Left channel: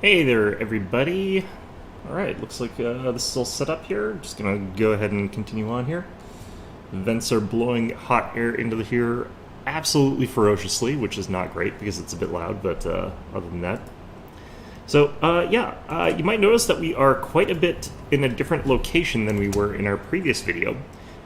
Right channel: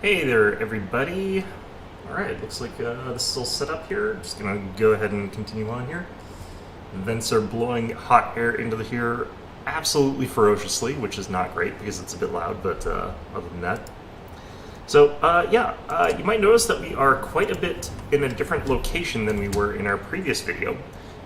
Hey there, everybody. Alright, looks like this is all set up here. Just gonna go ahead and continue on here. Vents are blowing hot air into the here absolutely ferociously, which is not great because it's a bit loud, but other than that. So, you might notice that we are quite a bit in a different location than we were in our previous video.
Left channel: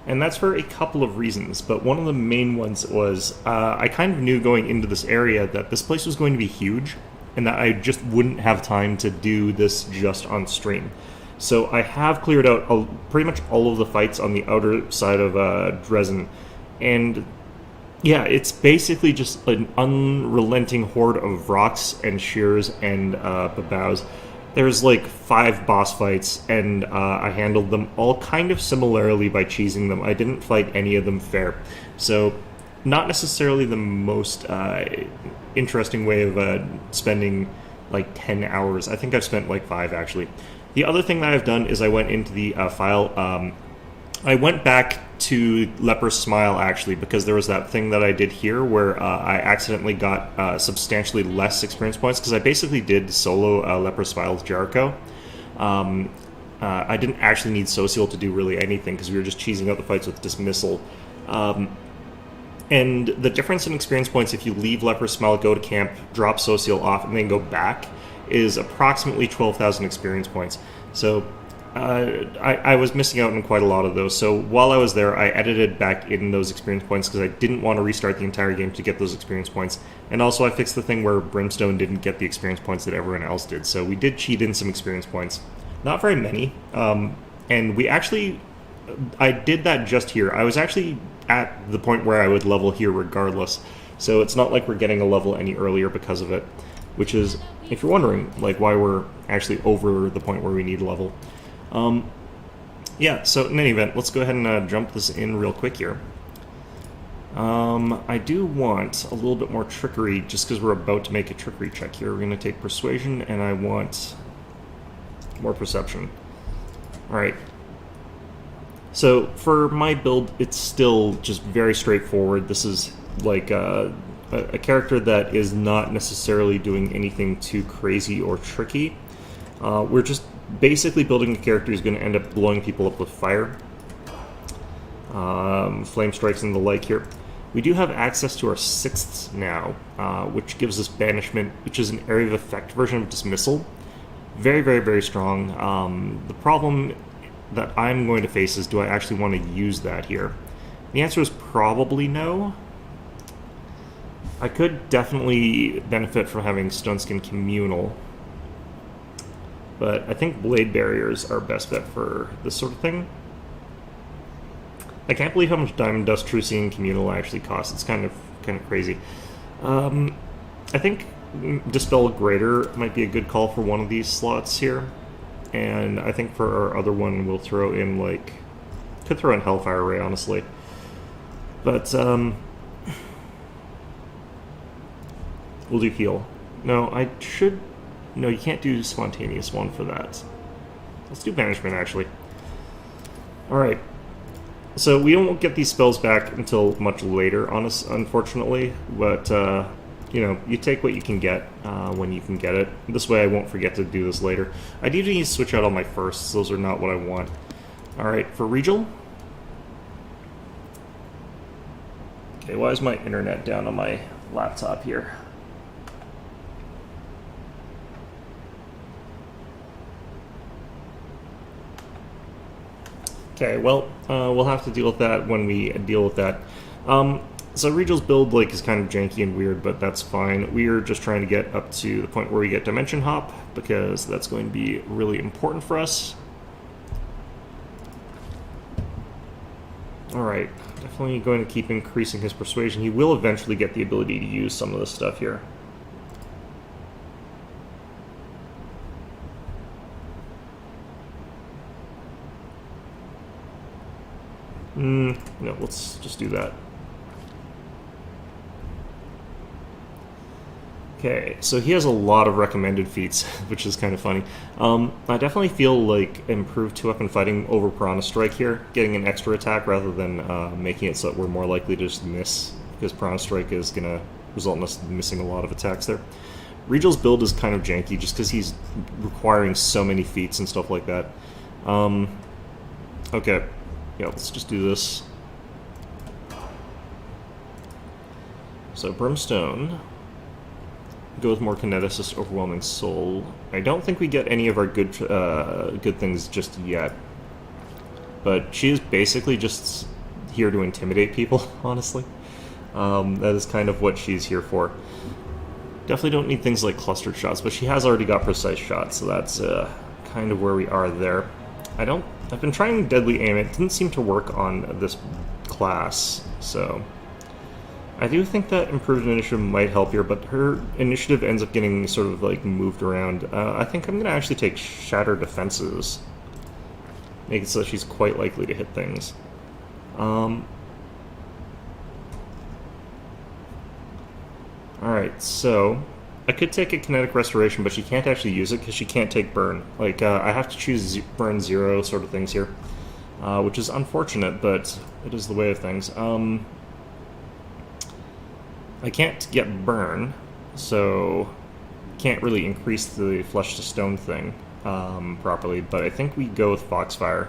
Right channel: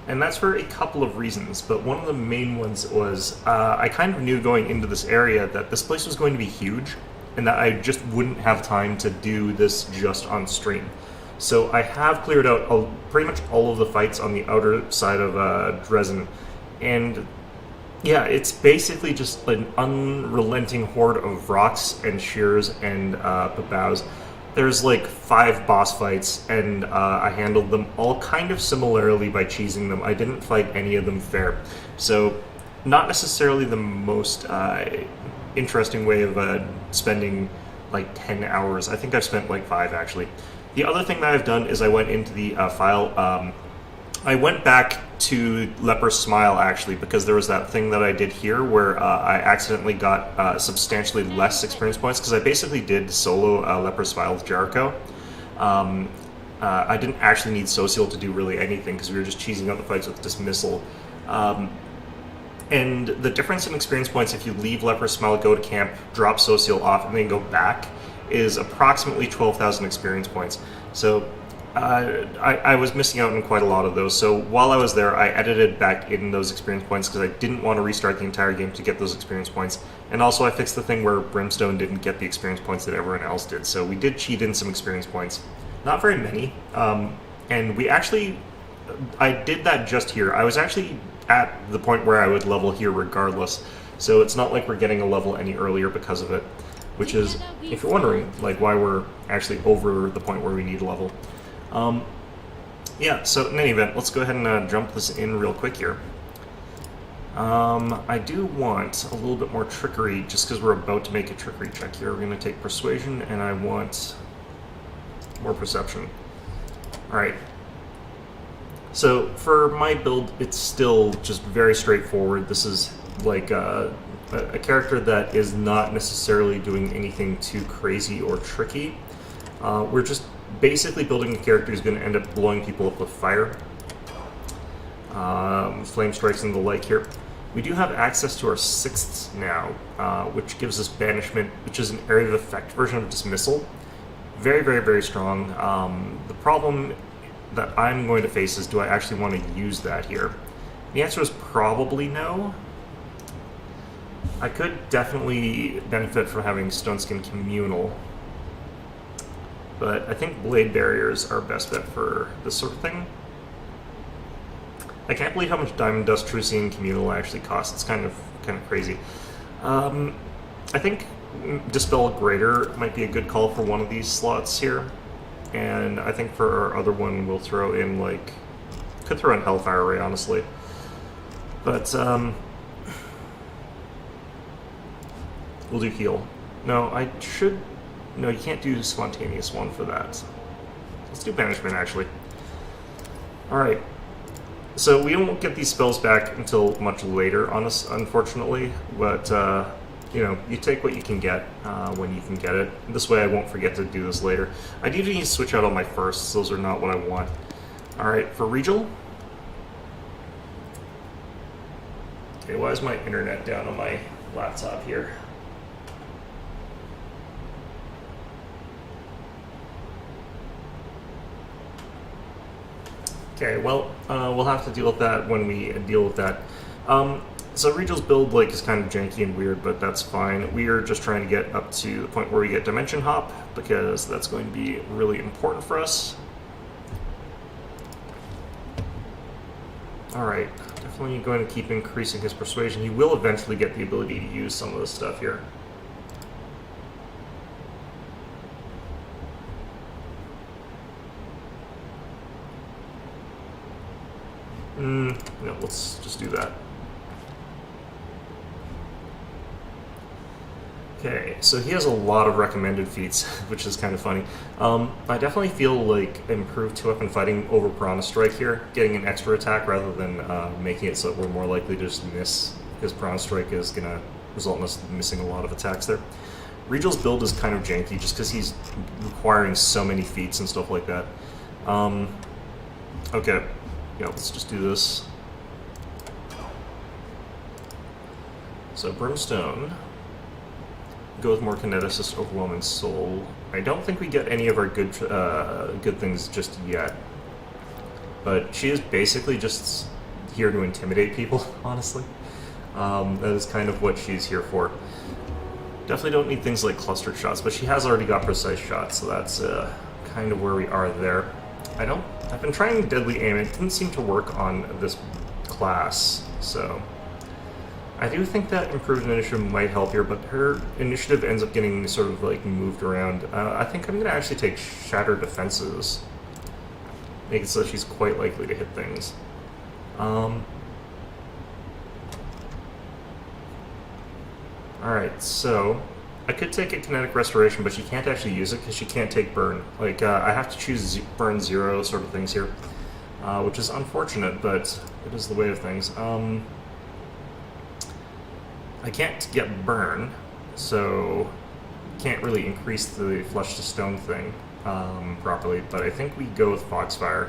And that's for a couple of reasons, but one of the main ones was I kind of knew going into this area that this place was going to be huge, and that I just wouldn't have time to do this just on stream. So I have cleared out pretty much all of the fights on the outer side of Dresden, and yeah, it's basically just an unrelenting horde of rocks and shears and babows. There's like 5 boss fights, and I handled them all kind of similarly by cheesing them. I didn't fight any of them fair. So, not necessarily the most interesting way of spending like 10 hours. I think I've spent like 5 actually. The other thing that I've done is I went into the file. I went back to Leper's Smile actually because there was that thing that I did here where I accidentally got substantially less experience points because I basically did solo Leper's Smile with Jericho. I didn't actually need Social to do really anything because we were just cheesing out the fights with Dismissal. And the difference in experience points if you leave Leper's Smile, go to camp, drop Social off, and then go back is approximately 12,000 experience points. So I was missing out on quite a lot of those. So while I was there, I edited back in those experience points because I didn't want to restart the entire game to get those experience points. And also I fixed the thing where Brimstone didn't get the experience points that everyone else did. So we did cheat in some experience points. Not very many. And we actually... I did that just here. I was actually at the point where I would level here regardless. So it's not like we're getting a level any earlier because of it. Which is, if you're wondering, like why we're actually over the point where we need a level. Yeah, so in any event, let's go ahead and jump this in real quick here. I do want a little bit more trickery, just because we're about to make a trickery check here. We're going to take Persuasion, and I want more Perception. Alright. So, for my build, it's still just very straightforward. This is like a character that is not necessarily doing anything too crazy or tricky. We're just basically building a character who's going to end up blowing people up with fire, flame strikes and the like here. We do have access to our 6ths now, which gives us Banishment, which is an area of effect version of Dismissal. Very, very, very strong. The problem that I'm going to face is, do I actually want to use that here? The answer is probably no. I could definitely benefit from having Stoneskin Communal, but I think Blade Barriers are best bet for this sort of thing. I can't believe how much Diamond Dust, Trucian, Communal actually costs. It's kind of crazy. I think Dispel Greater might be a good call for one of these slots here. And I think for our other one, we'll throw in, like... Could throw in Hellfire Ray, honestly. But, we'll do Heal. No, I should... No, you can't do Spontaneous one for that. Let's do Banishment, actually. Alright. So we won't get these spells back until much later, unfortunately. But, you know, you take what you can get when you can get it. This way I won't forget to do this later. I do need to switch out all my firsts. Those are not what I want. Alright, for Regal. Okay, why is my internet down on my laptop here? Okay, well, we'll have to deal with that when we deal with that. So Regal's build is kind of janky and weird, but that's fine. We are just trying to get up to the point where we get Dimension Hop, because that's going to be really important for us. Alright, definitely going to keep increasing his Persuasion. He will eventually get the ability to use some of this stuff here. No, let's just do that. Okay, so he has a lot of recommended feats, which is kind of funny. I definitely feel like improved 2-weapon fighting over Piranha Strike here, getting an extra attack rather than making it so that we're more likely to just miss, because Piranha Strike is going to result in us missing a lot of attacks there. Regal's build is kind of janky just because he's requiring so many feats and stuff like that. Okay, yeah, let's just do this. So Brimstone, go with more Kineticist, Overwhelming Soul. I don't think we get any of our good things just yet, but she is basically just here to intimidate people, honestly. That is kind of what she's here for. Definitely don't need things like clustered shots, but she has already got precise shots, so that's kind of where we are there. I've been trying Deadly Aim. It didn't seem to work on this class, so I do think that improved initiative might help here, but her initiative ends up getting sort of like moved around. I think I'm going to actually take Shatter Defenses, make it so she's quite likely to hit things. Alright, so I could take a Kinetic Restoration, but she can't actually use it because she can't take Burn. Like, I have to choose Burn 0 sort of things here, which is unfortunate, but it is the way of things. I can't get Burn, so can't really increase the Flesh to Stone thing properly, but I think we go with Foxfire.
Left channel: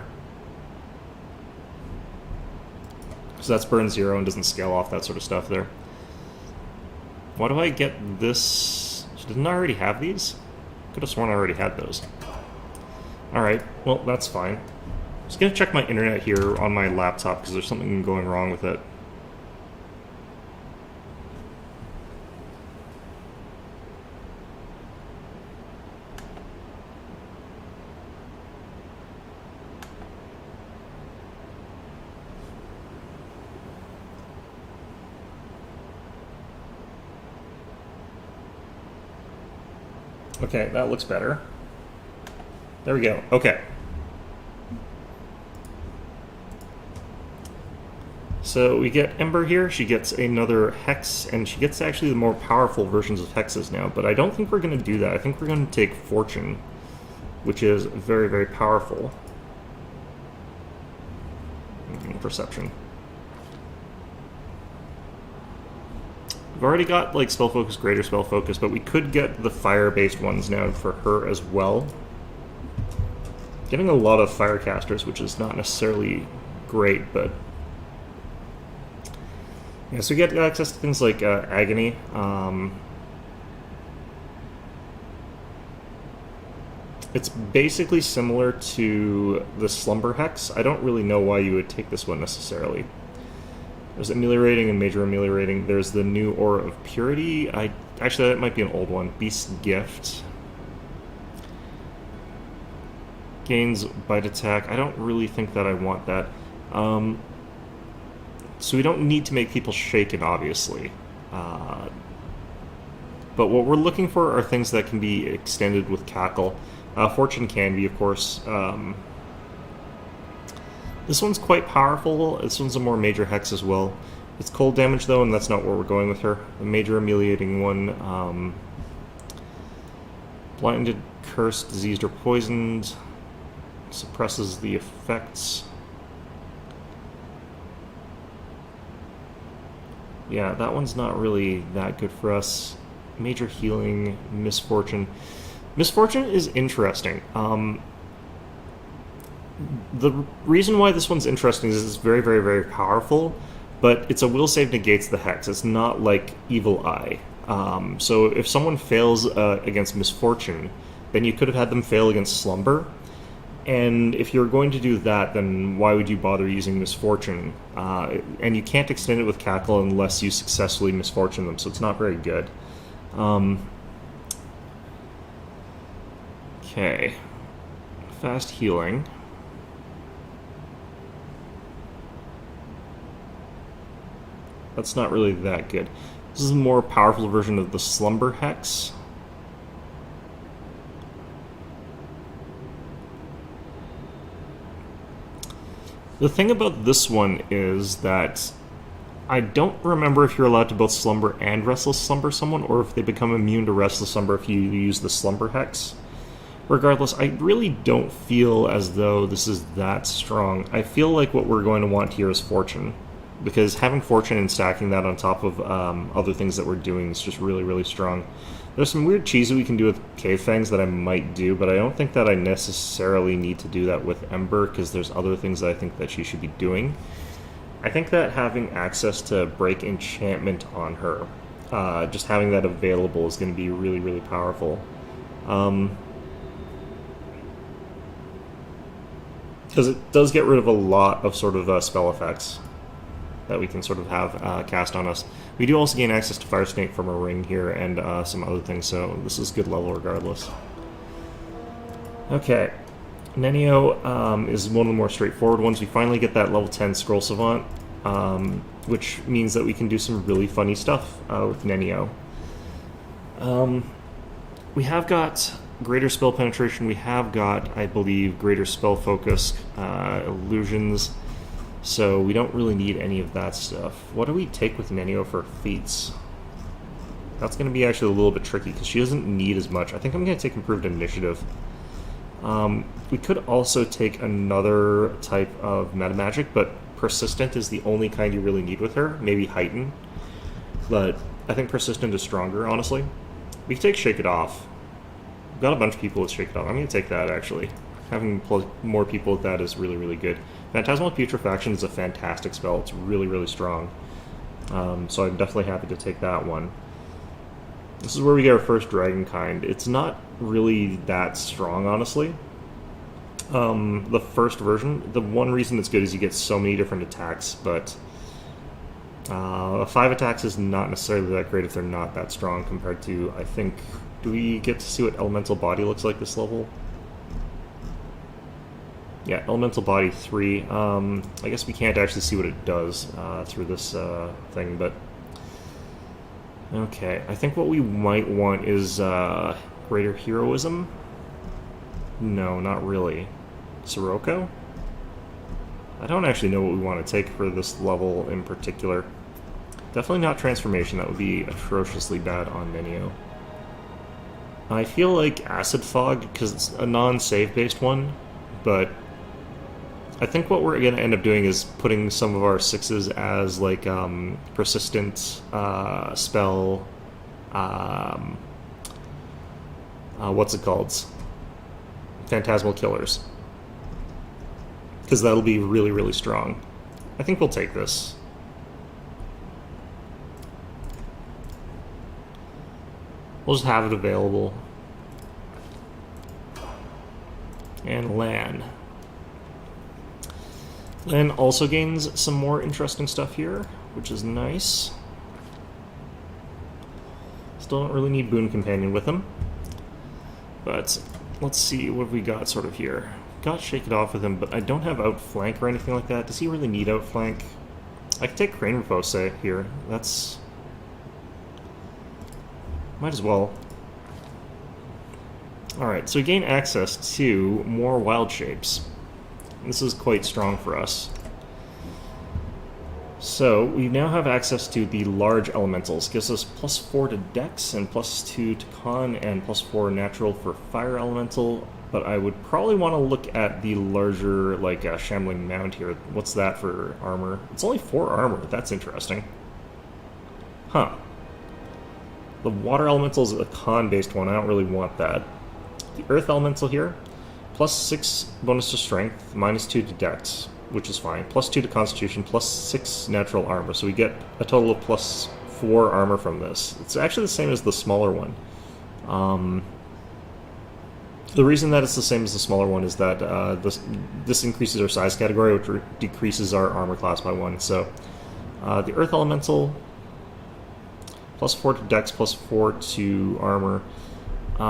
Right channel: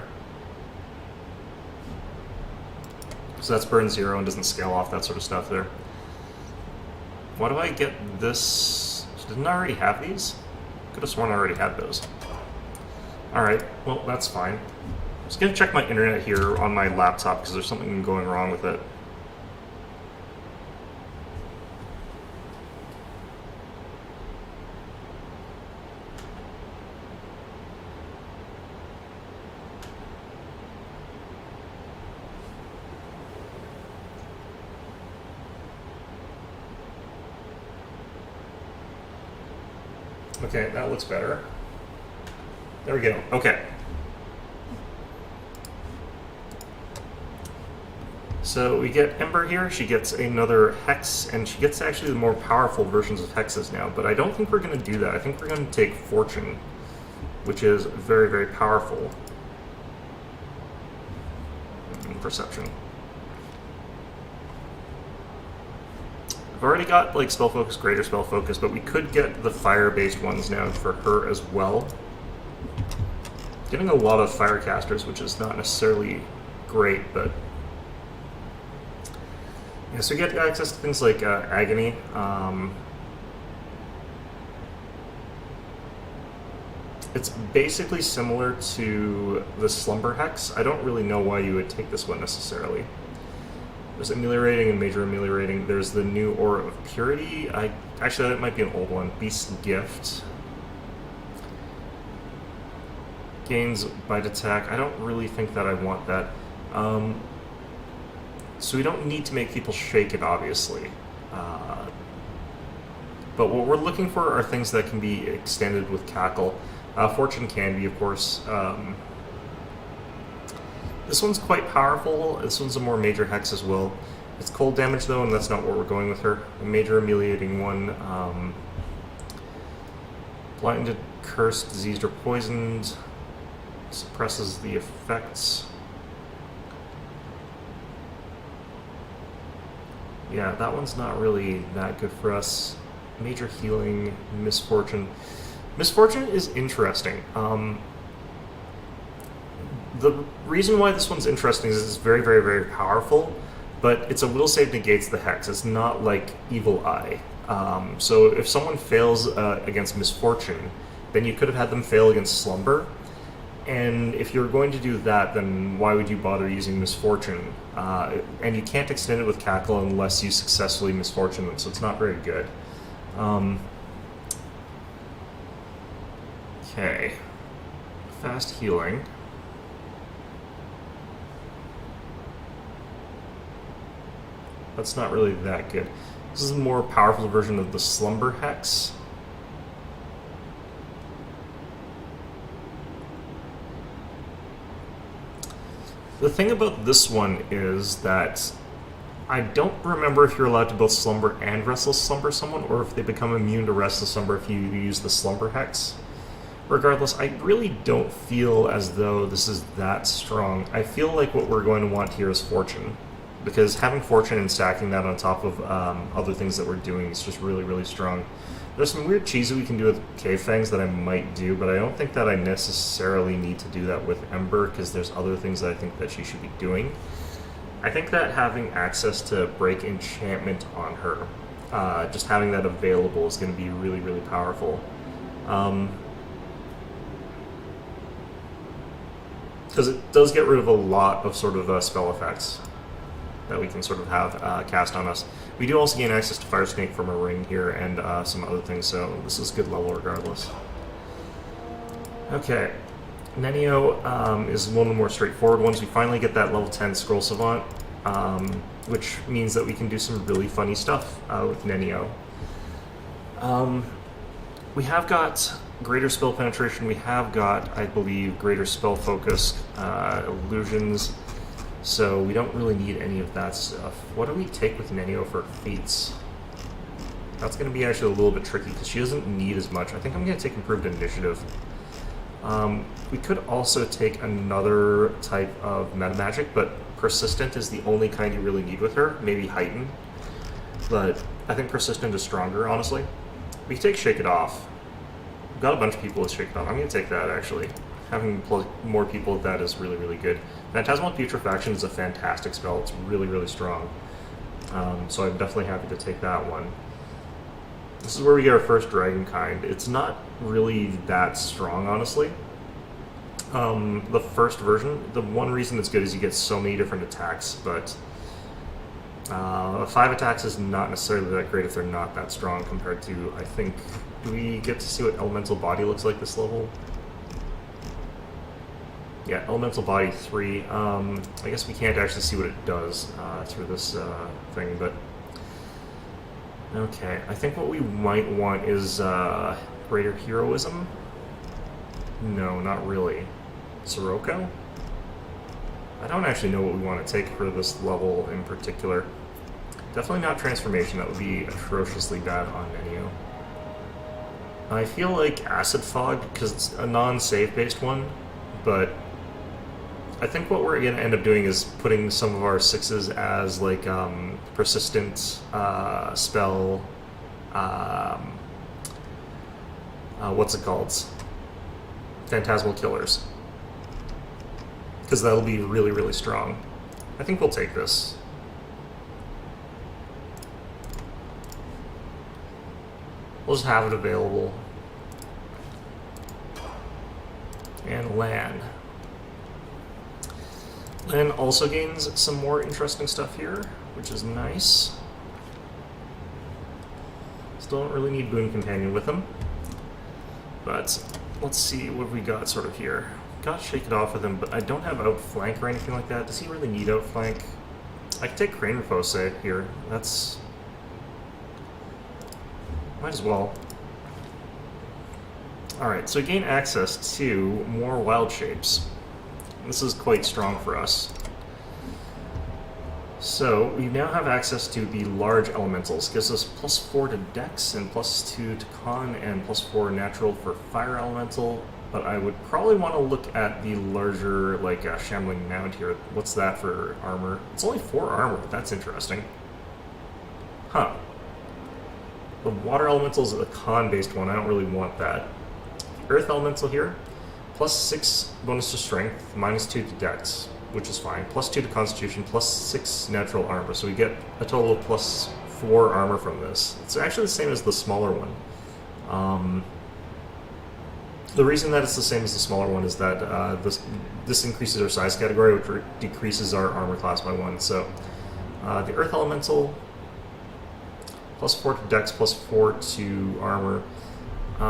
So that's Burn 0 and doesn't scale off that sort of stuff there. Why do I get this? Didn't I already have these? Could have sworn I already had those. Alright, well, that's fine. I'm just going to check my internet here on my laptop because there's something going wrong with it. Okay, that looks better. There we go. Okay. So we get Ember here. She gets another Hex, and she gets actually the more powerful versions of Hexes now, but I don't think we're going to do that. I think we're going to take Fortune, which is very, very powerful. Perception. We've already got like Spell Focus, Greater Spell Focus, but we could get the fire-based ones now for her as well. Getting a lot of Firecasters, which is not necessarily great, but yeah. So we get access to things like Agony. It's basically similar to the Slumber Hex. I don't really know why you would take this one necessarily. There's Ameliorating and Major Ameliorating. There's the new Aura of Purity. Actually, that might be an old one. Beast's Gift. Gains Bite Attack. I don't really think that I want that. So we don't need to make people shaken, obviously. But what we're looking for are things that can be extended with Cackle. Fortune can be, of course. This one's quite powerful. This one's a more major Hex as well. It's cold damage, though, and that's not where we're going with her. A major ameliorating one. Blinded, cursed, diseased, or poisoned. Suppresses the effects. Yeah, that one's not really that good for us. Major healing, Misfortune. Misfortune is interesting. The reason why this one's interesting is it's very, very, very powerful, but it's a will save negates the Hex. It's not like Evil Eye. So if someone fails against Misfortune, then you could have had them fail against Slumber. And if you're going to do that, then why would you bother using Misfortune? And you can't extend it with Cackle unless you successfully Misfortune them, so it's not very good. Okay. Fast healing. That's not really that good. This is a more powerful version of the Slumber Hex. The thing about this one is that I don't remember if you're allowed to both Slumber and Restless Slumber someone, or if they become immune to Restless Slumber if you use the Slumber Hex. Regardless, I really don't feel as though this is that strong. I feel like what we're going to want here is Fortune, because having Fortune and stacking that on top of other things that we're doing is just really, really strong. There's some weird cheese that we can do with Cave Fangs that I might do, but I don't think that I necessarily need to do that with Ember, because there's other things that I think that she should be doing. I think that having access to Break Enchantment on her, just having that available is going to be really, really powerful. Because it does get rid of a lot of sort of spell effects that we can sort of have cast on us. We do also gain access to Fire Snake from a ring here and some other things, so this is good level regardless. Okay, Nenio is one of the more straightforward ones. We finally get that level 10 Scroll Savant, which means that we can do some really funny stuff with Nenio. We have got greater spell penetration, we have got, I believe, greater spell focus, illusions, so we don't really need any of that stuff. What do we take with Nenio for feats? That's going to be actually a little bit tricky, because she doesn't need as much. I think I'm going to take Improved Initiative. We could also take another type of meta magic, but Persistent is the only kind you really need with her. Maybe Heighten, but I think Persistent is stronger, honestly. We can take Shake It Off. We've got a bunch of people with Shake It Off. I'm going to take that, actually. Having more people with that is really, really good. Phantasmal Putrefaction is a fantastic spell. It's really, really strong. So I'm definitely happy to take that one. This is where we get our first Dragon Kind. It's not really that strong, honestly. The first version, the one reason it's good is you get so many different attacks, but 5 attacks is not necessarily that great if they're not that strong compared to, I think, do we get to see what Elemental Body looks like this level? Yeah, Elemental Body 3. I guess we can't actually see what it does through this thing, but... Okay, I think what we might want is Greater Heroism? No, not really. Sirocco? I don't actually know what we want to take for this level in particular. Definitely not Transformation, that would be atrociously bad on Nenio. I feel like Acid Fog, because it's a non-save based one, but I think what we're going to end up doing is putting some of our 6s as like Persistent spell, what's it called? Phantasmal Killers. Because that'll be really, really strong. I think we'll take this. We'll just have it available. And Lan. Lan also gains some more interesting stuff here, which is nice. Still don't really need Boon Companion with him. But let's see what we got sort of here. Got Shake It Off with him, but I don't have Outflank or anything like that. Does he really need Outflank? I can take Crane Repose here. That's... might as well. Alright, so we gain access to more wild shapes. This is quite strong for us. So, we now have access to the large elementals. Gives us +4 to Dex, and +2 to Con, and +4 natural for Fire Elemental. But I would probably want to look at the larger, like, Shambling Mound here. What's that for armor? It's only 4 armor. That's interesting. Huh. The Water Elemental is a Con-based one. I don't really want that. The Earth Elemental here, +6 bonus to Strength, -2 to Dex, which is fine. +2 to Constitution, +6 natural armor. So we get a total of +4 armor from this. It's actually the same as the smaller one. The reason that it's the same as the smaller one is that this increases our size category, which decreases our armor class by 1. So the Earth Elemental, +4 to Dex, +4 to armor.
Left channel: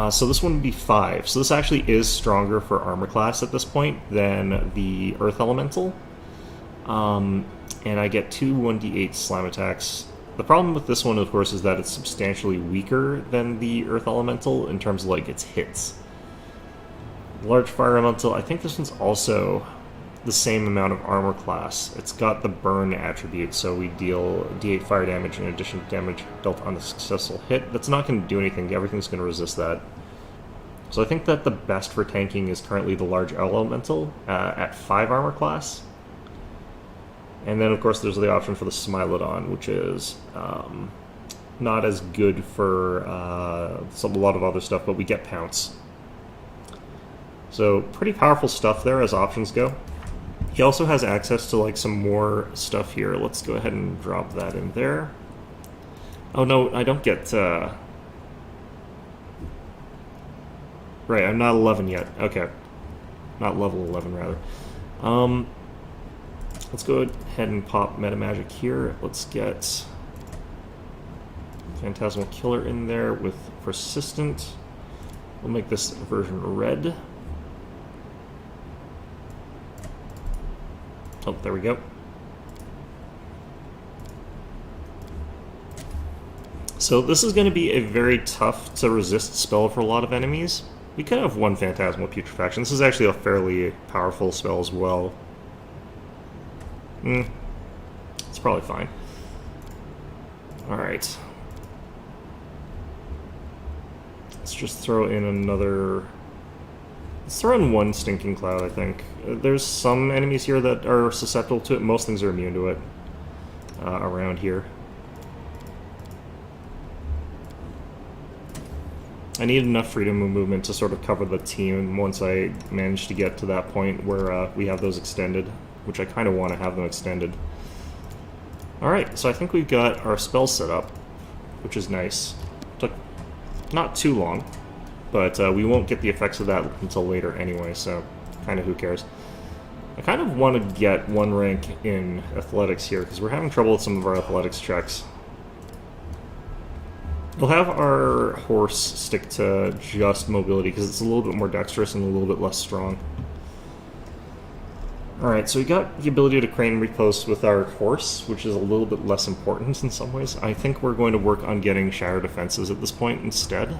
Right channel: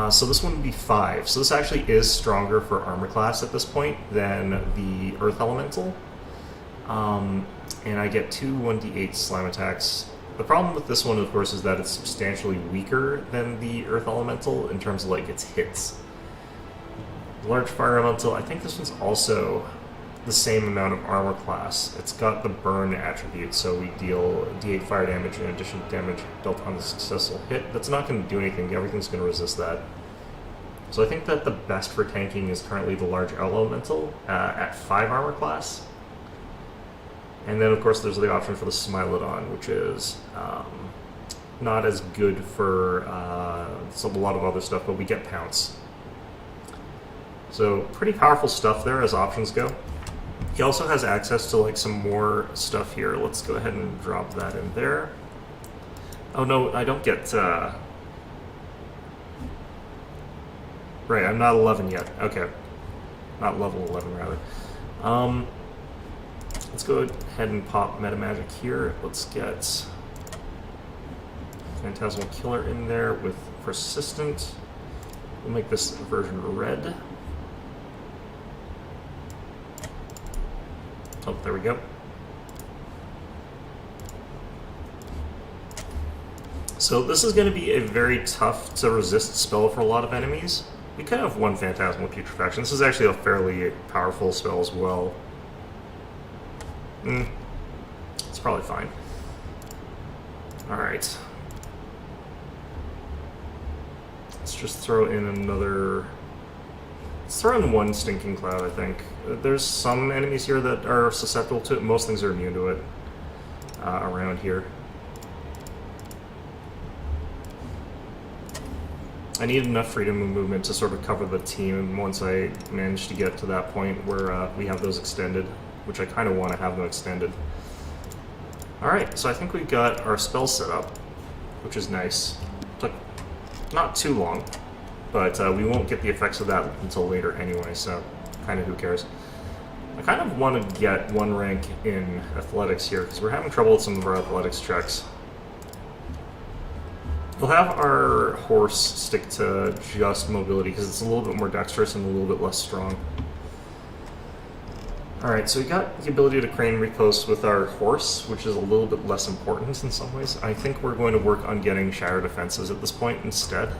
So this one would be 5. So this actually is stronger for armor class at this point than the Earth Elemental. And I get 2 1d8 slam attacks. The problem with this one, of course, is that it's substantially weaker than the Earth Elemental in terms of like its hits. Large Fire Elemental, I think this one's also the same amount of armor class. It's got the burn attribute, so we deal d8 fire damage in addition to damage dealt on a successful hit. That's not going to do anything. Everything's going to resist that. So I think that the best for tanking is currently the Large Elemental at 5 armor class. And then, of course, there's the option for the Smilodon, which is not as good for a lot of other stuff, but we get Pounce. So pretty powerful stuff there as options go. He also has access to like some more stuff here. Let's go ahead and drop that in there. Oh no, I don't get... Right, I'm not 11 yet. Okay. Not level 11, rather. Let's go ahead and pop Meta Magic here. Let's get Phantasmal Killer in there with Persistent. We'll make this version red. Oh, there we go. So this is going to be a very tough to resist spell for a lot of enemies. We could have one Phantasmal Putrefaction. This is actually a fairly powerful spell as well. It's probably fine. Alright. Let's just throw in another... Let's throw in one Stinking Cloud, I think. There's some enemies here that are susceptible to it. Most things are immune to it around here. I need enough freedom of movement to sort of cover the team once I manage to get to that point where we have those extended, which I kind of want to have them extended. Alright, so I think we've got our spell set up, which is nice. Took not too long, but we won't get the effects of that until later anyway, so kind of who cares. I kind of want to get one rank in athletics here, because we're having trouble with some of our athletics checks. We'll have our horse stick to just mobility, because it's a little bit more dexterous and a little bit less strong. Alright, so we got the ability to crane repost with our horse, which is a little bit less important in some ways. I think we're going to work on getting Shatter Defenses at this point instead.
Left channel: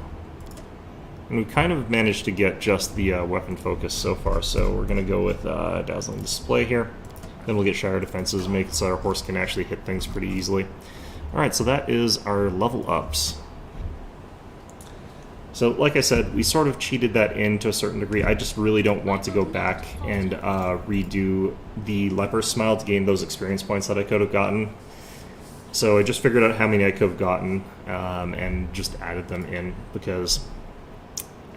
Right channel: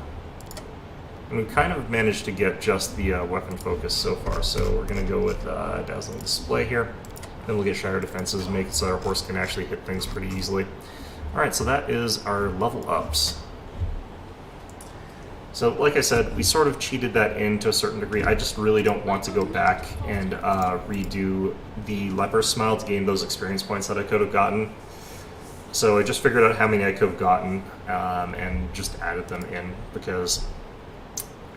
And we kind of managed to get just the weapon focus so far, so we're going to go with Dazzling Display here. Then we'll get Shatter Defenses, make it so our horse can actually hit things pretty easily. Alright, so that is our level ups. So, like I said, we sort of cheated that in to a certain degree. I just really don't want to go back and redo the Leper's Smile to gain those experience points that I could have gotten. So I just figured out how many I could have gotten and just added them in because,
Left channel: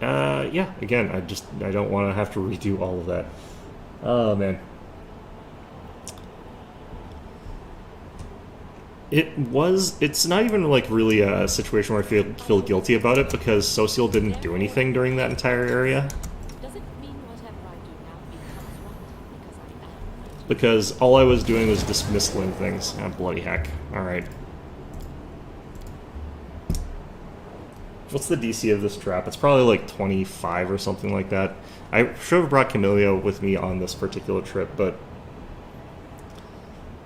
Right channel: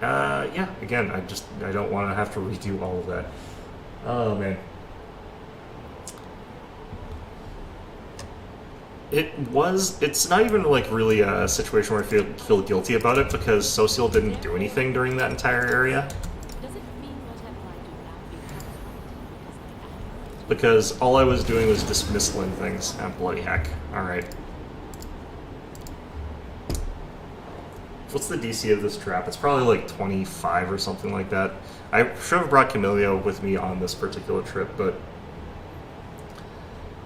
yeah, again, I don't want to have to redo all of that. Oh, man. It's not even like really a situation where I feel guilty about it because Social didn't do anything during that entire area. Does it mean whatever I do now becomes right because I am right? Because all I was doing was dismissing things. Ah, bloody heck. Alright. What's the DC of this trap? It's probably like 25 or something like that. I should have brought Camellia with me on this particular trip, but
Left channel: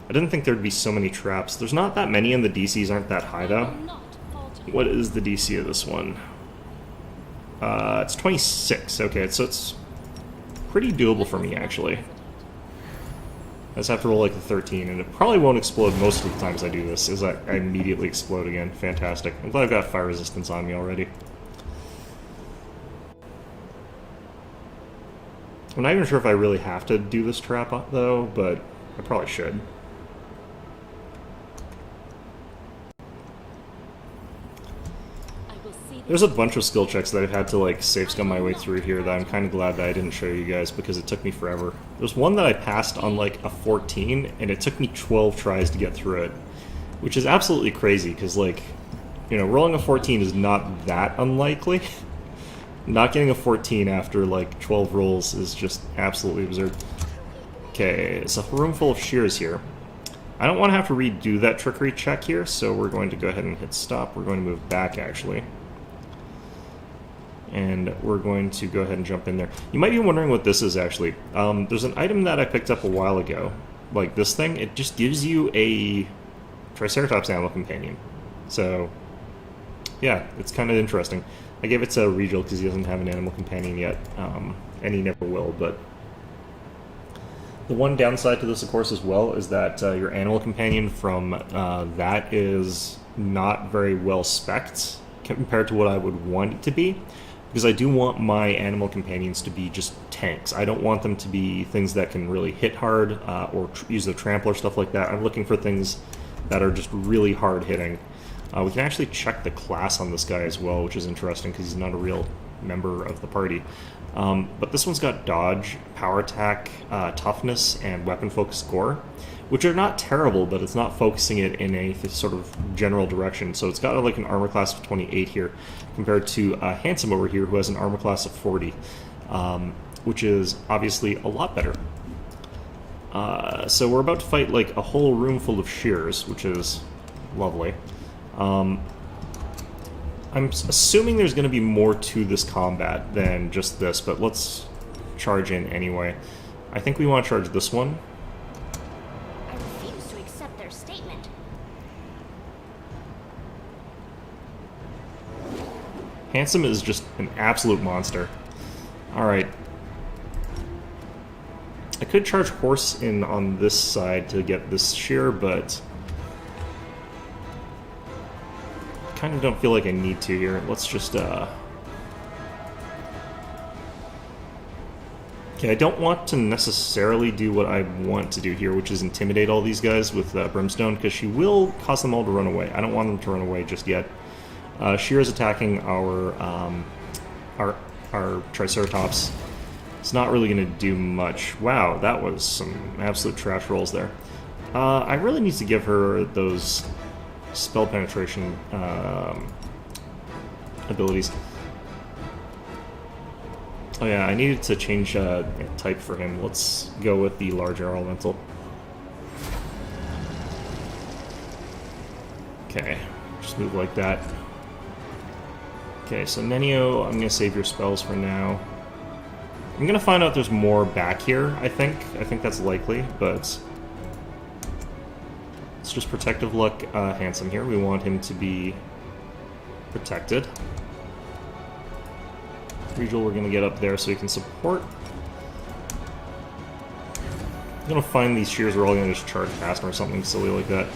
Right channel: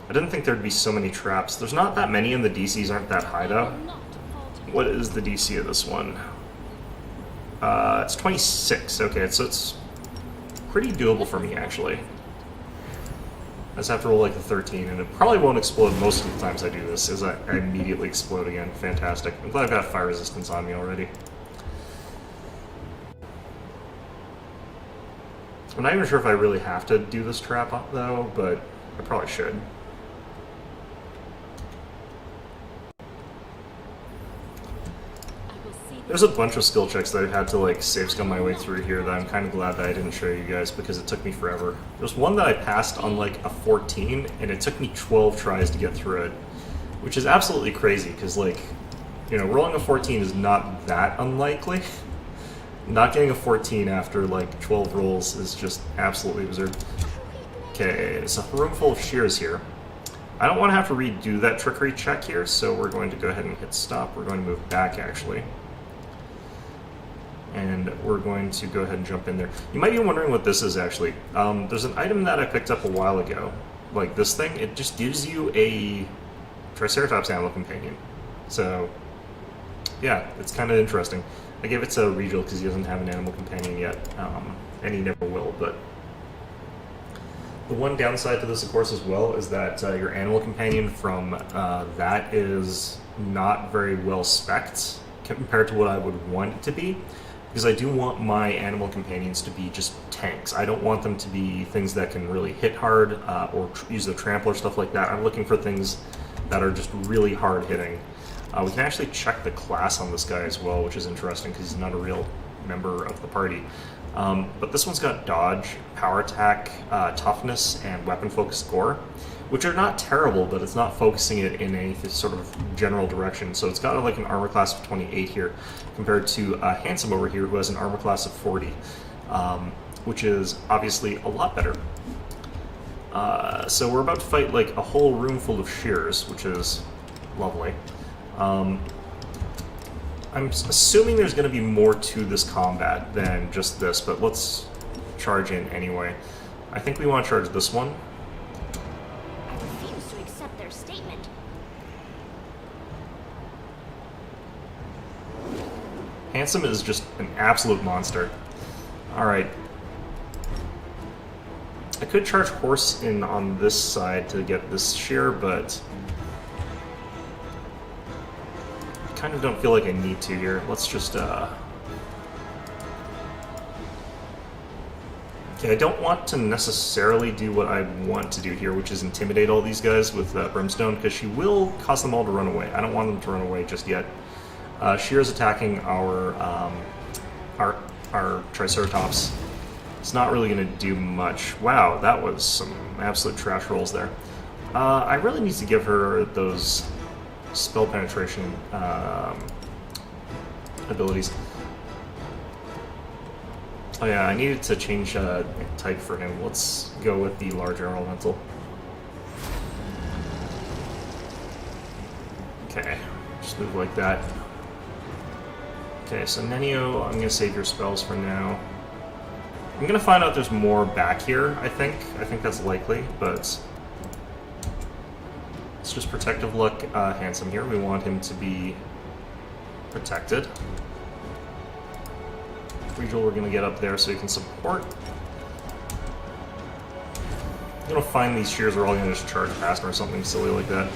I didn't think there'd be so many traps. There's not that many, and the DCs aren't that high, though. What is the DC of this one? It's 26. Okay, so it's pretty doable for me, actually. I just have to roll like a 13, and it probably won't explode most of the times I do this, as I immediately explode again. Fantastic. I'm glad I've got fire resistance on me already. I'm not even sure if I really have to do this trap, though, but I probably should. There's a bunch of skill checks that I've had to like save scum my way through here that I'm kind of glad that I didn't show you guys because it took me forever. There's one that I passed on like a 14 and it took me 12 tries to get through it, which is absolutely crazy because like, you know, rolling a 14 is not that unlikely. Not getting a 14 after like 12 rolls is just absolutely absurd. Okay, it's a room full of shears here. I don't want to have to redo that trickery check here, so we're going to go ahead and hit stop. We're going to move back actually. And we're going to go ahead and jump in there. You might be wondering what this is actually. There's an item that I picked up a while ago, like this thing. It just gives you a Triceratops Animal Companion. So, yeah, it's kind of interesting. I gave it to Regal because he doesn't have an Animal Companion yet, and he never will, but the one downside to this, of course, as well, is that your Animal Companion from that is not very well spec'd compared to what I would want it to be. Because I do want my animal companions to be just tanks. I don't want them to be things that can really hit hard or use a trample or stuff like that. I'm looking for things that are just really hard hitting. We can actually check the class on this guy as well, which is interesting because he's not a real member of the party. But this one's got dodge, power attack, toughness, and weapon focus score, which are not terrible, but it's not focusing it in a sort of general direction. So it's got like an armor class of 28 here, compared to Handsome over here, who has an armor class of 40, which is obviously a lot better. So we're about to fight like a whole room full of shears, which is lovely. I'm assuming there's going to be more to this combat than just this, but let's charge in anyway. I think we want to charge this one. I refuse to accept their statement. Handsome is just an absolute monster. Alright. I could charge Horse in on this side to get this shear, but kind of don't feel like I need to here. Let's just, Okay, I don't want to necessarily do what I want to do here, which is intimidate all these guys with Brimstone, because she will cause them all to run away. I don't want them to run away just yet. Shear's attacking our Triceratops. It's not really going to do much. Wow, that was some absolute trash rolls there. I really need to give her those spell penetration abilities. Oh yeah, I needed to change type for him. Let's go with the larger elemental. Okay, just move like that. Okay, so Nenio, I'm going to save your spells for now. I'm going to find out there's more back here, I think. I think that's likely, but let's just Protective Luck Handsome here. We want him to be protected. Regal, we're going to get up there so he can support. I'm going to find these shears are all going to just charge past him or something silly like that.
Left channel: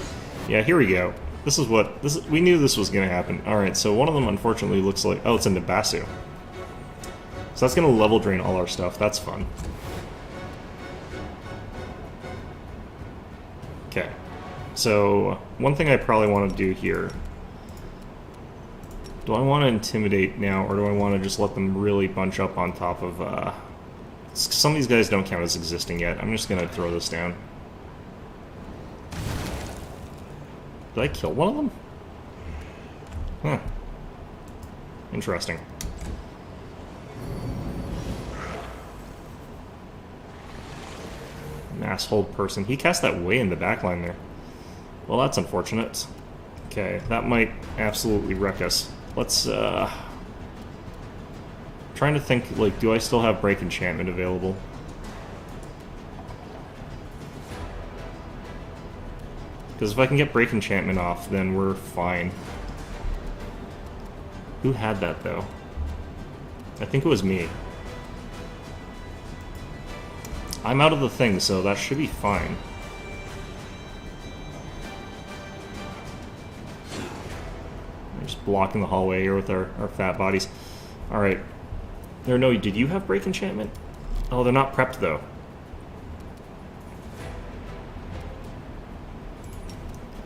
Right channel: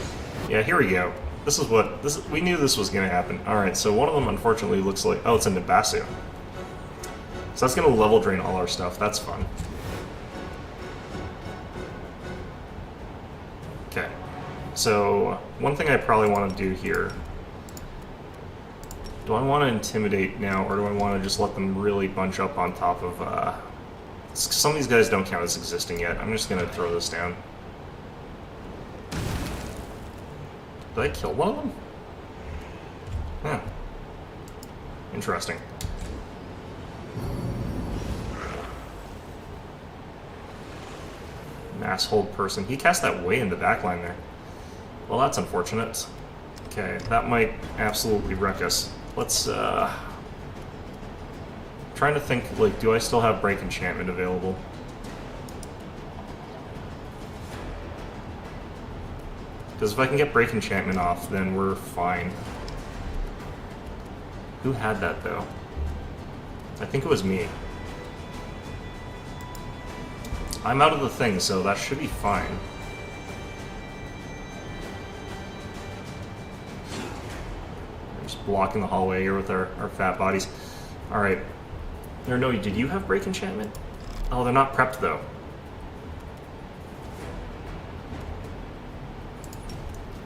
Yeah, here we go. This is what... we knew this was going to happen. Alright, so one of them unfortunately looks like... Oh, it's a Nabasu. So that's going to level drain all our stuff. That's fun. Okay. So, one thing I probably want to do here... Do I want to intimidate now, or do I want to just let them really bunch up on top of... Some of these guys don't count as existing yet. I'm just going to throw this down. Did I kill one of them? Huh. Interesting. Masshold person. He cast that way in the backline there. Well, that's unfortunate. Okay, that might absolutely wreck us. Let's, trying to think, like, do I still have Break Enchantment available? Because if I can get Break Enchantment off, then we're fine. Who had that, though? I think it was me. I'm out of the thing, so that should be fine. I'm just blocking the hallway here with our fat bodies. Alright. No, did you have Break Enchantment? Oh, they're not prepped, though.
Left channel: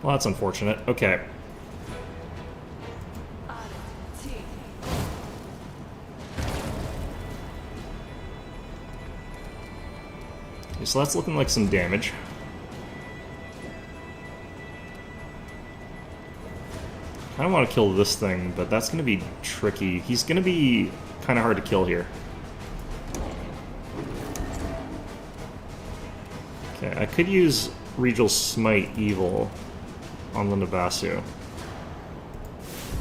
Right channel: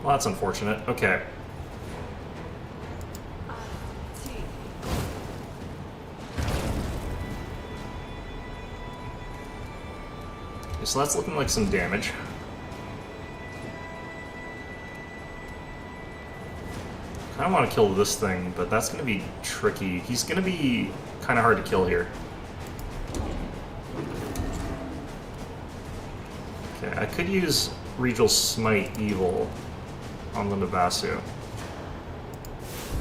Well, that's unfortunate. Okay. Okay, so that's looking like some damage. I kind of want to kill this thing, but that's going to be tricky. He's going to be kind of hard to kill here. Okay, I could use Regal Smite Evil on the Nabasu.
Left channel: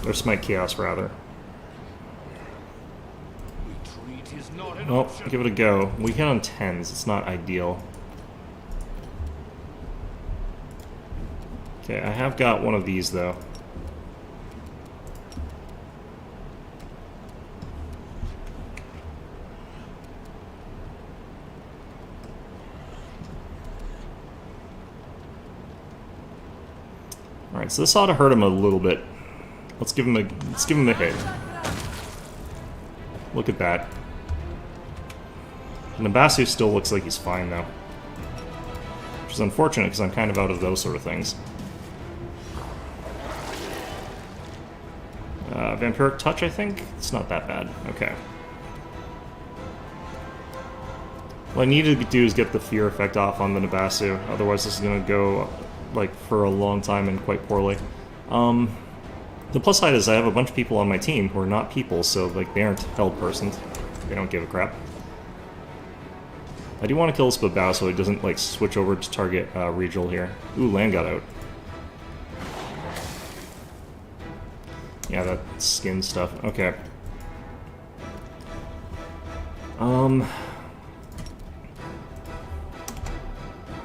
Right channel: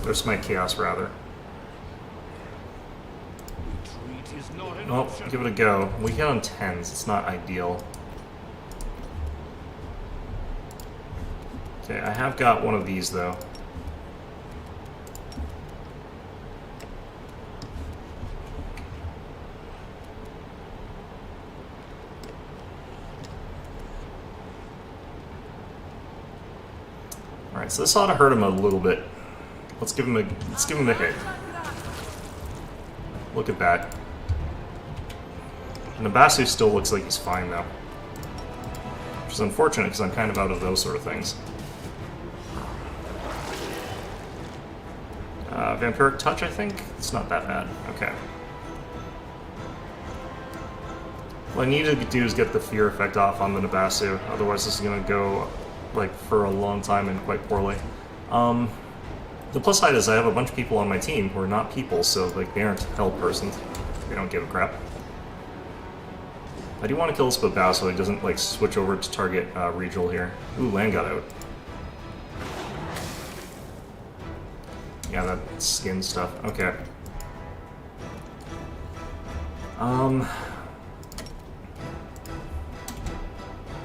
Or Smite Chaos, rather. Well, give it a go. We hit on 10s. It's not ideal. Okay, I have got one of these, though. Alright, so this ought to hurt him a little bit. Let's give him a hit. Look at that. Nabasu still looks like he's fine, though. Which is unfortunate, because I'm kind of out of those sort of things. Vampiric Touch, I think? It's not that bad. Okay. What I need to do is get the fear effect off on the Nabasu, otherwise this is going to go like for a long time and quite poorly. The plus side is I have a bunch of people on my team who are not people, so like they aren't hell persons. They don't give a crap. I do want to kill this Babao so he doesn't like switch over to target Regal here. Ooh, land got out. Yeah, that skin stuff. Okay.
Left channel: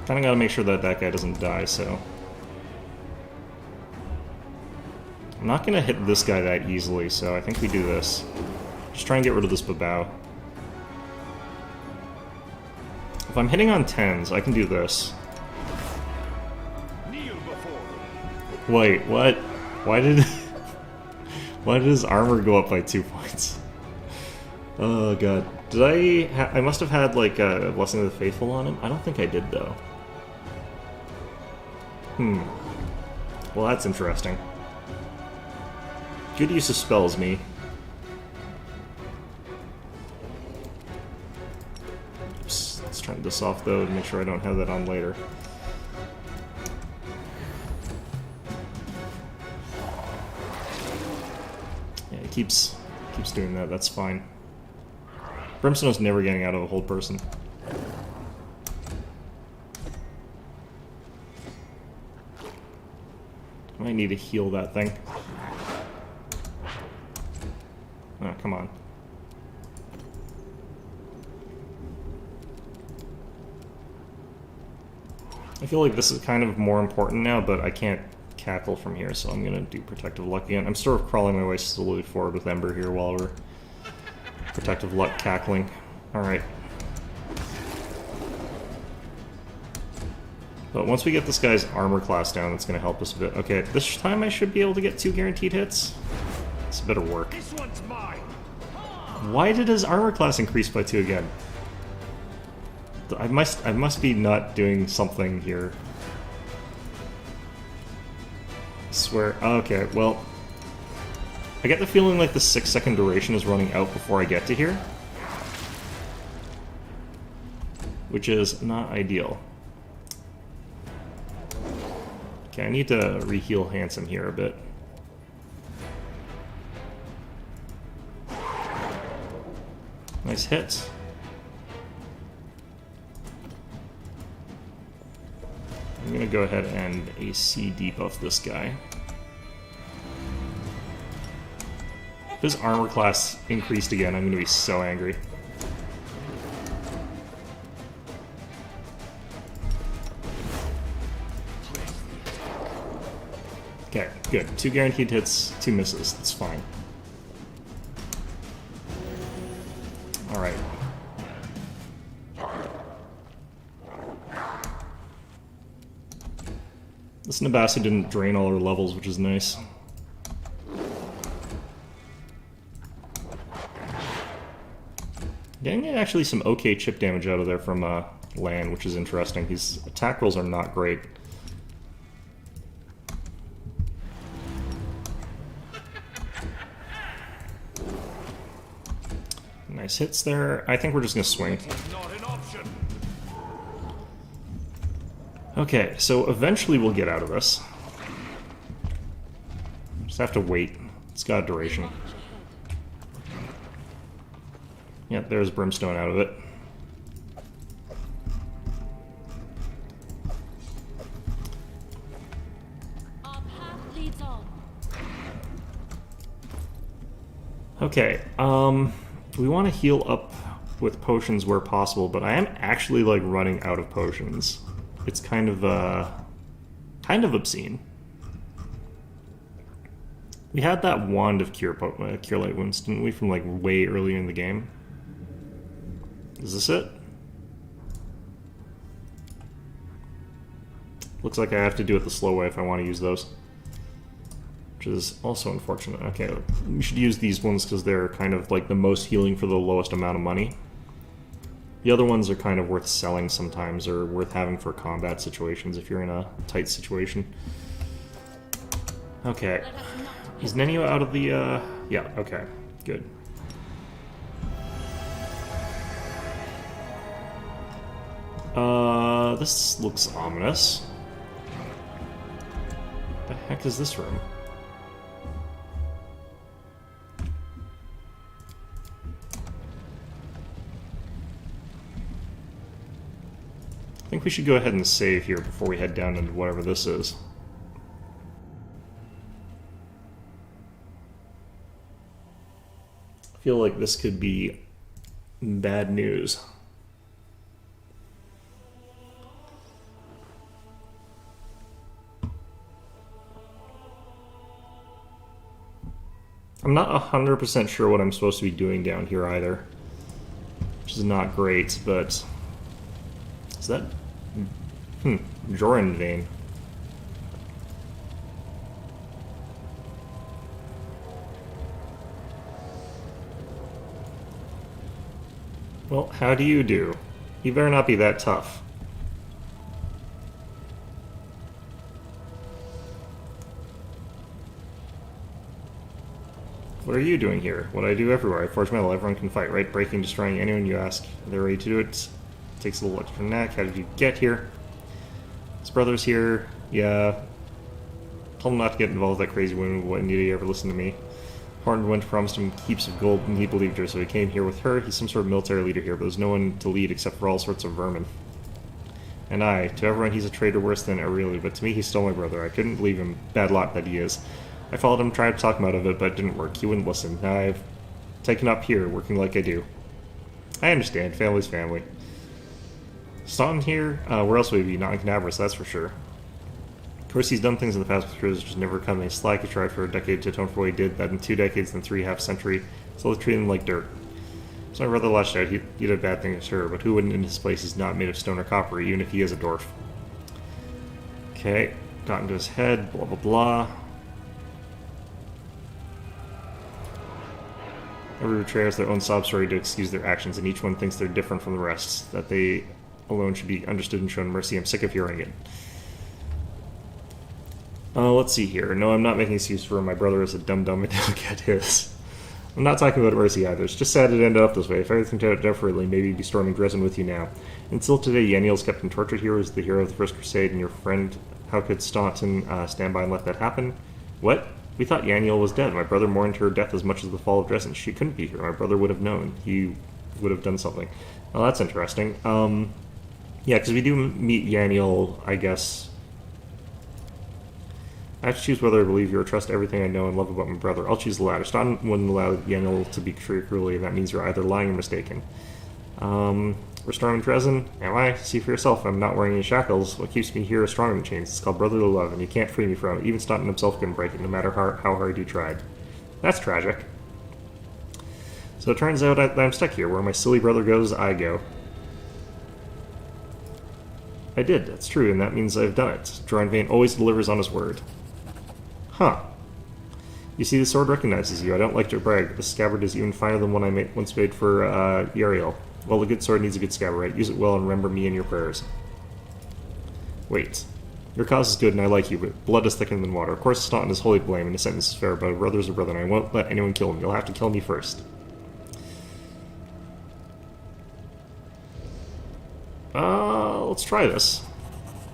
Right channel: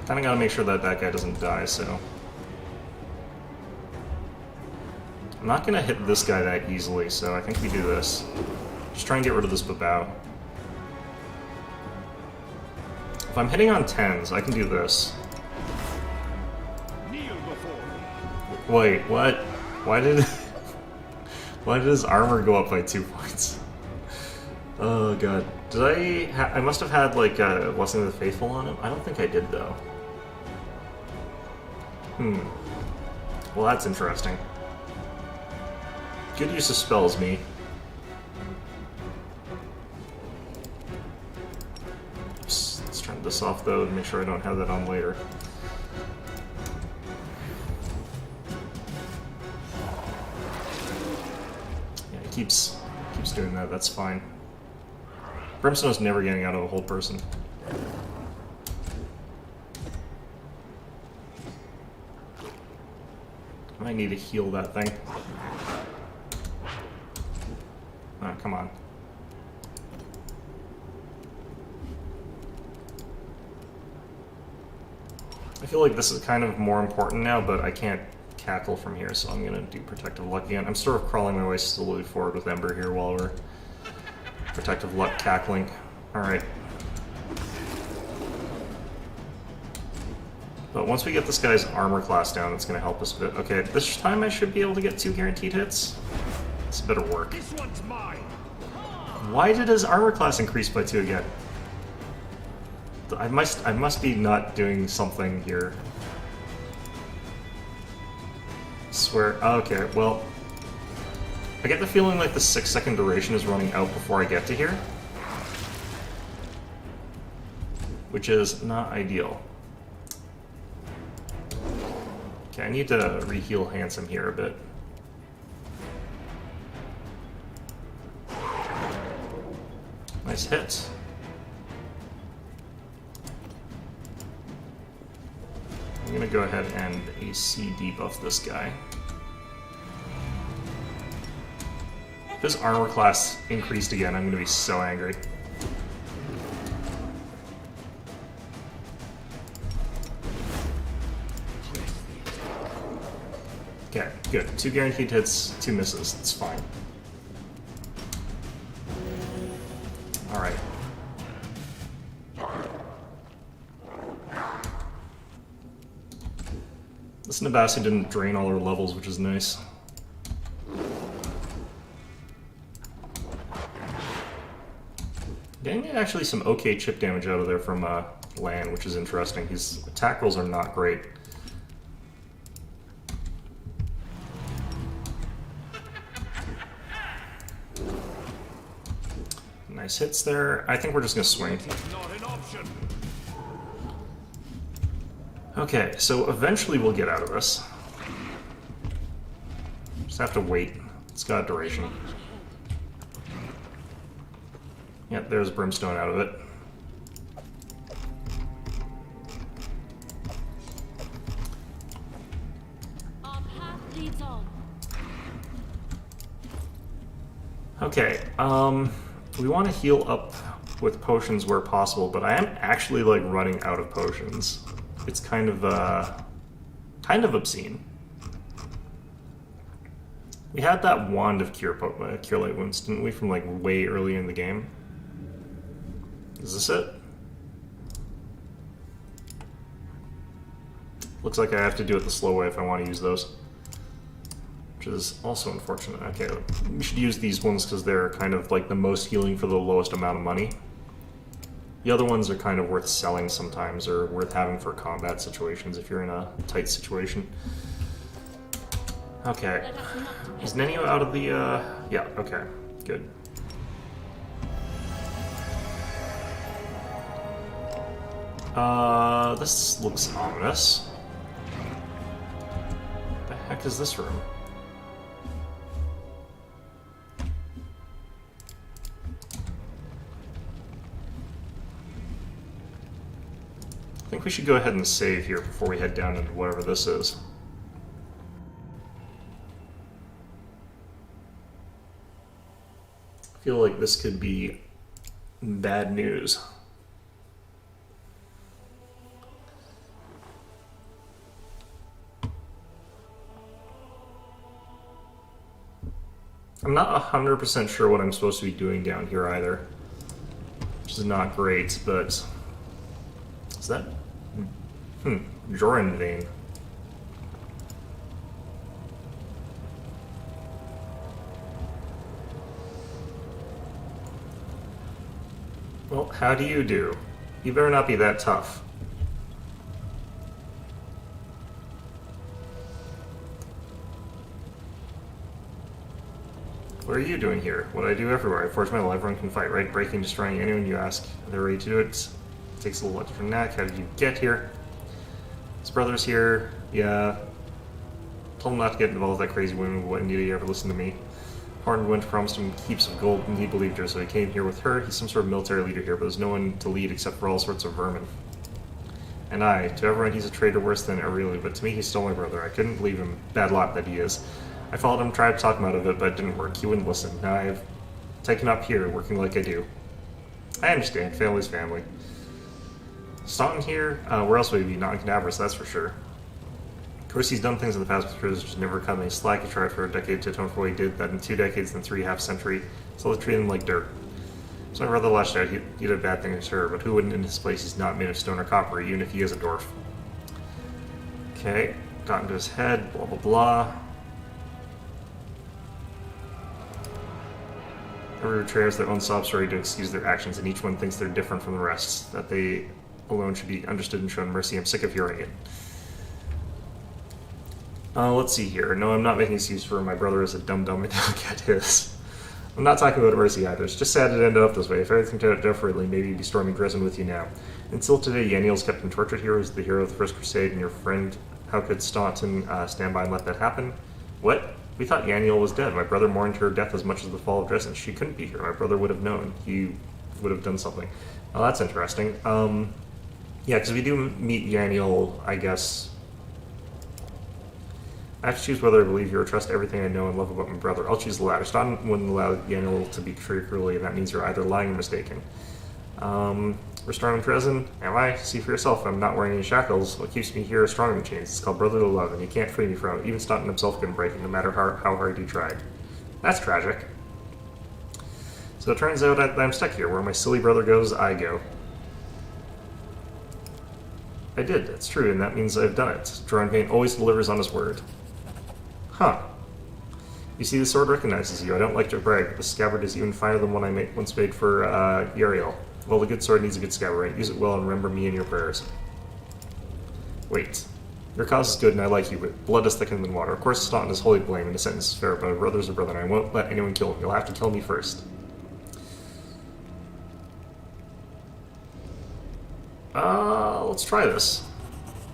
Kinda gotta make sure that that guy doesn't die, so... I'm not gonna hit this guy that easily, so I think we do this. Just try and get rid of this Babao. If I'm hitting on 10s, I can do this. Kneel before me. Wait, what? Why did... Why did his armor go up by 2 points? Oh god. Did I must have had, like, a Blessing of the Faithful on him? I don't think I did, though. Well, that's interesting. Good use of spells, me. Oops, let's turn this off, though, to make sure I don't have that on later. Yeah, it keeps doing that, that's fine. Brimstone's never getting out of a hold person. I might need to heal that thing. Oh, come on. I feel like this is kind of more important now, but I can't cackle from here, so I'm gonna do Protective Luck again. I'm sort of crawling my way slowly forward with Ember here while we're Protective Luck cackling. Alright. But once we get this guy's armor class down, that's going to help us a bit. Okay, this time I should be able to get 2 guaranteed hits. It's a bit of work. This one's mine. Why did his armor class increase by 2 again? I must be not doing something here. I swear. Okay, well, I get the feeling like the 6-second duration is running out before I get to here, which is not ideal. Okay, I need to re-heal Handsome here a bit. Nice hit. I'm gonna go ahead and AC debuff this guy. If his armor class increased again, I'm gonna be so angry. Okay, good. 2 guaranteed hits, 2 misses. That's fine. Alright. This Nabasu didn't drain all our levels, which is nice. Getting actually some okay chip damage out of there from Lan, which is interesting. His attack rolls are not great. Nice hits there. I think we're just gonna swing. Not an option. Okay, so eventually we'll get out of this. Just have to wait. It's got a duration. Yeah, there's Brimstone out of it. Our path leads on. Okay, we want to heal up with potions where possible, but I am actually, like, running out of potions. It's kind of obscene. We had that Wand of Cure Light Wounds, didn't we, from, like, way early in the game? Is this it? Looks like I have to do it the slow way if I want to use those. Which is also unfortunate. Okay, we should use these ones because they're kind of like the most healing for the lowest amount of money. The other ones are kind of worth selling sometimes, or worth having for combat situations if you're in a tight situation. Okay. Let us not Is Nenio out of the, Yeah, okay. Good. This looks ominous. The heck is this room? I think we should go ahead and save here before we head down into whatever this is. I feel like this could be bad news. I'm not 100% sure what I'm supposed to be doing down here either. Which is not great, but... Is that... Joran vein. Well, how do you do? You better not be that tough. What are you doing here? What I do everywhere. I forge metal. Everyone can fight, right? Breaking, destroying anyone you ask. They're ready to do it. Takes a little extra knack. How did you get here? His brother's here. Yeah. Told him not to get involved with that crazy woman. Why did he ever listen to me? Horned Wench promised him heaps of gold, and he believed her, so he came here with her. He's some sort of military leader here, but there's no one to lead except for all sorts of vermin. And to everyone, he's a traitor worse than Aurelia, but to me, he stole my brother. I couldn't believe him. Bad lot that he is. I followed him, tried to talk him out of it, but it didn't work. He wouldn't listen. Now I've taken up here, working like I do. I understand. Family's family. Staunton here? Where else would he be? Not in Canaveras, that's for sure. Of course, he's done things in the past with prisoners, just never come any slack. He tried for a decade to atone for what he did, that in 2 decades, then 3.5 centuries. So they treat him like dirt. So my brother lashed out. He did bad things to her, but who wouldn't in his place? He's not made of stone or copper, even if he is a dwarf. Okay. Got into his head, blah blah blah. Every betrayer has their own sob story to excuse their actions, and each one thinks they're different from the rest, that they alone should be understood and shown mercy. I'm sick of hearing it. Let's see here. No, I'm not making excuses for him. My brother is a dum-dum and he'll get his. I'm not talking about mercy either. It's just sad it ended up this way. If everything turned out differently, maybe he'd be storming Dresden with you now. Until today, Yaniel's kept him tortured here. He's the hero of the First Crusade and your friend. How could Staunton stand by and let that happen? What? We thought Yaniel was dead. My brother mourned her death as much as the fall of Dresden. She couldn't be here. My brother would have known. He would have done something. Well, that's interesting. Yeah, because we do meet Yaniel, I guess. I have to choose whether I believe you or trust everything I know and love about my brother. I'll choose the latter. Staunton wouldn't allow Yaniel to be treated cruelly, and that means you're either lying or mistaken. We're storming Dresden. Am I? See for yourself. I'm not wearing any shackles. What keeps me here is stronger than chains. It's called brotherly love, and you can't free me from it. Even Staunton himself couldn't break it, no matter how hard you tried. That's tragic. So it turns out that I'm stuck here. Where my silly brother goes, I go. I did. That's true, and that means I've done it. Joran Vane always delivers on his word. Huh. You see, the sword recognizes you. I don't like to brag, but the scabbard is even finer than one I once made for Yariel. Well, the good sword needs a good scabbard, right? Use it well and remember me in your prayers. Wait. Your cause is good and I like you, but blood is thicker than water. Of course, it's not in his holy blame, and the sentence is fair, but a brother's a brother, and I won't let anyone kill him. You'll have to kill me first. Let's try this.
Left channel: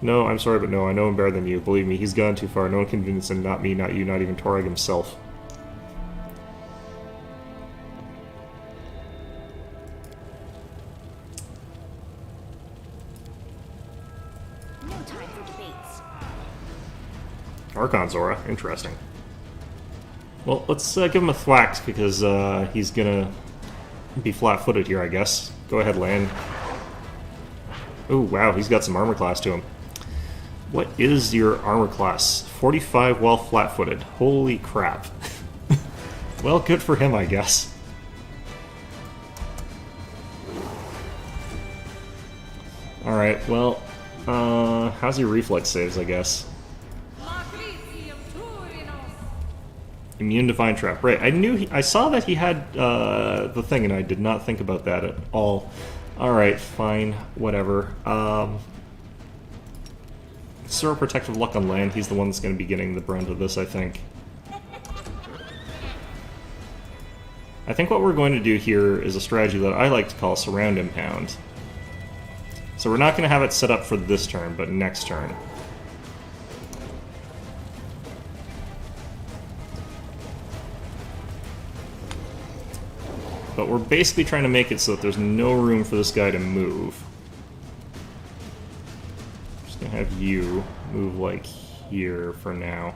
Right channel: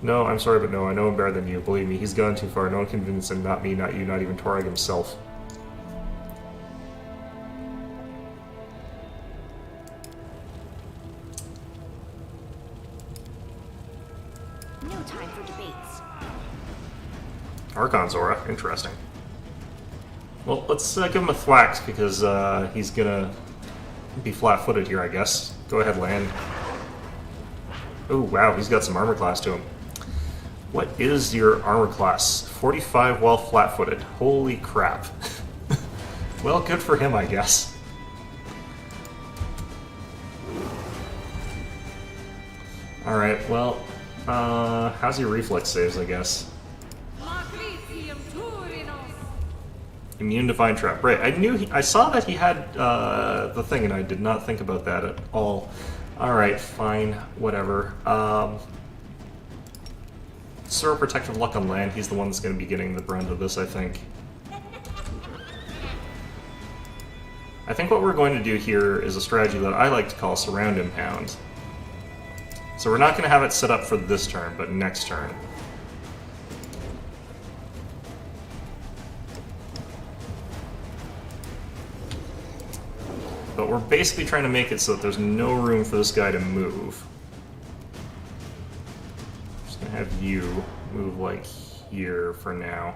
No, I'm sorry, but no, I know him better than you. Believe me, he's gone too far. No one can convince him, not me, not you, not even Torag himself. No time for debates. Archon Zora, interesting. Well, let's give him a thwack because he's gonna be flat-footed here, I guess. Go ahead, land. Oh, wow, he's got some armor class to him. What is your armor class? 45 while flat-footed. Holy crap. Well, good for him, I guess. Alright, well, how's your reflex saves, I guess? Immune to Vine Trap. Right, I saw that he had the thing, and I did not think about that at all. Alright, fine, whatever. Zero Protective Luck on land. He's the one that's going to be getting the brunt of this, I think. I think what we're going to do here is a strategy that I like to call Surround Impound. So we're not going to have it set up for this turn, but next turn. But we're basically trying to make it so that there's no room for this guy to move. I'm just going to have you move like here for now.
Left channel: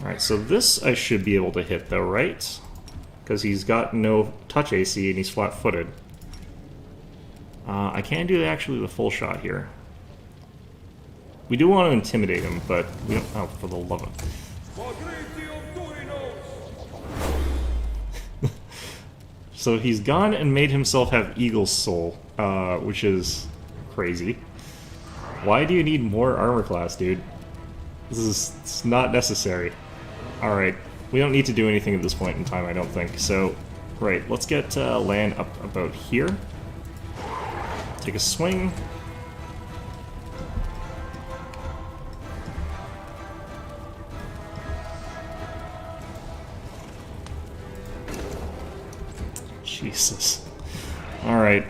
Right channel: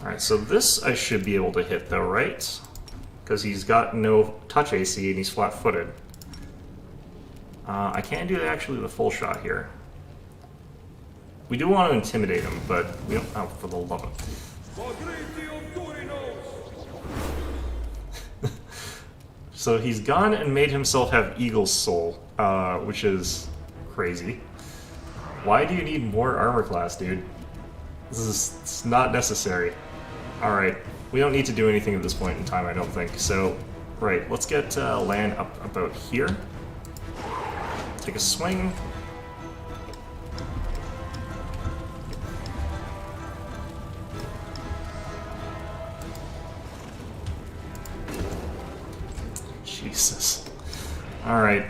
Alright, so this I should be able to hit though, right? Because he's got no touch AC and he's flat-footed. I can't do actually the full shot here. We do want to intimidate him, but we don't... Oh, for the love of... So he's gone and made himself have Eagle's Soul, which is crazy. Why do you need more armor class, dude? This is it's not necessary. Alright, we don't need to do anything at this point in time, I don't think. So, right, let's get land up about here. Take a swing. Jesus. Alright.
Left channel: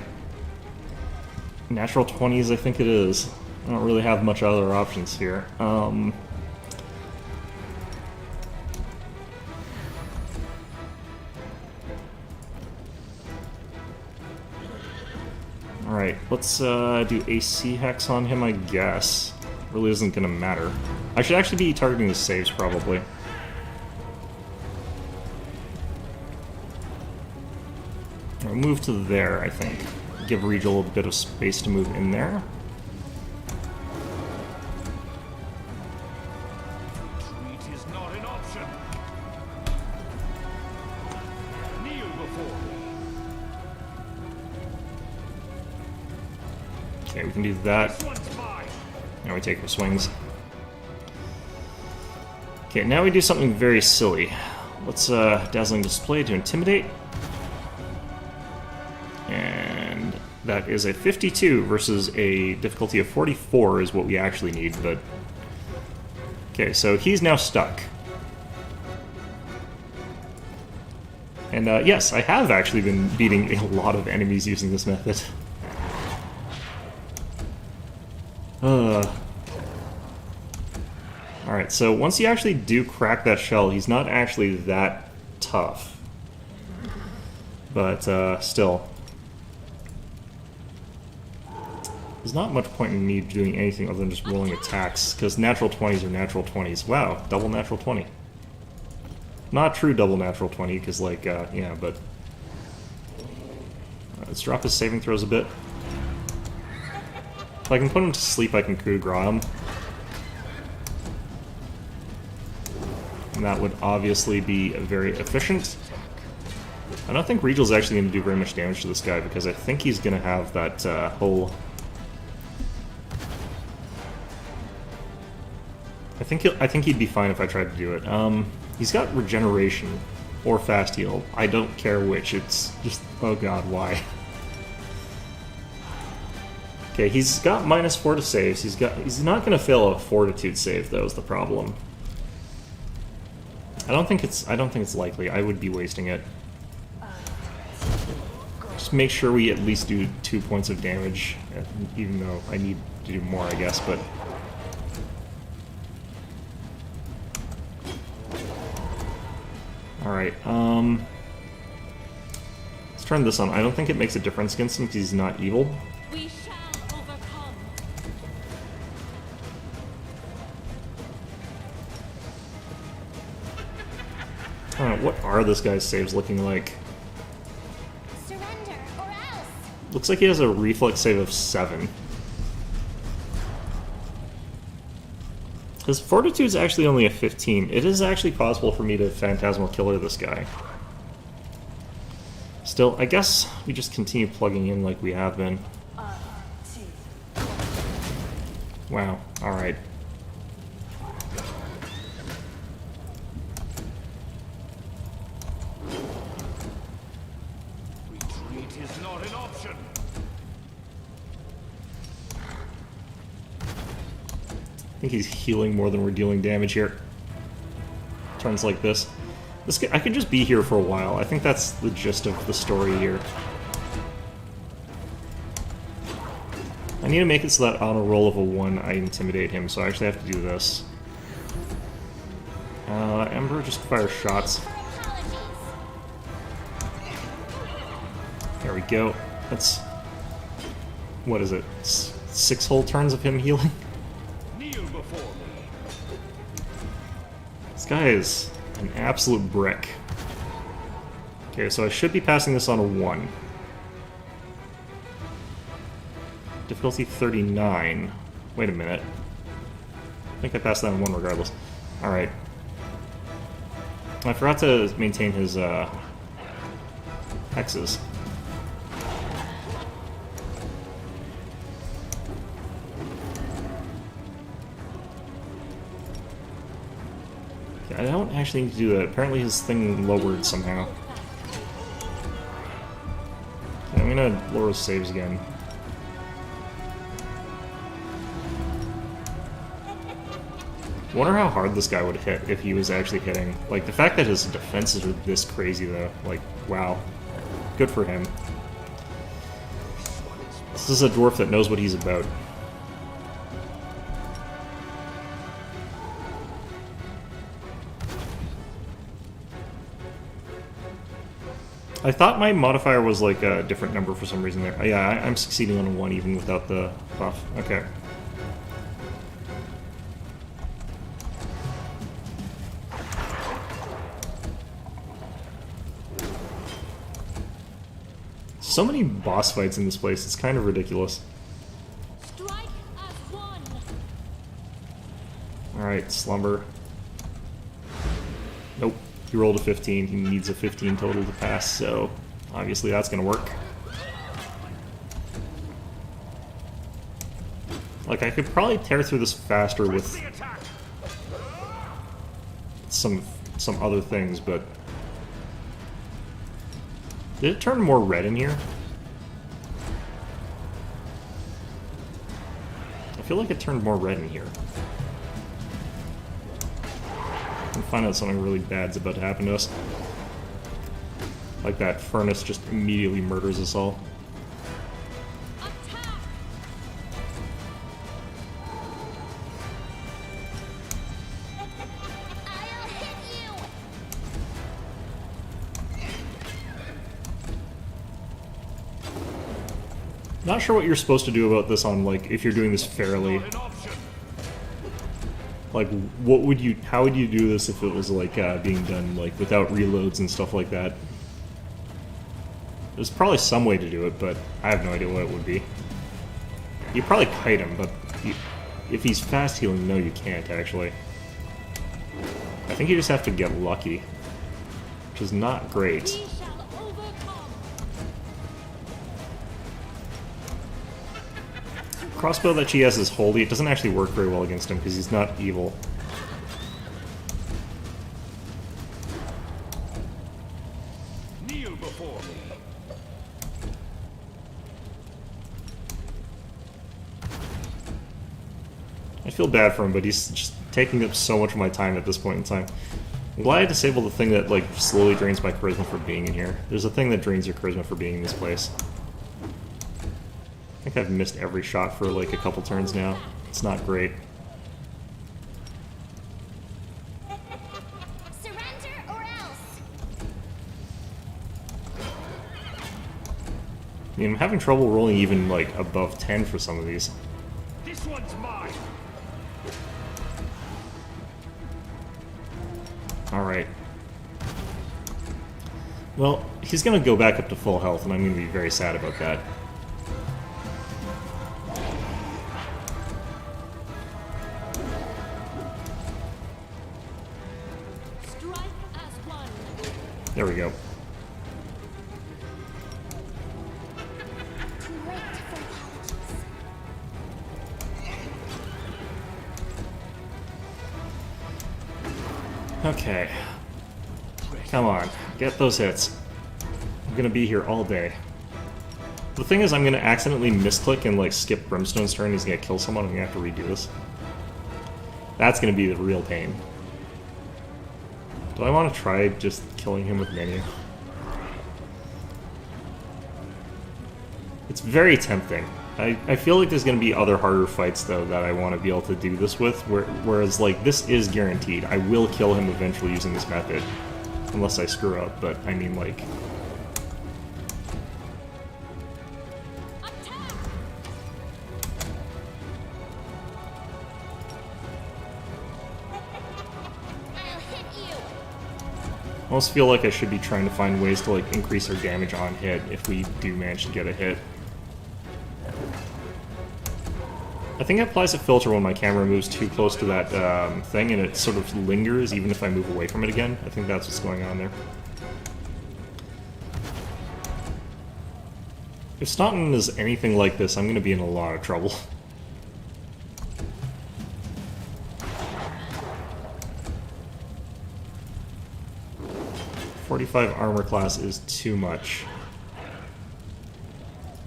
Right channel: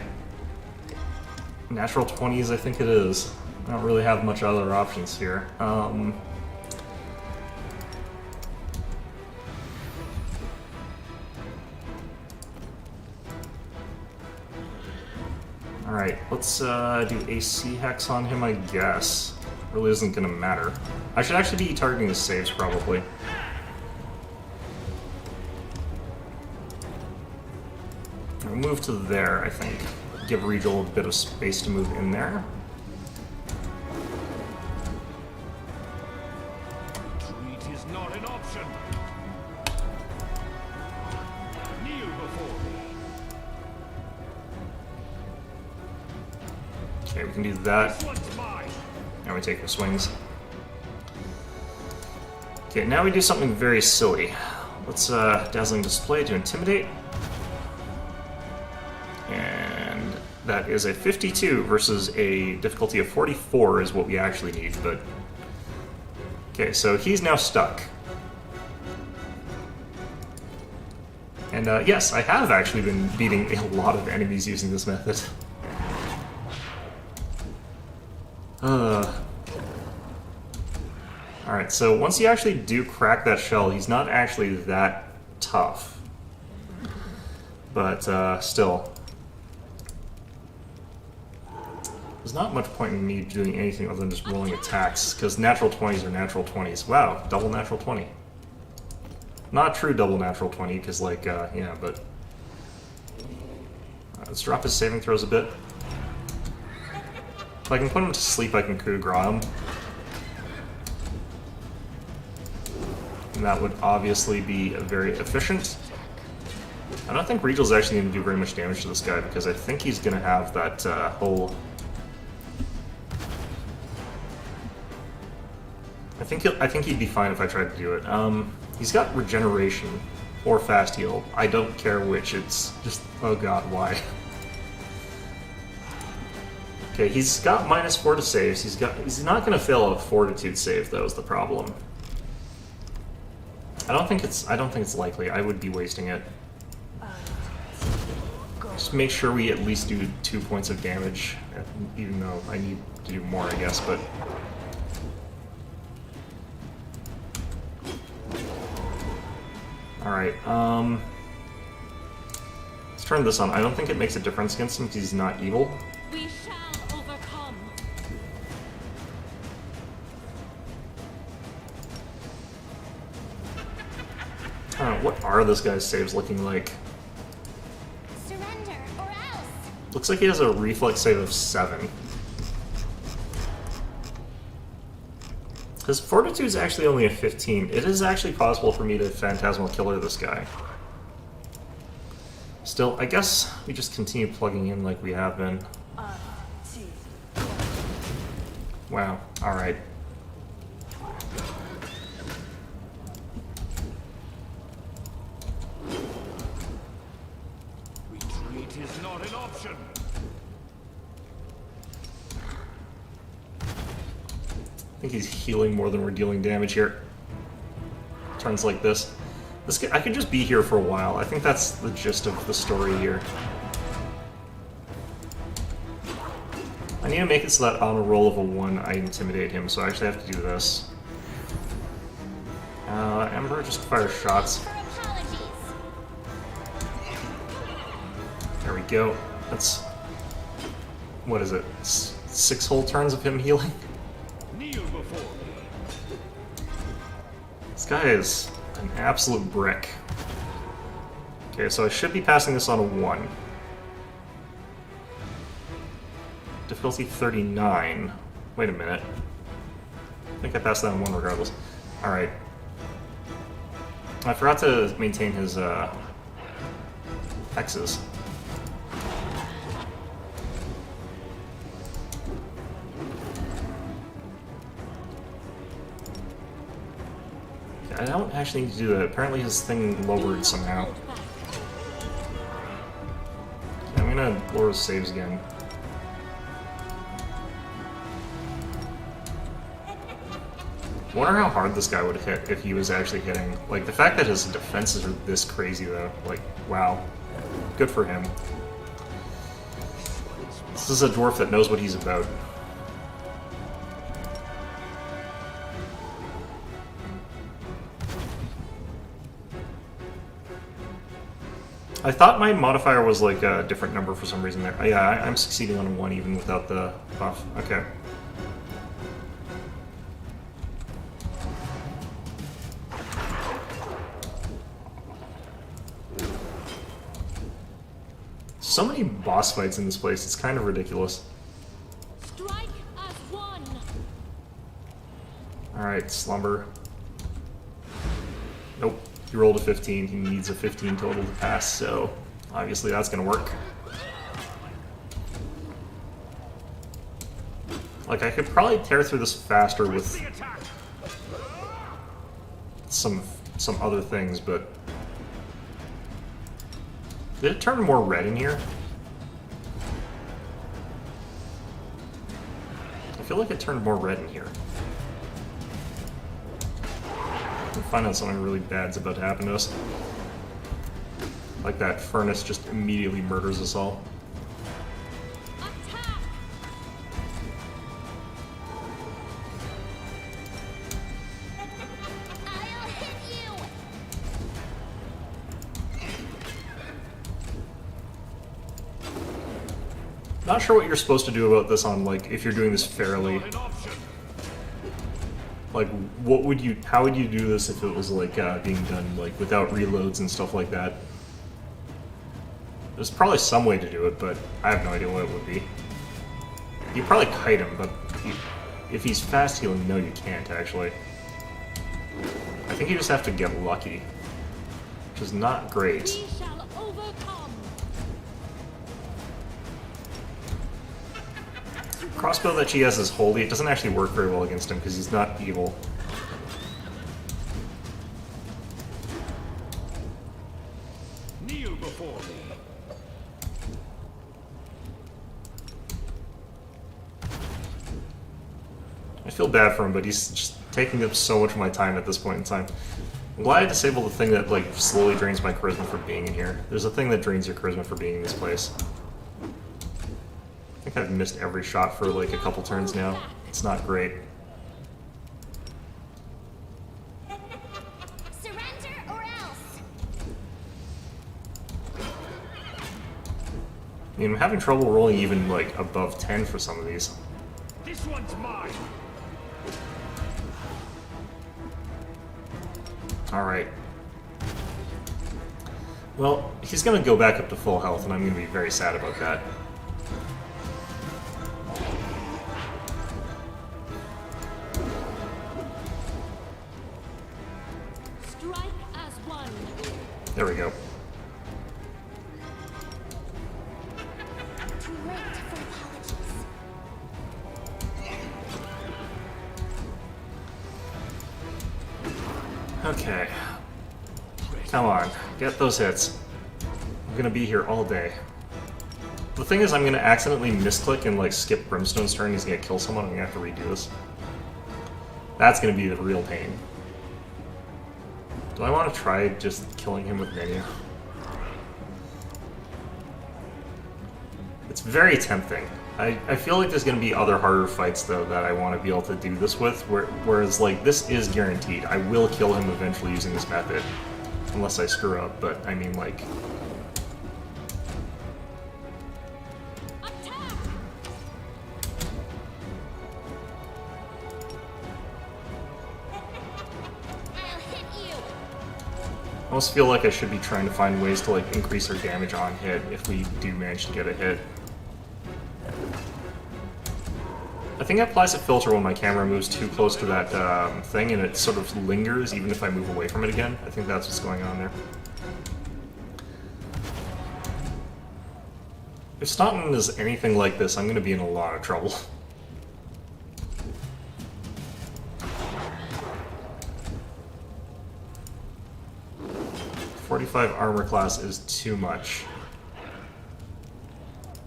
Natural 20s, I think it is. I don't really have much other options here. Alright, let's do AC Hex on him, I guess. Really isn't gonna matter. I should actually be targeting the saves, probably. We'll move to there, I think. Give Regal a bit of space to move in there. Retreat is not an option. Kneel before me. Okay, we can do that. This one's mine. Now we take our swings. Okay, now we do something very silly. Let's Dazzling Display to Intimidate. And that is a 52 versus a difficulty of 44 is what we actually need, but... Okay, so he's now stuck. And yes, I have actually been beating a lot of enemies using this method. Alright, so once you actually do crack that shell, he's not actually that tough. But still... There's not much point in me doing anything other than just rolling attacks, because natural 20s are natural 20s. Wow, double natural 20. Not true double natural 20, because, like, yeah, but... let's drop his saving throws a bit. If I can put him to sleep, I can coup de grace him. And that would obviously be very efficient. I don't think Regal's actually going to do very much damage to this guy, because I think he's going to have that whole... I think he'd be fine if I tried to do it. He's got regeneration or fast heal. I don't care which. It's just, oh god, why? Okay, he's got -4 to saves. He's not going to fail a fortitude save though. Is the problem? I don't think it's likely. I would be wasting it. Just make sure we at least do 2 points of damage, even though I need to do more, I guess. But. Alright, let's turn this on. I don't think it makes a difference against him because he's not evil. We shall overcome. What are this guy's saves looking like? Surrender or else. Looks like he has a reflex save of 7. His Fortitude's actually only a 15. It is actually possible for me to Phantasmal Killer this guy. Still, I guess we just continue plugging in like we have been. Wow, alright. Retreat is not an option. I think he's healing more than we're dealing damage here. Turns like this. I could just be here for a while. I think that's the gist of the story here. I need to make it so that on a roll of a 1, I intimidate him, so I actually have to do this. Ember just fires shots. For apologies. There we go. That's... what is it? 6 whole turns of him healing? Kneel before me. This guy is an absolute brick. Okay, so I should be passing this on a 1. Difficulty 39. Wait a minute. I think I passed that on 1 regardless. Alright. I forgot to maintain his hexes. I don't actually need to do that. Apparently his thing lowered somehow. I'm gonna lower his saves again. Wonder how hard this guy would hit if he was actually hitting. Like, the fact that his defenses are this crazy, though. Like, wow. Good for him. This is a dwarf that knows what he's about. I thought my modifier was like a different number for some reason there. Oh, yeah, I'm succeeding on a 1 even without the buff. Okay. So many boss fights in this place, it's kind of ridiculous. Strike as one. Alright, Slumber. Nope. He rolled a 15. He needs a 15 total to pass, so obviously that's gonna work. Like, I could probably tear through this faster with The attack. some other things, but... Did it turn more red in here? I feel like it turned more red in here. We'll find out something really bad's about to happen to us. Like that furnace just immediately murders us all. Attack. I'll hit you. Not sure what you're supposed to do about this on, like, if you're doing this fairly. Not an option. Like, what would you, how would you do this if it was, like, being done, like, without reloads and stuff like that? There's probably some way to do it, but I have no idea what it would be. You probably kite him, but if he's fast healing, no, you can't, actually. I think you just have to get lucky, which is not great. We shall overcome. Crossbow that she has is holy. It doesn't actually work very well against him because he's not evil. Kneel before me. I feel bad for him, but he's just taking up so much of my time at this point in time. I'm glad I disabled the thing that, like, slowly drains my charisma for being in here. There's a thing that drains your charisma for being in this place. I think I've missed every shot for, like, a couple turns now. It's not great. Surrender or else. I mean, I'm having trouble rolling even, like, above 10 for some of these. This one's mine. Alright. Well, he's gonna go back up to full health, and I'm gonna be very sad about that. Strike as one. There we go. Too late for apologies. Okay. Come on, get those hits. I'm gonna be here all day. The thing is, I'm gonna accidentally misclick and like skip Brimstone's turn. He's gonna kill someone. I'm gonna have to redo this. That's gonna be the real pain. Do I want to try just killing him with Mania? It's very tempting. I feel like there's gonna be other harder fights though that I want to be able to do this with. Whereas like this is guaranteed. I will kill him eventually using this method, unless I screw up. But I mean like. I almost feel like I should be trying to find ways to like increase our damage on hit if we do manage to get a hit. I think it applies a filter when my camera moves too close to that thing and it sort of lingers even if I move away from it again. I think that's what's going on there. If Staunton is anything like this, I'm going to be in a lot of trouble. 45 armor class is too much.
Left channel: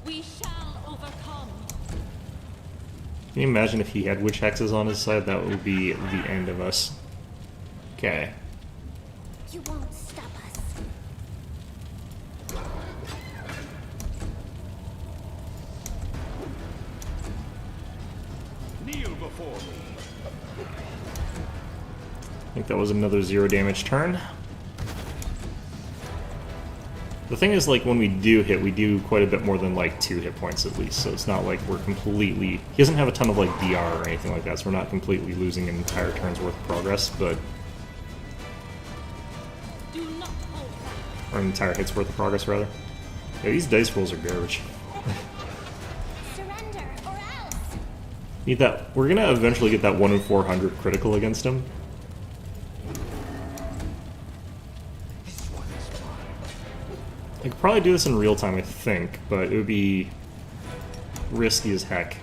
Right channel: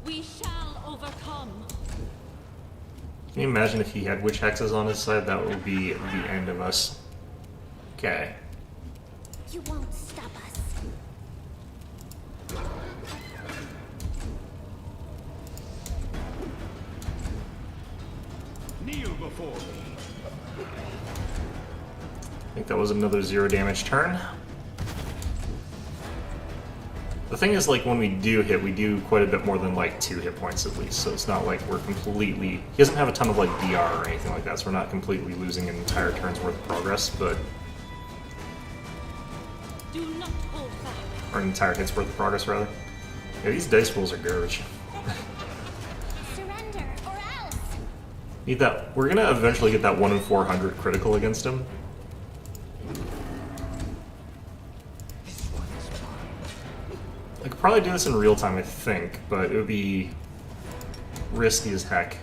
We shall overcome. Can you imagine if he had witch hexes on his side? That would be the end of us. Okay. You won't stop us. Kneel before me. I think that was another 0 damage turn. The thing is, like, when we do hit, we do quite a bit more than, like, 2 hit points at least, so it's not like we're completely... He doesn't have a ton of, like, DR or anything like that, so we're not completely losing an entire turn's worth of progress, but... Do not hold back. Or an entire hit's worth of progress, rather. Yeah, these dice rolls are garbage. Surrender, or else! Need that... We're gonna eventually get that 1 in 400 critical against him. I could probably do this in real time, I think, but it would be risky as heck.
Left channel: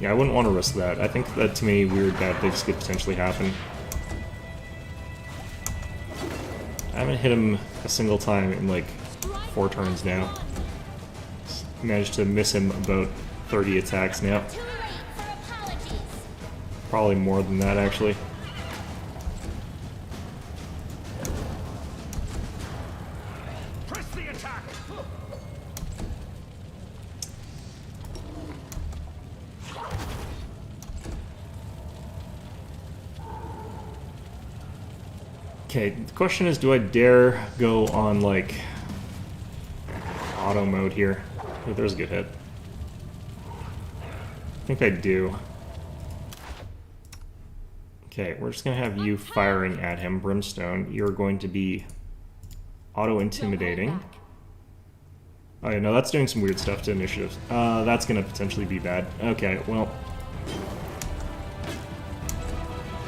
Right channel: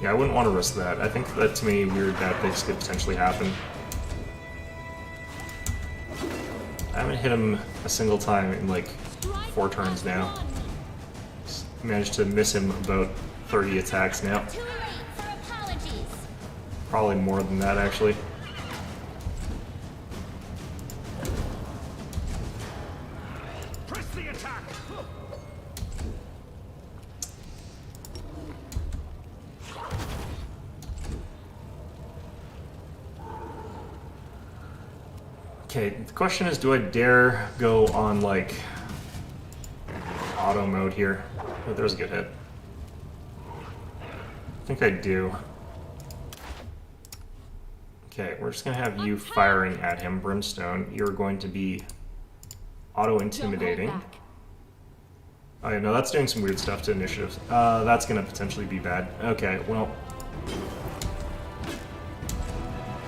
Yeah, I wouldn't want to risk that. I think that too many weird bad things could potentially happen. I haven't hit him a single time in like 4 turns now. Managed to miss him about 30 attacks now. Too late for apologies. Probably more than that, actually. Press the attack. Okay, the question is, do I dare go on, like, auto mode here? Oh, there's a good hit. I think I do. Okay, we're just gonna have you firing at him, Brimstone. You're going to be auto-intimidating. Oh yeah, no, that's doing some weird stuff to initiatives. That's gonna potentially be bad. Okay, well...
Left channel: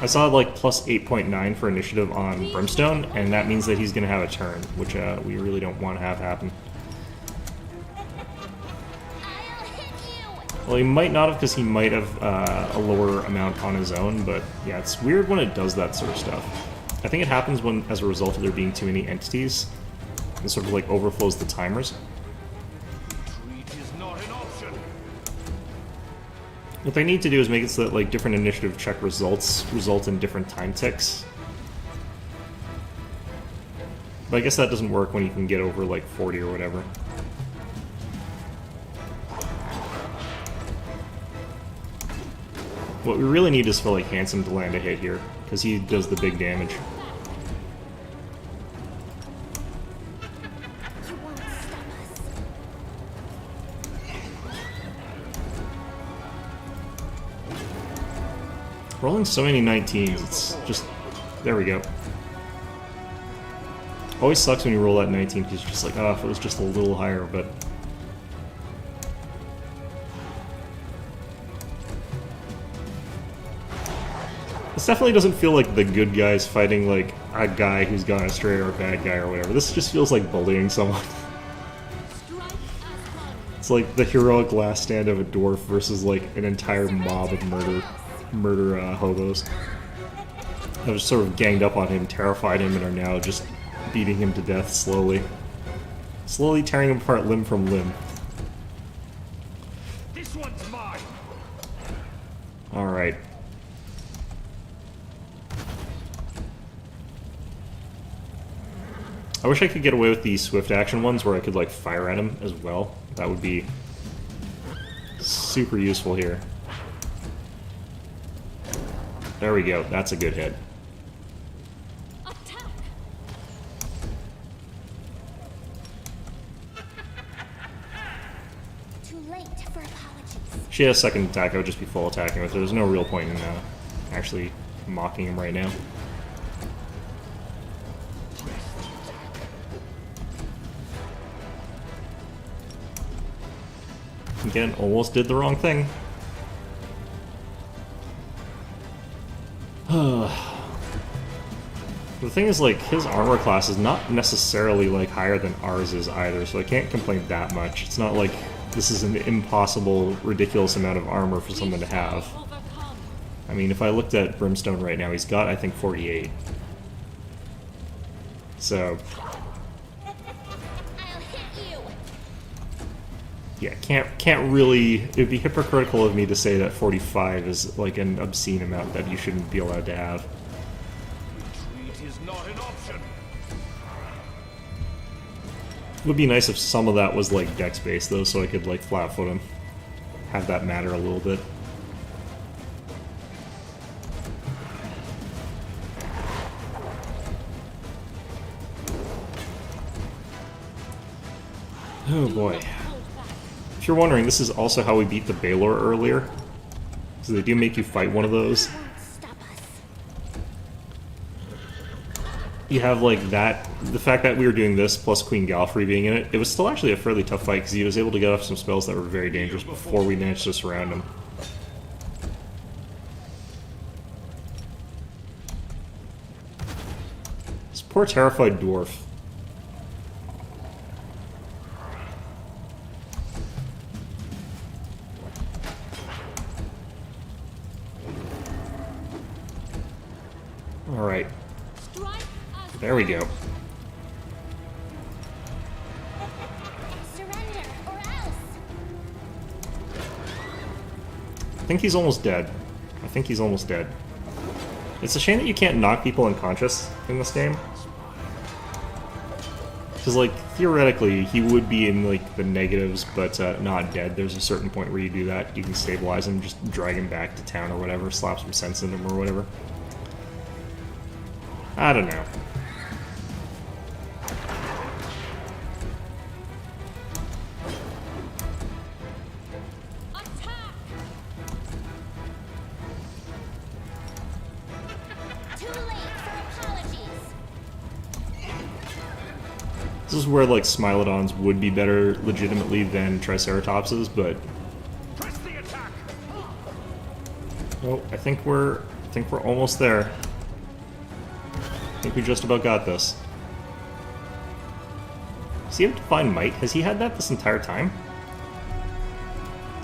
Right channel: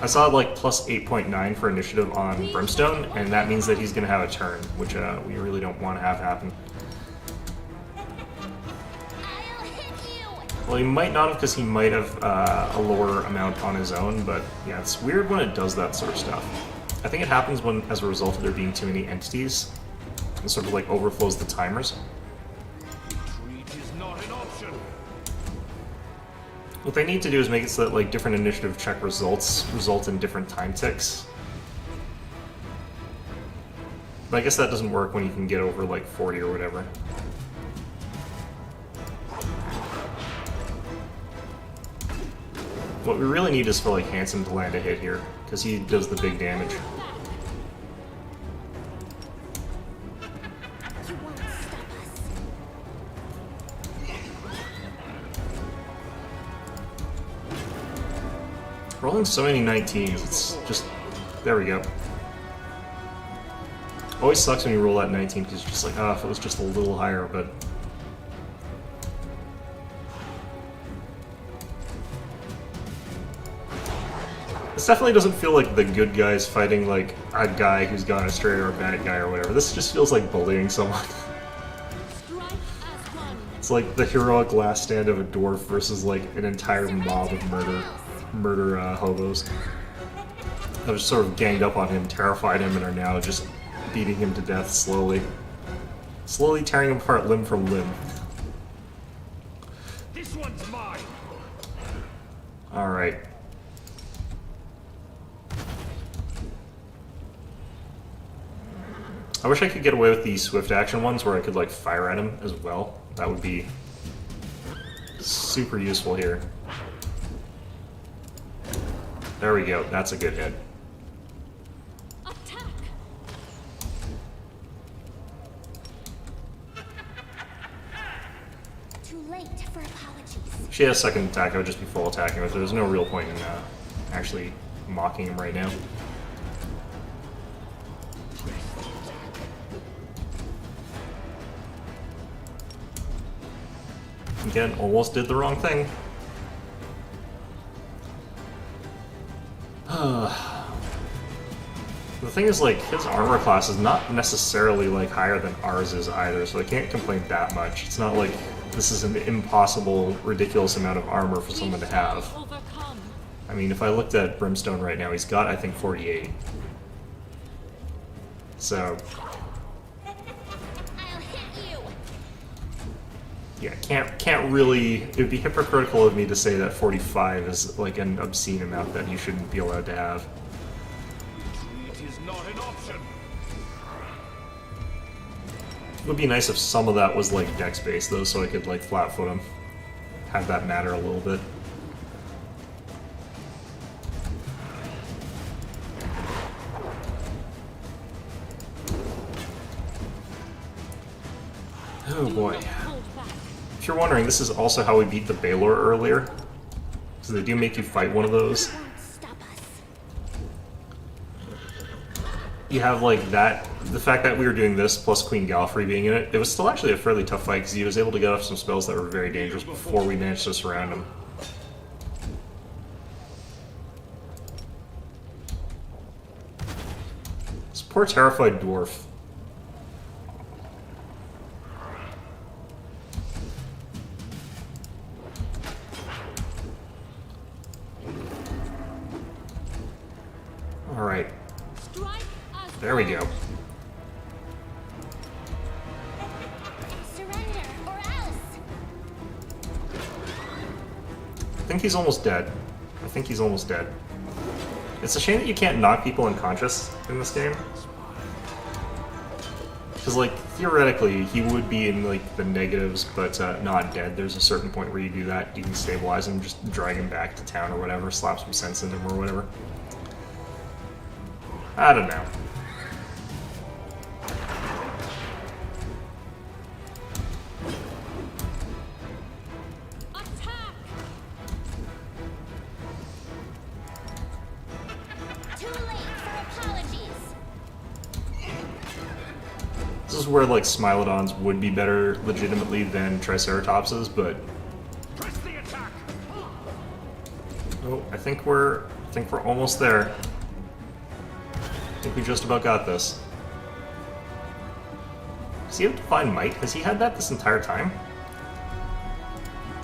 I saw like plus 8.9 for initiative on Brimstone, and that means that he's gonna have a turn, which we really don't want to have happen. I'll hit you! Well, he might not have, because he might have a lower amount on his own, but yeah, it's weird when it does that sort of stuff. I think it happens when, as a result of there being too many entities, and sort of like overflows the timers. Retreat is not an option. What they need to do is make it so that like different initiative check results result in different time ticks. But I guess that doesn't work when you can get over like 40 or whatever. What we really need is for like Handsome to land a hit here, because he does the big damage. You won't stop us. Rolling so many 19s, it's just... There we go. Always sucks when you roll that 19, because you're just like, oh, if it was just a little higher, but... This definitely doesn't feel like the good guys fighting, like, a guy who's gone astray or a bad guy or whatever. This just feels like bullying someone. Strike as one. It's like the heroic last stand of a dwarf versus, like, an entire mob of murder hobos. That was sort of ganged up on him, terrified him, and are now just beating him to death slowly. Slowly tearing him apart limb from limb. This one's mine. Alright. I wish I could get away with the swift action ones where I could like fire at him as well. That would be super useful here. There we go. That's a good hit. Attack! Too late for apologies. If she has second attack, I would just be full attacking with her. There's no real point in actually mocking him right now. Again, almost did the wrong thing. The thing is, like, his armor class is not necessarily, like, higher than ours is either, so I can't complain that much. It's not like this is an impossible, ridiculous amount of armor for someone to have. Overcome. I mean, if I looked at Brimstone right now, he's got, I think, 48. So, I'll hit you. yeah, can't really... It would be hypocritical of me to say that 45 is, like, an obscene amount that you shouldn't be allowed to have. Retreat is not an option. It would be nice if some of that was, like, dex-based, though, so I could, like, flat-foot him. Have that matter a little bit. Oh boy. Hold back. If you're wondering, this is also how we beat the Baylor earlier. So they do make you fight one of those. Won't stop us. You have, like, that... The fact that we were doing this, plus Queen Galfrey being in it, it was still actually a fairly tough fight, because he was able to get off some spells that were very dangerous before we managed to surround him. This poor terrified dwarf. Alright, Strike as there we go. Surrender or else. I think he's almost dead. I think he's almost dead. It's a shame that you can't knock people unconscious in this game. Because, like, theoretically, he would be in, like, the negatives, but not dead. There's a certain point where you do that. You can stabilize him, just drag him back to town or whatever, slap some sense in him or whatever. I don't know. attack! Too late for apologies. This is where, like, Smilodons would be better legitimately than Triceratopses, but... Press the attack. Oh, I think we're almost there. I think we just about got this. Does he have Divine Might? Has he had that this entire time?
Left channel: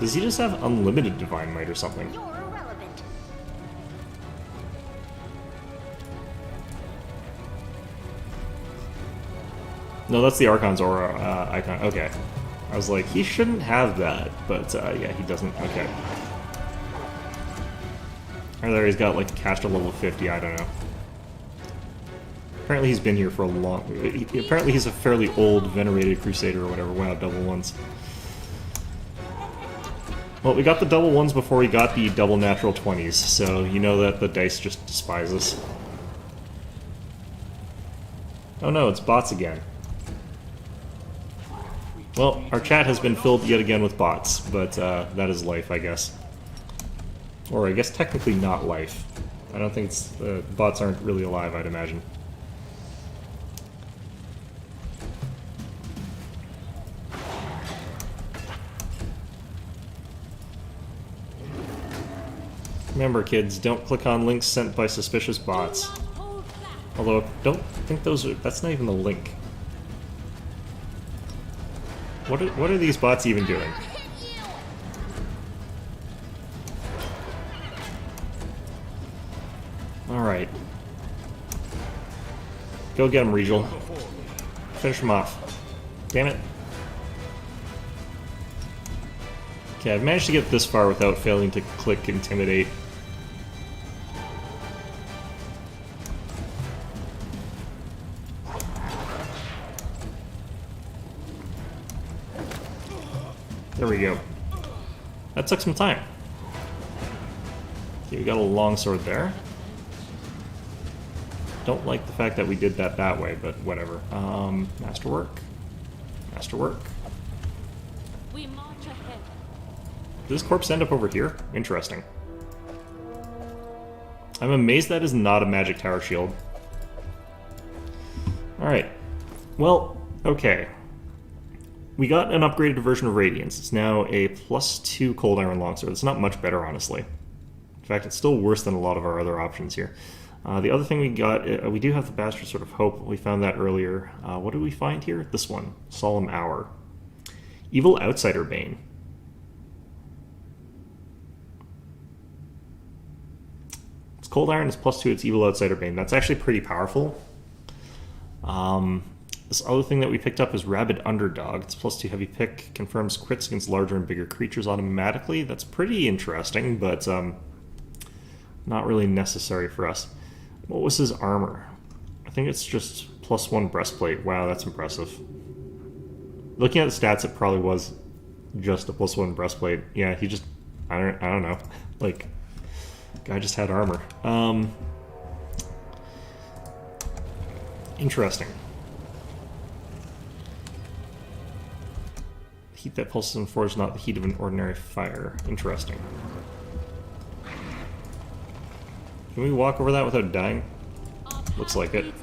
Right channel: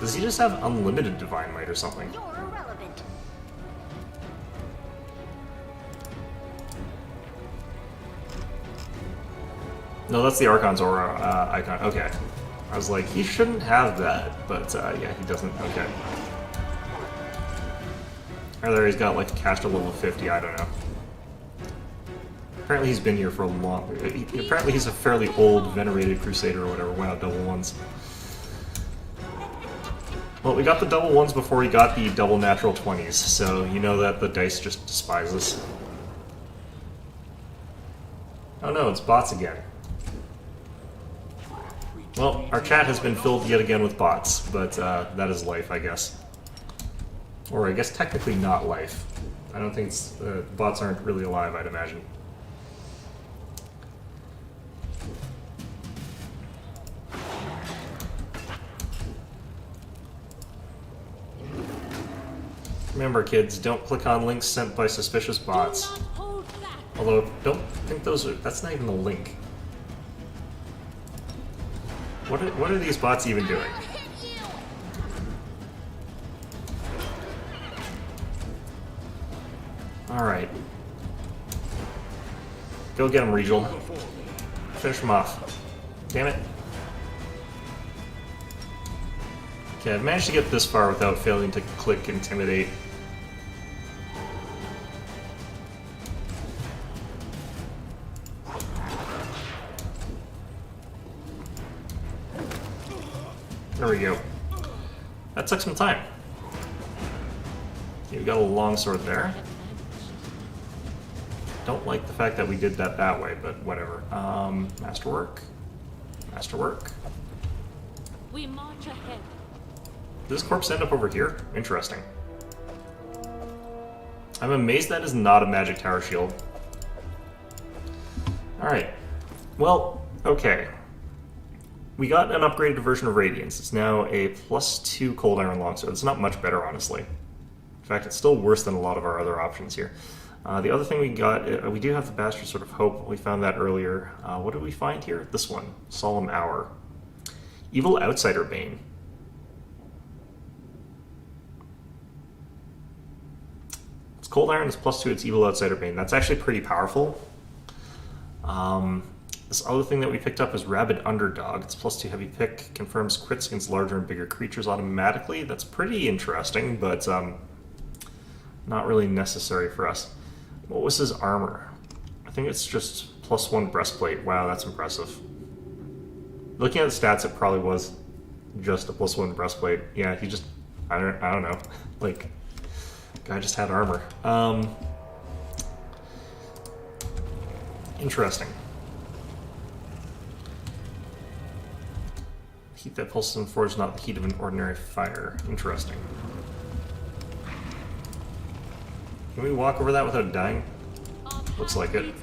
Does he just have unlimited Divine Might or something? You're irrelevant. No, that's the Archon's Aura icon. Okay. I was like, he shouldn't have that, but yeah, he doesn't. Okay. Or there he's got like cast a level 50, I don't know. Apparently he's been here for a long... Apparently he's a fairly old, venerated Crusader or whatever. Wow, double ones. Well, we got the double ones before we got the double natural 20s, so you know that the dice just despise us. Oh no, it's bots again. Well, our chat has been filled yet again with bots, but that is life, I guess. Or I guess technically not life. I don't think it's... bots aren't really alive, I'd imagine. Remember, kids, don't click on links sent by suspicious bots. Do not hold back. Although, don't think those are... That's not even a link. What are these bots even doing? I'll hit you. Alright. Go get him, Regal. Before me. Finish him off. Damn it. Okay, I've managed to get this far without failing to click Intimidate. There we go. That took some time. Okay, we got a longsword there. Don't like the fact that we did that way, but whatever. Masterwork. Masterwork. We march ahead. Did this corpse end up over here? Interesting. I'm amazed that is not a magic tower shield. Alright. Well, okay. We got an upgraded version of Radiance. It's now a +2 Cold Iron Longsword. It's not much better, honestly. In fact, it's still worse than a lot of our other options here. The other thing we got, we do have the Bastard Sword of Hope. We found that earlier. What did we find here? This one. Solemn Hour. Evil Outsider Bane. It's Cold Iron, it's +2, it's Evil Outsider Bane. That's actually pretty powerful. This other thing that we picked up is Rabid Underdog. It's +2 heavy pick, confirms crits against larger and bigger creatures automatically. That's pretty interesting, but not really necessary for us. What was his armor? I think it's just +1 breastplate. Wow, that's impressive. Looking at the stats, it probably was just a +1 breastplate. Yeah, he just, I don't know. Like, guy just had armor. Interesting. Heat that pulses and forges, not the heat of an ordinary fire. Interesting. Can we walk over that without dying? Looks like it.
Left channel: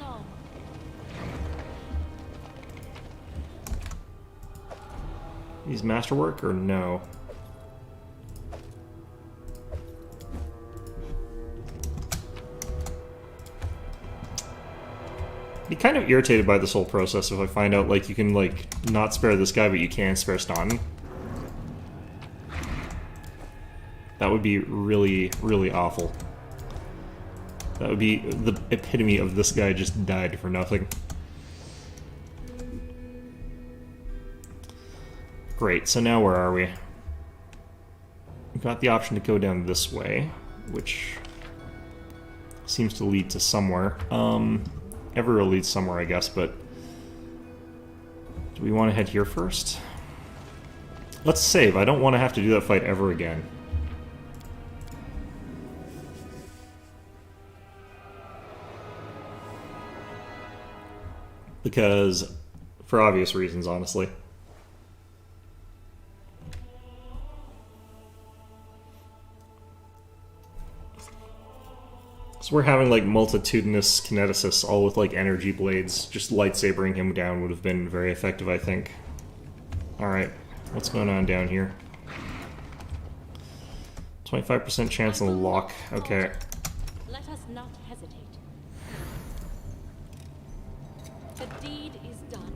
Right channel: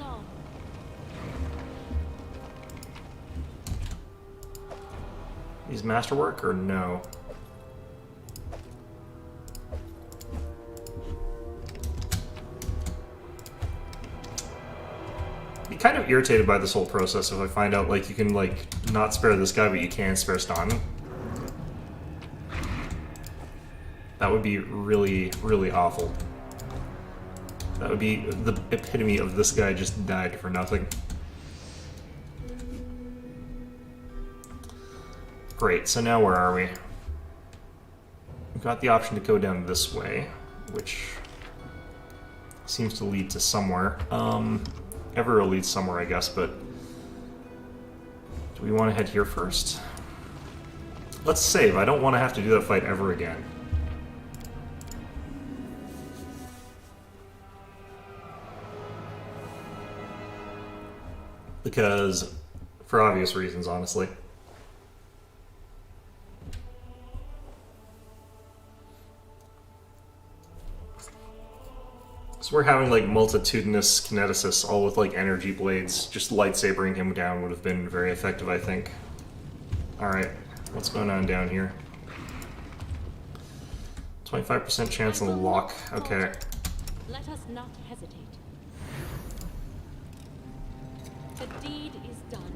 Use masterwork or no? Be kind of irritated by this whole process if I find out, like, you can, like, not spare this guy, but you can spare Staunton. That would be really, really awful. That would be the epitome of this guy just died for nothing. Great, so now where are we? We've got the option to go down this way, which seems to lead to somewhere. Everywhere leads somewhere, I guess, but do we want to head here first? Let's save. I don't want to have to do that fight ever again. Because, for obvious reasons, honestly. So we're having, like, multitudinous kineticists, all with, like, energy blades. Just lightsabering him down would have been very effective, I think. Alright, what's going on down here? 25% chance on the lock. Okay. Let us not hesitate. The deed is done.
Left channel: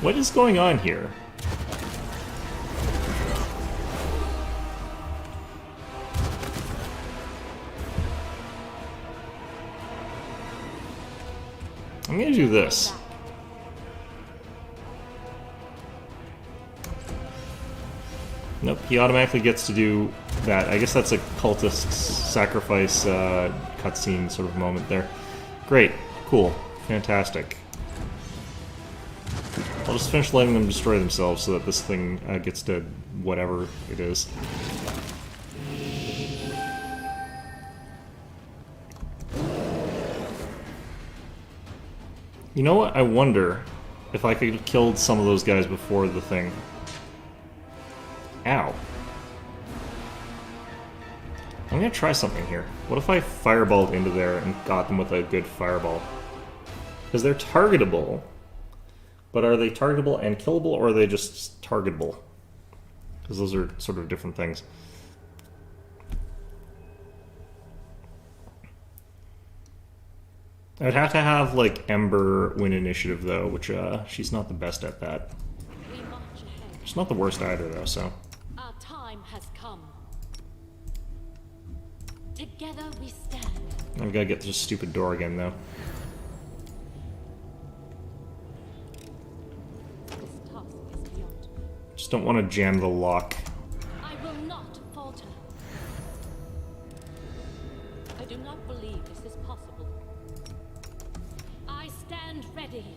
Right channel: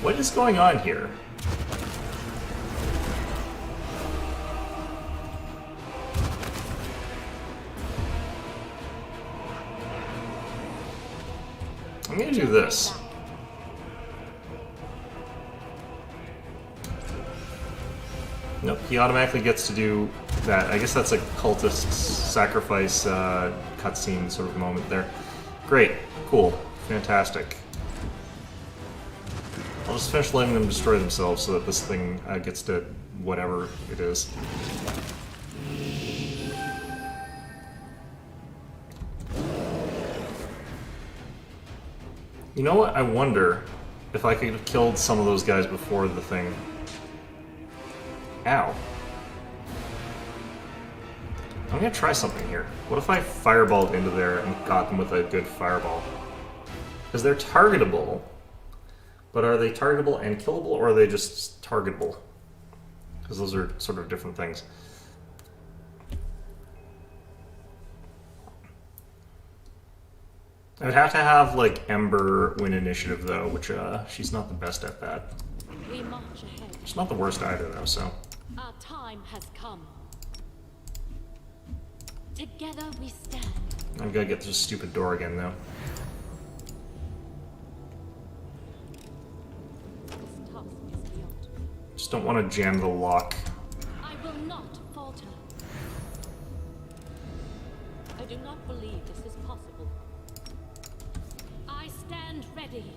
What is going on here? I'm gonna do this. Nope, he automatically gets to do that. I guess that's a cultist sacrifice cutscene sort of moment there. Great, cool, fantastic. I'll just finish letting them destroy themselves so that this thing gets to whatever it is. You know what? I wonder if I could have killed some of those guys before the thing. Ow. I'm gonna try something here. What if I fireballed into there and got them with a good fireball? Because they're targetable. But are they targetable and killable, or are they just targetable? Because those are sort of different things. I'd have to have, like, Ember win initiative, though, which, she's not the best at that. We march ahead. She's not the worst either, though, so... Our time has come. Together we stand. I've gotta get this stupid door again, though. This task is beyond me. Just don't want to jam the lock. I will not falter. I do not believe this is possible. I stand ready.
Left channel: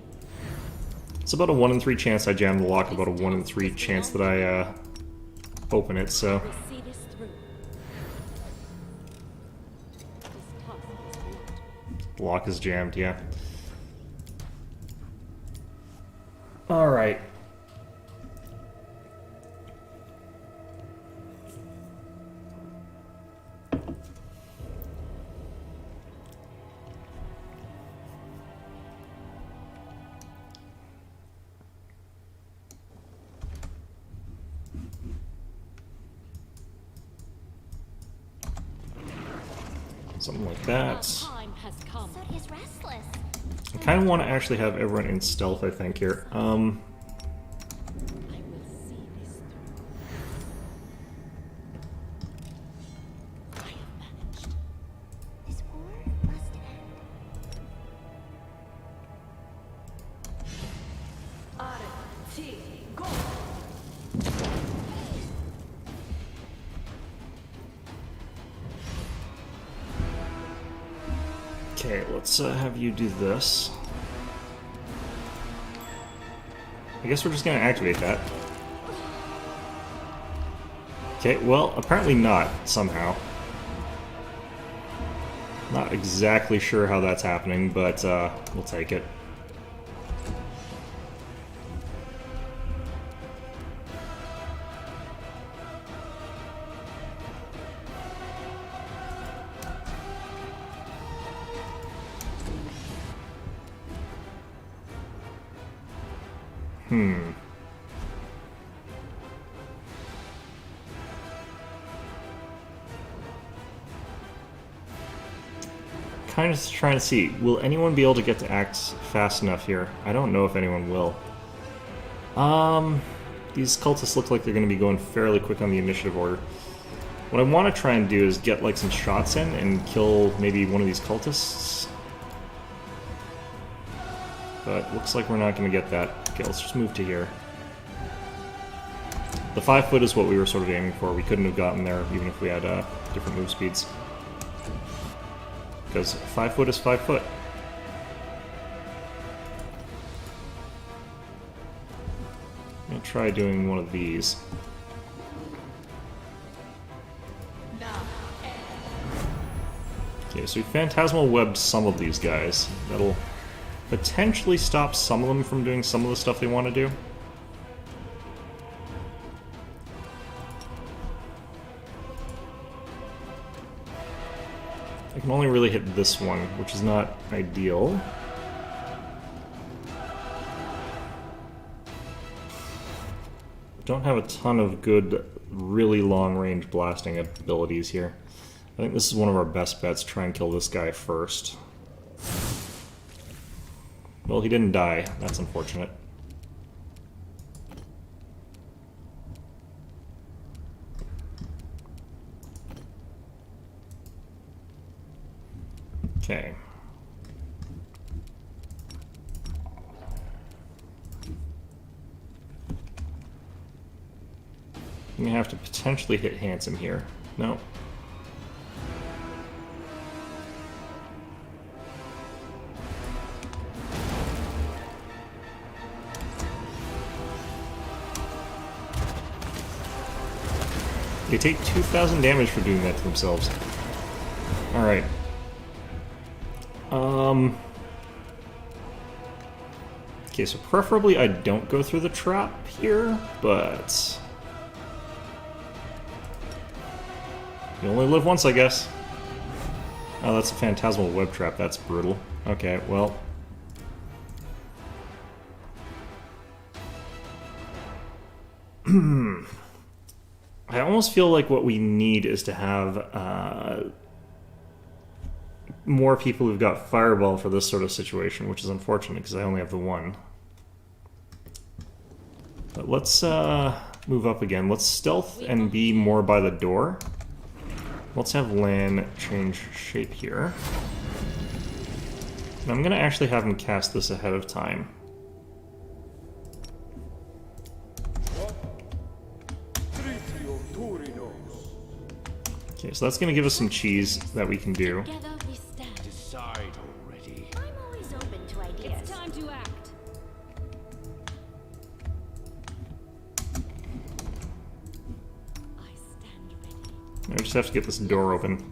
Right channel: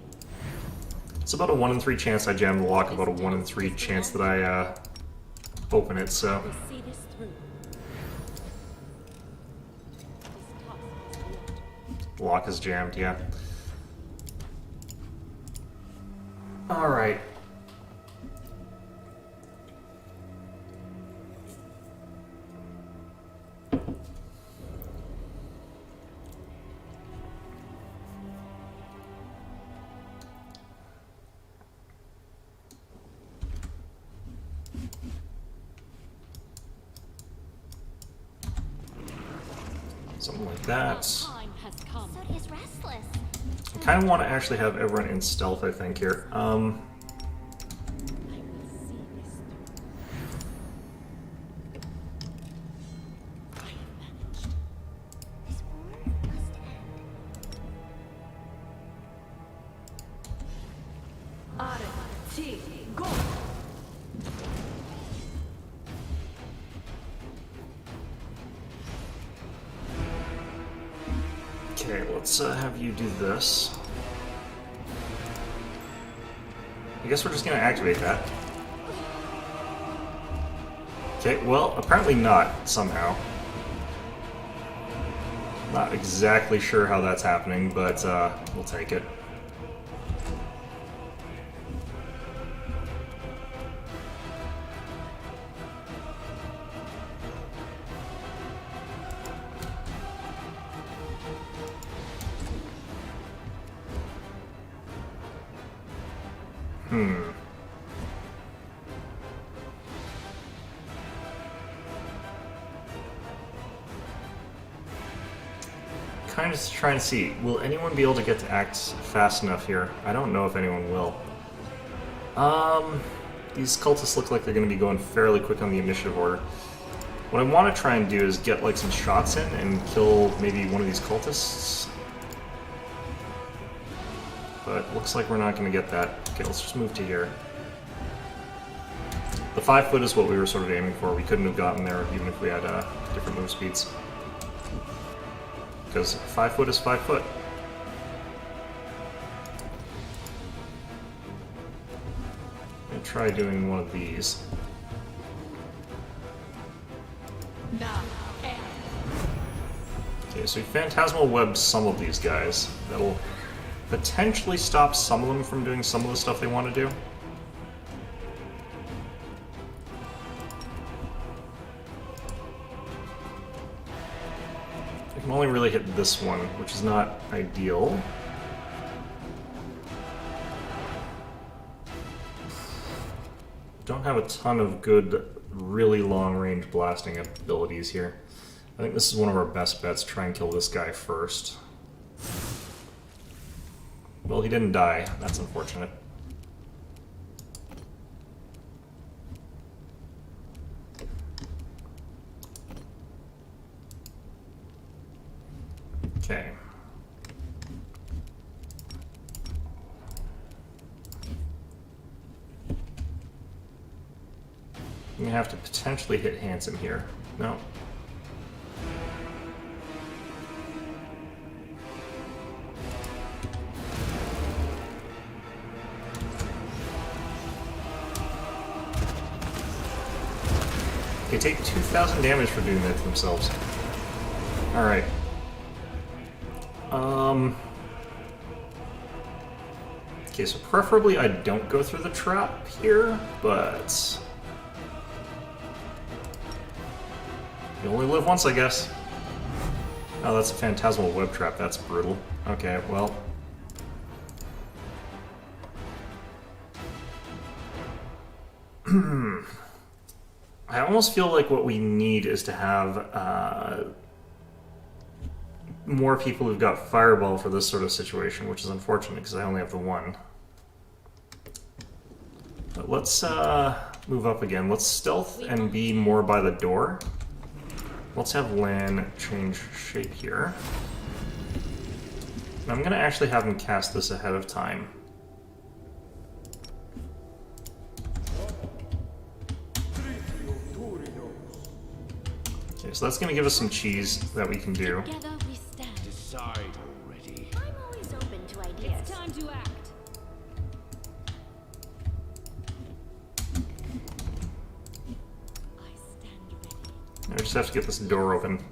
It's about a 1 in 3 chance I jam the lock, about a 1 in 3 chance that I, open it, so... We'll see this through. This task is beyond me. The lock is jammed, yeah. Alright. Something like Our that. time has come. So is restless. I kind of want to actually have everyone in stealth, I think, here. I will see this through. I have managed. This war must end. Azlanti, go! Okay, let's have you do this. I guess we're just gonna activate that. Okay, well, apparently not, somehow. Not exactly sure how that's happening, but we'll take it. Kind of trying to see, will anyone be able to get to act fast enough here? I don't know if anyone will. These cultists look like they're going to be going fairly quick on the initiative order. What I want to try and do is get like some shots in and kill maybe one of these cultists. But looks like we're not going to get that. Okay, let's just move to here. The 5 foot is what we were sort of aiming for. We couldn't have gotten there even if we had different move speeds. Because 5 foot is 5 foot. I'm gonna try doing one of these. Okay, so we phantasmal webbed some of these guys. That'll potentially stop some of them from doing some of the stuff they want to do. I can only really hit this one, which is not ideal. Don't have a ton of good, really long-range blasting abilities here. I think this is one of our best bets, try and kill this guy first. Well, he didn't die. That's unfortunate. Okay. I'm gonna have to potentially hit Handsome here. No. They take 2,000 damage for doing that to themselves. Alright. Okay, so preferably I don't go through the trap here, but... You only live once, I guess. Oh, that's a phantasmal web trap. That's brutal. Okay, well... I almost feel like what we need is to have more people who've got Fireball for this sort of situation, which is unfortunate because I only have the one. But let's move up again. Let's stealth and be more by the door. Let's have Lan change shape here. And I'm going to actually have him cast this ahead of time. Okay, so that's going to give us some cheese that we can do. Together we stand. Decide already. I'm always open to ideas. It's time to act. I stand ready. I just have to get this door open.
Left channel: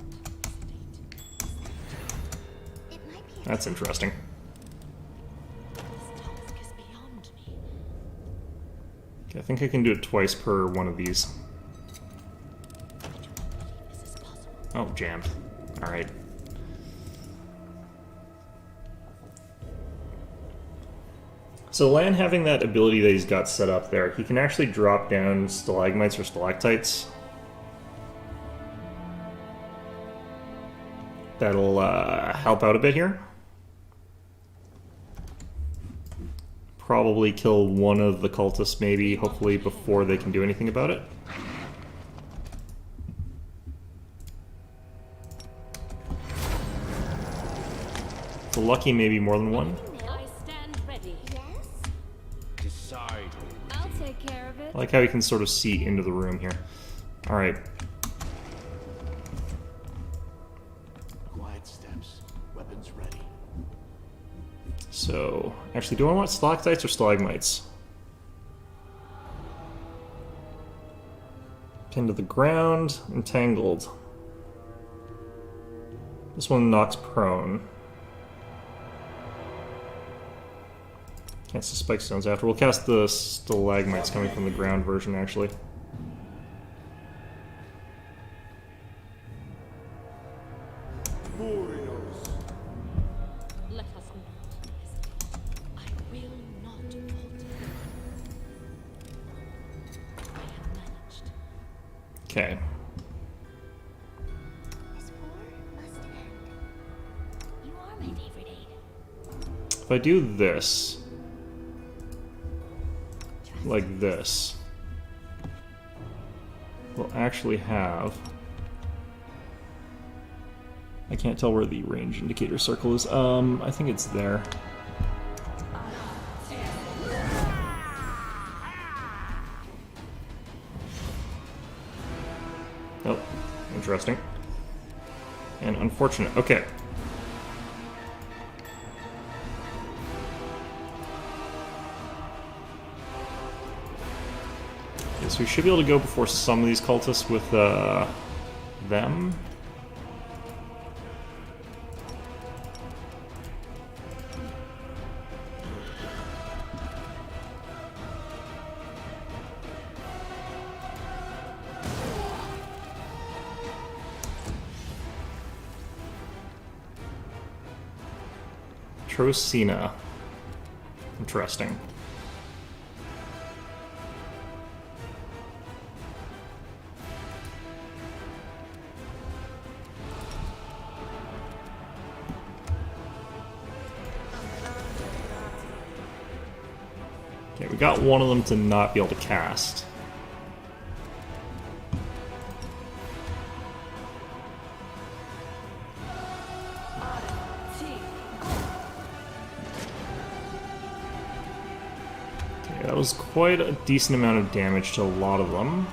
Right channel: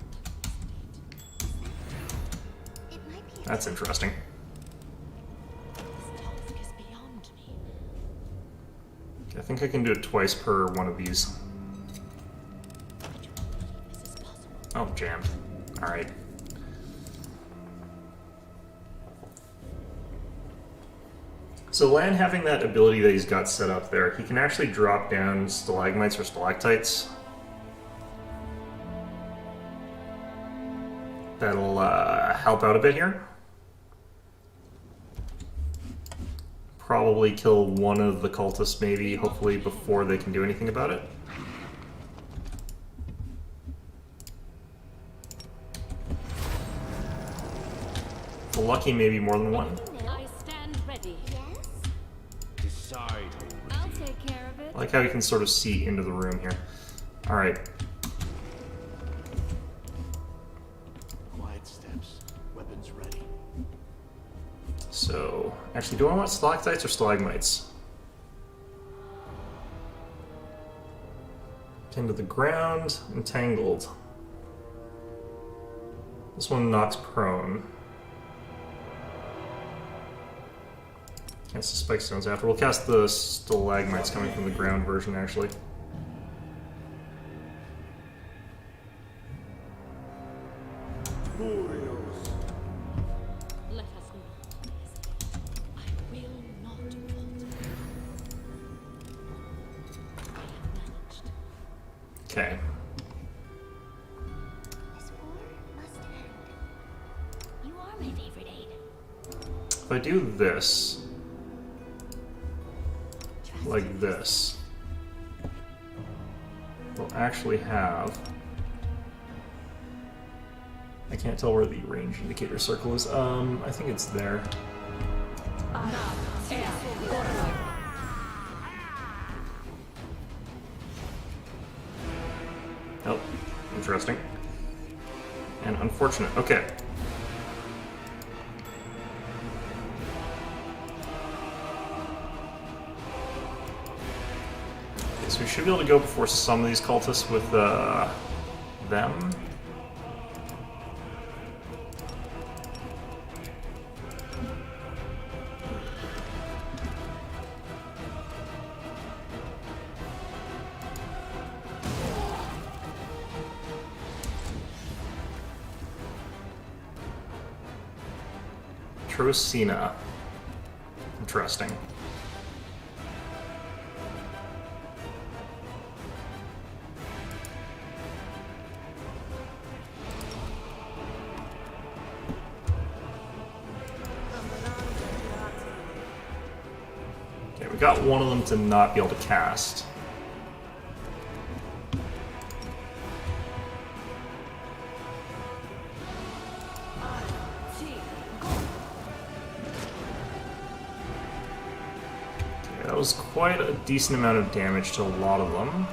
It might be a That's interesting. This task is beyond me. Okay, I think I can do it twice per one of these. I do not believe this is possible. Oh, jammed. Alright. So Lan having that ability that he's got set up there, he can actually drop down stalagmites or stalactites. That'll help out a bit here. Probably kill one of the cultists maybe, hopefully, before they can do anything about it. So lucky maybe more than one. I stand ready. Yes? Decide I'll already. take care of it. I like how you can sort of see into the room here. Alright. Quiet steps. Weapons ready. So, actually, do I want stalactites or stalagmites? Pinned to the ground, entangled. This one knocks prone. Cast the spike stones after. We'll cast the stalagmites coming from the ground version, actually. Let us not hesitate. I will not falter. I have managed. Okay. This war must end. You are my favorite aide. If I do this, Trust like me. this, we'll actually have... I can't tell where the range indicator circle is. I think it's there. Oh, interesting. And unfortunate. Okay. Okay, so we should be able to go before some of these cultists with them. Trocina. Interesting. Okay, we got one of them to not be able to cast. Okay, that was quite a decent amount of damage to a lot of them.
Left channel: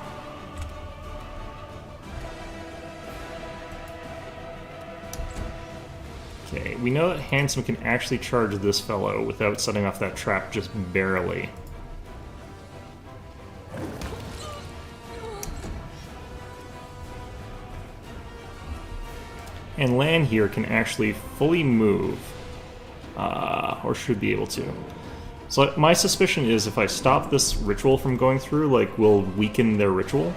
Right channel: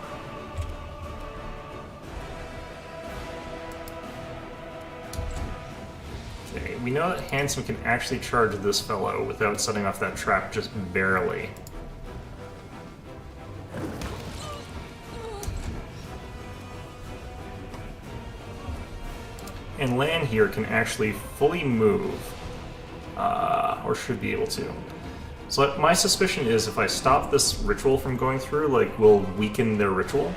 Okay, we know that Handsome can actually charge this fellow without setting off that trap just barely. And Lan here can actually fully move, or should be able to. So my suspicion is if I stop this ritual from going through, like, we'll weaken their ritual.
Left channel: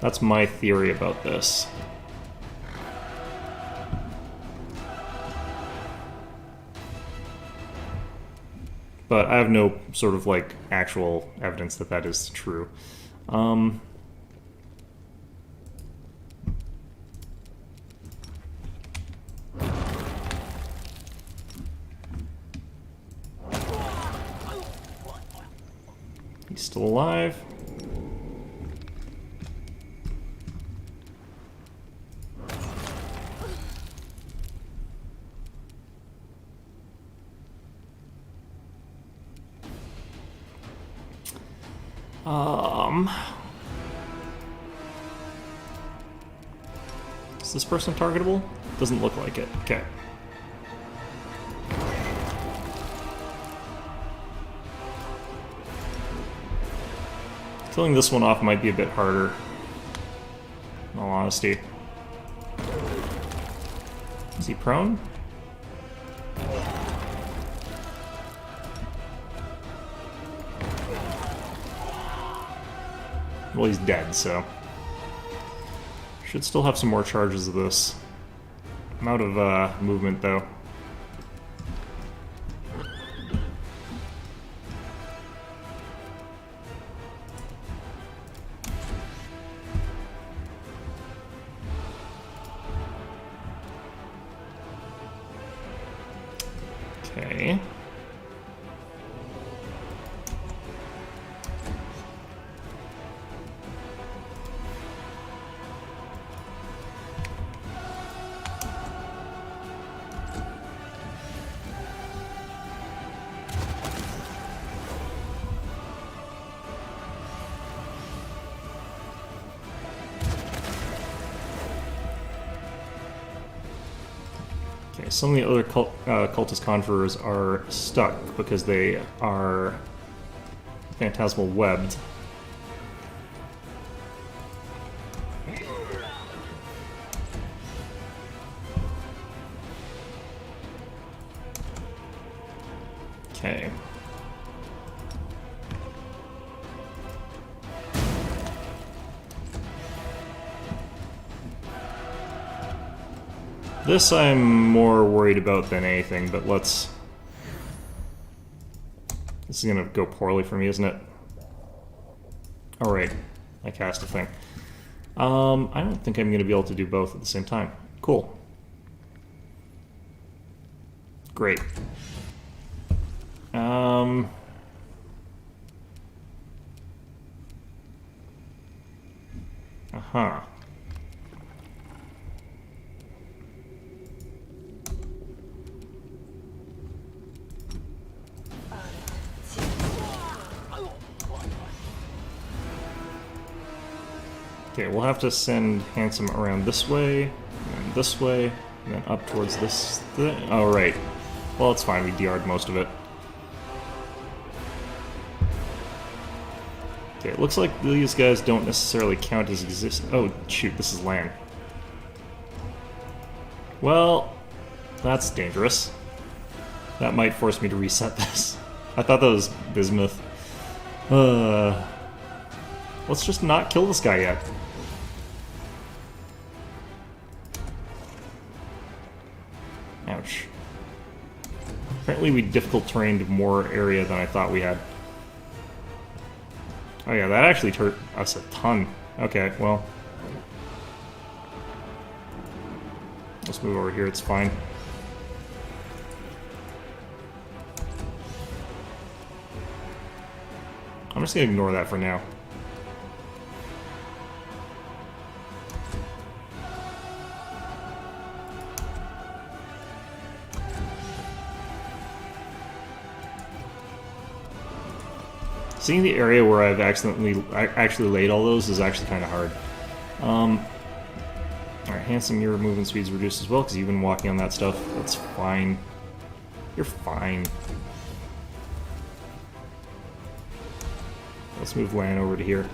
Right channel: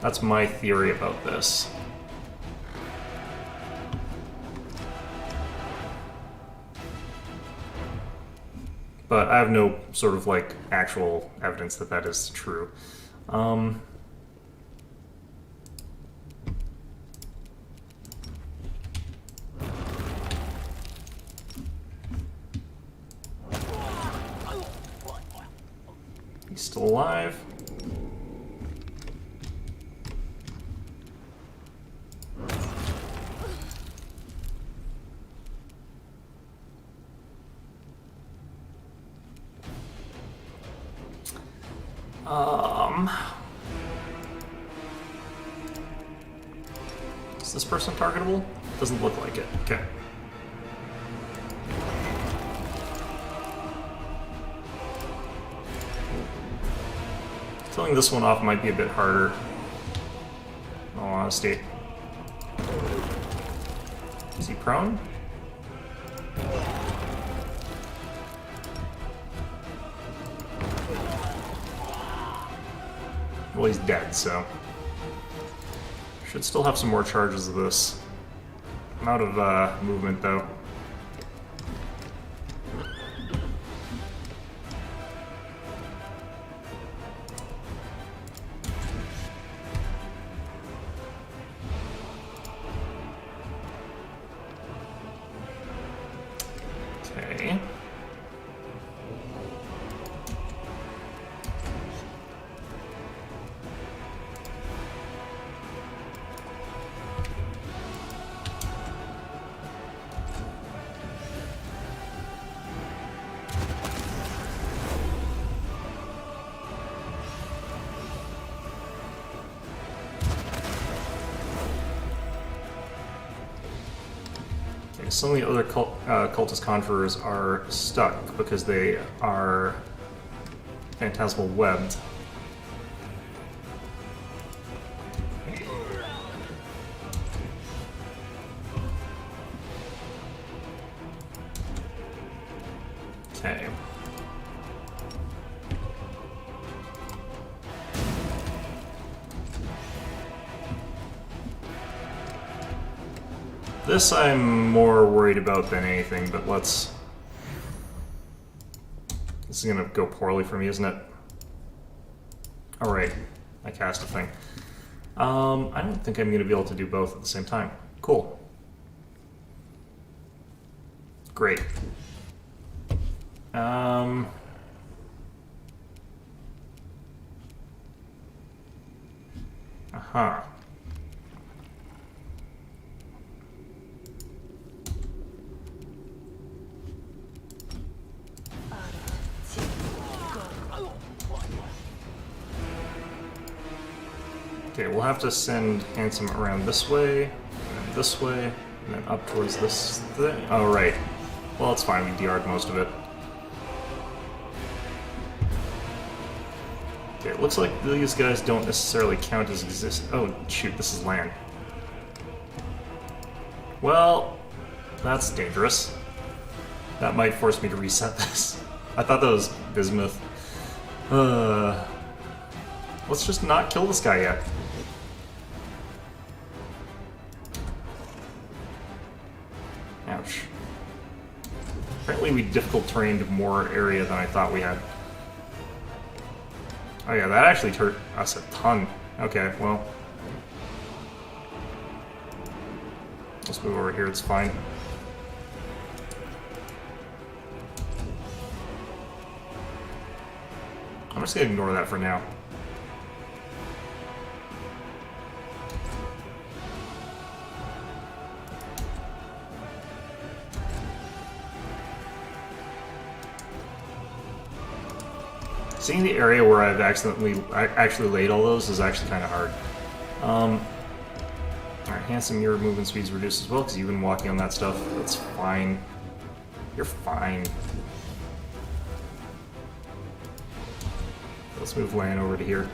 That's my theory about this. But I have no sort of, like, actual evidence that that is true. He's still alive. Is this person targetable? Doesn't look like it. Okay. Killing this one off might be a bit harder, in all honesty. Is he prone? Well, he's dead, so... Should still have some more charges of this. I'm out of movement, though. Okay. Some of the other cultist conjurers are stuck because they are phantasmal webbed. Okay. This I'm more worried about than anything, but let's... This is gonna go poorly for me, isn't it? Alright, I cast a thing. I don't think I'm gonna be able to do both at the same time. Cool. Great. Uh-huh. Okay, we'll have to send Handsome around this way, and then this way, and then up towards this thing. Oh, right. Well, it's fine. We DR'd most of it. Okay, it looks like these guys don't necessarily count as exist. Oh, shoot, this is land. Well, that's dangerous. That might force me to reset this. I thought that was bismuth. Let's just not kill this guy yet. Ouch. Apparently we difficult terrained more area than I thought we had. Oh yeah, that actually hurt us a ton. Okay, well. Let's move over here, it's fine. I'm just gonna ignore that for now. Seeing the area where I've actually laid all those is actually kind of hard. Alright, Handsome, your movement speed's reduced as well because you've been walking on that stuff. That's fine. You're fine. Let's move Lan over to here.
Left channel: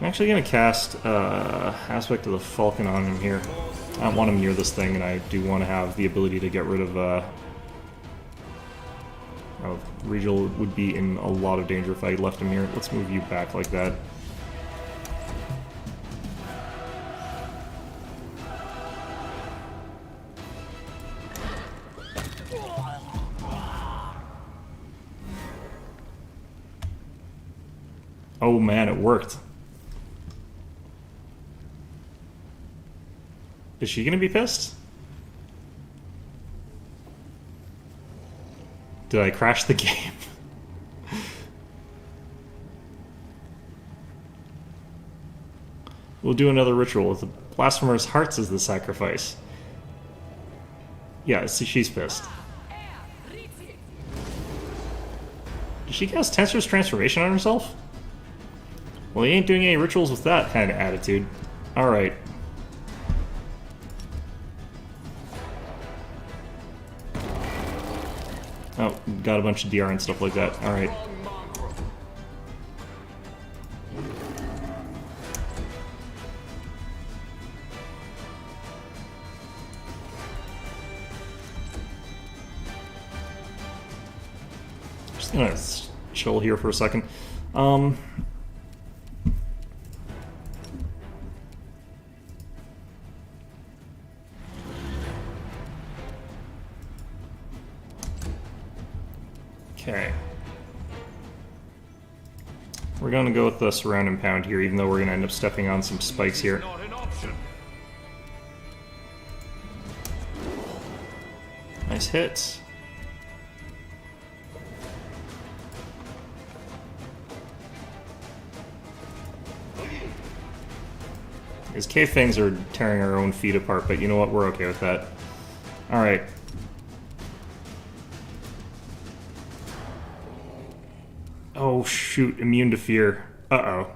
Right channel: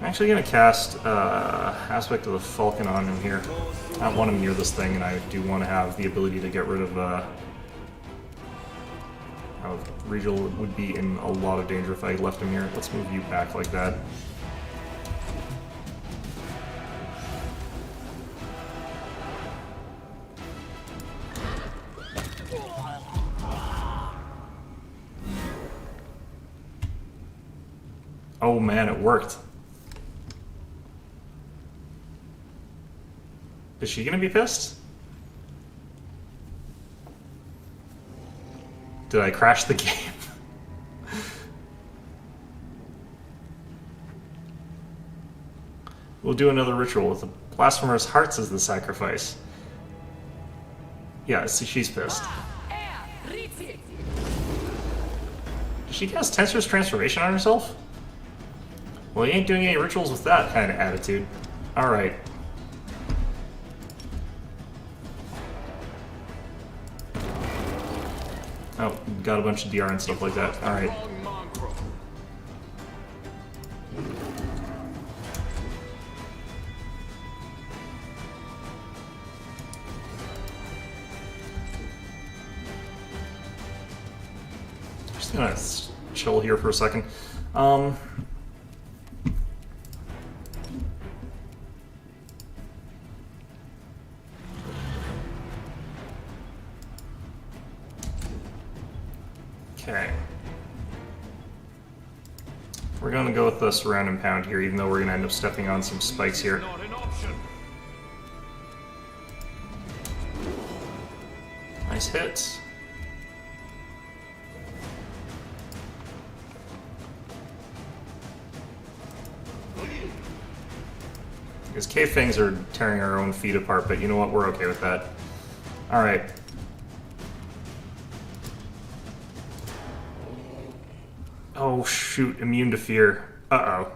I'm actually going to cast Aspect of the Falcon on him here. I don't want him near this thing, and I do want to have the ability to get rid of Regal would be in a lot of danger if I left him here. Let's move you back like that. Oh man, it worked. Is she gonna be pissed? Did I crash the game? We'll do another ritual with the blasphemer's hearts as the sacrifice. Yeah, see, she's pissed. Did she cast Tensor's transformation on herself? Well, he ain't doing any rituals with that kind of attitude. Alright. Oh, got a bunch of DR and stuff like that. Alright. Just gonna chill here for a second. Okay. We're gonna go with the surround and pound here, even though we're gonna end up stepping on some spikes here. Not an option. Nice hits. Because cave fangs are tearing our own feet apart, but you know what? We're okay with that. Alright. Oh shoot, immune to fear. Uh-oh.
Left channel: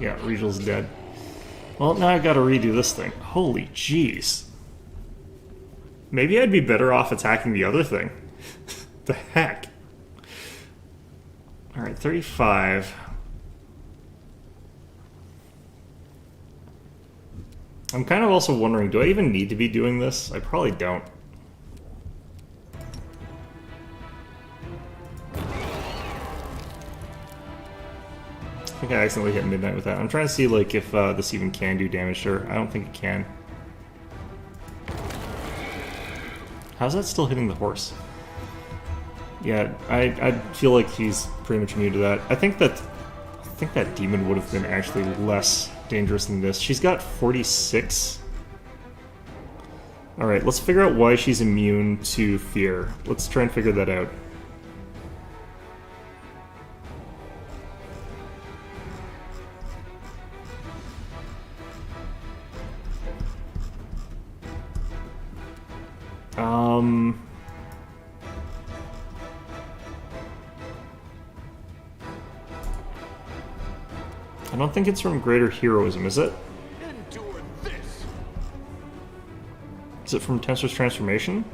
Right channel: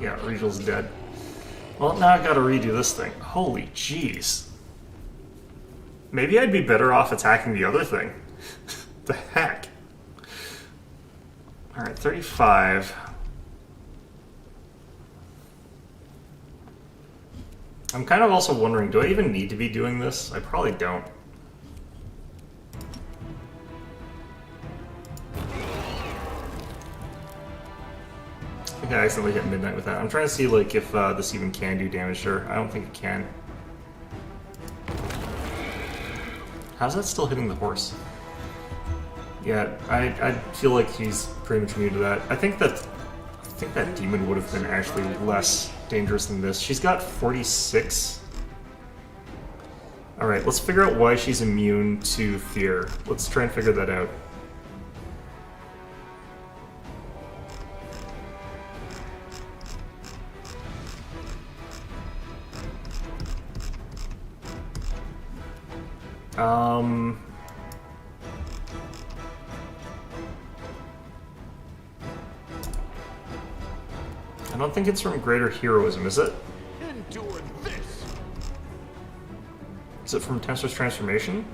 Yeah, Regal's dead. Well, now I gotta redo this thing. Holy jeez. Maybe I'd be better off attacking the other thing. The heck? Alright, 35. I'm kind of also wondering, do I even need to be doing this? I probably don't. I think I accidentally hit midnight with that. I'm trying to see like if this even can do damage to her. I don't think it can. How's that still hitting the horse? Yeah, I feel like he's pretty much immune to that. I think that demon would have been actually less dangerous than this. She's got 46. Alright, let's figure out why she's immune to fear. Let's try and figure that out. I don't think it's from greater heroism, is it? Endure this. Is it from Tensor's transformation?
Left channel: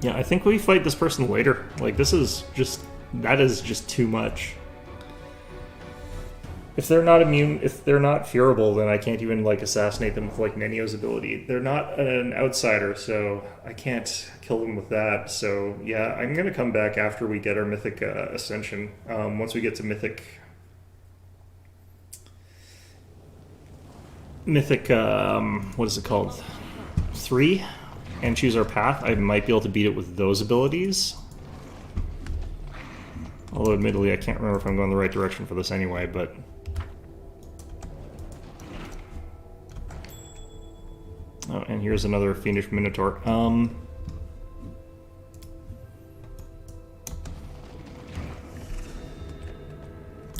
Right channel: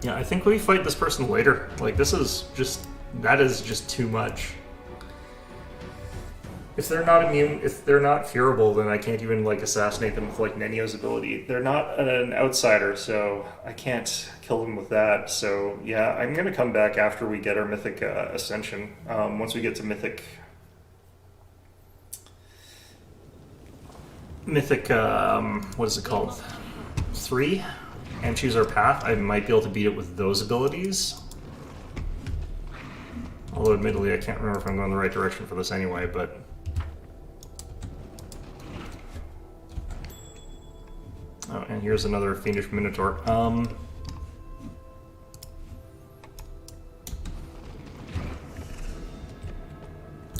Yeah, I think we fight this person later. Like, this is just... that is just too much. If they're not immune, if they're not fearable, then I can't even, like, assassinate them with, like, Nenio's ability. They're not an outsider, so I can't kill them with that. So, yeah, I'm gonna come back after we get our Mythic Ascension. Once we get to Mythic, what is it called? 3? And choose our path, I might be able to beat it with those abilities. Although, admittedly, I can't remember if I'm going the right direction for this anyway, but... Oh, and here's another Fiendish Minotaur.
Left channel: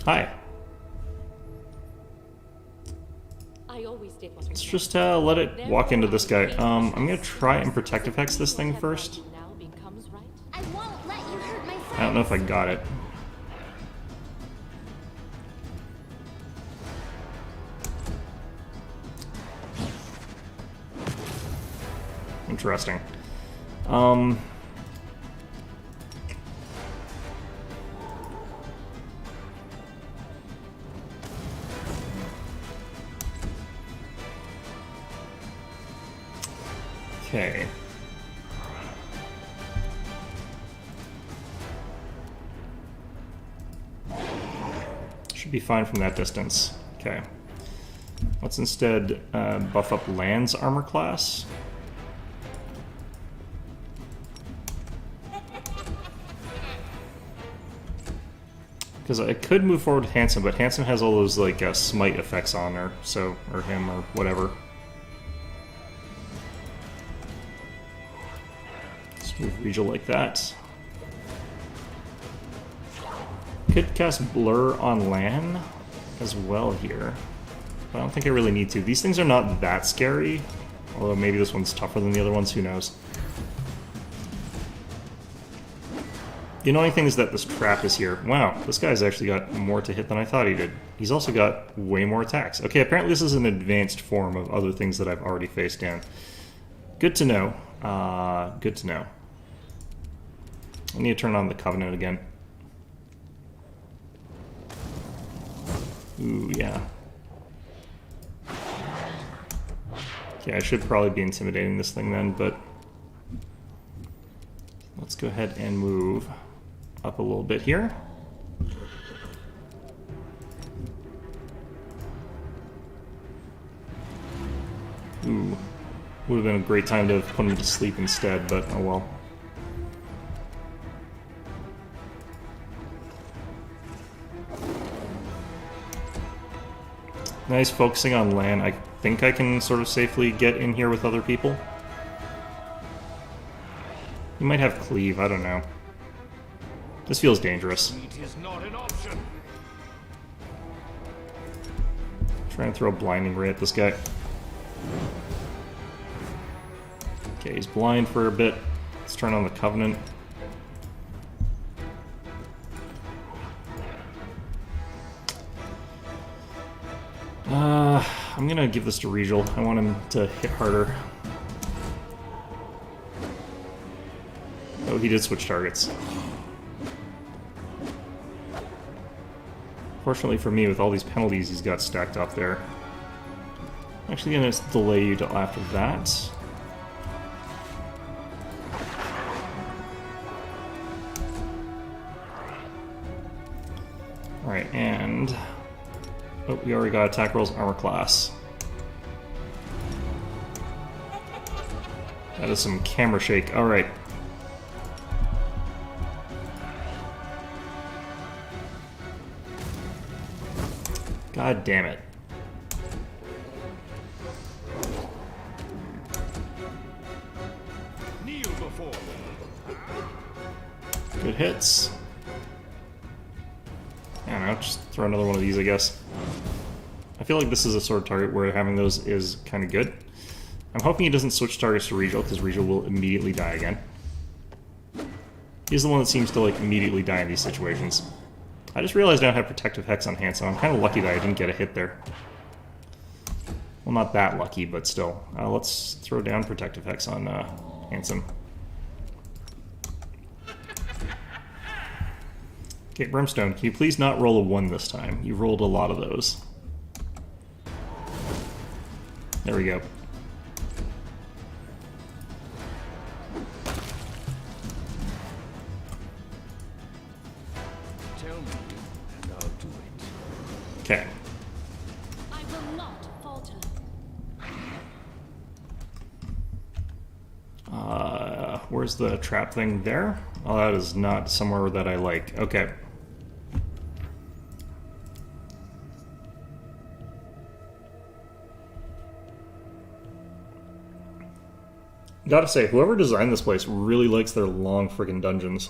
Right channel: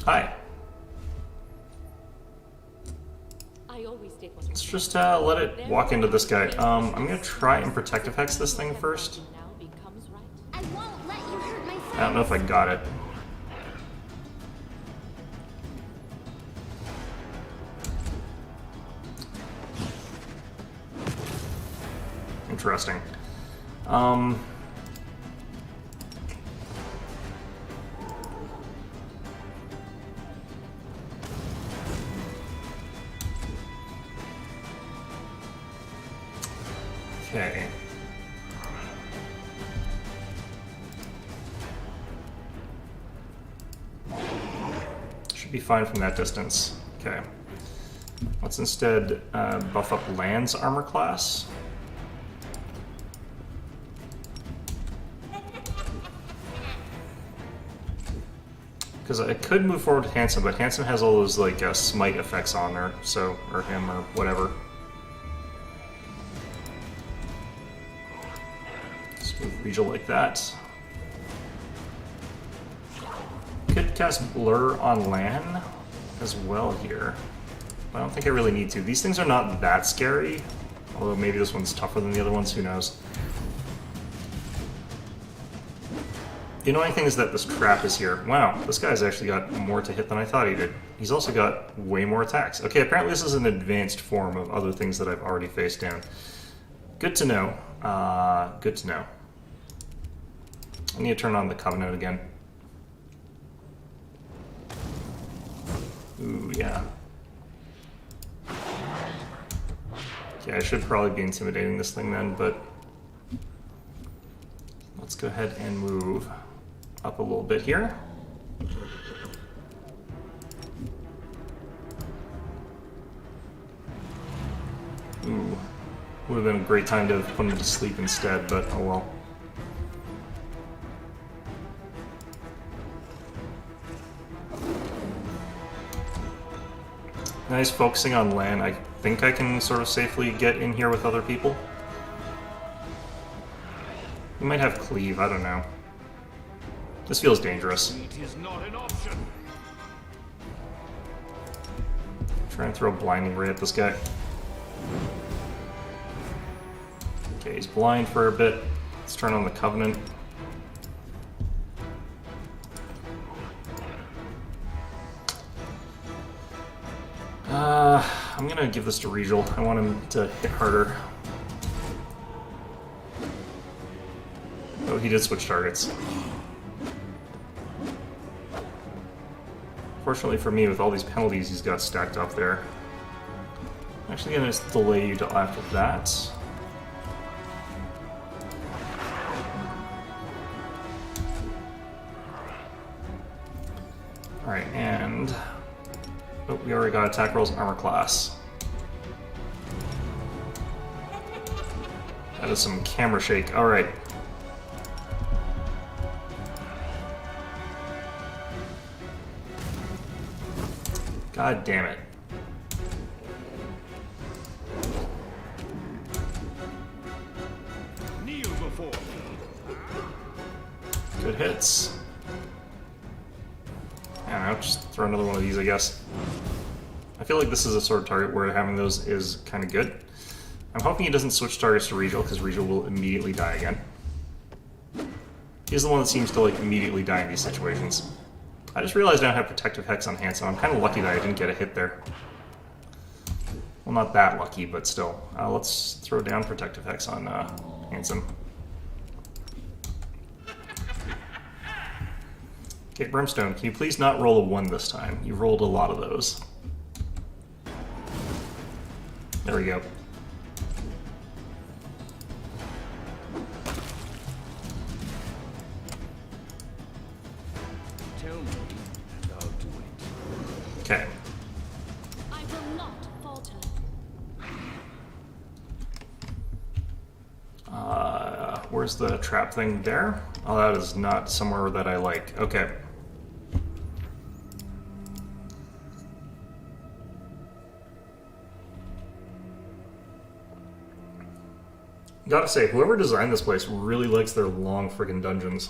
Hi. I always did what Let's just let it walk into this guy. I'm gonna try and Protective Hex this thing first. I won't let you hurt my friends. I don't know if I got it. Interesting. Okay. Should be fine from that distance. Okay. Let's instead buff up Land's armor class. Because I could move forward with Handsome, but Handsome has all those, like, smite effects on her, so, or him, or whatever. Just move Regal like that. Could cast Blur on Lan as well here. But I don't think I really need to. These things are not that scary, although maybe this one's tougher than the other ones, who knows. The annoying thing is that this trap is here. Wow, this guy's actually got more to hit than I thought he did. He's also got way more attacks. Okay, apparently this is an advanced form of other things that I've already faced down. Good to know. Good to know. I need to turn on the Covenant again. Ooh, yeah. Yeah, I should probably be intimidating this thing then, but... let's go ahead and move up a little bit here. Ooh. Would have been a great time to put him to sleep instead, but oh well. Nice focusing on Lan. I think I can sort of safely get in here with other people. He might have cleave, I don't know. This feels dangerous. It is not an option. Trying to throw a blinding ray at this guy. Okay, he's blind for a bit. Let's turn on the Covenant. I'm gonna give this to Regal. I want him to hit harder. Oh, he did switch targets. Fortunately for me, with all these penalties he's got stacked up there. I'm actually gonna delay you till after that. Alright, and... oh, we already got attack rolls, armor class. That is some camera shake. Alright. God damn it. Kneel before me. Good hits. I don't know, just throw another one of these, I guess. I feel like this is a sort of target where having those is kind of good. I'm hoping he doesn't switch targets to Regal, because Regal will immediately die again. He's the one that seems to, like, immediately die in these situations. I just realized I don't have Protective Hex on Handsome. I'm kind of lucky that I didn't get a hit there. Well, not that lucky, but still. Let's throw down Protective Hex on Handsome. Okay, Brimstone, can you please not roll a 1 this time? You've rolled a lot of those. There we go. Tell me, and I'll do it. Okay. I will not falter. Where's the trap thing there? Oh, that is not somewhere that I like. Okay. Gotta say, whoever designed this place really likes their long friggin' dungeons.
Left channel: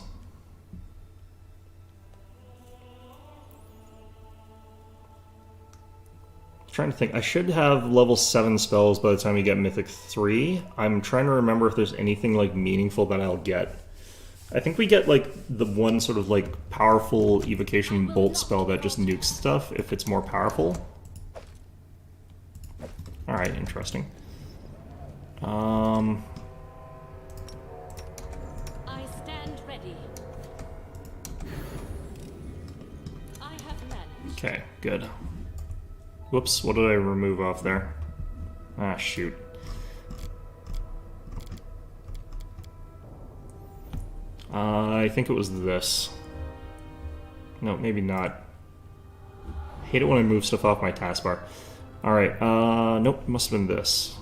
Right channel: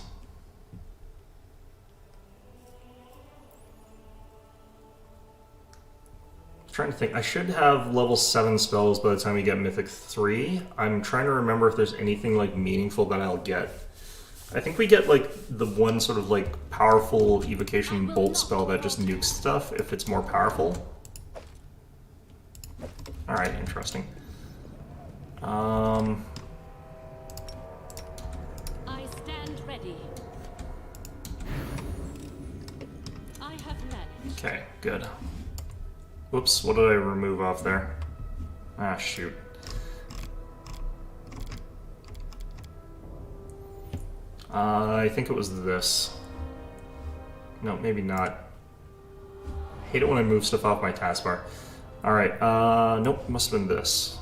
Trying to think. I should have level 7 spells by the time we get Mythic 3. I'm trying to remember if there's anything like meaningful that I'll get. I think we get like the one sort of like powerful evocation bolt spell that just nukes stuff if it's more powerful. Alright, interesting. I stand ready. I have managed. Okay, good. Whoops, what did I remove off there? Ah, shoot. I think it was this. No, maybe not. I hate it when I move stuff off my taskbar. Alright, nope, must have been this.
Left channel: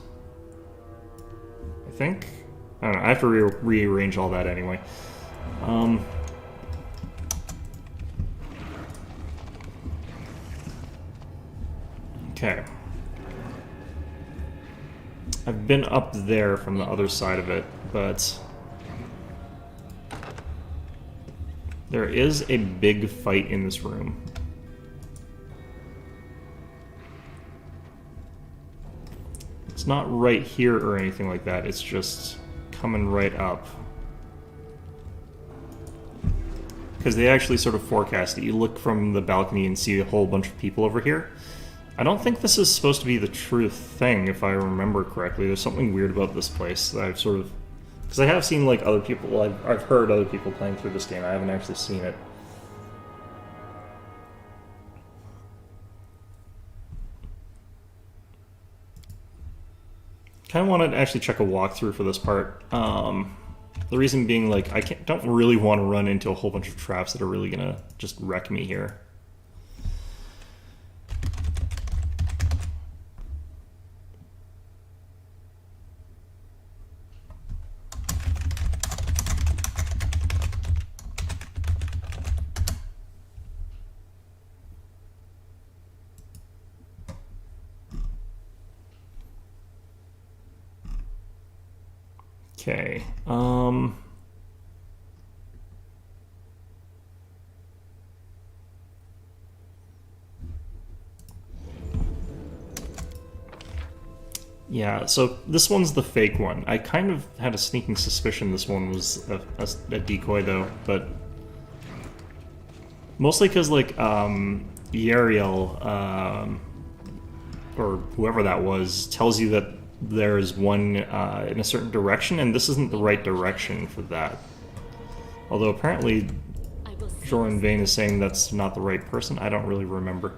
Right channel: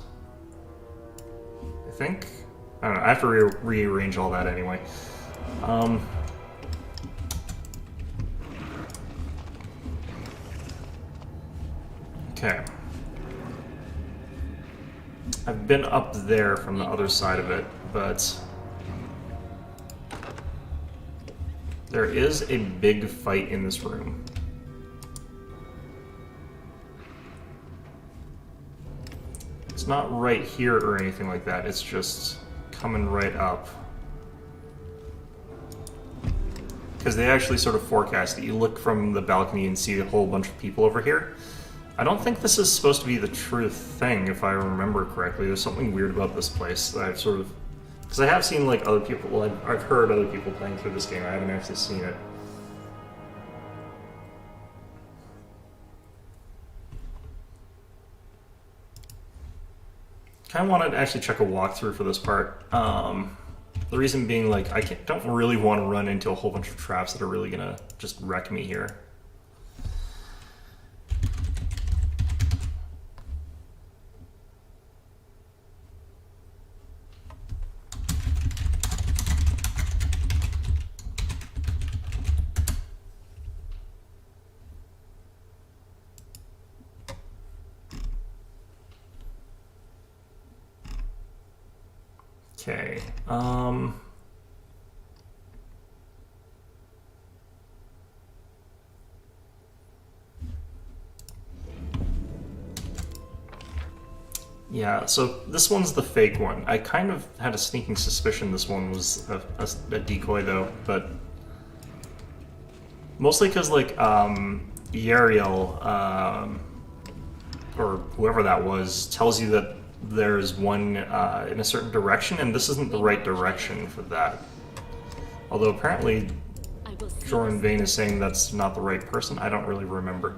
I think? I don't know, I have to rearrange all that anyway. Okay. I've been up there from the other side of it, but there is a big fight in this room. It's not right here or anything like that, it's just coming right up. Because they actually sort of forecast it. You look from the balcony and see a whole bunch of people over here. I don't think this is supposed to be the true thing, if I remember correctly. There's something weird about this place that I've sort of... Because I have seen, like, other people... I've heard other people playing through this game. I haven't actually seen it. Kind of wanted to actually check a walkthrough for this part. The reason being, like, I don't really want to run into a whole bunch of traps that are really gonna just wreck me here. Okay, yeah, so this one's the fake one. I kind of had a sneaking suspicion this one was a decoy, though, but... Mostly because, like, Yariel, or whoever that was, tells you that there's one in a certain direction, and this isn't the right direction for that. Although apparently Jordan Vane is saying that's not the right person. I don't really remember.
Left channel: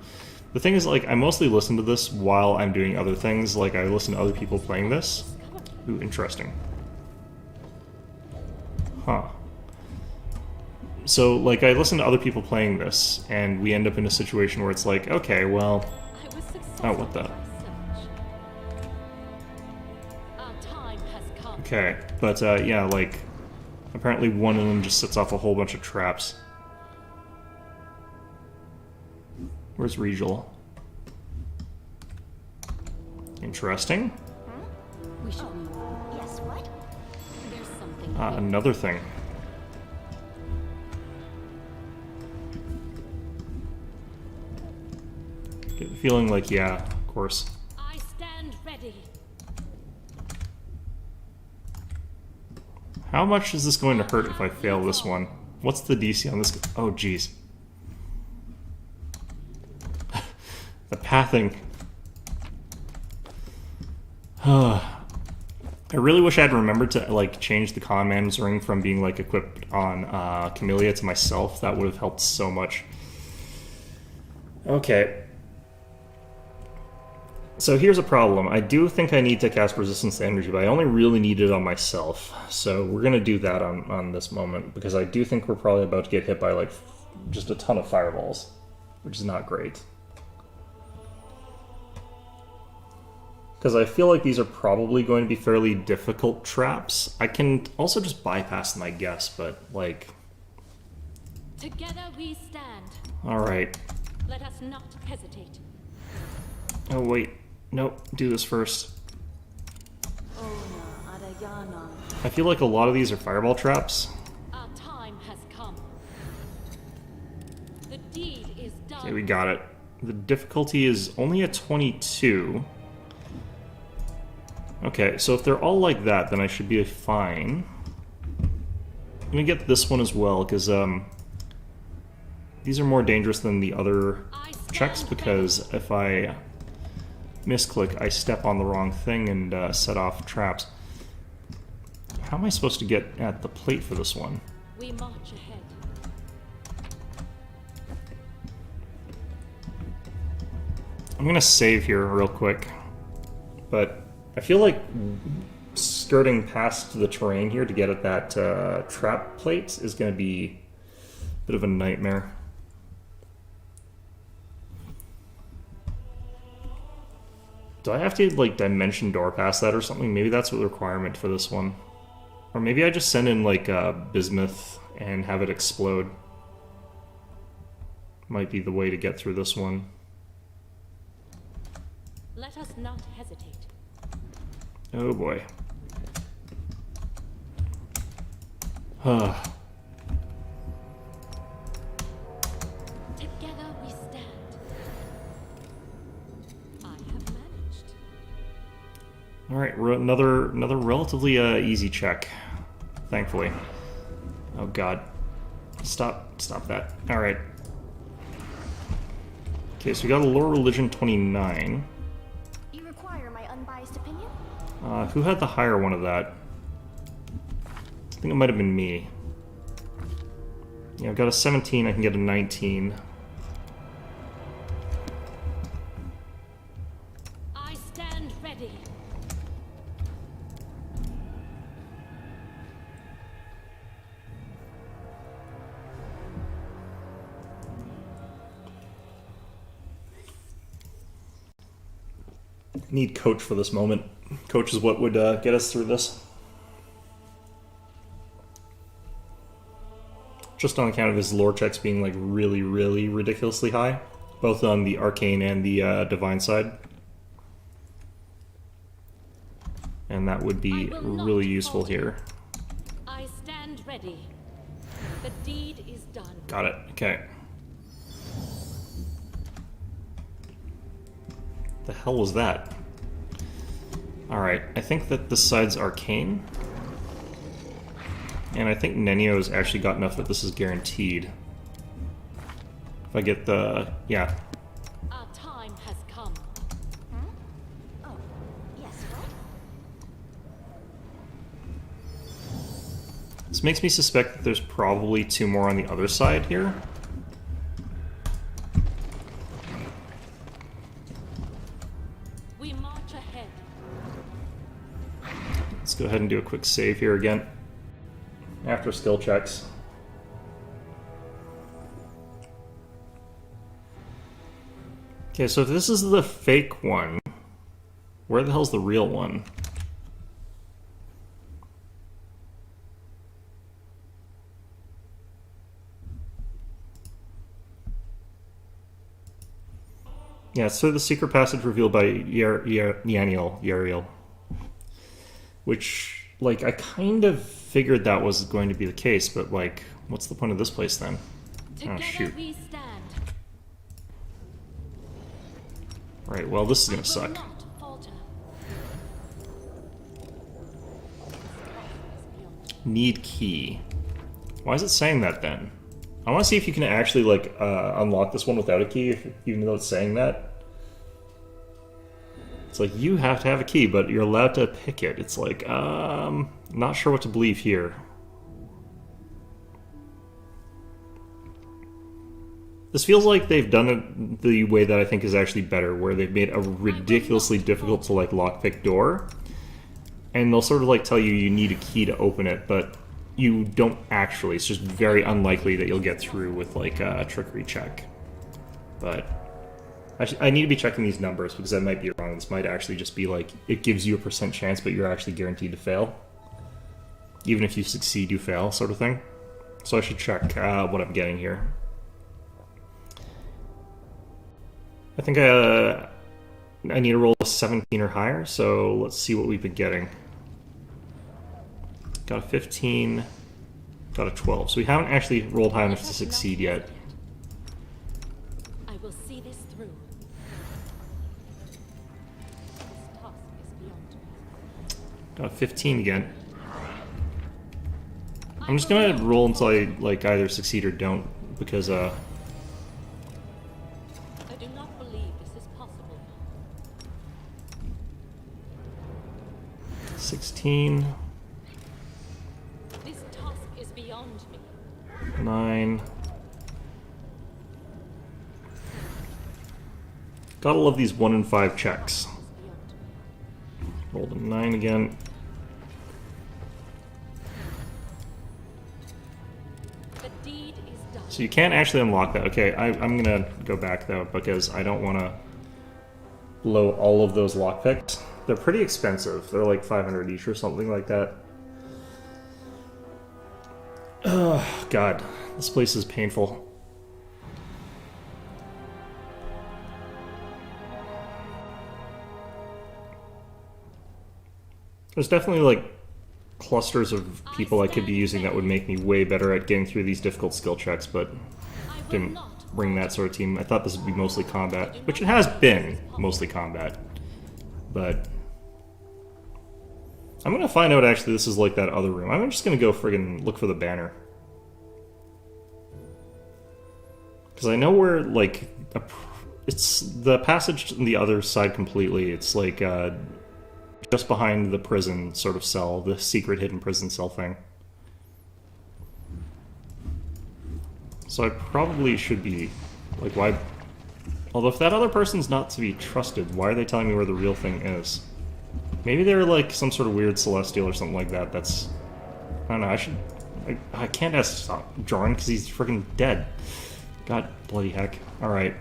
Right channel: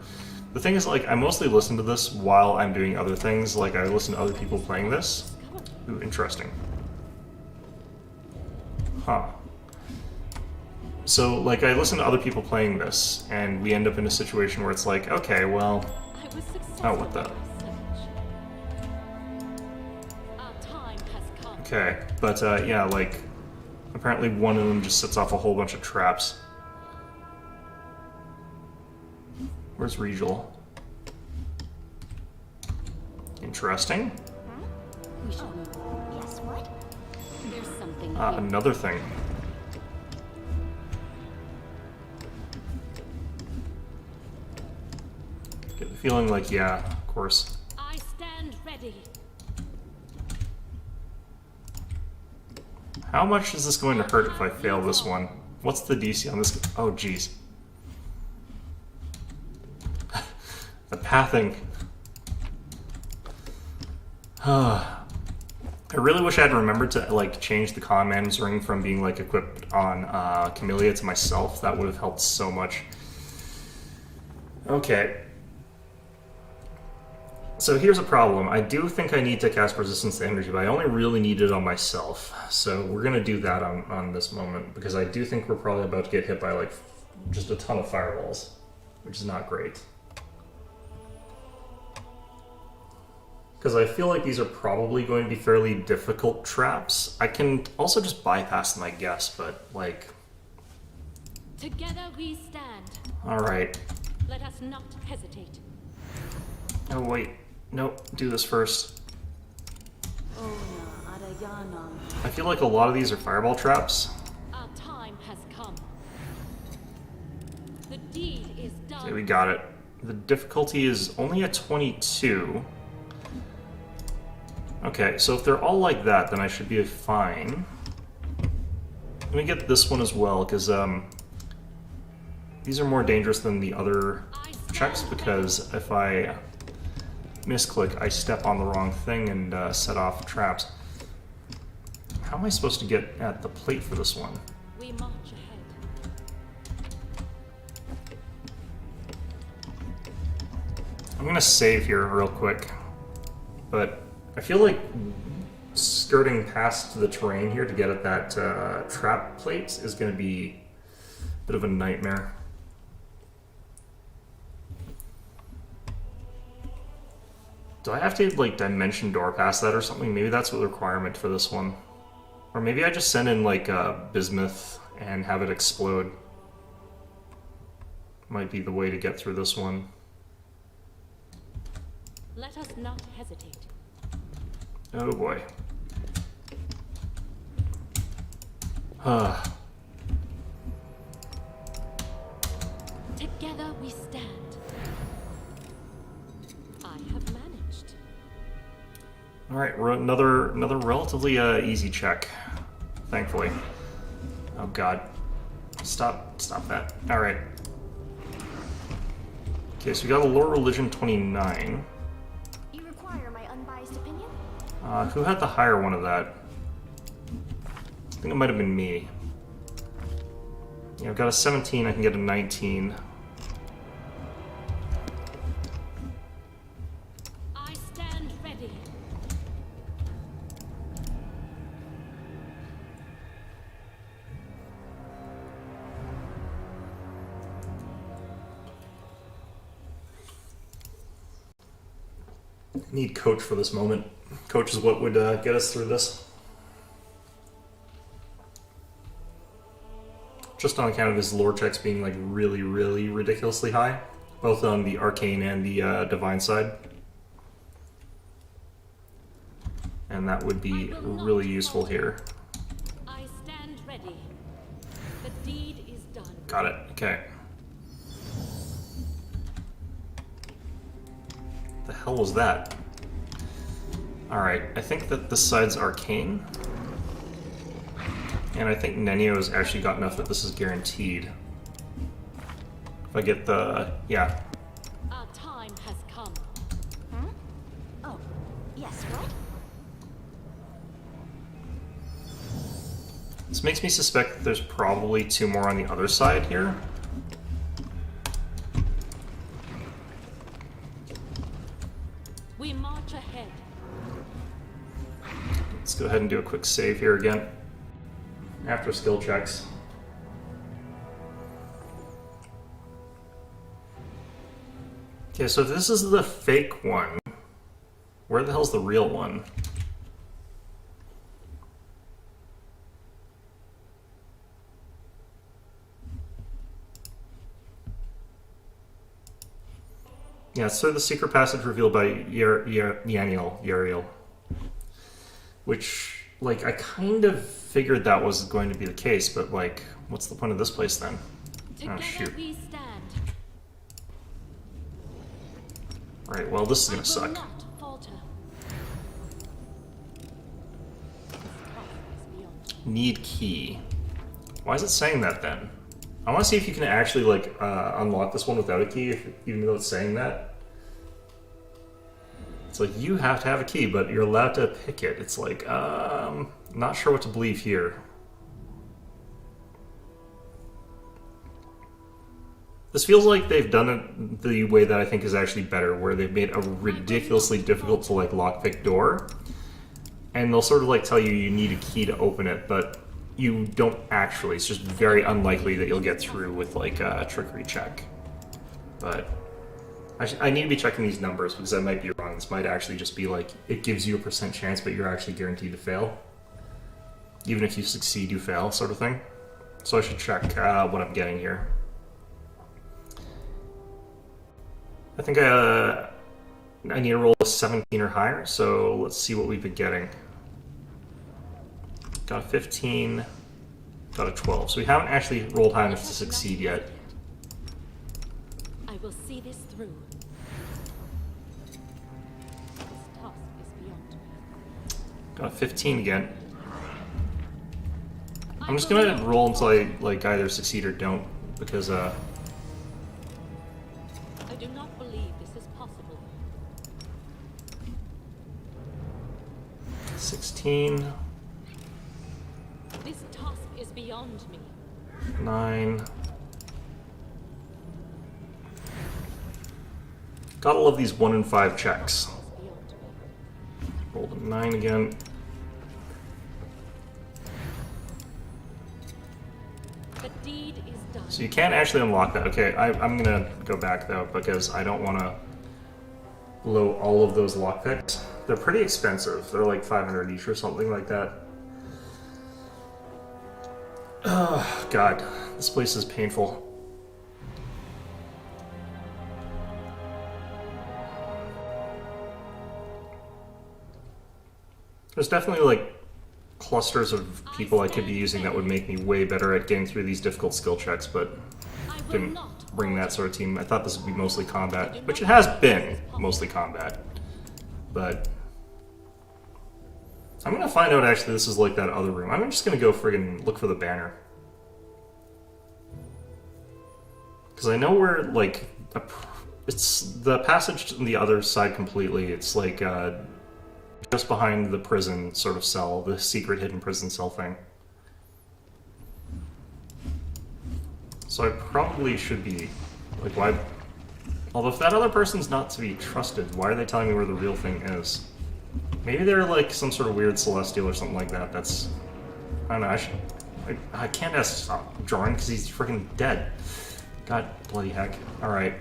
The thing is, like, I mostly listen to this while I'm doing other things. Like, I listen to other people playing this. Ooh, interesting. Huh. So, like, I listen to other people playing this, and we end up in a situation where it's like, okay, well... Oh, what the... Okay, but yeah, like, apparently one of them just sets off a whole bunch of traps. Where's Regal? Interesting. We should move. Yes, what? There's something. Another thing. Get the feeling like, yeah, of course. I stand ready. How much is this going to hurt if I fail this one? What's the DC on this? Oh, jeez. The pathing. I really wish I had remembered to, like, change the Conman's ring from being, like, equipped on Camellia to myself. That would have helped so much. Okay. So here's a problem. I do think I need to cast Resistance to Energy, but I only really need it on myself. So we're going to do that on this moment, because I do think we're probably about to get hit by, like, just a ton of fireballs, which is not great. Because I feel like these are probably going to be fairly difficult traps. I can also just bypass them, I guess, but, like... Together we stand. Alright. Let us not hesitate. Oh, wait. Nope, do this first. I feel like a lot of these are fireball traps. Our time has come. The deed is done. Okay, we got it. The difficulty is only a 22. Okay, so if they're all like that, then I should be fine. I'm gonna get this one as well, because these are more dangerous than the other checks, because if I misclick, I step on the wrong thing and set off traps. How am I supposed to get at the plate for this one? We march ahead. I'm gonna save here real quick, but I feel like skirting past the terrain here to get at that trap plate is gonna be a bit of a nightmare. Do I have to, like, dimension door past that or something? Maybe that's what the requirement for this one. Or maybe I just send in, like, bismuth and have it explode. Might be the way to get through this one. Let us not hesitate. Oh boy. Together we stand. I have managed. All right, another relatively easy check, thankfully. Oh God, stop that. All right. Okay, so we got a lore religion 29. You require my unbiased opinion? Who had the higher one of that? I think it might have been me. Yeah, I've got a 17. I can get a 19. I stand ready. Need coach for this moment. Coach is what would get us through this. Just on account of his lore checks being like really, really ridiculously high, both on the arcane and the divine side. And that would be really useful here. I stand ready. The deed is done. Got it. Okay. The hell was that? Alright, I think that this side's arcane. And I think Nenio's actually got enough that this is guaranteed. If I get the... yeah. Our time has come. Hmm? Oh, yes, what? This makes me suspect that there's probably two more on the other side here. We march ahead. Let's go ahead and do a quick save here again. After skill checks. Okay, so if this is the fake one, where the hell's the real one? Yeah, so the secret passage revealed by Yariel. Which, like, I kind of figured that was going to be the case, but, like, what's the point of this place then? Together Oh, shoot. we stand. Right, well, this is gonna I will suck. not falter. This task is beyond. Need key. Why is it saying that then? I want to see if you can actually, like, unlock this one without a key, even though it's saying that. It's like, you have to have a key, but you're allowed to pick it. It's like, not sure what to believe here. This feels like they've done it the way that I think is actually better, where they've made a ridiculously difficult to, like, lockpick door. And they'll sort of, like, tell you you need a key to open it, but you don't actually. It's just very unlikely that you'll get through with, like, a trickery check. But I need to be checking these numbers because I might be wrong. This might actually just be like, it gives you a % chance, but you're actually guaranteed to fail. Even if you succeed, you fail, sort of thing. So I should check what I'm getting here. I think I need to roll a 17 or higher, so let's see what we've been getting. Got a 15, got a 12. So we haven't actually rolled high enough to succeed yet. I will see this through. This task is beyond me. Got a 15 again. I'm just gonna roll until I, like, either succeed or don't, because I do not believe this is possible. 16, This task is beyond me. 9. Gotta love these 1 in 5 checks. Is beyond me. Rolled a 9 again. The deed is done. So you can't actually unlock that. Okay, I'm gonna go back though, because I don't want to blow all of those lockpicks. They're pretty expensive. They're like 500 each or something like that. Oh, God. This place is painful. There's definitely like clusters of people I could be using that would make me way better at getting through these difficult skill checks, but I will didn't not bring that falter. sort of team. I thought this would be mostly combat, which it has been mostly combat. But I'm gonna find out actually this is like that other room. I'm just gonna go friggin' look for the banner. Because I know where, like, it's the passage on the other side completely. It's like just behind the prison sort of cell, the secret hidden prison cell thing. So I probably should be, like, why... Although if that other person's not to be trusted, why are they telling me where the real thing is? Maybe they're like some sort of weird celestial or something like that. That's... I don't know, I can't ask stop drawing because he's freaking dead. God bloody heck. Alright.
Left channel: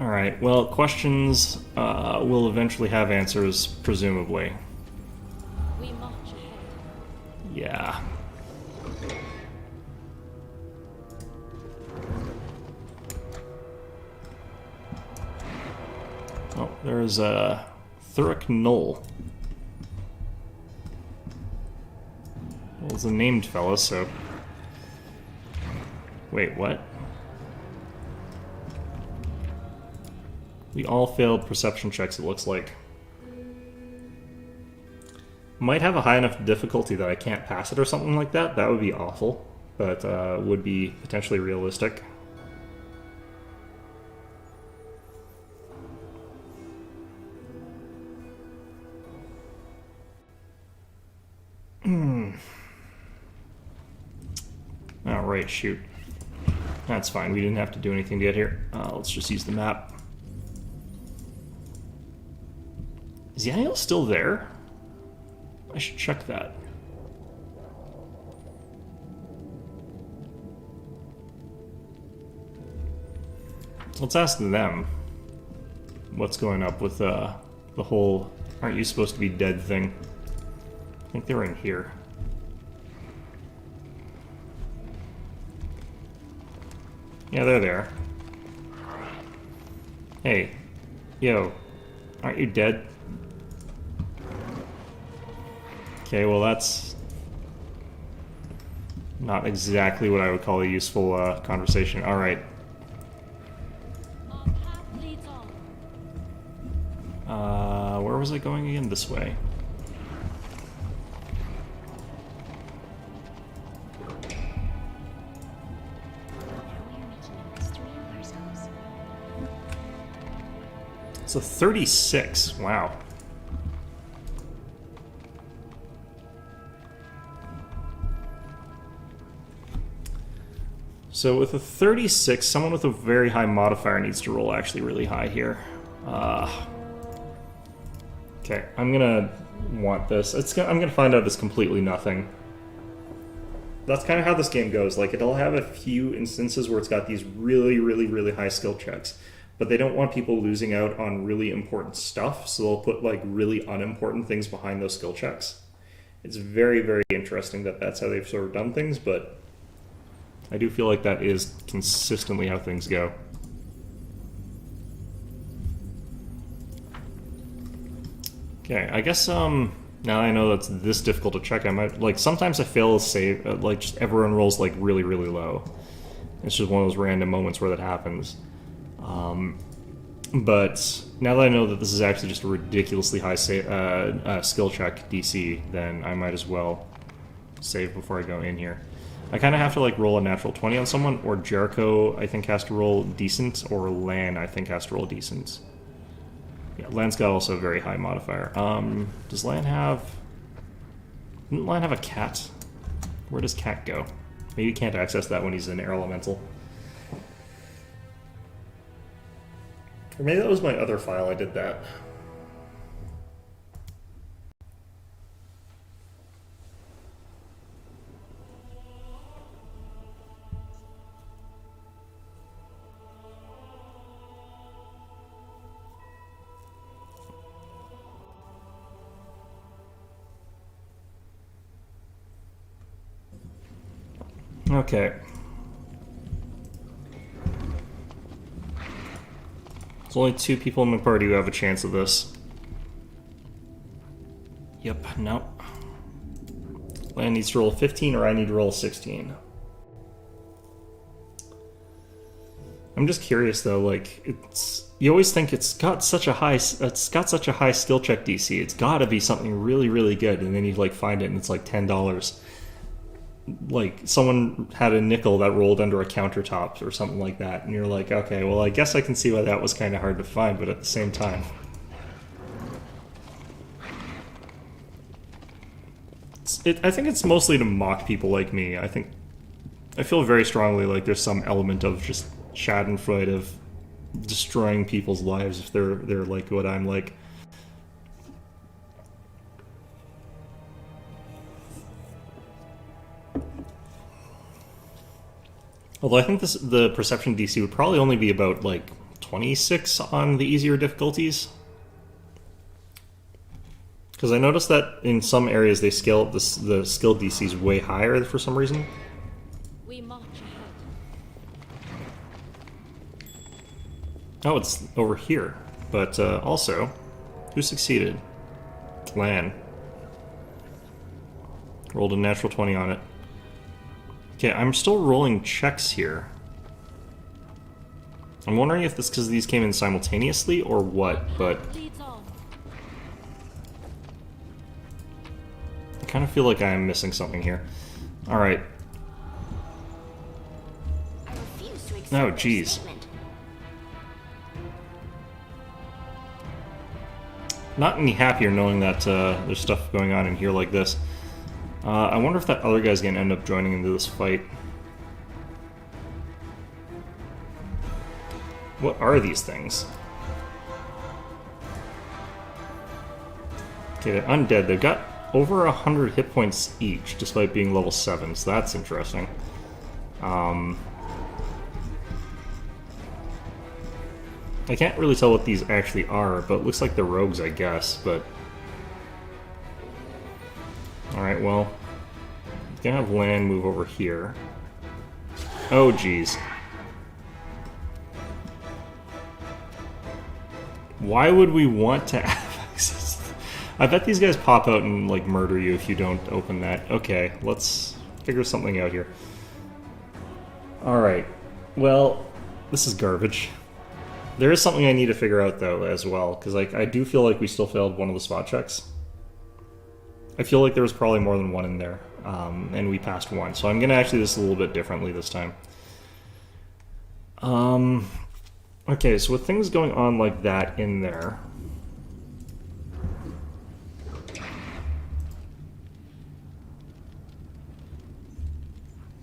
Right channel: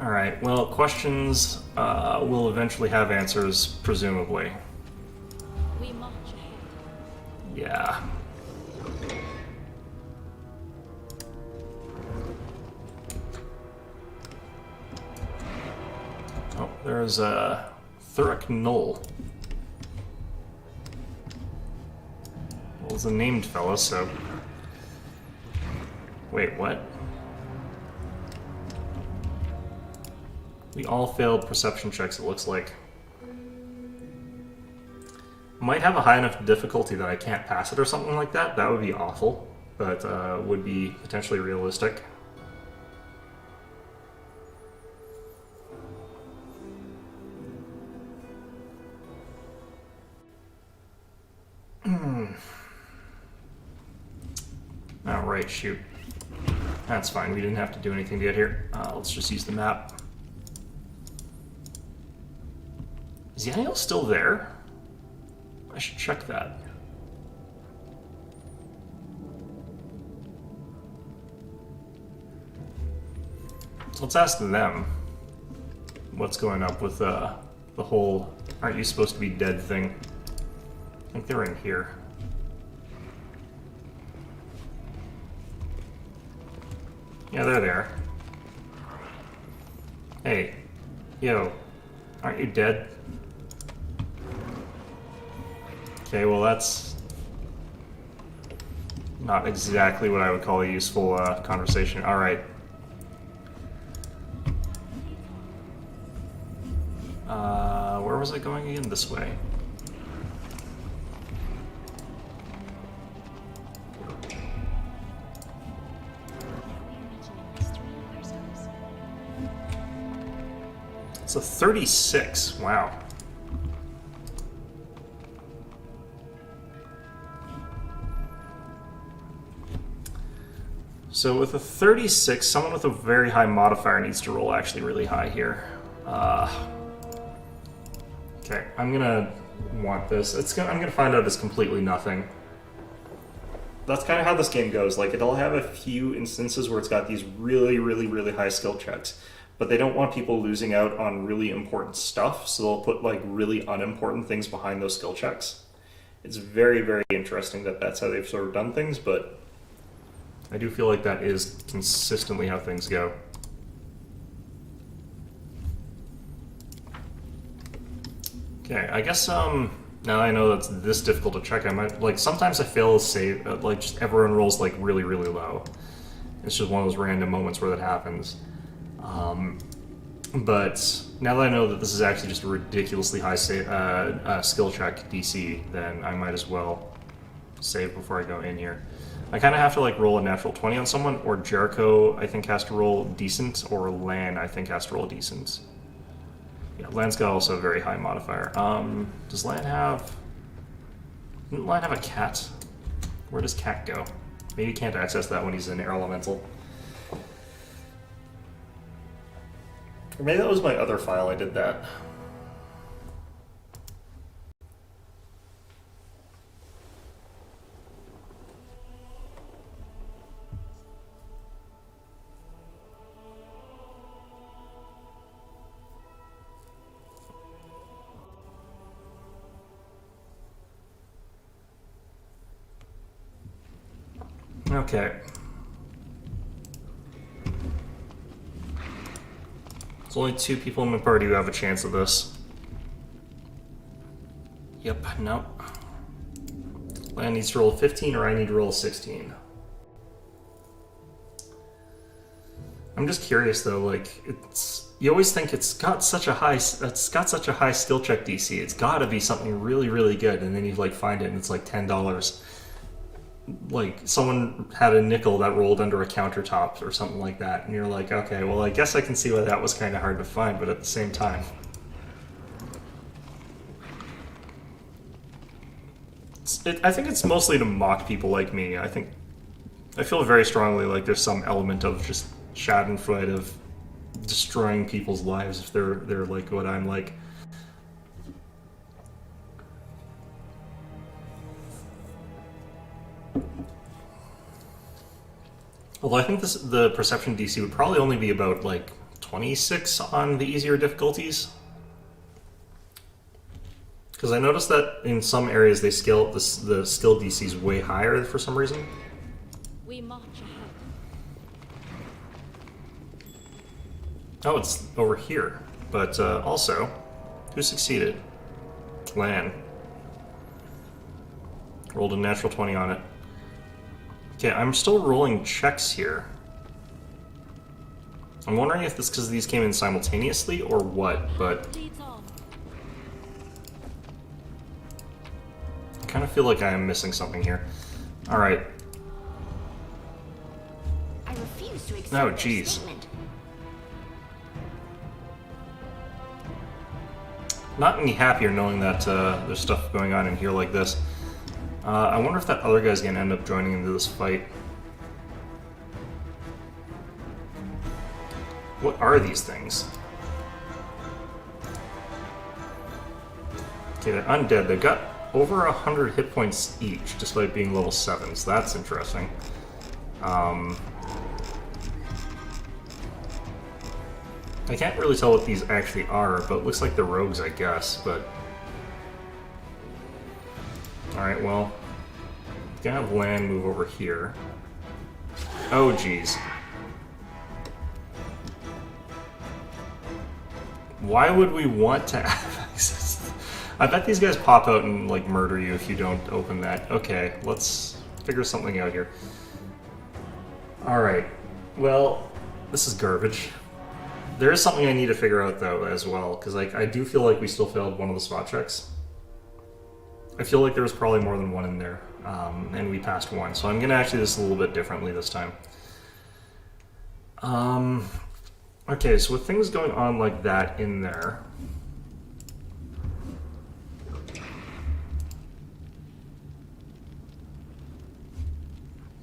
Alright, well, questions will eventually have answers, presumably. We march ahead. Yeah. Oh, there's a Thuric Knoll. Well, it's a named fella, so... Wait, what? We all failed perception checks, it looks like. Might have a high enough difficulty that I can't pass it or something like that. That would be awful, but would be potentially realistic. Alright, shoot. That's fine, we didn't have to do anything to get here. Let's just use the map. Is Yaniel still there? I should check that. Let's ask them what's going up with the whole aren't you supposed to be dead thing. I think they're in here. Yeah, they're there. Hey, yo, aren't you dead? Okay, well that's not exactly what I would call a useful conversation. Alright. Our path leads on. Where was I going again? This way. Now we are making a mystery of ourselves. It's a 36. Wow. So with a 36, someone with a very high modifier needs to roll actually really high here. Okay, I'm gonna want this. I'm gonna find out it's completely nothing. That's kind of how this game goes. Like, it'll have a few instances where it's got these really, really, really high skill checks, but they don't want people losing out on really important stuff, so they'll put, like, really unimportant things behind those skill checks. It's very, very interesting that that's how they've sort of done things, but I do feel like that is consistently how things go. Okay, I guess, now I know that's this difficult to check, I might, like, sometimes I fail to save, like, just everyone rolls, like, really, really low. It's just one of those random moments where that happens. But now that I know that this is actually just a ridiculously high skill check DC, then I might as well save before I go in here. I kind of have to, like, roll a natural 20 on someone, or Jericho, I think, has to roll decent, or Lan, I think, has to roll decent. Yeah, Lan's got also a very high modifier. Does Lan have... Didn't Lan have a cat? Where does cat go? Maybe he can't access that when he's an air elemental. Or maybe that was my other file I did that. Okay. only 2 people in my party who have a chance of this. Yep, no. Land needs to roll 15 or I need to roll 16. I'm just curious though, like, you always think it's got such a high skill check DC. It's got to be something really, really good, and then you like find it and it's like $10. Like someone had a nickel that rolled under a countertop or something like that, and you're like, okay, well, I guess I can see why that was kind of hard to find, but at the same time, I think it's mostly to mock people like me. I feel very strongly like there's some element of just Schadenfreude of destroying people's lives if they're like what I'm like. Although I think the perception DC would probably only be about like 26 on the easier difficulties. Because I noticed that in some areas they scale the skill DC is way higher for some reason. We march ahead. Oh, it's over here. But also, who succeeded? Lan. Rolled a natural 20 on it. Okay, I'm still rolling checks here. I'm wondering if this because these came in simultaneously or what, but Leads on. I kind of feel like I am missing something here. Alright. I refuse to accept Oh, their jeez. statement. Not any happier knowing that there's stuff going on in here like this. I wonder if that other guy's gonna end up joining into this fight. What are these things? Okay, they're undead. They've got over 100 hit points each, despite being level 7, so that's interesting. I can't really tell what these actually are, but it looks like they're rogues, I guess, but... Alright, well... Gonna have Lan move over here. Oh, jeez. Why would we want to have access? I bet these guys pop out and, like, murder you if you don't open that. Okay, let's figure something out here. Alright. Well, this is garbage. There is something I need to figure out, though, as well, because I do feel like we still failed one of the spot checks. I feel like there was probably more than one in there, and we passed one, so I'm going to actually do this a little bit differently this time. Okay, so with things going on like that in there...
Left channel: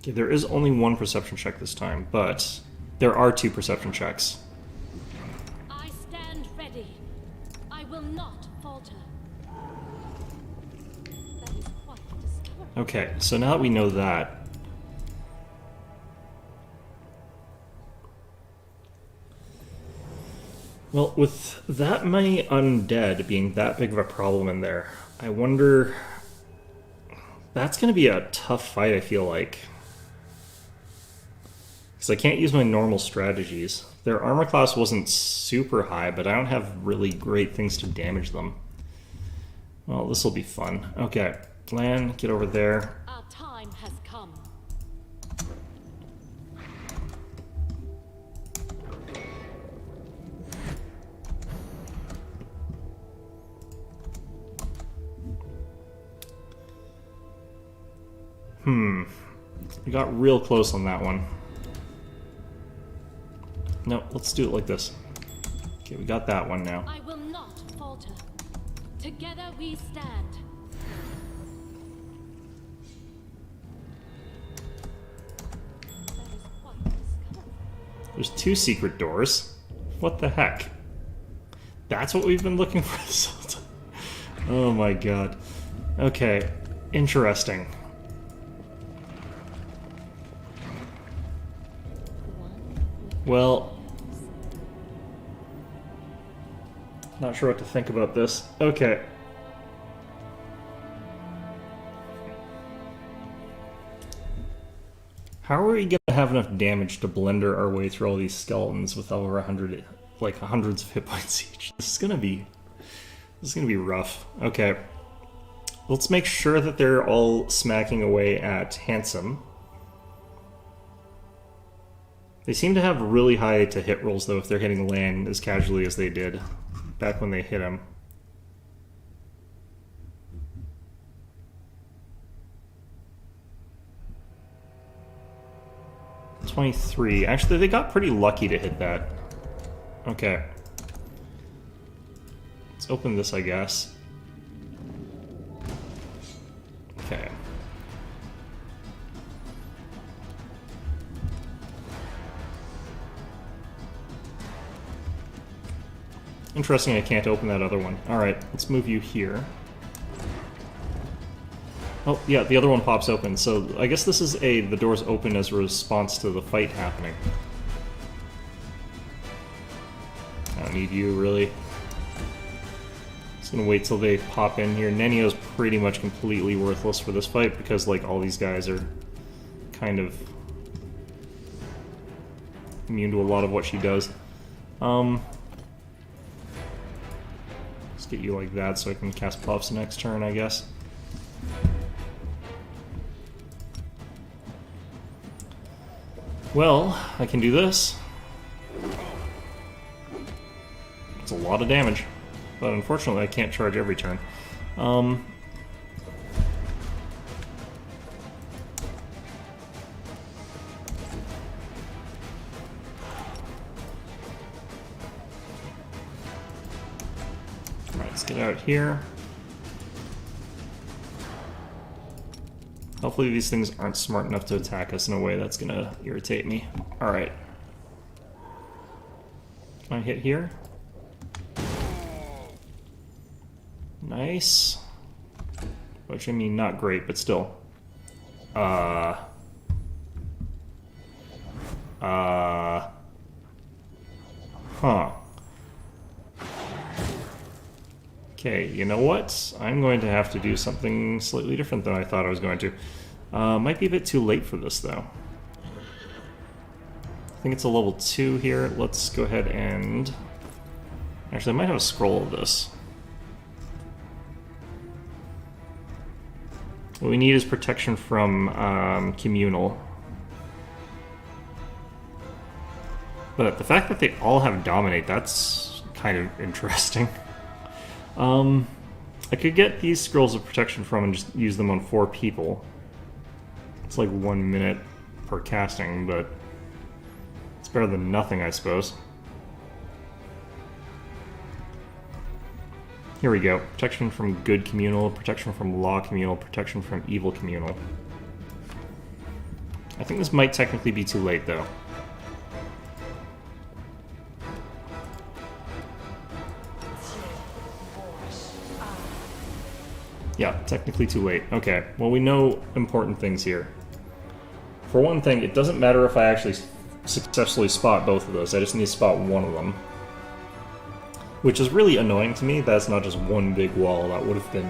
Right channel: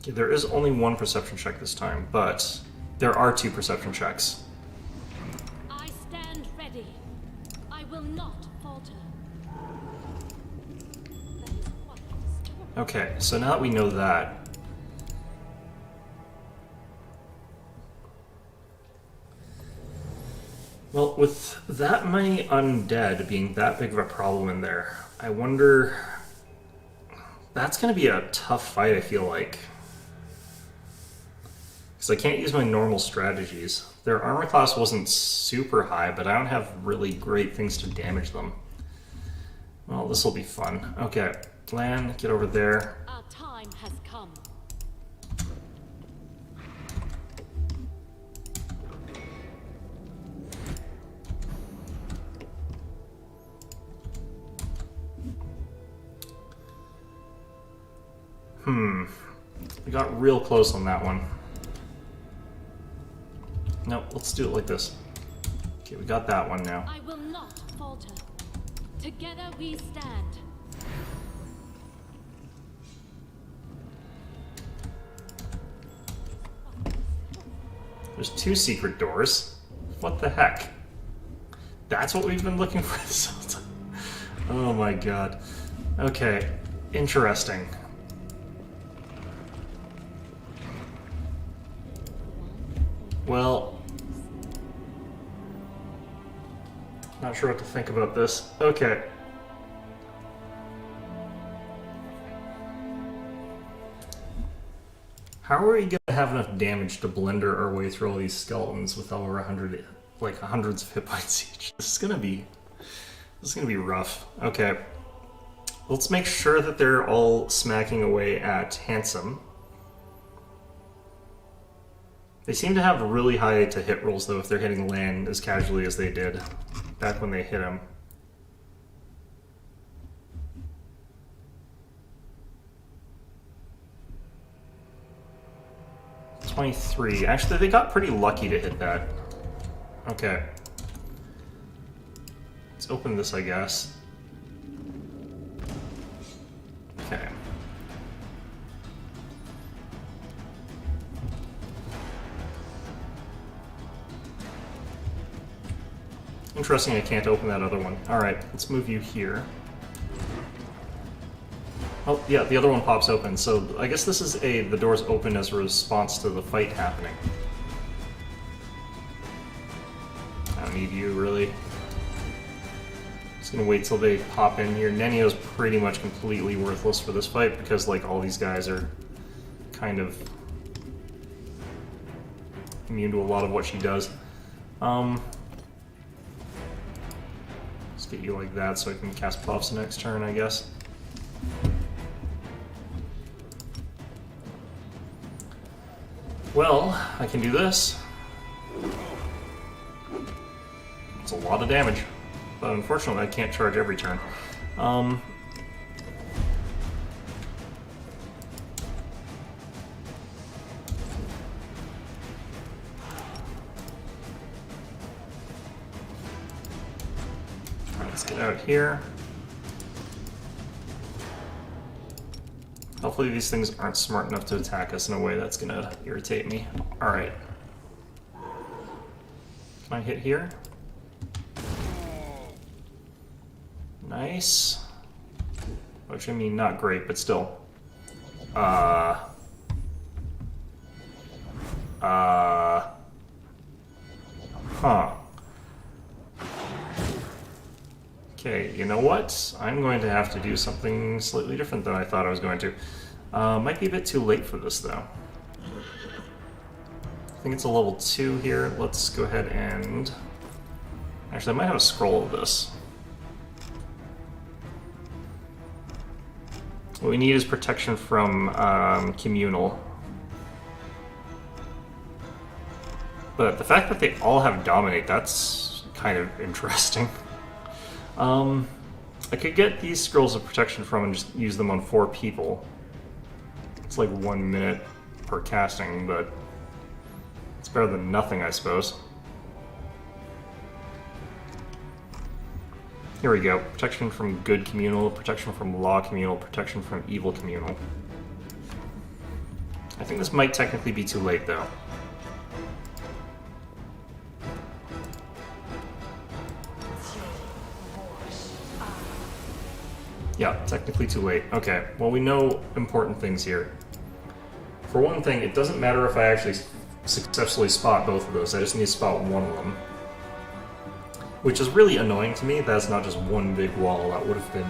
Okay, there is only one perception check this time, but there are 2 perception checks. I stand ready. I will not falter. That is quite a discovery. Okay, so now that we know that... Well, with that many undead being that big of a problem in there, I wonder... That's going to be a tough fight, I feel like. Because I can't use my normal strategies. Their armor class wasn't super high, but I don't have really great things to damage them. Well, this will be fun. Okay, Lan, get over there. Our time has come. We got real close on that one. No, let's do it like this. Okay, we got that one now. I will not falter. Together we stand. That is quite a discovery. There's 2 secret doors. What the heck? That's what we've been looking for this whole time. Oh my god. Okay, interesting. Well, not sure what to think about this. Okay. How are we going to have enough damage to blender our way through all these skeletons with over 100 like hundreds of hit points each. This is gonna be rough. Okay. Let's make sure that they're all smacking away at Handsome. They seem to have really high to hit rolls though if they're hitting land as casually as they did back when they hit him. 23. Actually, they got pretty lucky to hit that. Okay. Let's open this, I guess. Okay. Interesting, I can't open that other one. Alright, let's move you here. Oh, yeah, the other one pops open, so I guess this is the door's open as a response to the fight happening. I don't need you, really. Just gonna wait till they pop in here. Nenio's pretty much completely worthless for this fight because, like, all these guys are kind of immune to a lot of what she does. Let's get you like that so I can cast Puffs next turn, I guess. Well, I can do this. It's a lot of damage, but unfortunately I can't charge every turn. Alright, let's get out here. Hopefully these things aren't smart enough to attack us in a way that's gonna irritate me. Alright. Can I hit here? Nice. Which, I mean, not great, but still. Huh. Okay, you know what? I'm going to have to do something slightly different than I thought I was going to. Might be a bit too late for this, though. I think it's a level 2 here. Let's go ahead and... Actually, I might have a scroll of this. What we need is protection from communal. But the fact that they all have dominate, that's kind of interesting. I could get these scrolls of protection from and just use them on 4 people. It's like 1 minute per casting, but it's better than nothing, I suppose. Here we go. Protection from good communal, protection from law communal, protection from evil communal. I think this might technically be too late, though. Yeah, technically too late. Okay, well, we know important things here. For one thing, it doesn't matter if I actually successfully spot both of those. I just need to spot one of them. Which is really annoying to me. That's not just one big wall. That would have been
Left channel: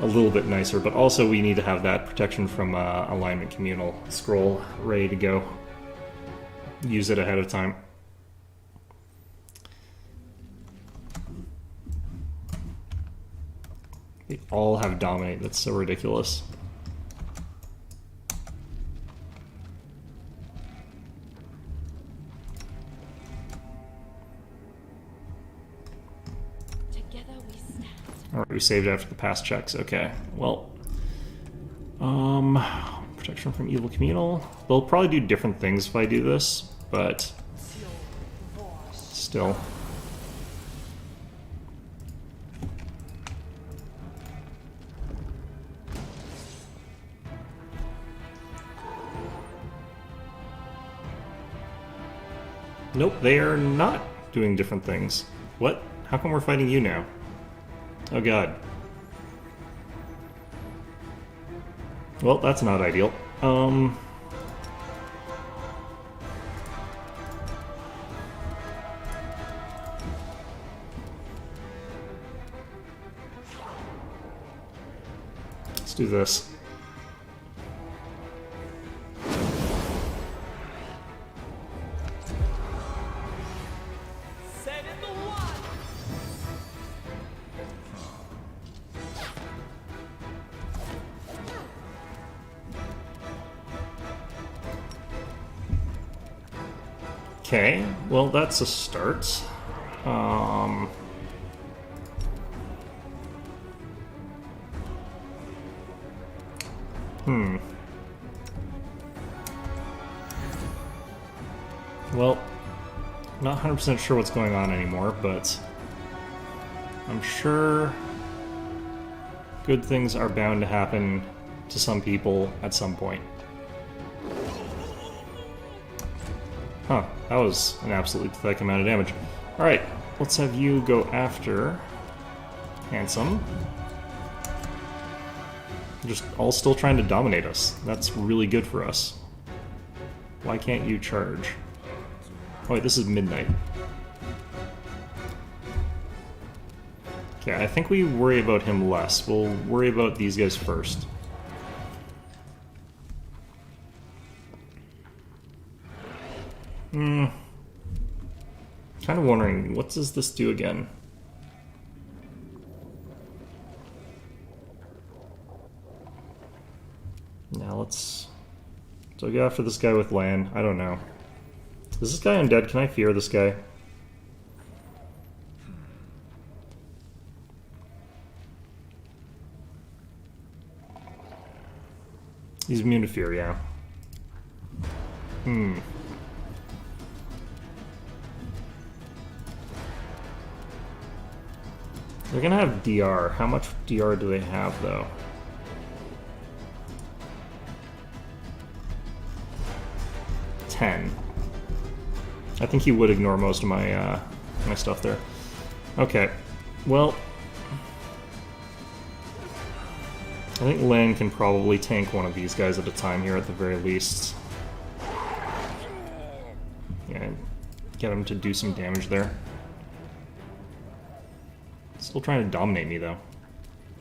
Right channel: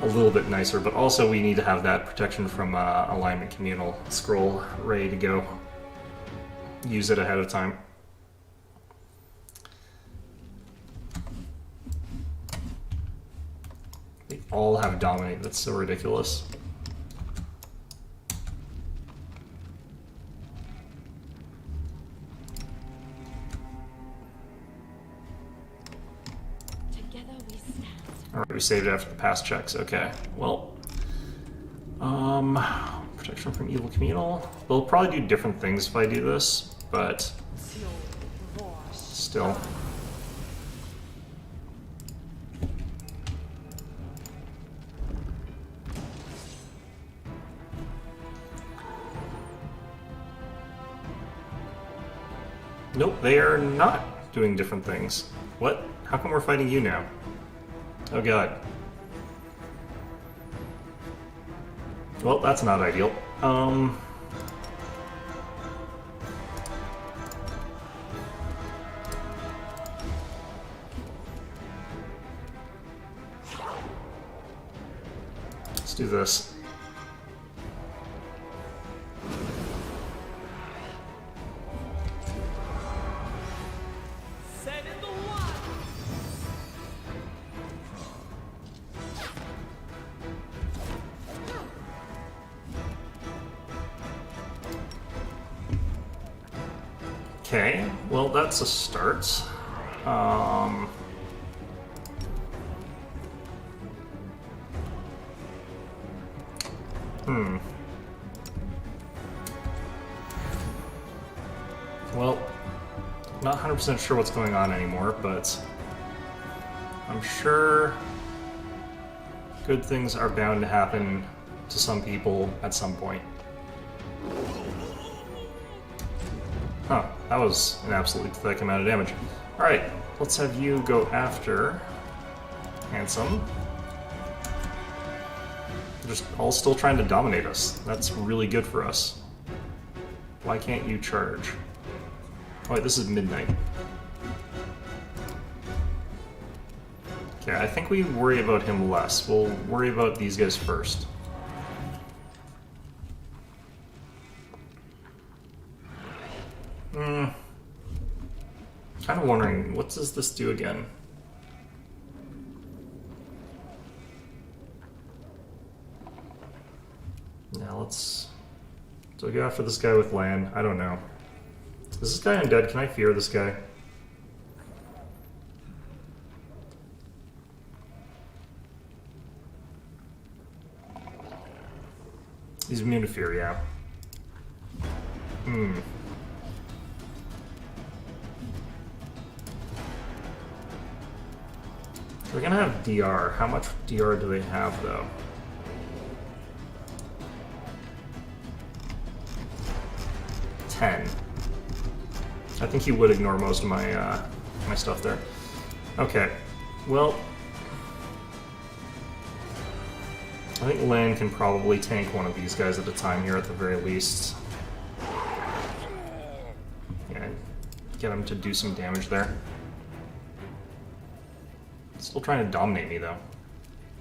a little bit nicer. But also we need to have that protection from alignment communal scroll ready to go. Use it ahead of time. They all have dominate. That's so ridiculous. Together we stand. Alright, we saved after the past checks. Okay, well. Protection from evil communal. They'll probably do different things if I do this, but still. Nope, they are not doing different things. What? How come we're fighting you now? Oh god. Well, that's not ideal. Let's do this. Okay, well that's a start. Well, not 100% sure what's going on anymore, but I'm sure good things are bound to happen to some people at some point. Huh, that was an absolutely pathetic amount of damage. Alright, let's have you go after Handsome. Just all still trying to dominate us. That's really good for us. Why can't you charge? Oh wait, this is midnight. Okay, I think we worry about him less. We'll worry about these guys first. Kind of wondering, what does this do again? Now let's... So go after this guy with land. I don't know. Is this guy undead? Can I fear this guy? He's immune to fear, yeah. They're gonna have DR. How much DR do they have, though? I think he would ignore most of my my stuff there. Okay, well, I think Lan can probably tank one of these guys at a time here at the very least. Yeah, get him to do some damage there. Still trying to dominate me though,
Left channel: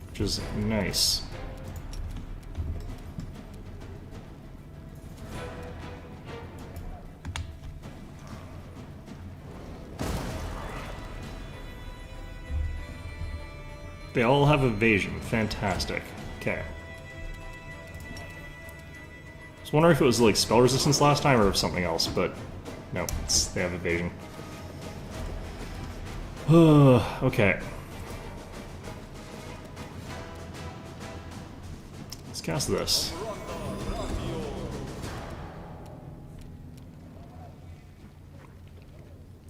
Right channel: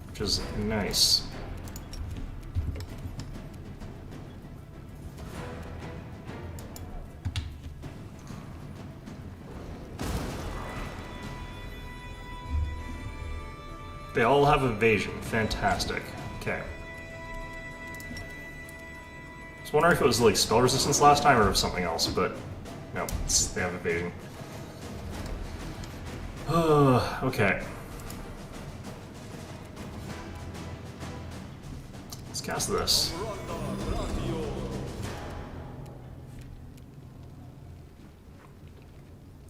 which is nice. They all have evasion. Fantastic. Okay. I was wondering if it was like spell resistance last time or if something else, but no, they have evasion. Okay. Let's cast this.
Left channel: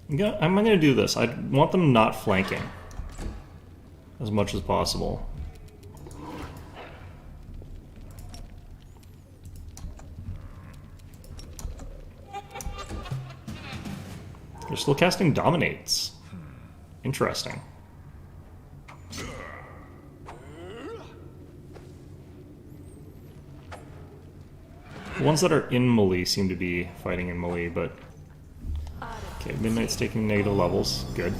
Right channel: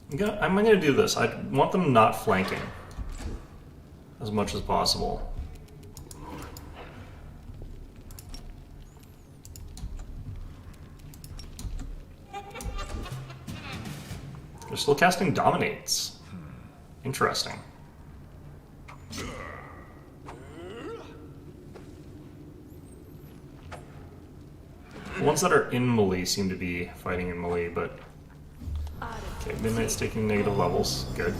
I'm gonna do this. I want them not flanking as much as possible. They're still casting Dominates. Interesting. The ones that are in melee seem to be fighting in melee, but... Okay, Midnight's taking negative levels. Good.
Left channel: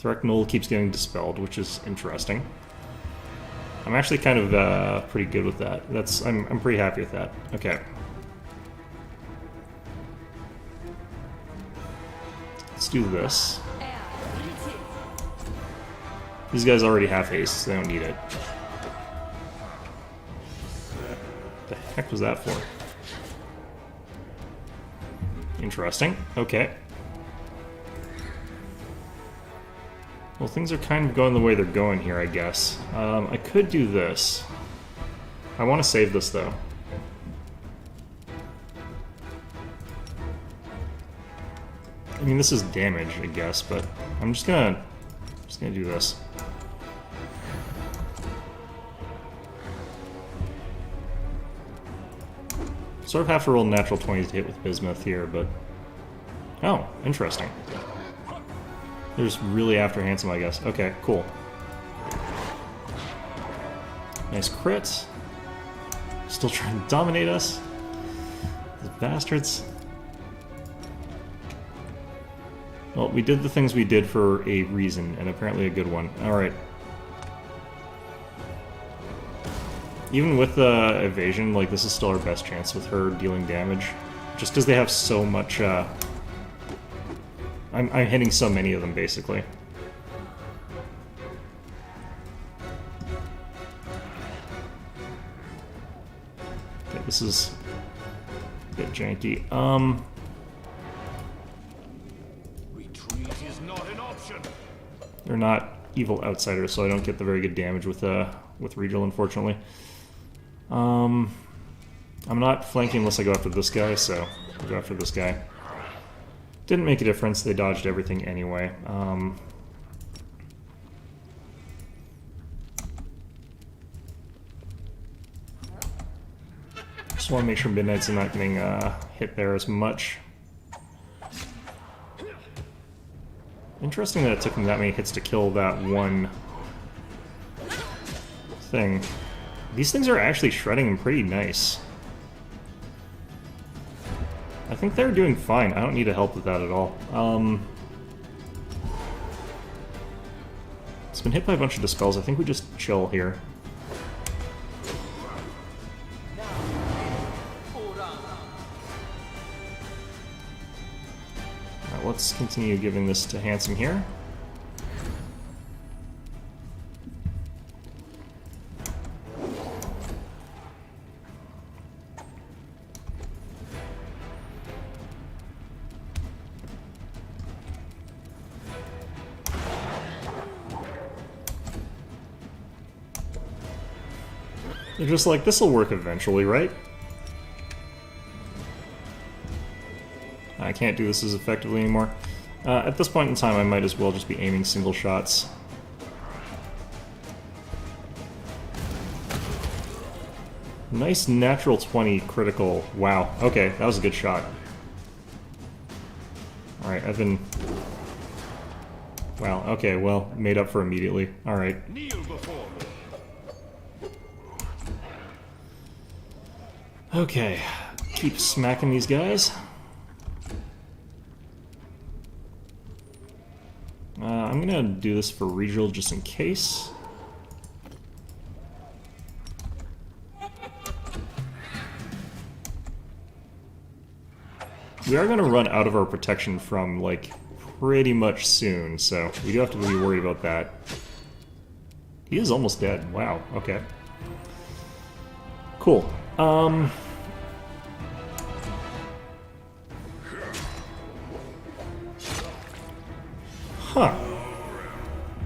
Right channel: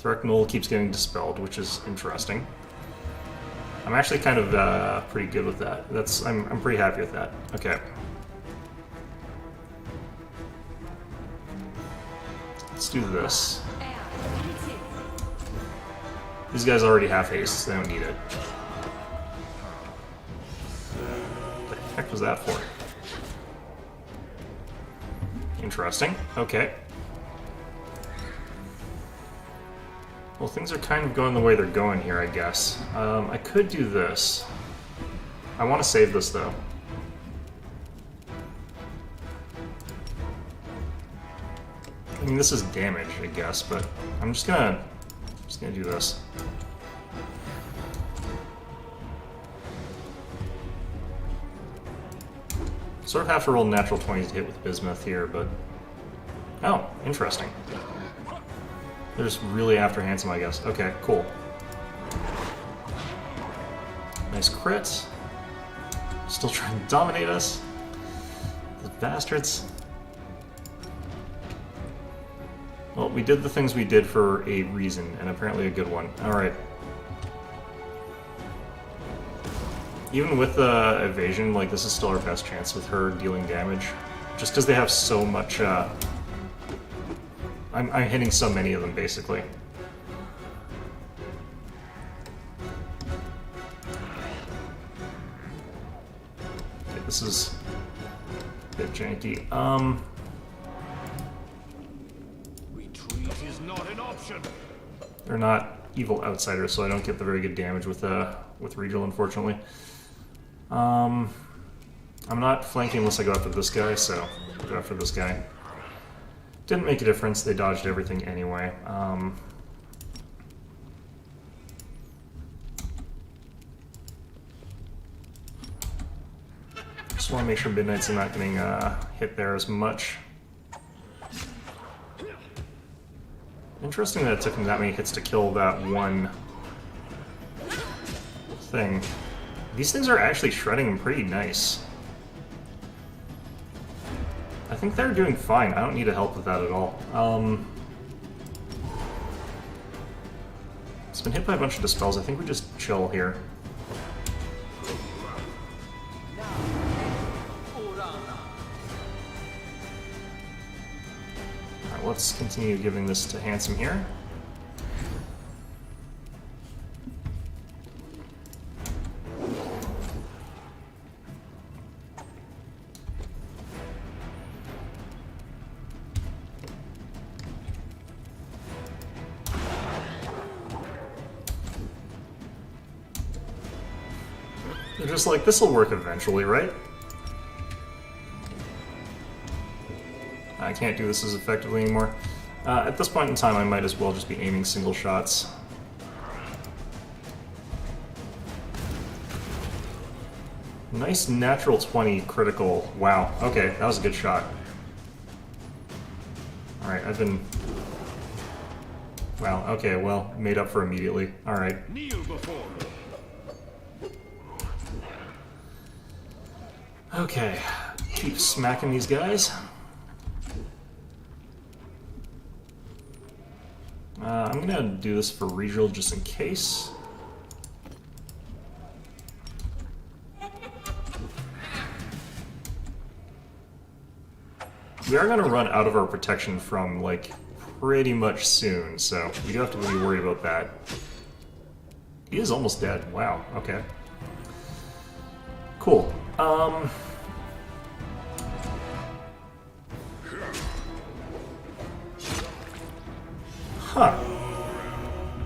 Threcknull keeps getting dispelled, which is interesting. I'm actually kind of pretty good with that. I'm pretty happy with that. Okay. Let's do this. These guys already have haste, so they don't need it. What the heck was that for? Interesting. Okay. Well, things are kind of going the way they're going here, I guess. I could do this. I want to save this, though. I mean, this is damage, I guess, but I'm just gonna do this. Sort of have to roll natural 20s to hit with Bismuth here, but... Oh, interesting. They're just really after Handsome, I guess. Okay, cool. Nice crit. Still trying to dominate us. Those bastards. Well, we did the things we did for a reason, and apparently a good one. Alright. Even with evasion, like, this is still our best chance with her dealing damage. Just because they have so much, I'm hitting so many of them, basically. Okay, this is a bit janky. is not an option. They're not evil outsiders, so I don't get the very good damage with Regal, unfortunately. I'm not flanking unless I go after this guy, so I'll go after this guy. Didn't make a difference, they dodged everything anyway. Just want to make sure Midnights are not getting hit there as much. Interesting that it took him that many hits to kill that one thing. These things are actually shredding him pretty nice. I think they're doing fine. I don't need to help with that at all. It's been hit by a bunch of dispels. I think we just chill here. Alright, let's continue giving this to Handsome here. They're just like, this'll work eventually, right? I can't do this as effectively anymore. At this point in time, I might as well just be aiming single shots. Nice natural 20 critical. Wow, okay, that was a good shot. Alright, I've been... Wow, okay, well, made up for immediately. Alright. Kneel before me. Okay, keep smacking these guys. I'm gonna do this for Regal just in case. We are gonna run out of our protection from, like, pretty much soon, so we do have to be worried about that. He is almost dead. Wow, okay. Cool. Huh.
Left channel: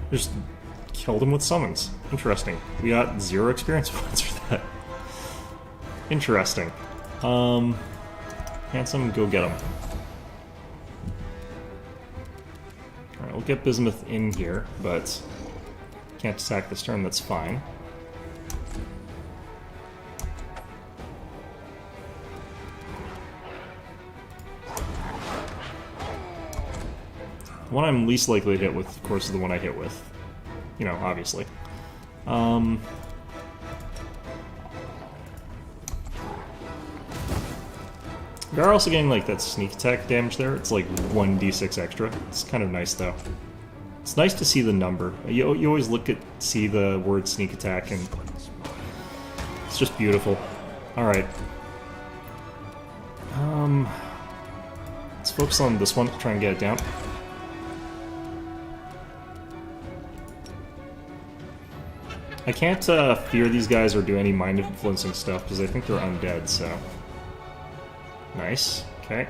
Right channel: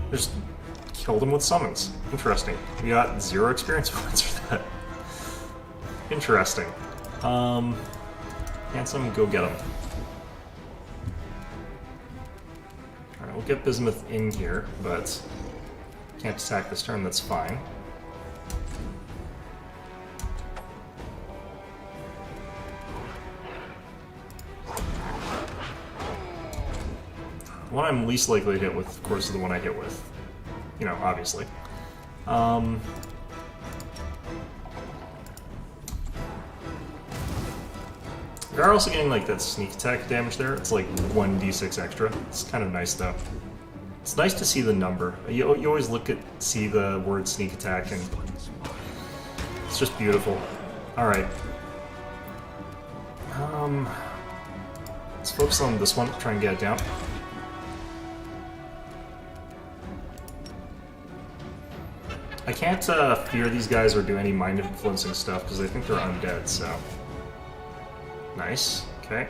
Just killed him with summons. Interesting. We got 0 experience points for that. Interesting. Handsome, go get him. Alright, we'll get Bismuth in here, but can't attack this turn, that's fine. The one I'm least likely to hit with, of course, is the one I hit with. You know, obviously. We are also getting, like, that sneak attack damage there. It's like 1d6 extra. It's kind of nice, though. It's nice to see the number. You always see the word sneak attack, and it's just beautiful. Alright. Let's focus on this one, try and get it down. I can't fear these guys or do any mind-influencing stuff because I think they're undead, so... Nice. Okay.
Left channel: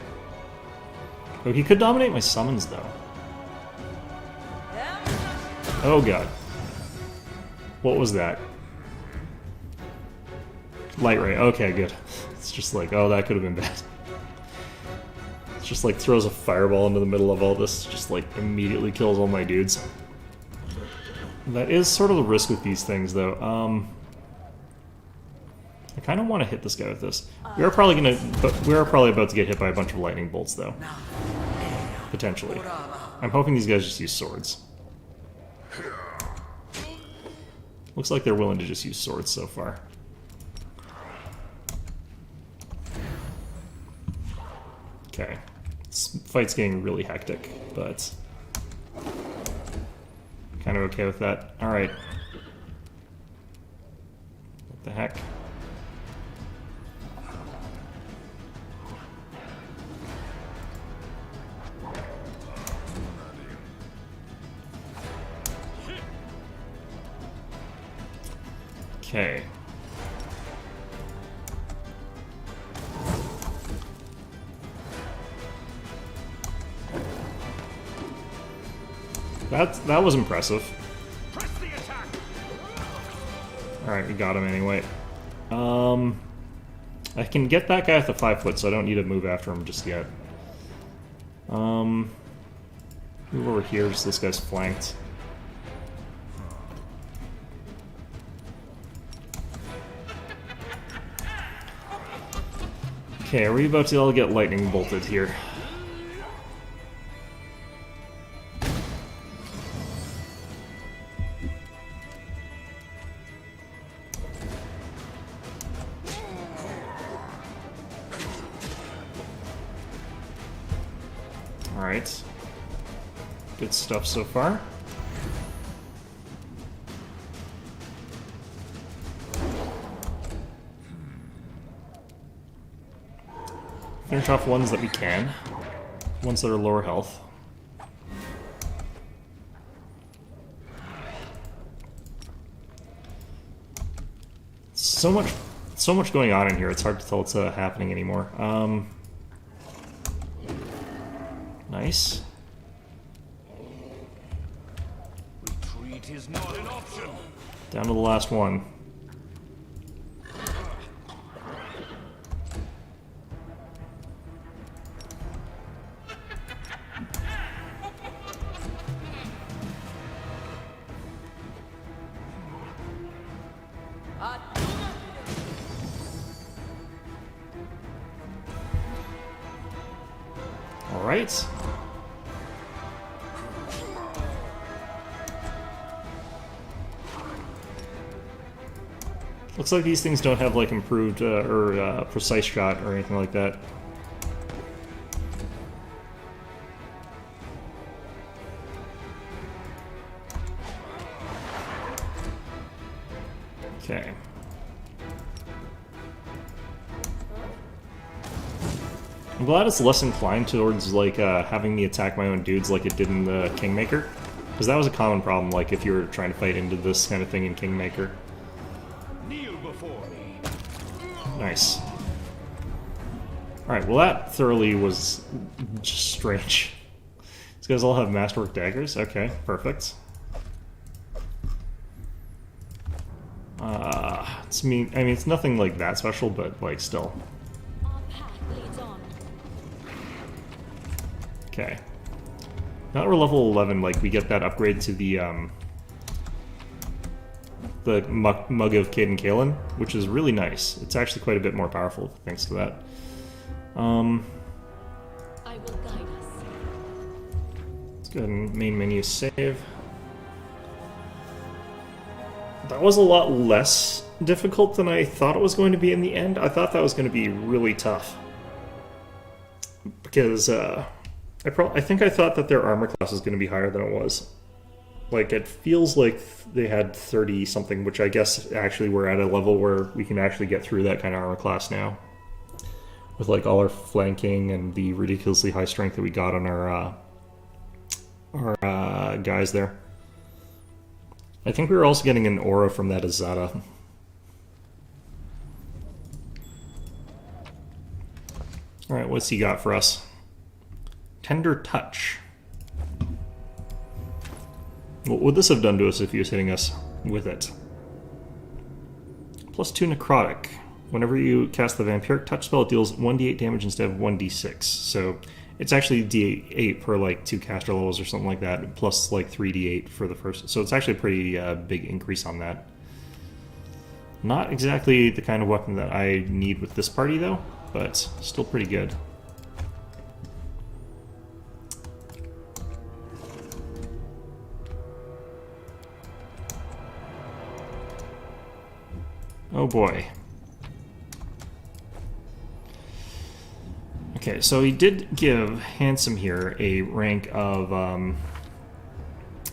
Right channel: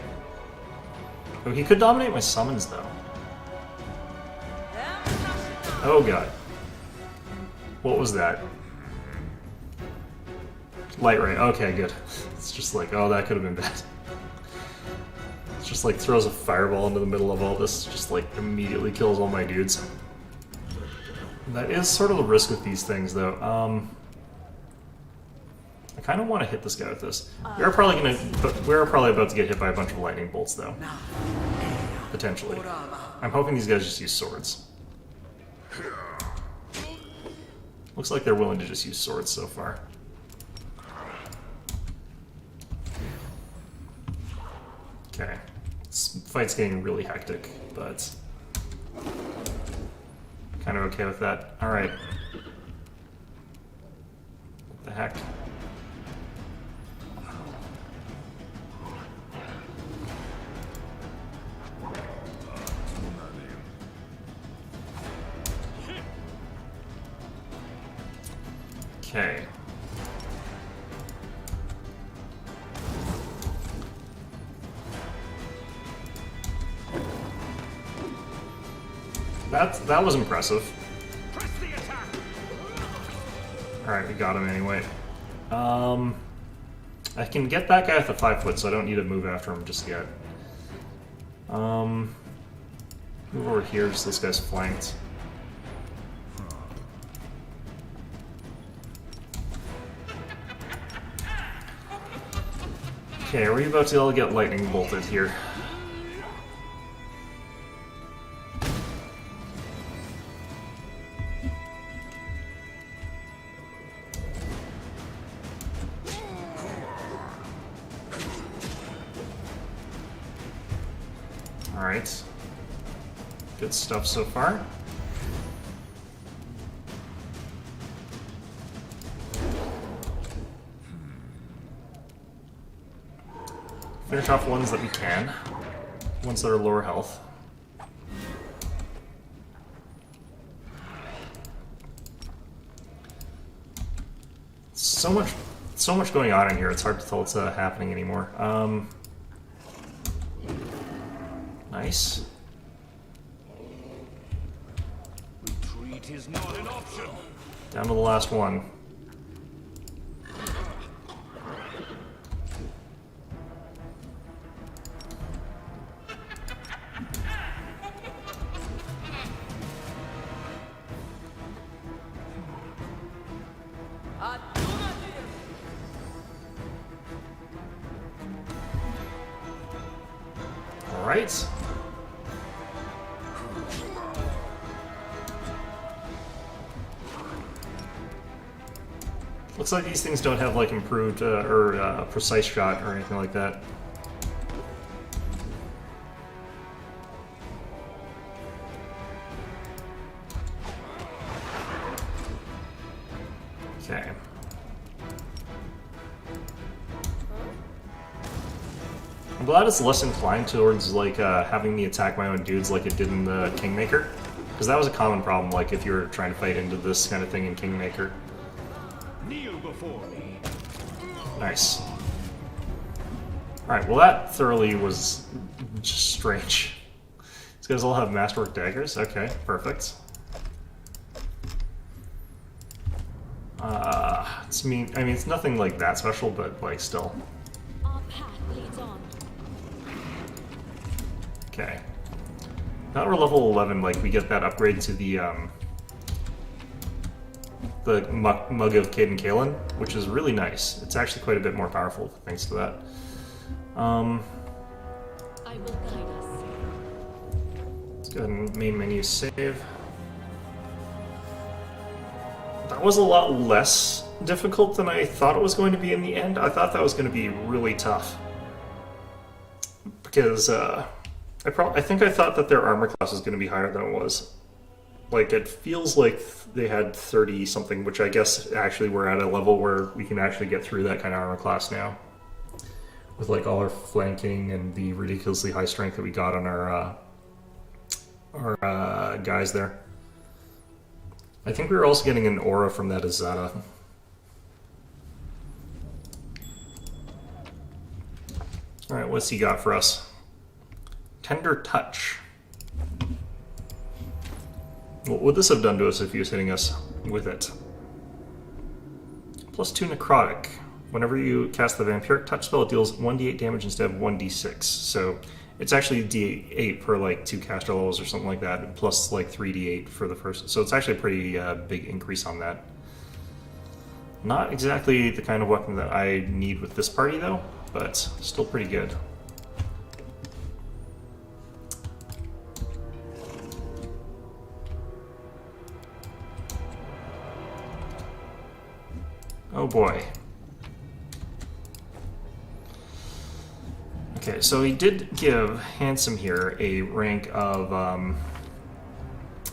Oh, he could dominate my summons, though. Oh, God. What was that? Light ray. Okay, good. It's just like, oh, that could have been bad. It's just like throws a fireball into the middle of all this, just like immediately kills all my dudes. That is sort of the risk with these things, though. I kind of want to hit this guy with this. We are probably about to get hit by a bunch of lightning bolts, though. Potentially. I'm hoping these guys just use swords. Looks like they're willing to just use swords so far. Okay. This fight's getting really hectic, but... kind of okay with that. Alright. What the heck? Okay. That was impressive. Press the attack. Alright, we got him anyway. I can get that guy with the 5 foot, so I don't need to move after him just yet. Move over here, just this guy's flanked. Okay, are we about to all get lightning bolted here? Alright. Good stuff so far. Finish off ones that we can. Ones that are lower health. So much going on in here, it's hard to tell what's happening anymore. Nice. Retreat is not an option. Down to the last one. All right. Looks like these things don't have like improved or precise shot or anything like that. Okay. I'm glad it's less inclined towards like having me attack my own dudes like it did in the Kingmaker, because that was a common problem. Like if you were trying to fight into this kind of thing in Kingmaker. Kneel before me. Nice. Alright, well that thoroughly was just strange. These guys all have masterwork daggers? Okay, perfect. I mean, it's nothing like that special, but like still. Our path leads on. Okay. Now that we're level 11, like we get that upgrade to the Mug of Cade and Kalen, which is really nice. It's actually quite a bit more powerful thanks to that. I will guide us. Let's go ahead and main menu save. That was a lot less difficult than I thought it was going to be in the end. I thought that was going to be really tough. Because I think I thought that their armor class was going to be higher than it was. Like, it feels like they had 30 something, which I guess actually we're at a level where we can actually get through that kind of armor class now. With like all our flanking and the ridiculously high strength that we got on our guys there. I think we were also getting an aura from that Azata. Alright, what's he got for us? Tender Touch. What would this have done to us if he was hitting us with it? +2 Necrotic. Whenever you cast the Vampiric Touch spell, it deals 1d8 damage instead of 1d6. So it's actually d8 per like 2 caster levels or something like that, plus like 3d8 for the first. So it's actually a pretty big increase on that. Not exactly the kind of weapon that I need with this party though, but still pretty good. Oh boy. Okay, so he did give Handsome here a rank of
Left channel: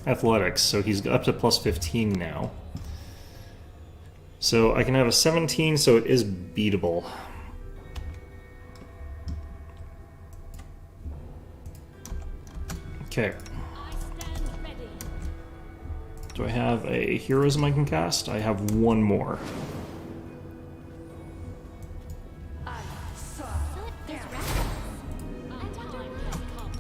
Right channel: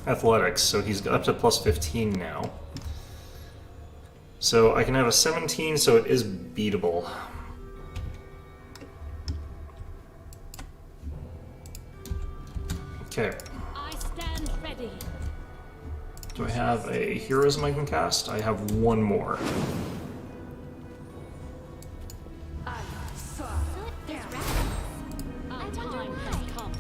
athletics, so he's up to +15 now. So I can have a 17, so it is beatable. Okay. I stand ready. Do I have a heroism I can cast? I have one more. There's rabbits. Our I wonder time why. has come.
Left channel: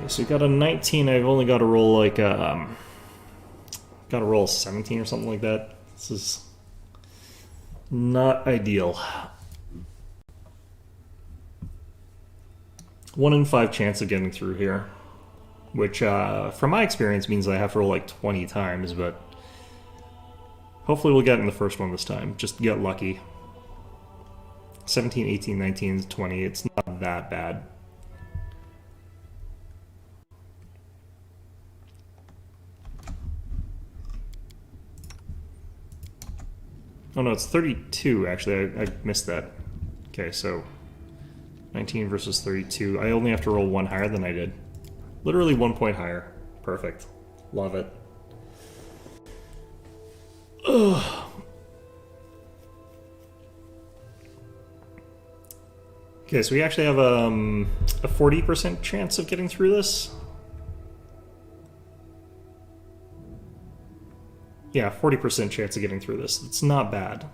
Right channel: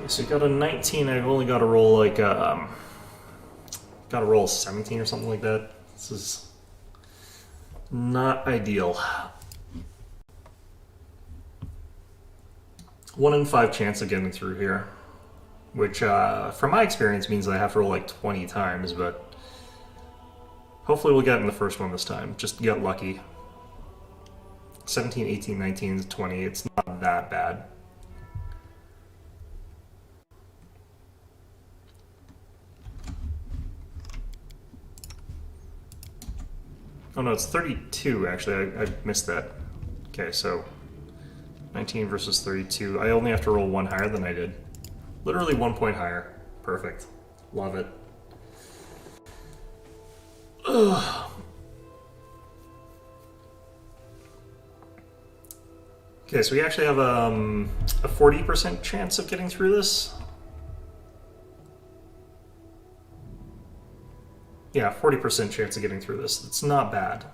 Okay, so we got a 19. I've only got to roll like got to roll a 17 or something like that. This is not ideal. 1 in 5 chance of getting through here, which from my experience means I have to roll like 20 times, but hopefully we'll get in the first one this time. Just get lucky. 17, 18, 19, 20. It's not that bad. Oh no, it's 32 actually. I missed that. Okay, so 19 versus 32. I only have to roll 1 higher than I did. Literally 1 point higher. Perfect. Love it. Ugh. Okay, so we actually have a 40% chance of getting through this. Yeah, 40% chance of getting through this. It's not bad.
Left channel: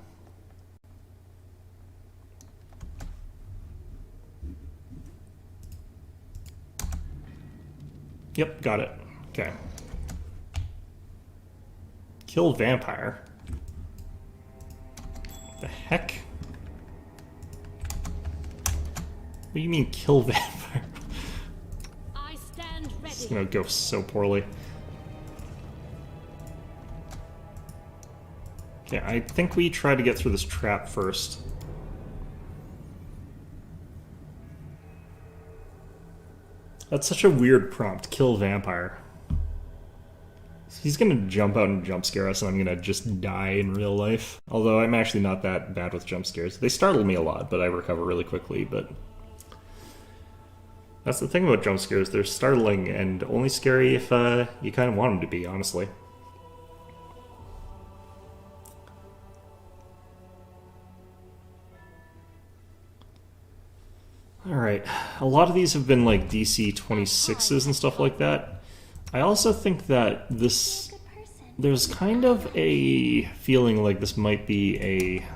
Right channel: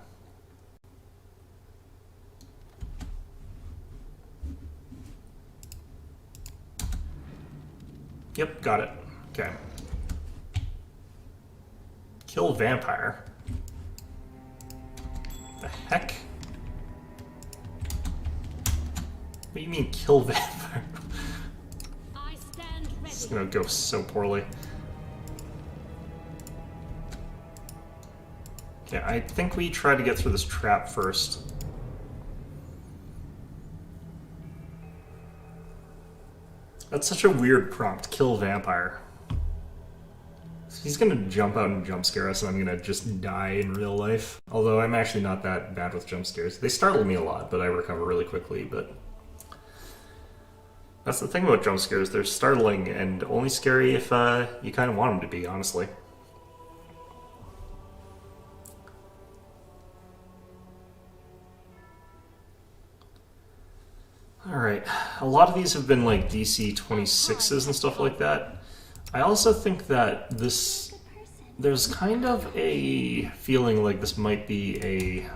Yep, got it. Okay. Kill vampire. The heck? What do you mean kill vampire? I stand ready. It's gonna go so poorly. Okay, I think we try to get through this trap first. That's such a weird prompt. Kill vampire. He's gonna jump out and jump scare us, and I'm gonna just die in real life. Although I'm actually not that bad with jump scares. They startle me a lot, but I recover really quickly. But that's the thing about jump scares. They're startling and only scary if you kind of want them to be, honestly. Alright, a lot of these have been like DC 26s and stuff like that. I also think that this... There's kind of a feeling like this might be a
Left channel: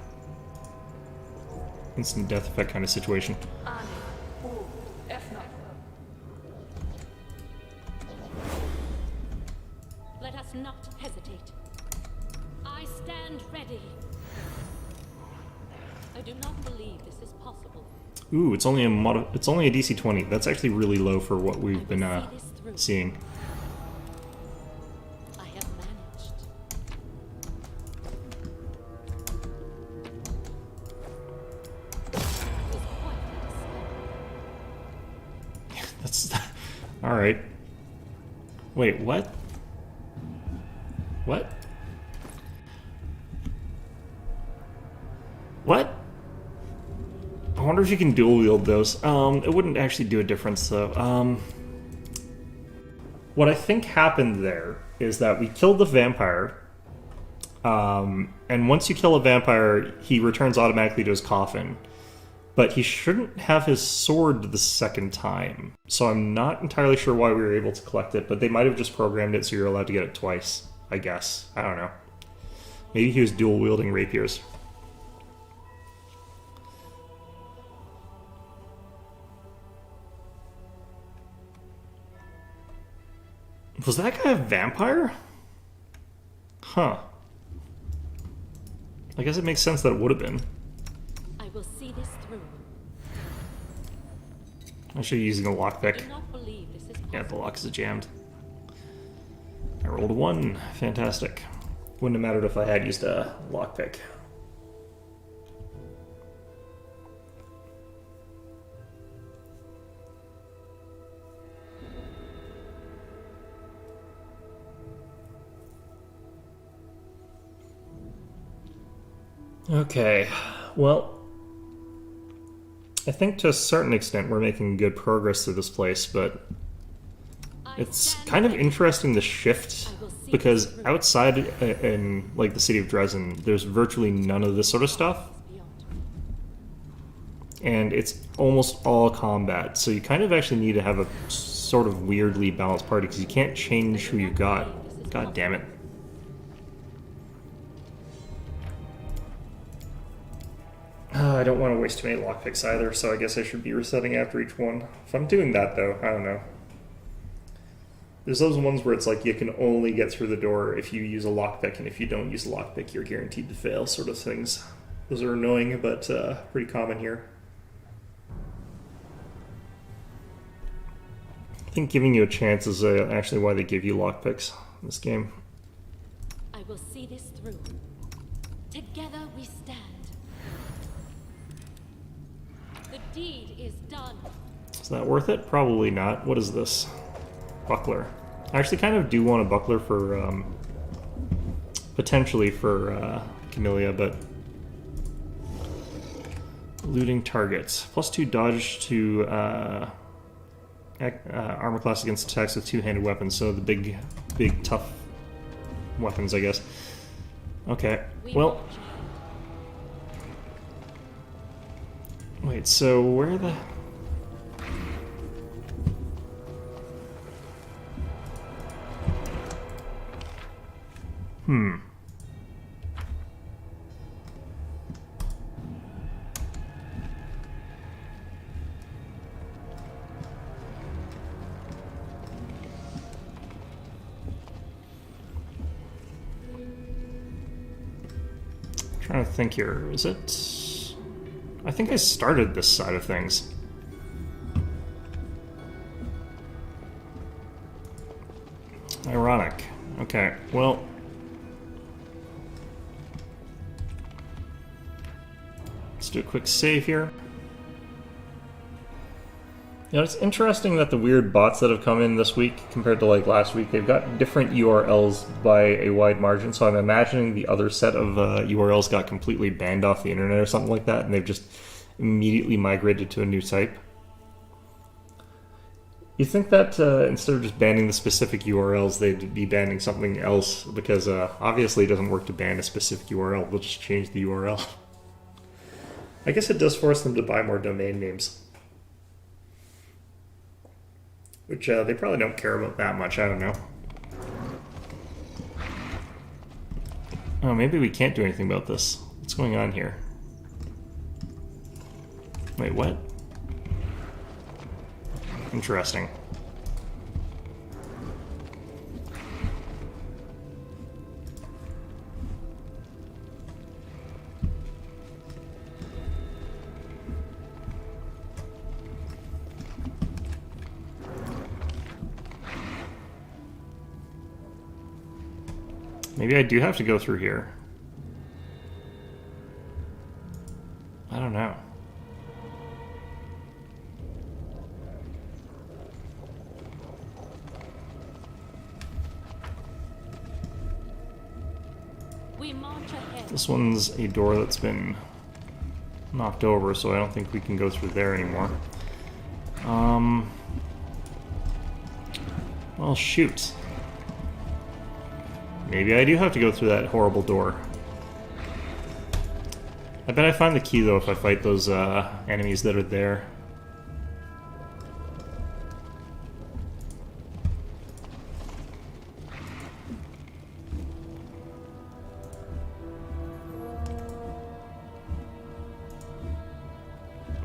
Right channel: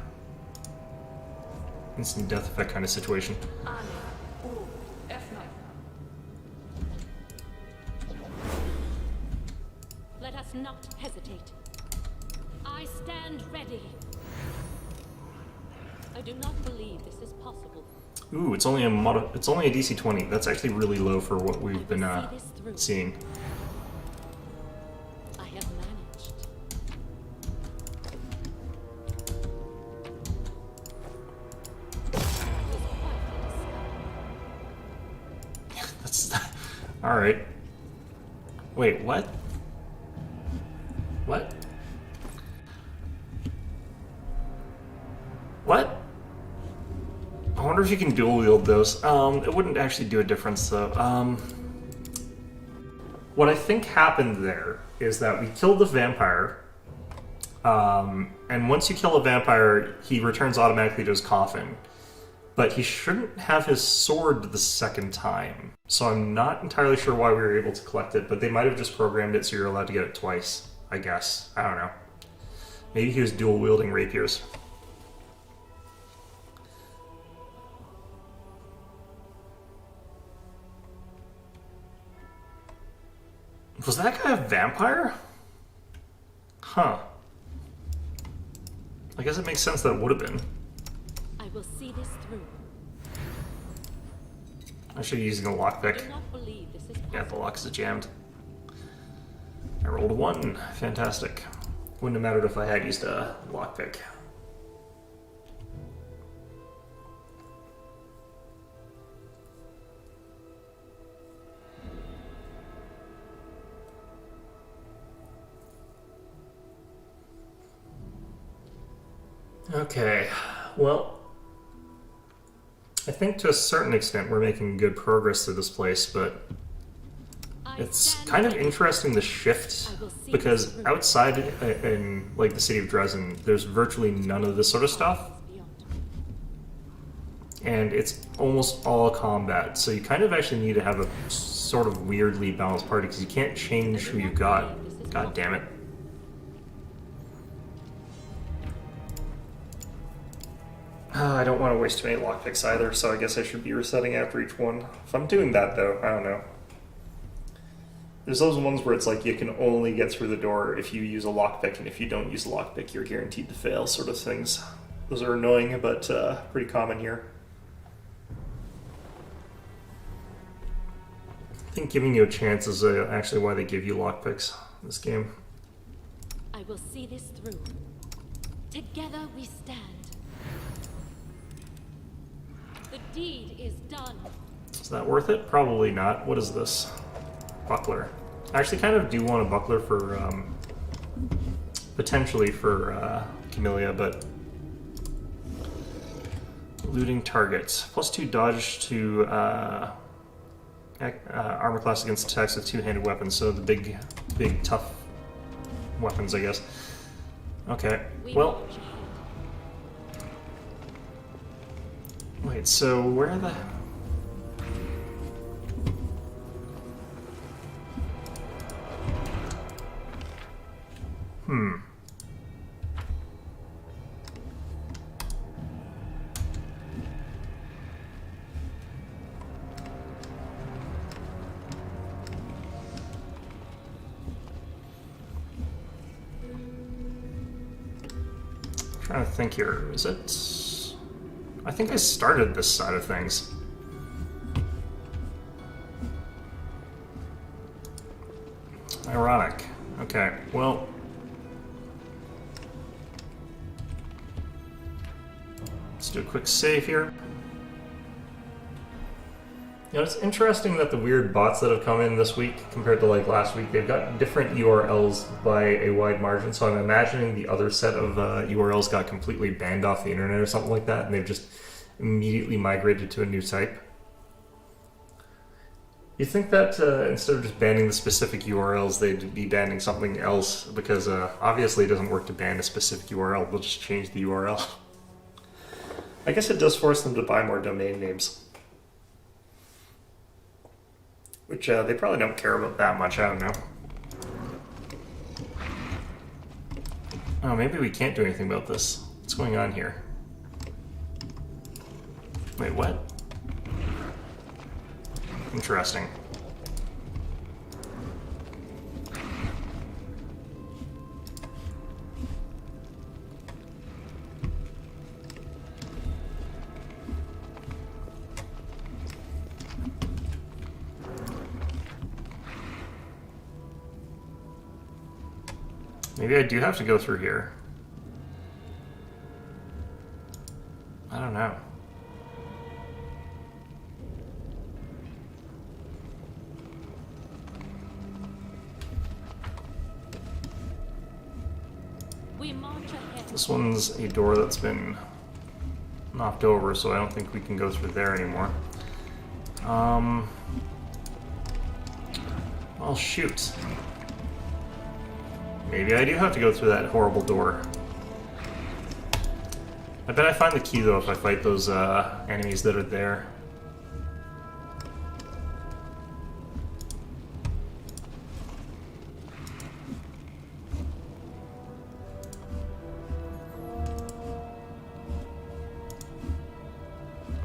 instant death effect kind of situation. Let us not hesitate. I stand ready. I do not believe this is possible. Ooh, it's only a DC 20. That's actually really low for what we've been seeing. I have managed. That's all right. Wait, what? What? What? I wonder if you can dual wield those. It wouldn't actually do a difference though. What I think happened there is that we killed the vampire, and once you kill a vampire, he returns automatically to his coffin. But he shouldn't have his sword the second time. So I'm not entirely sure why we were able to collect it, but they might have just programmed it so you're allowed to get it twice, I guess. I don't know. Maybe he was dual wielding rapiers. Was that guy a vampire? Huh. I guess it makes sense that it would have been. I will see this through. I should be using a lockpick. I do not believe this is possible. Yeah, the lock is jammed. I rolled a 1. Fantastic. Wouldn't have mattered if I had used a lockpick. Okay, well, I think to a certain extent we're making good progress through this place, but it's kind of interesting the shift, because outside in like the city of Dresden, there's virtually none of this sort of stuff, and it's almost all combat, so you kind of actually need to have a sort of weirdly balanced party, because you can't change who you've got. God damn it. I don't want to waste too many lockpicks either, so I guess I should be resetting after each one. If I'm doing that, though, I don't know. There's those ones where it's like you can only get through the door if you use a lockpick, and if you don't use a lockpick, you're guaranteed to fail, sort of things. Those are annoying, but pretty common here. I think giving you a chance is actually why they give you lockpicks in this game. I will see this through. Together we stand. The deed is done. Is that worth it? Probably not. What is this? Buckler. I actually kind of do want a buckler for, potentially for Camellia, but looting targets. +2 dodge to armor class against attacks with two-handed weapons, so the big tough weapons, I guess. Okay, well... Wait, so where the... Trying to think here. Is it... I think I started this side of things. Ironic. Okay, well... Let's do a quick save here. You know, it's interesting that the weird bots that have come in this week compared to like last week, they've got different URLs by a wide margin, so I'm imagining the other set of URLs got completely banned off the internet or something like that, and they've just immediately migrated to a new type. You think that instead of just banning the specific URLs, they'd be banning something else, because obviously it doesn't work to ban a specific URL, they'll just change the URL. I guess it does force them to buy more domain names. Which they probably don't care about that much, I don't know. Oh, maybe we can't do anything about this. What's going on here? Wait, what? Interesting. Maybe I do have to go through here. I don't know. We march ahead. This one's a door that's been knocked over, so I don't think we can go through there anymore. Well, shoot. Maybe I do have to go through that horrible door. I bet I find the key, though, if I fight those enemies that are there.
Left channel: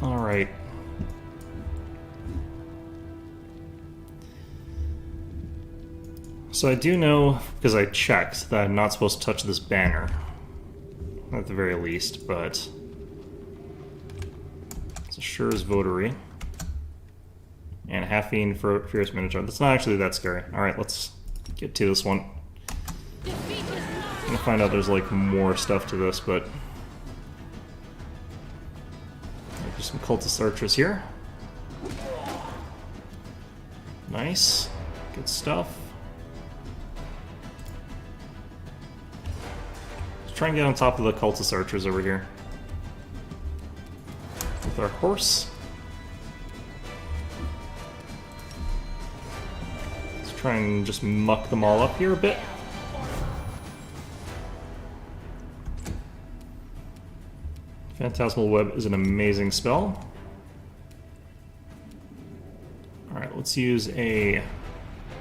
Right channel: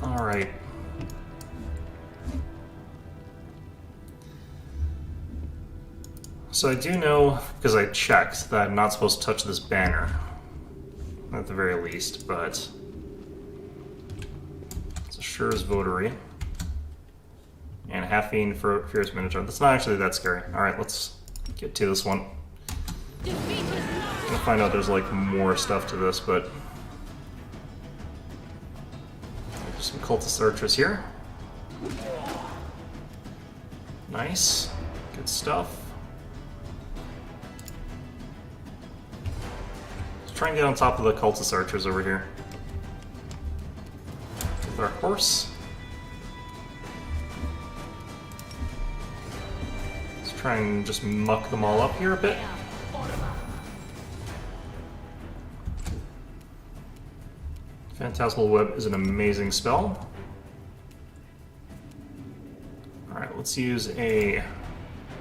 Alright. So I do know, because I checked, that I'm not supposed to touch this banner. At the very least, but... It's a sure as votary. And Half-Fiend for Fierce Minotaur. That's not actually that scary. Alright, let's get to this one. Defeat is not. I'm gonna find out there's like more stuff to this, but... There's some cultist archers here. Nice. Good stuff. Try and get on top of the cultist archers over here. With our horse. Let's try and just muck them all up here a bit. Phantasmal Web is an amazing spell. Alright, let's use a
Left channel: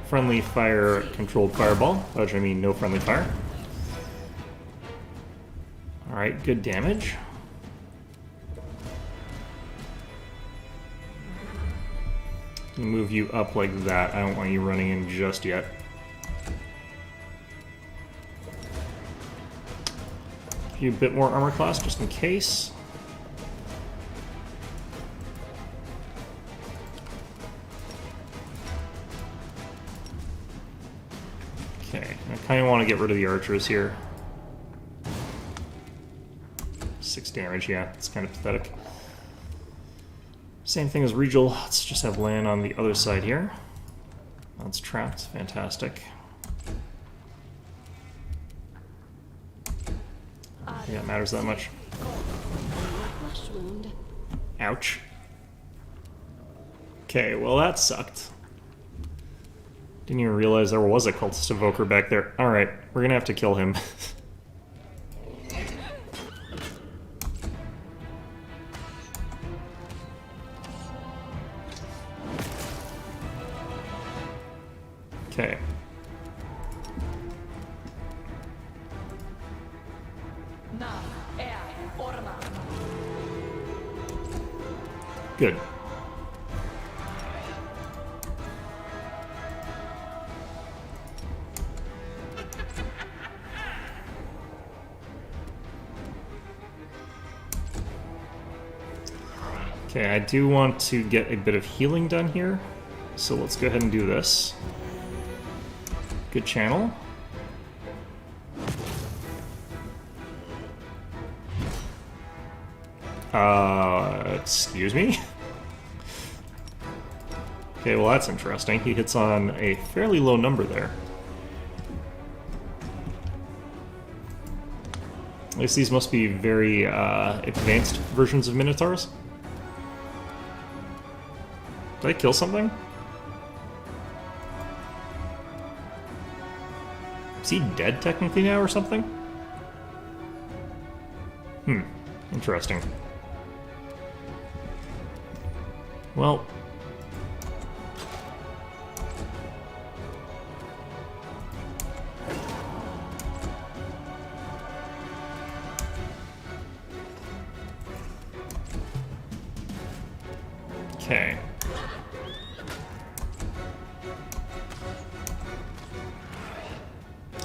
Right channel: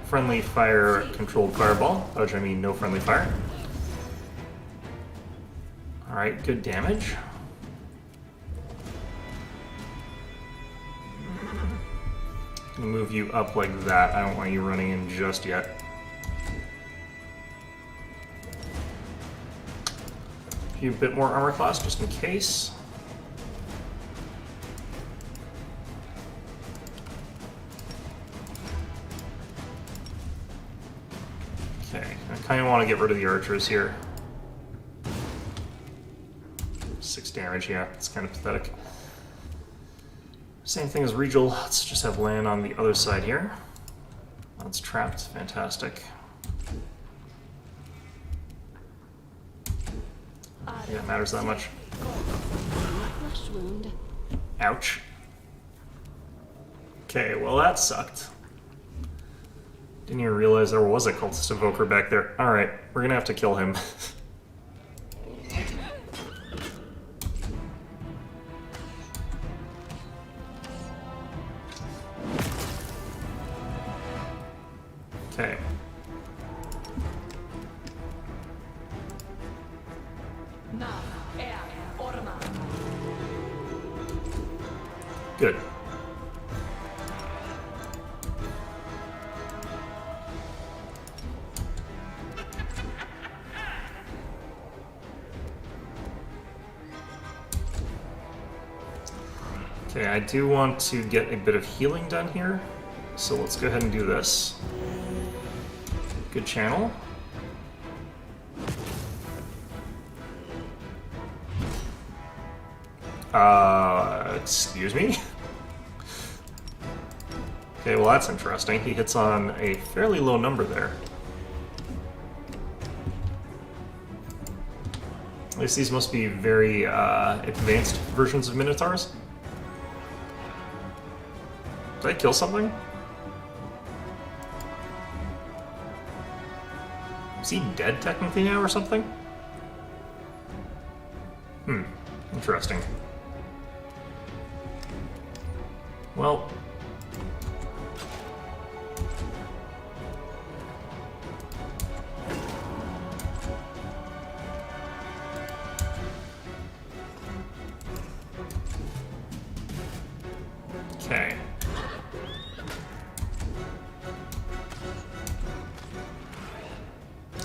friendly fire controlled fireball, by which I mean no friendly fire. Alright, good damage. Gonna move you up like that. I don't want you running in just yet. Give you a bit more armor class just in case. Okay, I kind of want to get rid of the archers here. 6 damage, yeah, it's kind of pathetic. Same thing as Regal. Let's just have land on the other side here. That's trapped. Fantastic. Yeah, it matters that much. Flesh wound. Ouch. Okay, well that sucked. Didn't even realize there was a cultist evoker back there. Alright, we're gonna have to kill him. Okay. Good. Okay, I do want to get a bit of healing done here, so let's go ahead and do this. Good channel. Excuse me? Okay, well that's interesting. He hits on a fairly low number there. At least these must be very advanced versions of Minotaurs. Did I kill something? Is he dead technically now or something? Interesting. Well. Okay.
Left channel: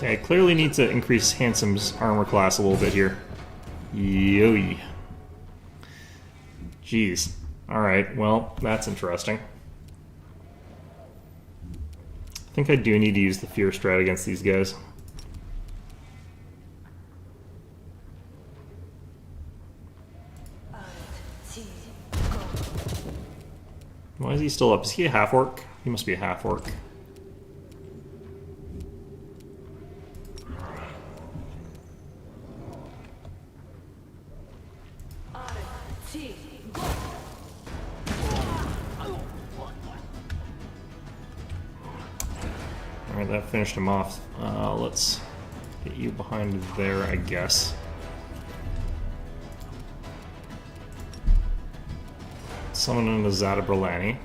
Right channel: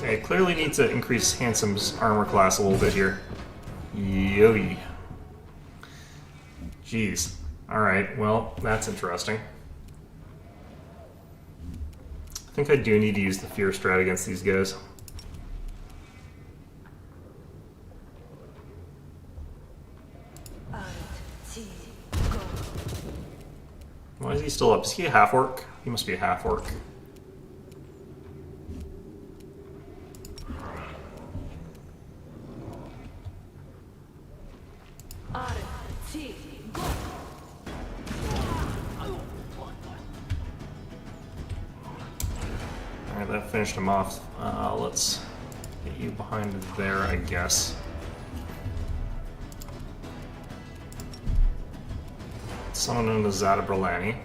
I clearly need to increase Handsome's armor class a little bit here. Yoey. Jeez. Alright, well, that's interesting. I think I do need to use the Fear Strat against these guys. Why is he still up? Is he a half-orc? He must be a half-orc. Alright, that finished him off. Let's get you behind there, I guess. Summon in the Zata Bralani.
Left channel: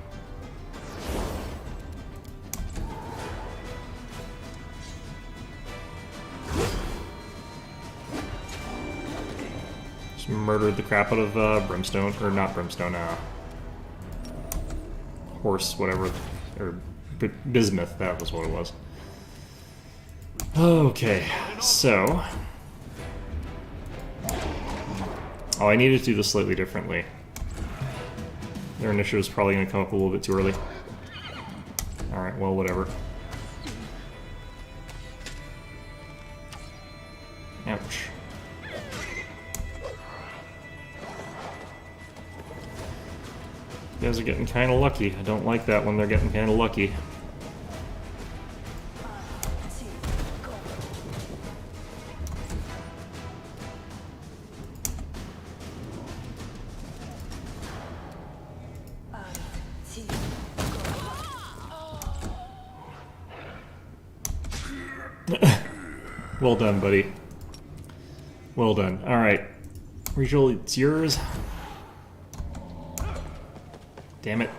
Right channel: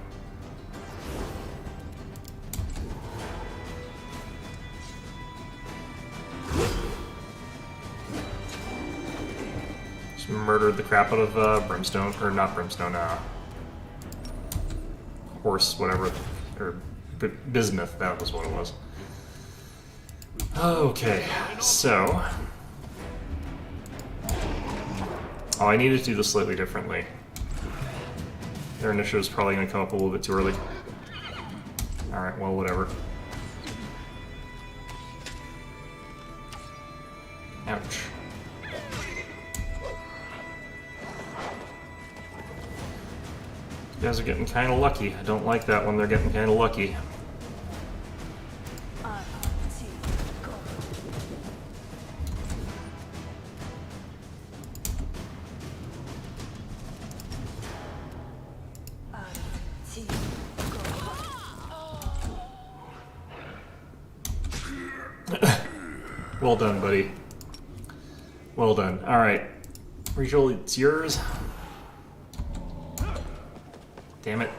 Just murdered the crap out of Brimstone, or not Brimstone, Horse, whatever, or Bismuth, that was what it was. Okay, so... Oh, I needed to do this slightly differently. Their initiative is probably going to come up a little bit too early. Alright, well, whatever. Ouch. You guys are getting kind of lucky. I don't like that when they're getting kind of lucky. Well done, buddy. Well done. Alright. Regal, it's yours. Damn it.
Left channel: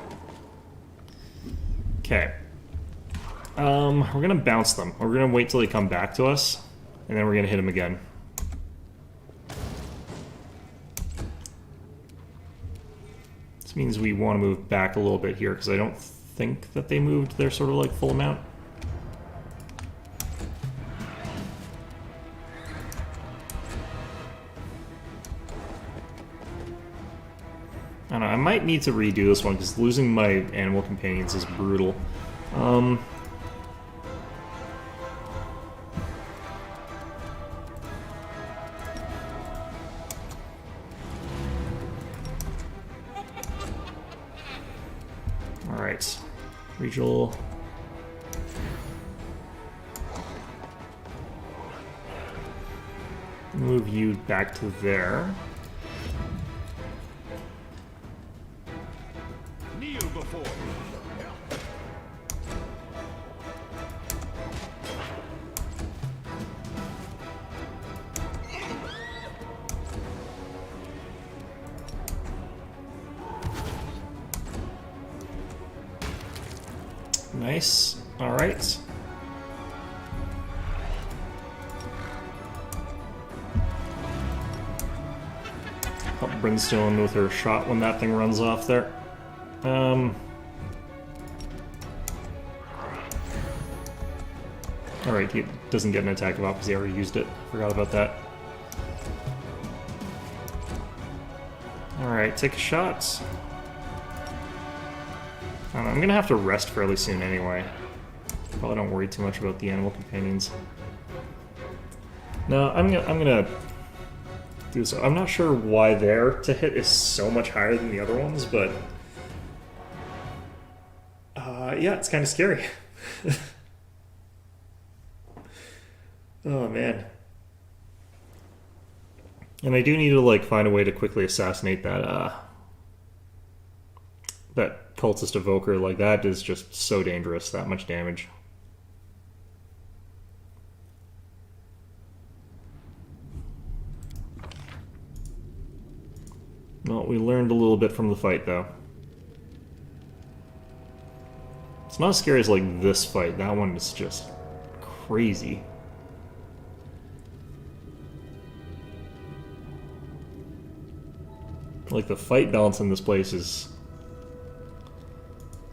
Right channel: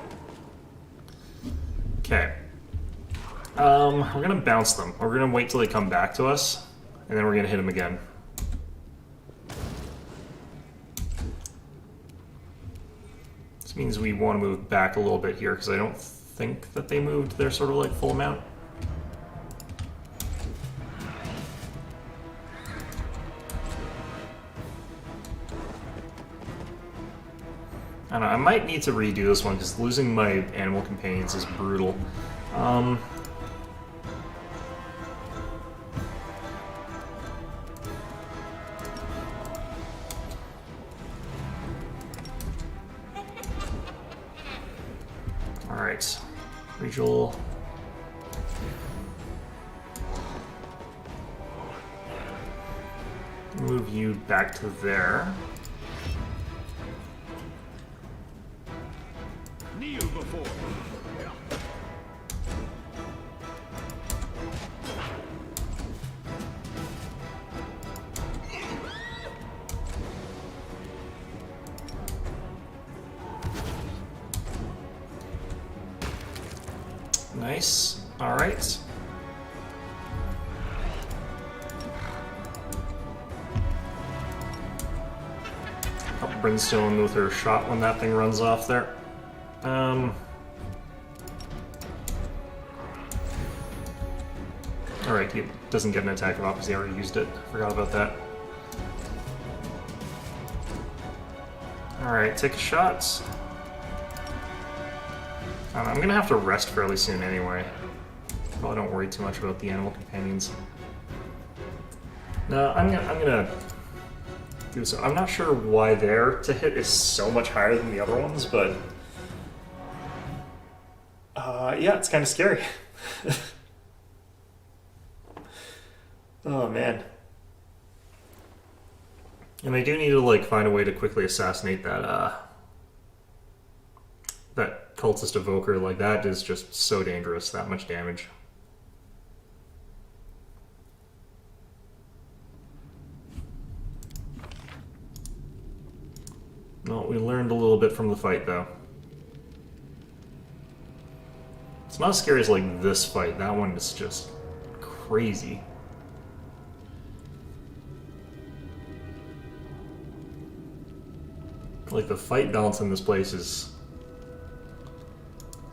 Okay. We're gonna bounce them. We're gonna wait till they come back to us, and then we're gonna hit them again. This means we want to move back a little bit here, because I don't think that they moved their sort of like full amount. I don't know, I might need to redo this one because losing my animal companions is brutal. Alright, Regional. Move you back to there. Kneel before me. Nice. Alright. Help Brimstone with her shot when that thing runs off there. Alright, he doesn't get an attack of off because he already used it. Forgot about that. Alright, take a shot. I don't know, I'm gonna have to rest fairly soon anyway. Probably don't worry too much about the animal companions. No, I'm gonna do so. I'm not sure why their to hit is so much higher than the other ones, but yeah, it's kind of scary. Oh man. And I do need to like find a way to quickly assassinate that that cultist evoker. Like that is just so dangerous, that much damage. Well, we learned a little bit from the fight though. It's not as scary as like this fight. That one is just crazy. Like the fight balance in this place is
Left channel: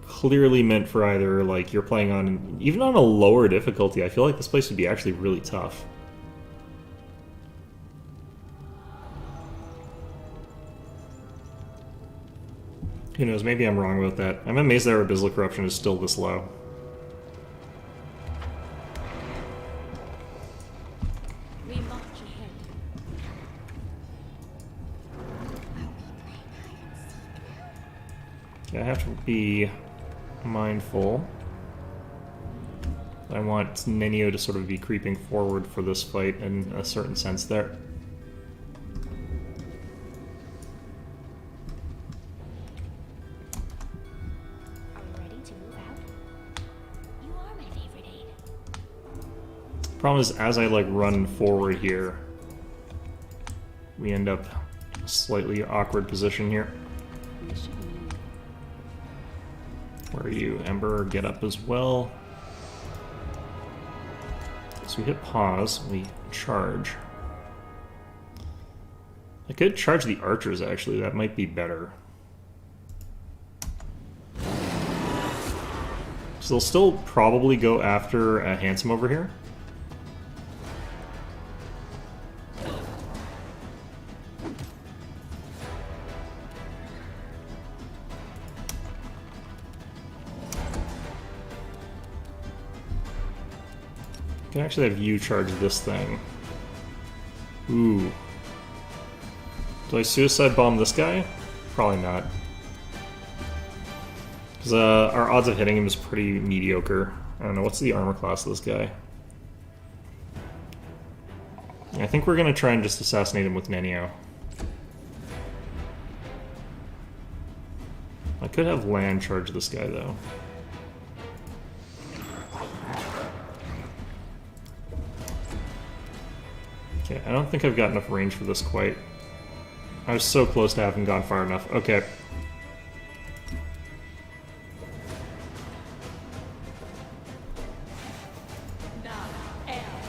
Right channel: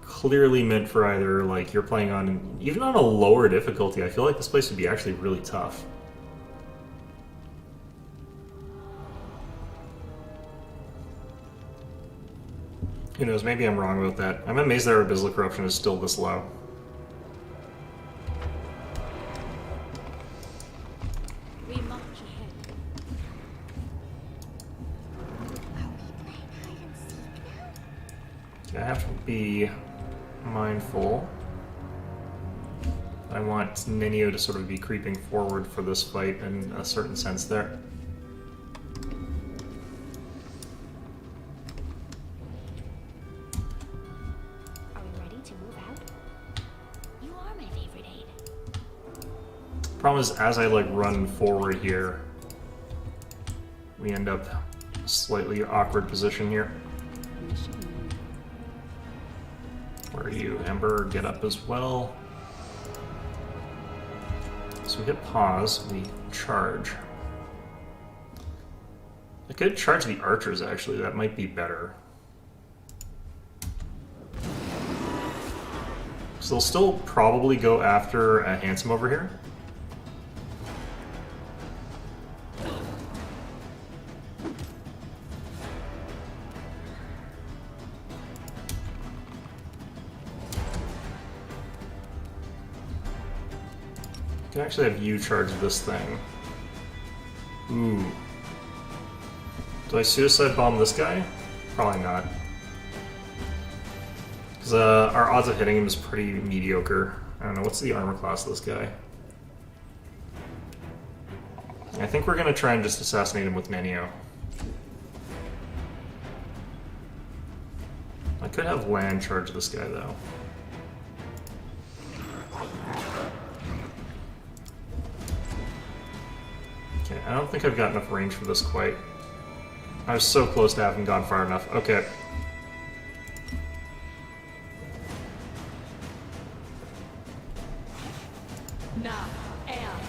clearly meant for either like you're playing on, even on a lower difficulty, I feel like this place would be actually really tough. Who knows, maybe I'm wrong about that. I'm amazed that our Abyssal Corruption is still this low. We march ahead. Okay, I have to be mindful. I want Nenio to sort of be creeping forward for this fight in a certain sense there. Are we ready to move out? You are my favorite aide. Problem is, as I like run forward here, we end up in a slightly awkward position here. We should move. Where are you, Ember? Get up as well. So we hit pause, we charge. I could charge the archers actually, that might be better. So they'll still probably go after a Handsome over here. I can actually have you charge this thing. Ooh. Do I suicide bomb this guy? Probably not. Because our odds of hitting him is pretty mediocre. I don't know, what's the armor class of this guy? I think we're going to try and just assassinate him with Nenio. I could have Land charge this guy, though. Okay, I don't think I've got enough range for this quite. I was so close to having gone far enough. Okay. Now, am.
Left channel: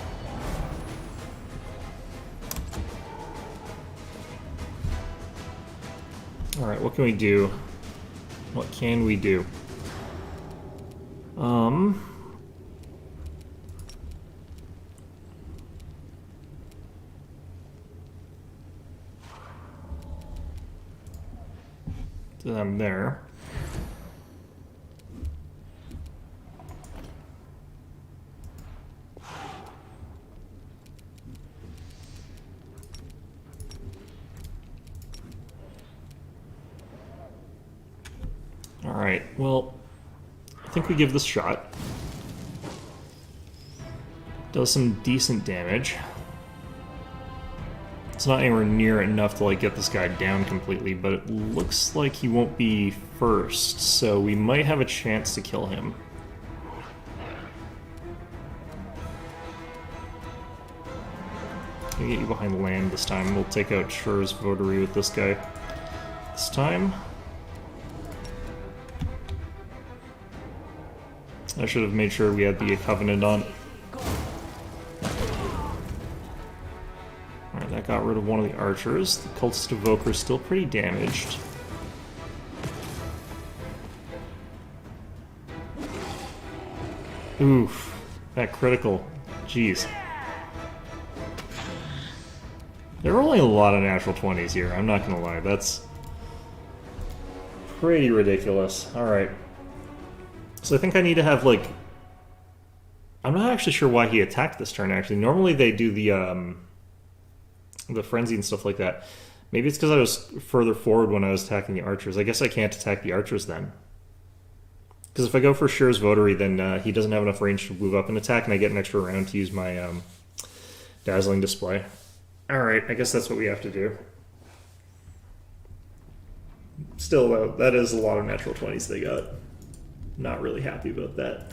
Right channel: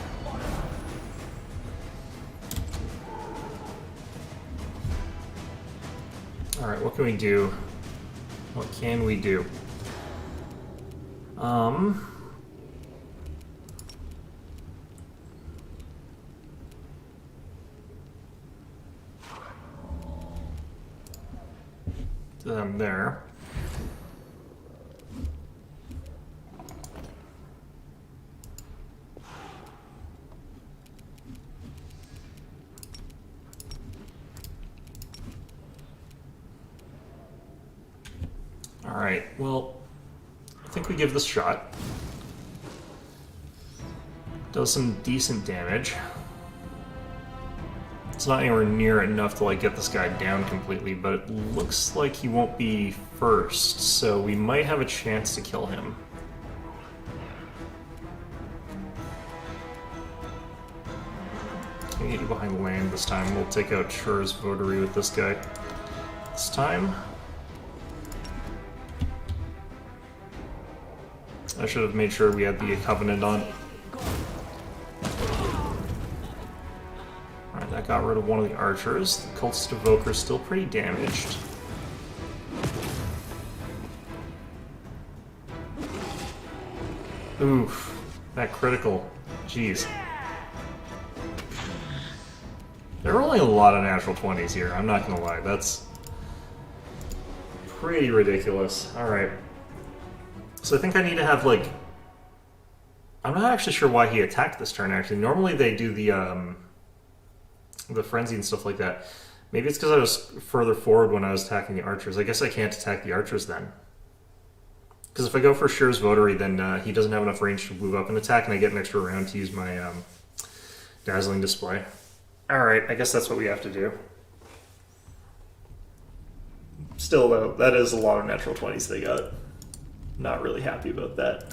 Alright, what can we do? What can we do? Um... To them there. Alright, well, I think we give this a shot. Does some decent damage. It's not anywhere near enough to like get this guy down completely, but it looks like he won't be first, so we might have a chance to kill him. Can I get you behind the land this time? We'll take out Shur's Votary with this guy this time. I should have made sure we had the Covenant on. Alright, that got rid of one of the archers. The Cultist Evoker is still pretty damaged. Oof. That critical. Jeez. There are only a lot of natural 20s here, I'm not gonna lie. That's pretty ridiculous. Alright. So I think I need to have, like... I'm not actually sure why he attacked this turn, actually. Normally they do the frenzy and stuff like that. Maybe it's because I was further forward when I was attacking the archers. I guess I can't attack the archers then. Because if I go for Shur's Votary, then he doesn't have enough range to move up and attack, and I get an extra round to use my Dazzling Display. Alright, I guess that's what we have to do. Still, though, that is a lot of natural 20s they got. Not really happy about that.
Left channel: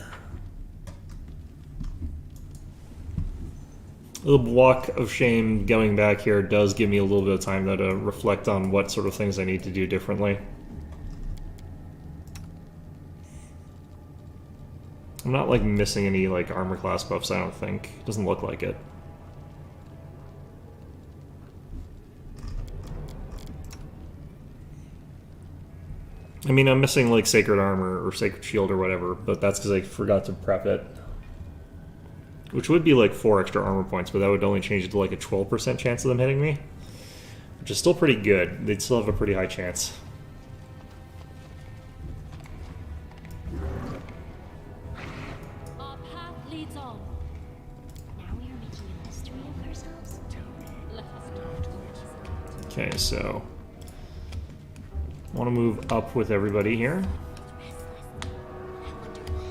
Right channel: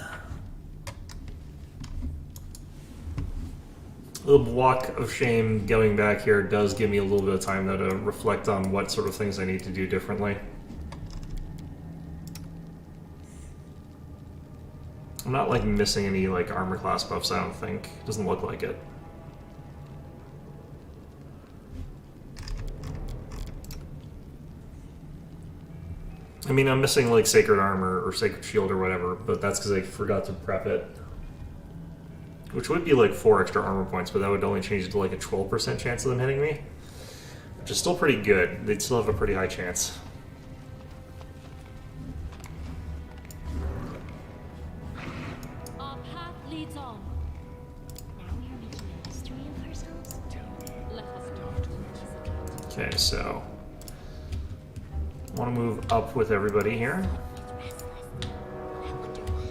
The Walk of Shame going back here does give me a little bit of time, though, to reflect on what sort of things I need to do differently. I'm not, like, missing any, like, armor class buffs, I don't think. Doesn't look like it. I mean, I'm missing, like, Sacred Armor or Sacred Shield or whatever, but that's because I forgot to prep it. Which would be, like, 4 extra armor points, but that would only change it to, like, a 12% chance of them hitting me. Which is still pretty good. They'd still have a pretty high chance. Our path leads on. Now we are making a mystery of ourselves. Let us know. Okay, so... I want to move up with everybody here. Restless. I wonder why.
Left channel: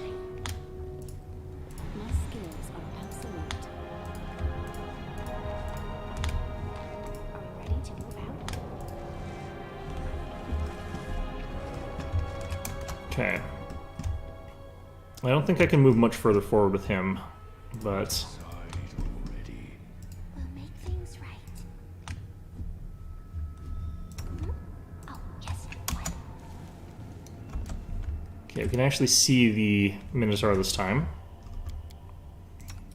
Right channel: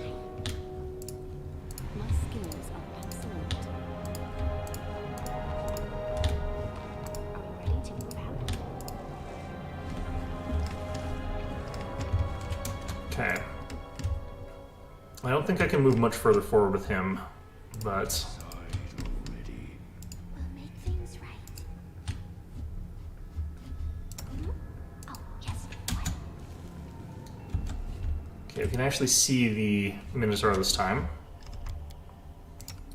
My skills are absolute. Are we ready to move out? Okay. I don't think I can move much further forward with him, but... Side already. We'll make things right. Hmm? Oh, yes. What? Okay, we can actually see the Minotaur this time.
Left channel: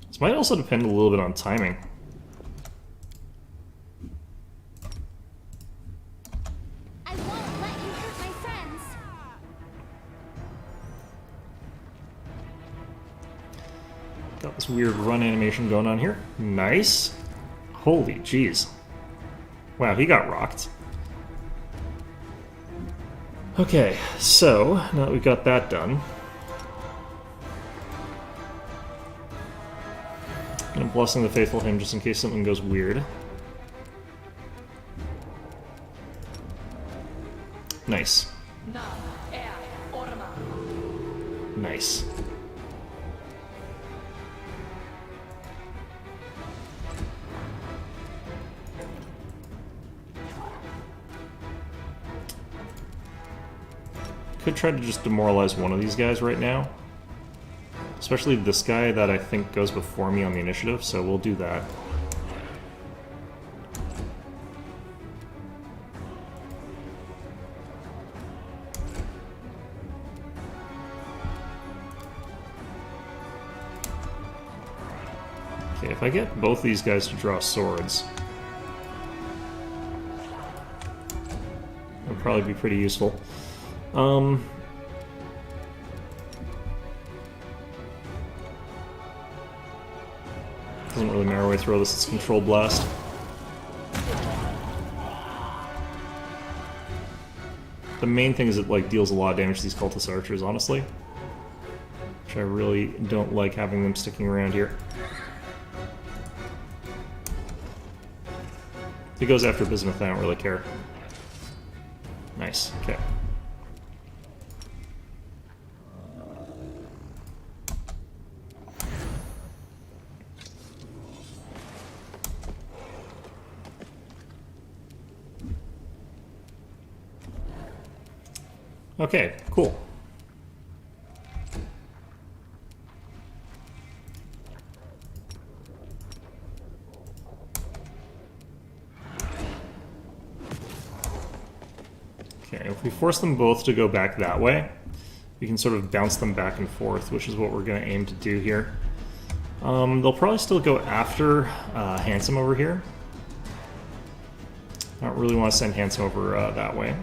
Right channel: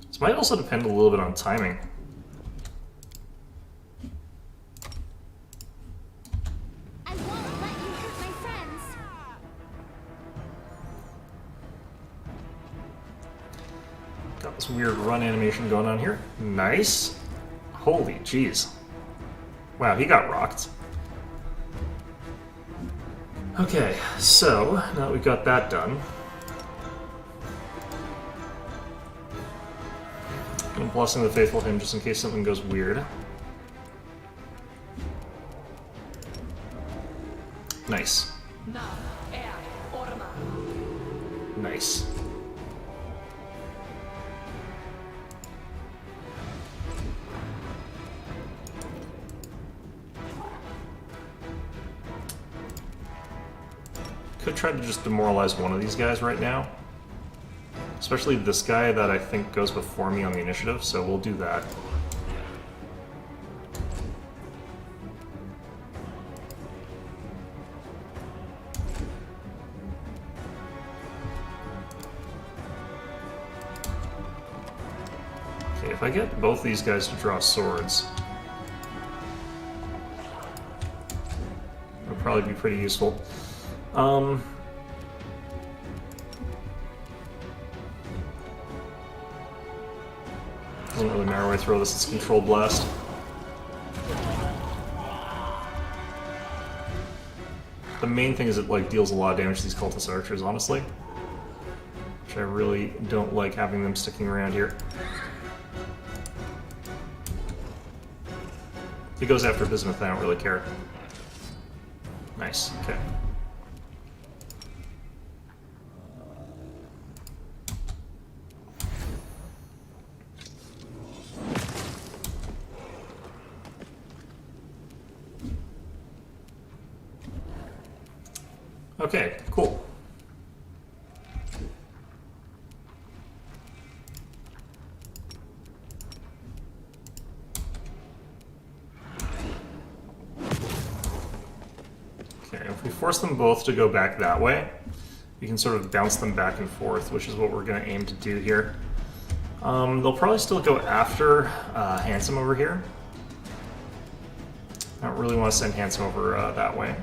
This might also depend a little bit on timing. I won't let you hurt my friends. Got this weird run animation going on here. Nice. Holy jeez. Wow, he got rocked. Okay, so now that we've got that done, I'm blessing the faithful him just in case something goes weird. Nice. Na, er, orma. Nice. Could try to just demoralize one of these guys right now. Especially this guy that I think goes before me on the initiative, so we'll do that. Okay, if I get both these guys to draw swords, that'll probably be pretty useful. Doesn't really matter where I throw this, it's controlled blast. The main thing is it like deals a lot of damage to these cultist archers, honestly. Which I really don't like having them sticking around here. If he goes after Bismuth, I don't really care. Nice, okay. Okay, cool. Okay, if we force them both to go back that way, we can sort of bounce them back and forth, which is what we're going to aim to do here. They'll probably still go after Handsome over here. I don't really want to send Handsome over that way.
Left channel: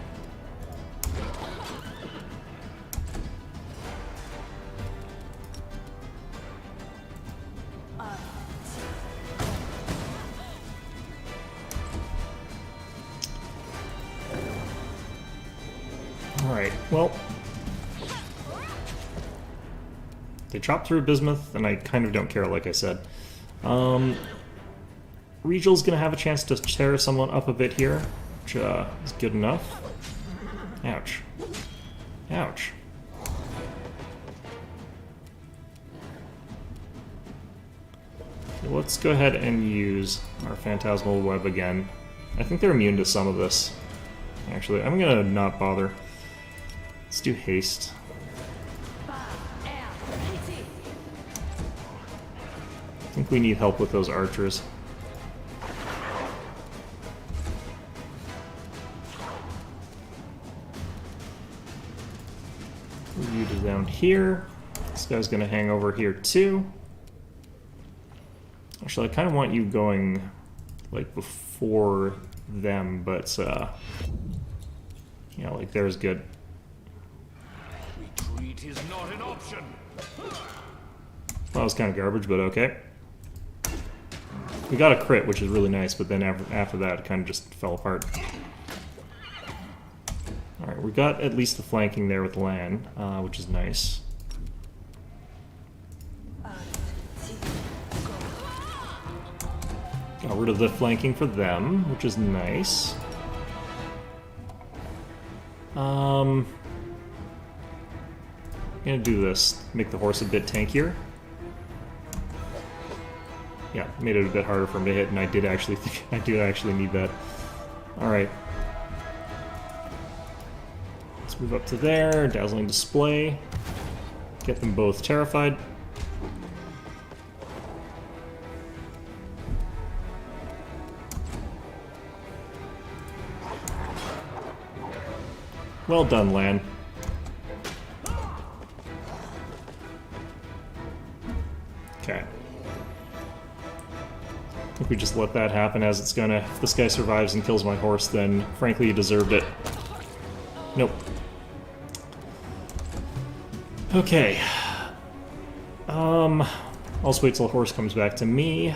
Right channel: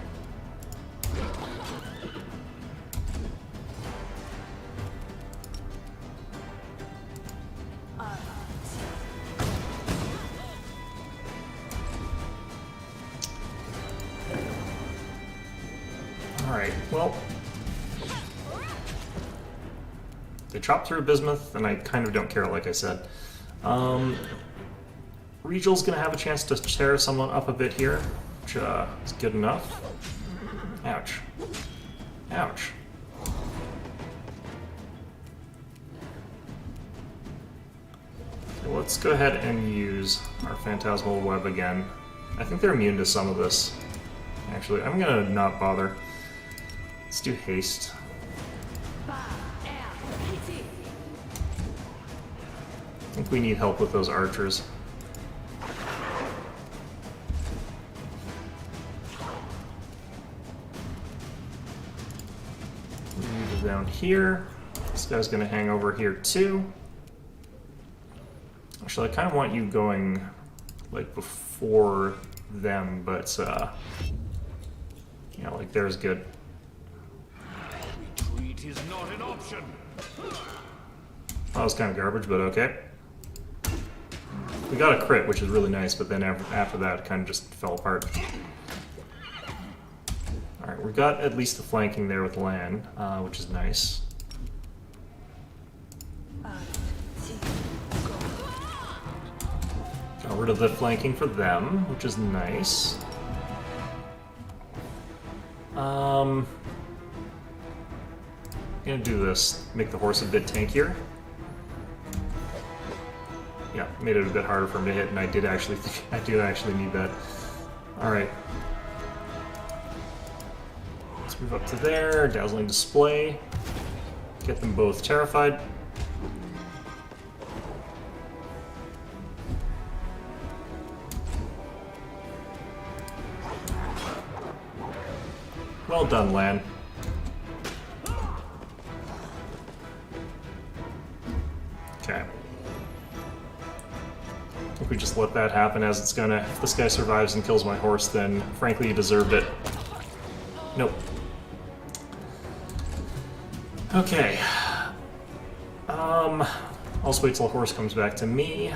Alright, well, they chop through Bismuth, and I kind of don't care, like I said. Regal's gonna have a chance to tear someone up a bit here, which is good enough. Ouch. Ouch. Okay, let's go ahead and use our Phantasmal Web again. I think they're immune to some of this. Actually, I'm gonna not bother. Let's do haste. I think we need help with those archers. You down here. This guy's gonna hang over here too. Actually, I kind of want you going like before them, but you know, like there's good. Retreat is not an option. That was kind of garbage, but okay. We got a crit, which is really nice, but then after that, it kind of just fell apart. Alright, we got at least the flanking there with Lan, which is nice. Got rid of the flanking for them, which is nice. I'm gonna do this, make the horse a bit tankier. Yeah, made it a bit harder for him to hit, and I did actually think I do actually need that. Alright. Let's move up to there, dazzling display. Get them both terrified. Well done, Lan. Okay. I think we just let that happen as it's gonna. If this guy survives and kills my horse, then frankly he deserved it. Nope. Okay. I'll just wait till the horse comes back to me.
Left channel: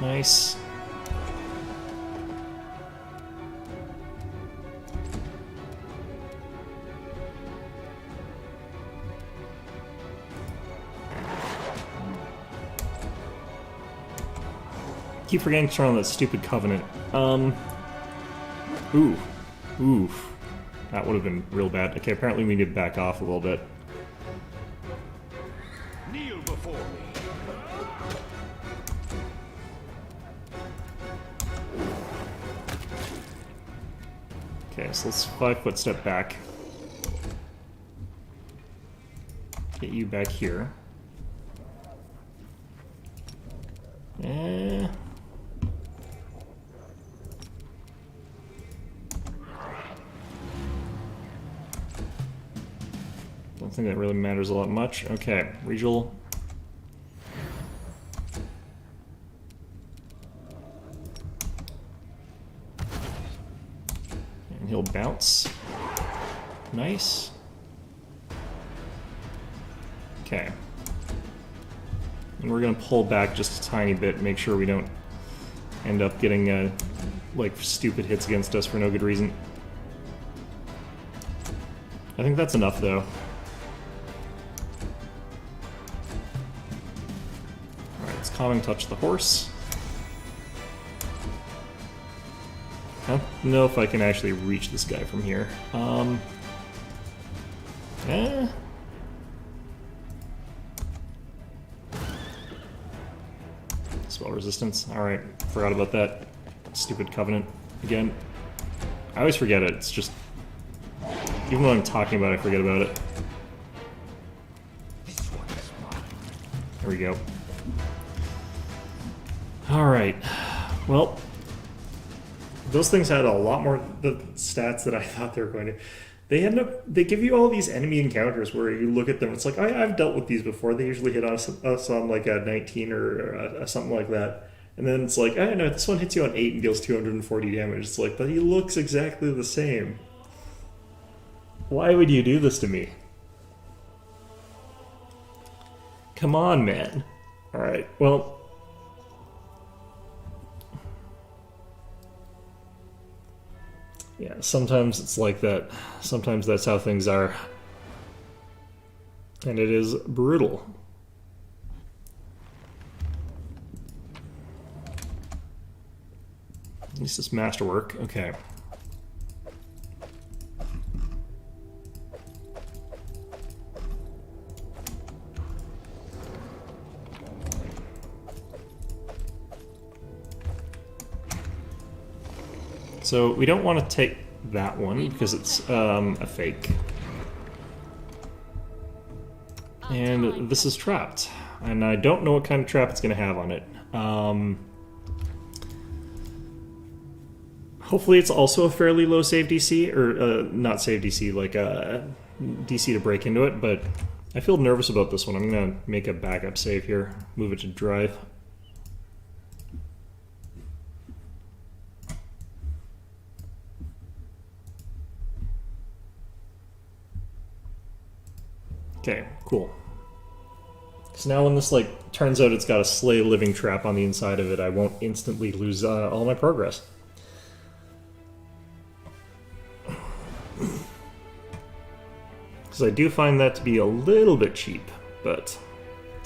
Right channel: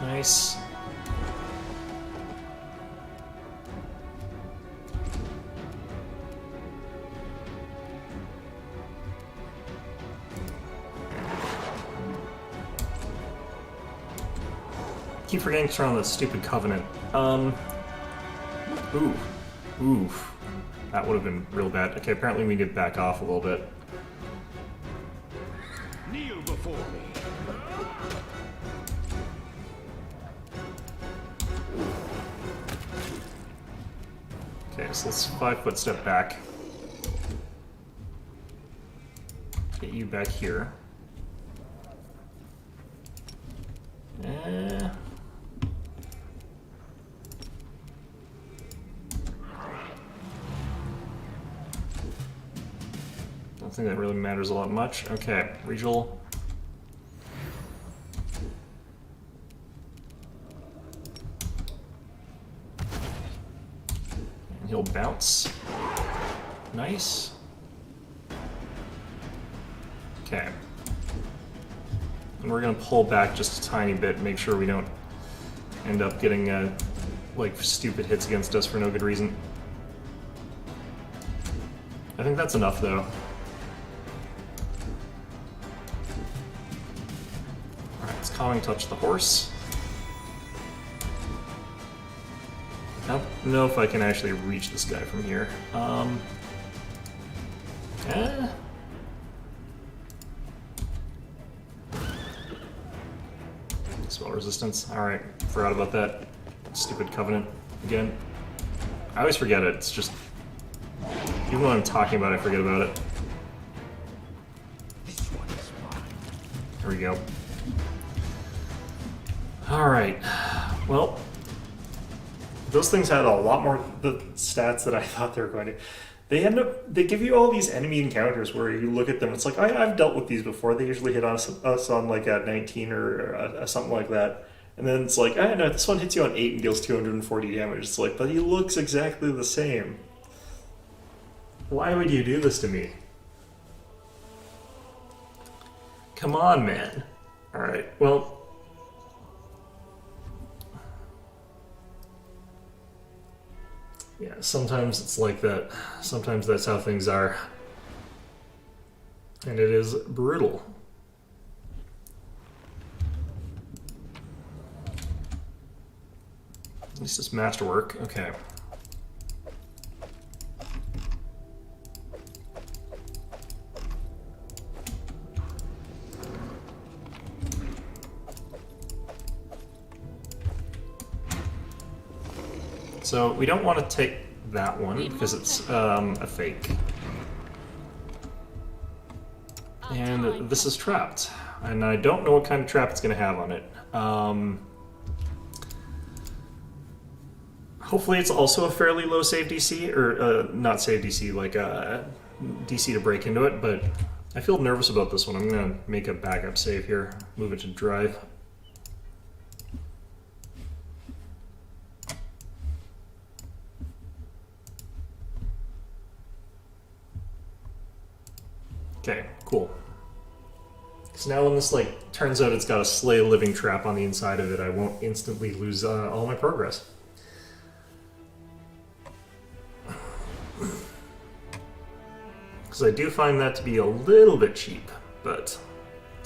Nice. Keep forgetting to turn on that stupid covenant. Ooh. Oof. That would have been real bad. Okay, apparently we need to back off a little bit. Kneel before me. Okay, so let's 5-foot step back. Get you back here. Don't think that really matters a lot much. Okay, Regal. And he'll bounce. Nice. Okay. And we're gonna pull back just a tiny bit, make sure we don't end up getting like stupid hits against us for no good reason. I think that's enough though. Alright, let's calming touch the horse. I don't know if I can actually reach this guy from here. Spell resistance. Alright, forgot about that. Stupid covenant again. I always forget it. It's just, even when I'm talking about it, I forget about it. This one is mine. There we go. Alright. Well, those things had a lot more the stats that I thought they were going to. They give you all these enemy encounters where you look at them, it's like, I've dealt with these before. They usually hit us on like a 19 or something like that. And then it's like, I know, this one hits you on 8 and deals 240 damage. It's like, but he looks exactly the same. Why would you do this to me? Come on, man. Alright, well... yeah, sometimes it's like that. Sometimes that's how things are. And it is brutal. At least it's masterwork. Okay. So we don't want to take that one because it's a fake. And this is trapped. And I don't know what kind of trap it's going to have on it. Hopefully it's also a fairly low save DC, or not save DC, like DC to break into it, but I feel nervous about this one. I'm going to make a backup save here, move it to drive. Okay, cool. So now when this like turns out it's got a slay living trap on the inside of it, I won't instantly lose all my progress. Because I do find that to be a little bit cheap, but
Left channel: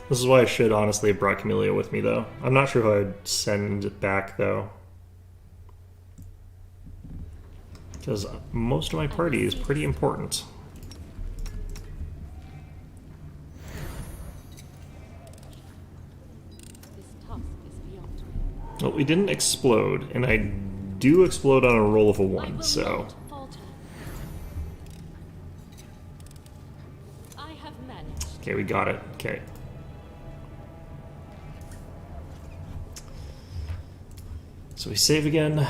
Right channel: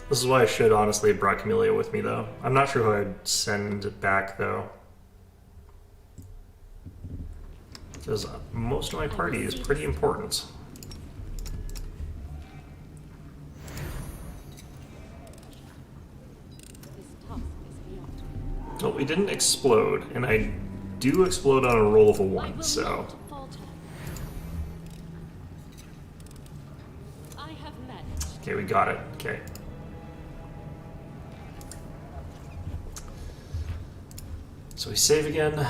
this is why I should honestly have brought Camellia with me though. I'm not sure who I'd send back though. Because most of my party is pretty important. Well, we didn't explode, and I do explode on a roll of a 1, so... I have managed. Okay, we got it. Okay. So we save again.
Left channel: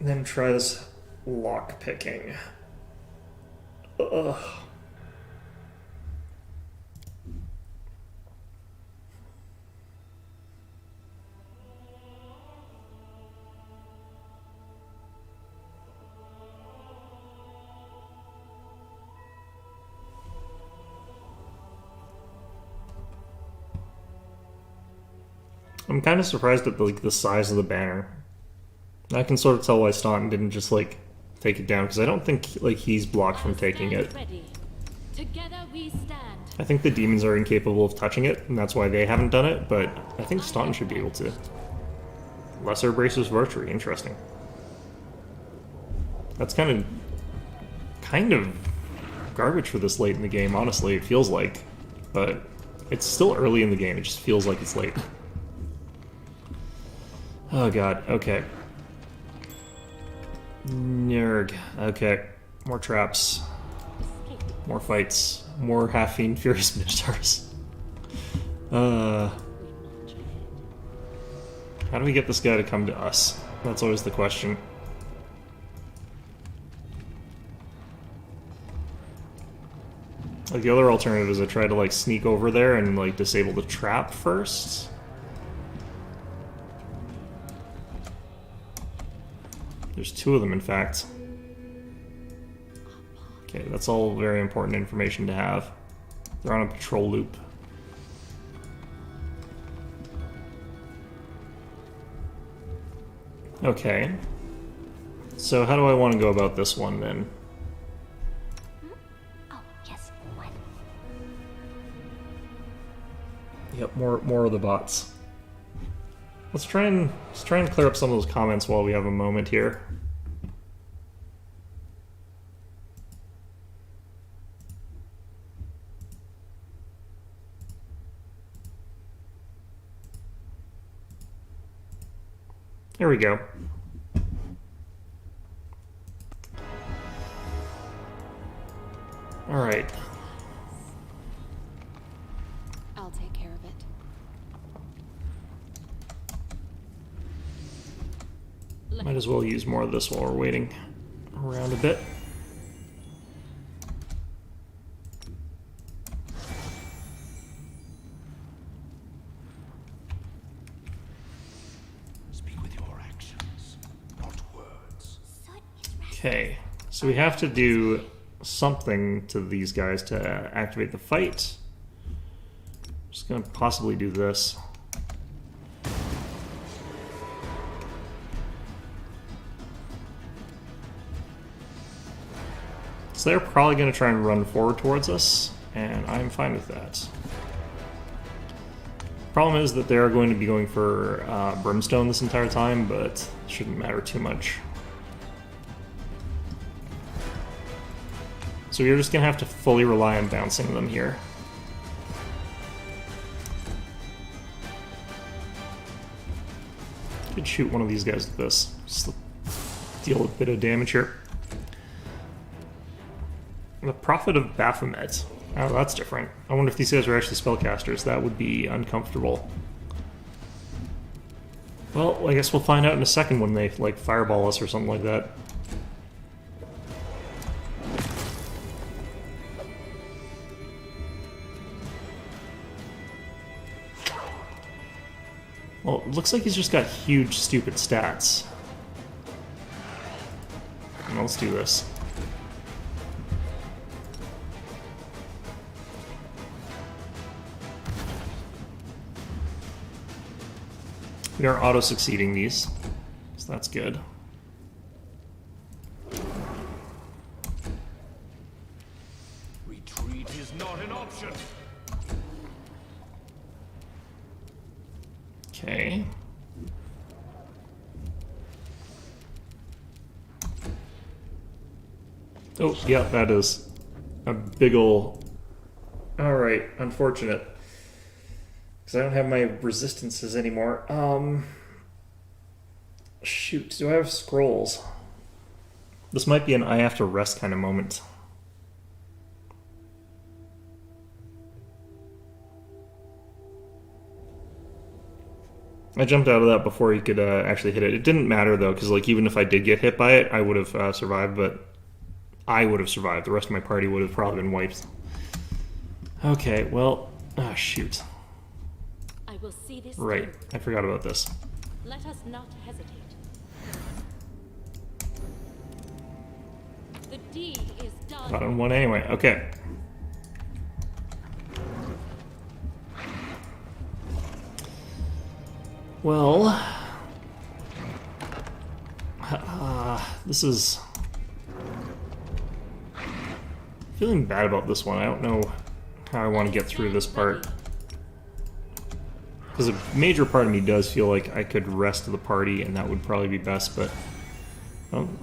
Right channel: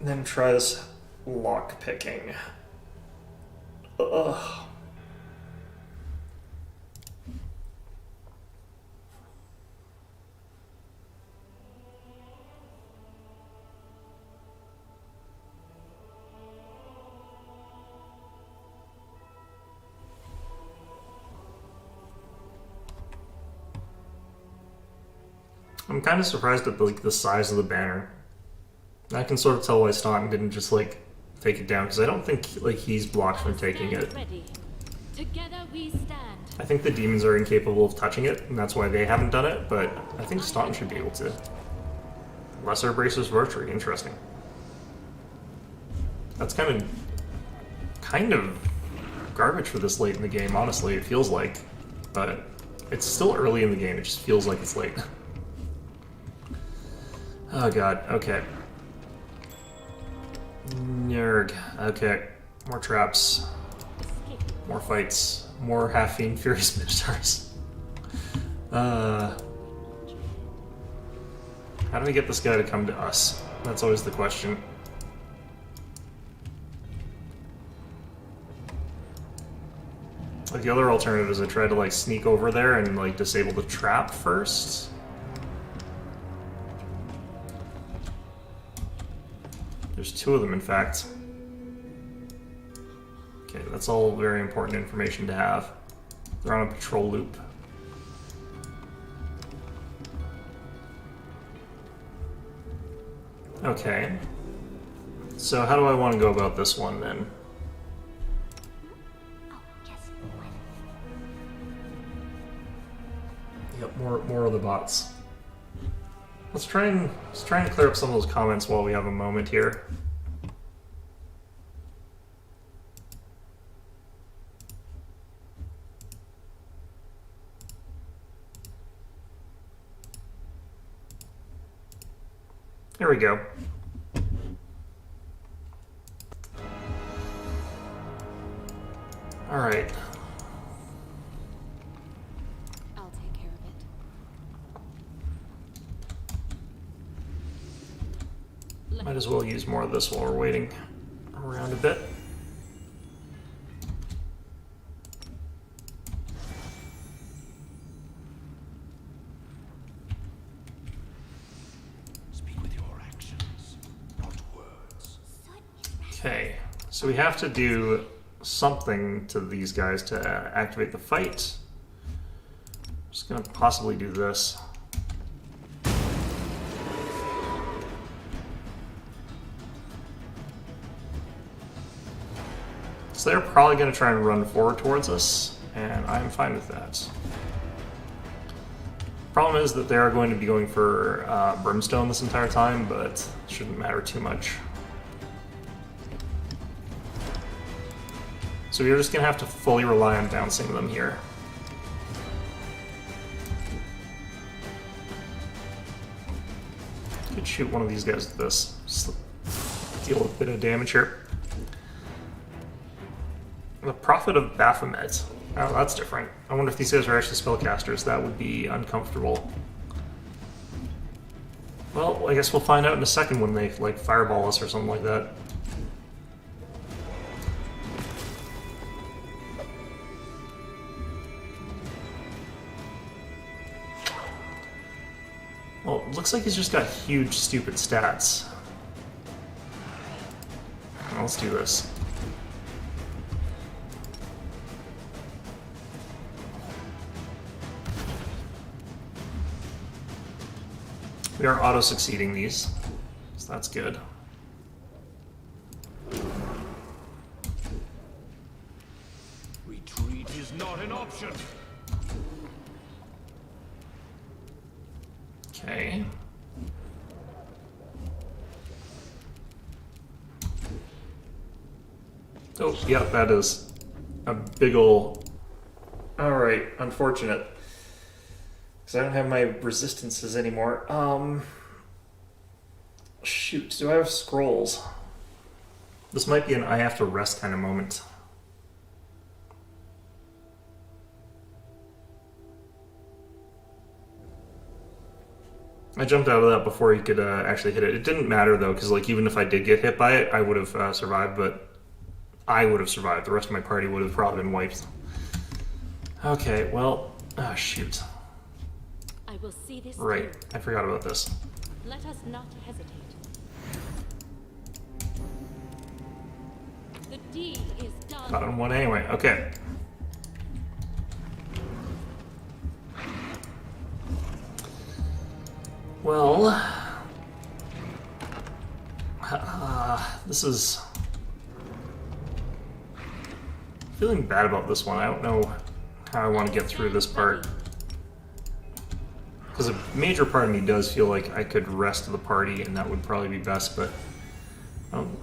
And then try this lock picking. Ugh. I'm kind of surprised at the size of the banner. I can sort of tell why Staunton didn't just like take it down, because I don't think like he's blocked from taking it. Ready. Together we stand. I think the demons are incapable of touching it, and that's why they haven't done it, but I think Staunton should be able to. Lesser bracers of archery, interesting. That's kind of garbage for this late in the game, honestly, it feels like. But it's still early in the game, it just feels like it's late. Oh god, okay. Nerd. Okay. More traps. More fights. More half-fiend furious minotaurs. How do we get this guy to come to us? That's always the question. Like, the other alternative is I try to like sneak over there and like disable the trap first. There's 2 of them, in fact. Okay, that's all very important information to have. They're on a patrol loop. Okay. So how do I want to go about this one then? Oh, yes. What? Yep, more of the bots. Let's try and clear up some of those comments while we have a moment here. There we go. All right. I'll take care of it. Might as well use more of this while we're waiting around a bit. Speak with your actions, not words. Soot is Okay, so we have to do something to these guys to activate the fight. Just gonna possibly do this. So they're probably gonna try and run forward towards us, and I'm fine with that. Problem is that they are going to be going for Brimstone this entire time, but it shouldn't matter too much. So we're just gonna have to fully rely on bouncing them here. Could shoot one of these guys with this. Just deal with a bit of damage here. The Prophet of Baphomet. Oh, that's different. I wonder if these guys are actually spellcasters. That would be uncomfortable. Well, I guess we'll find out in a second when they, like, fireball us or something like that. Well, it looks like he's just got huge, stupid stats. Well, let's do this. We are auto-succeeding these, so that's good. Retreat is not an option. Okay. Oh, yeah, that is a big ol'... Alright, unfortunate. Because I don't have my resistances anymore. Shoot, do I have scrolls? This might be an I have to rest kind of moment. I jumped out of that before he could actually hit it. It didn't matter though, because like even if I did get hit by it, I would have survived. But I would have survived. The rest of my party would have probably been wiped. Okay, well, ah, shoot. I will see this Right, through. I forgot about this. Let us not hesitate. The deed is done. Got on one anyway. Okay. Well, this is feeling bad about this one. I don't know how I want to get through this part. Because a major part of me does feel like I could rest the party and that would probably be best, but I don't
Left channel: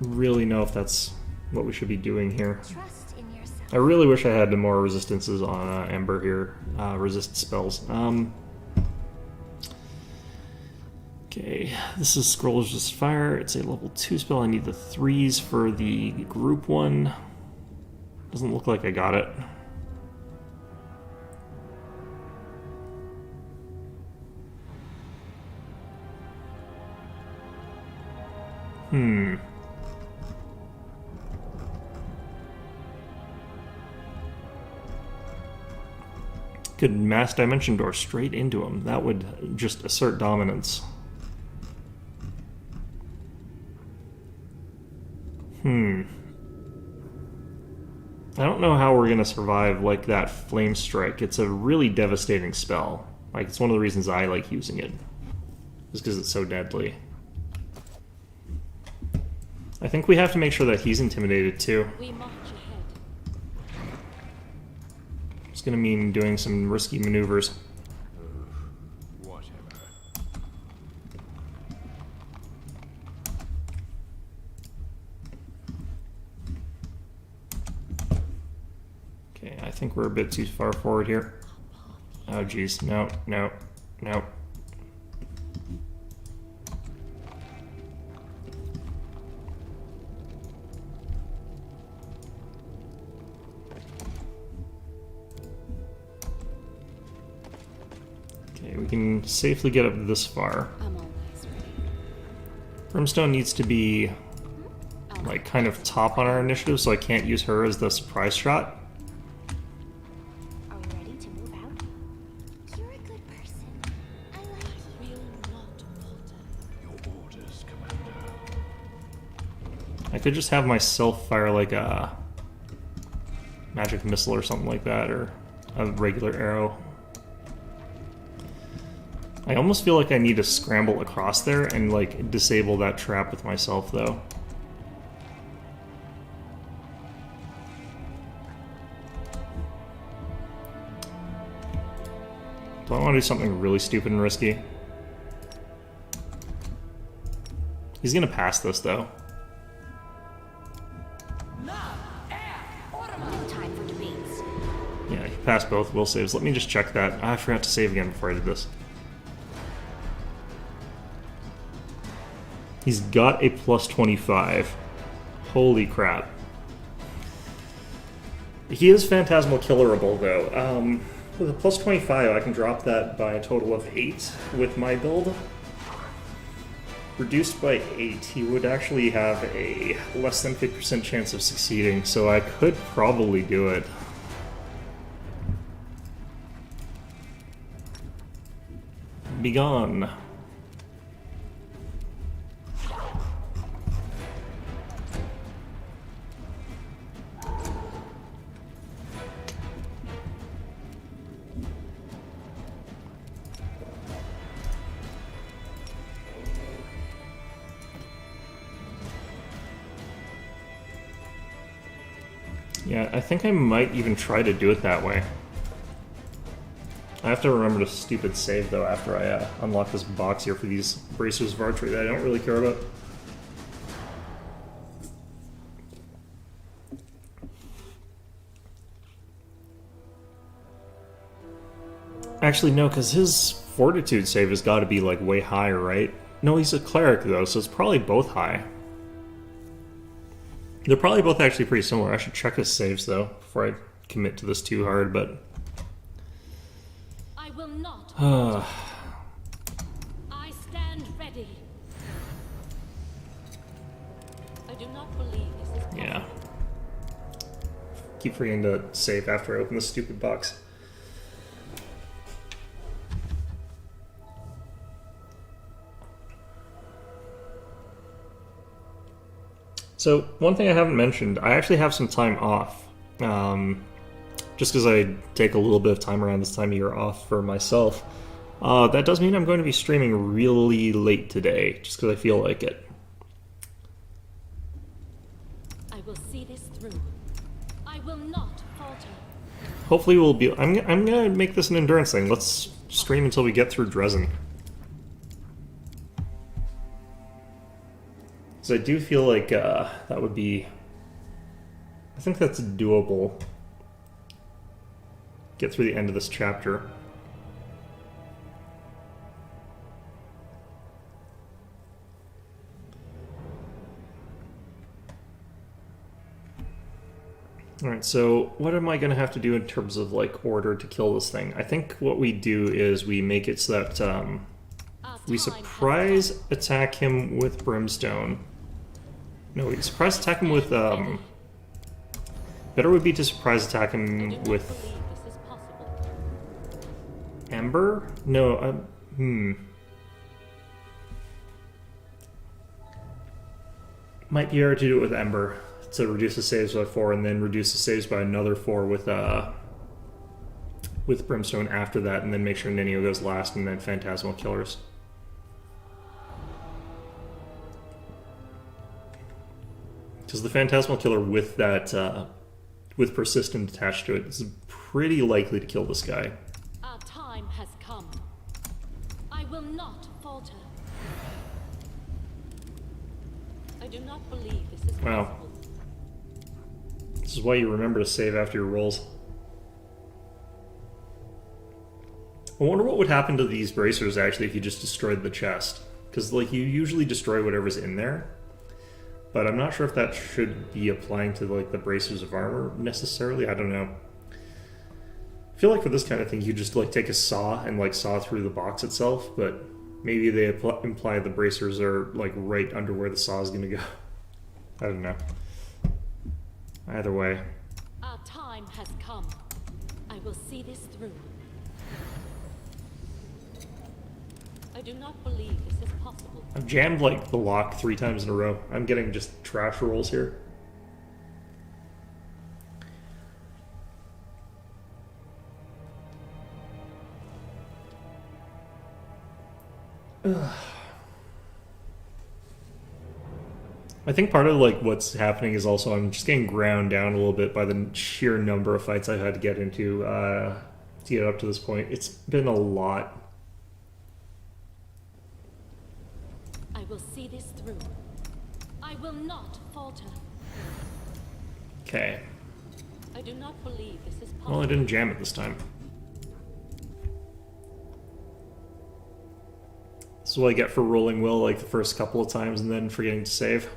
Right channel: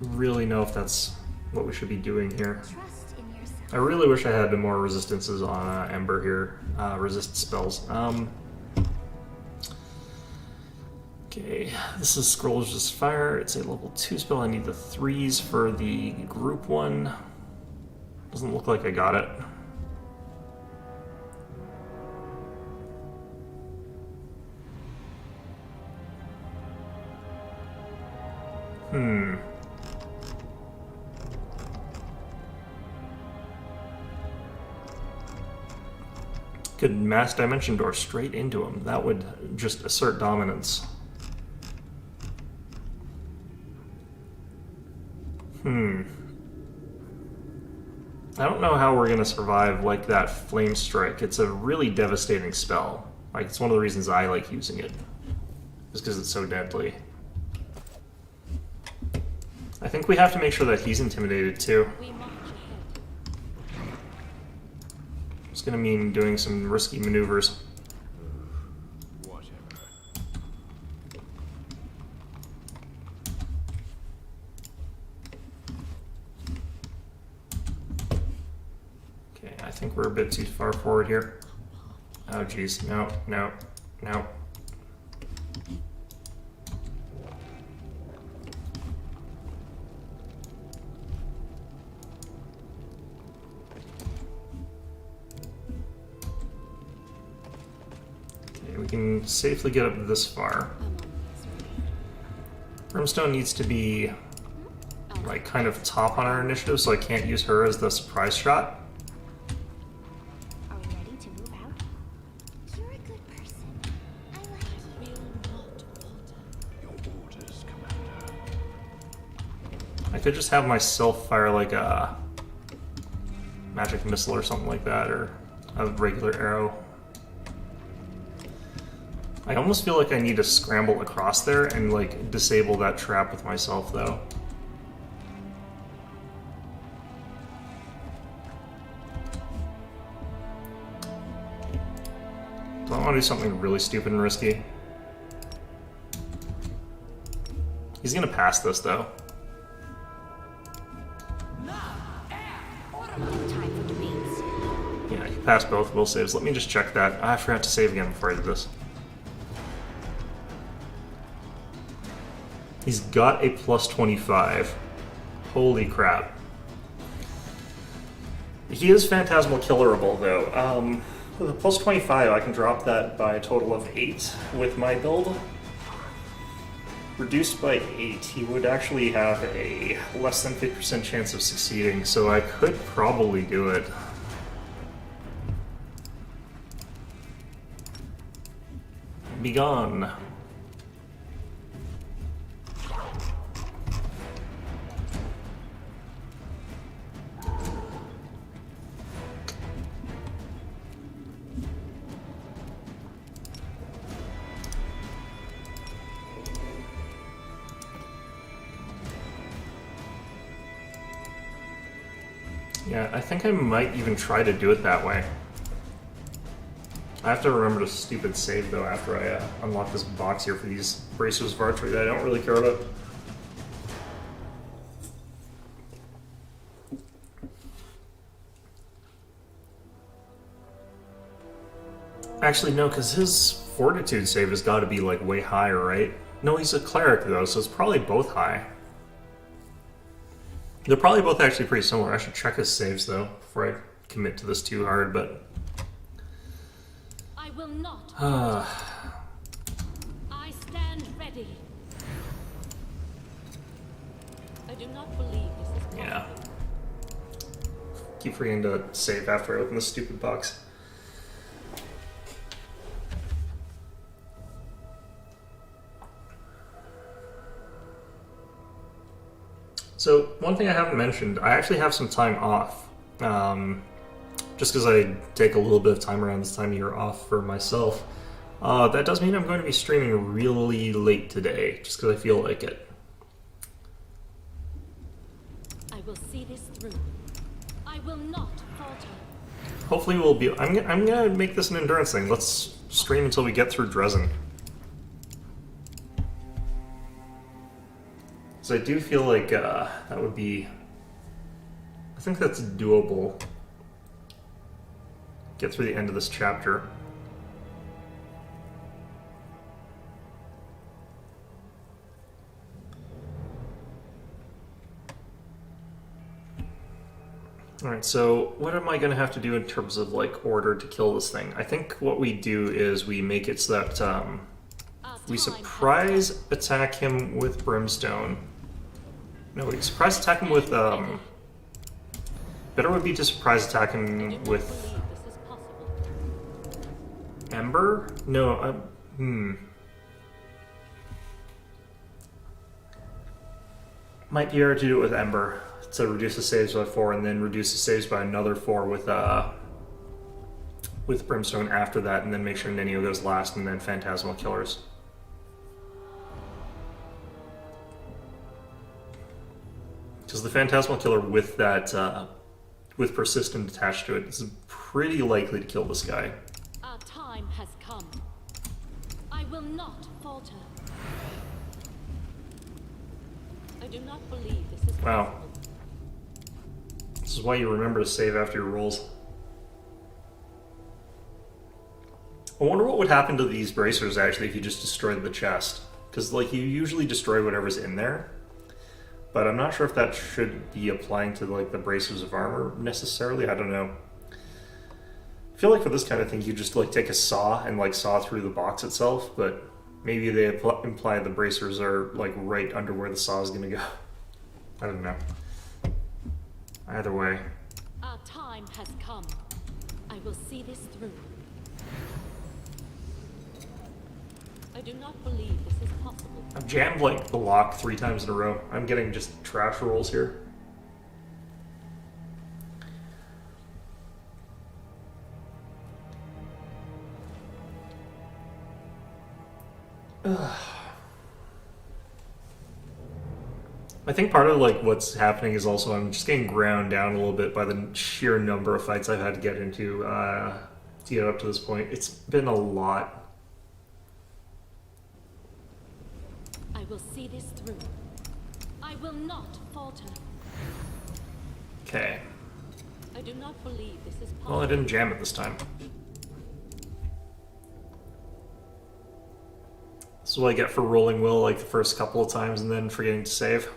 really know if that's what we should be doing here. Trust in yourself. I really wish I had more resistances on Ember here, resist spells. Okay, this is Scroll Resist Fire. It's a level 2 spell. I need the 3s for the group one. Doesn't look like I got it. Could Mass Dimension Door straight into him. That would just assert dominance. I don't know how we're gonna survive like that flame strike. It's a really devastating spell. Like, it's one of the reasons I like using it. Just because it's so deadly. I think we have to make sure that he's intimidated too. We march ahead. It's gonna mean doing some risky maneuvers. Whatever. Okay, I think we're a bit too far forward here. Oh geez, no, no, no. Okay, we can safely get up this far. I'm always ready. Brimstone needs to be like kind of top on our initiative, so I can't use her as the surprise shot. Are we ready to move out? You're a good person. I like you. Will not falter. Your orders, Commander. I could just have myself fire like a magic missile or something like that, or a regular arrow. I almost feel like I need to scramble across there and like disable that trap with myself though. Do I want to do something really stupid and risky? He's gonna pass this though. No time for debates. Yeah, he passed both will saves. Let me just check that. I forgot to save again before I did this. He's got a plus 25. Holy crap. He is Phantasmal Killerable, though. With a plus 25, I can drop that by a total of 8 with my build. Reduced by 8, he would actually have a less than 50% chance of succeeding, so I could probably do it. Begone. Yeah, I think I might even try to do it that way. I have to remember the stupid save, though, after I unlock this box here for these bracers of archery that I don't really care about. Actually, no, because his fortitude save has got to be, like, way higher, right? No, he's a cleric, though, so it's probably both high. They're probably both actually pretty similar. I should check his saves, though, before I commit to this too hard, but... I will not falter. I stand ready. I do not believe this is possible. Yeah. Keep forgetting to save after I open this stupid box. So, one thing I haven't mentioned, I actually have some time off. Just because I take a little bit of time around this time of year off for myself. That does mean I'm going to be streaming really late today, just because I feel like it. I will see this through. I will not falter. Hopefully we'll be... I'm gonna make this an endurance thing. Let's stream until we get through Dresden. So I do feel like that would be... I think that's doable. Get through the end of this chapter. Alright, so what am I going to have to do in terms of, like, order to kill this thing? I think what we do is we make it so that we surprise attack him with Brimstone. No, we surprise attack him with, better would be to surprise attack I do him not with believe this is possible. Ember? No, Might be hard to do it with Ember. to reduce the saves by 4, and then reduce the saves by another 4 with Brimstone after that, and then make sure Nenio goes last, and then Phantasmal Killers. Because the Phantasmal Killer with that, with Persistent attached to it, is pretty likely to kill this guy. Our time has come. I will not falter. I do not believe this is Wow. possible. This is why you remember to save after your rolls. I wonder what would happen to these bracers, actually, if you just destroyed the chest. Because, like, you usually destroy whatever's in there. But I'm not sure if that should be applying to, like, the bracers of armor, necessarily. I don't know. I feel like for this kind of thing, you just, like, take a saw and, like, saw through the box itself. But maybe they imply the bracers are, like, right under where the saw is going to go. I don't know. Either way. Our time has come. I will see this through. I do not believe this is possible. I've jammed, like, the lock 3 times in a row. I'm getting just trash rolls here. I think part of, like, what's happening is also I'm just getting ground down a little bit by the sheer number of fights I've had to get into to get up to this point. It's been a lot. I will see this through. I will not falter. Okay. I do not believe this is possible. Well, I didn't jam it this time. This is what I get for rolling Will, like, the first couple of times and then forgetting to save.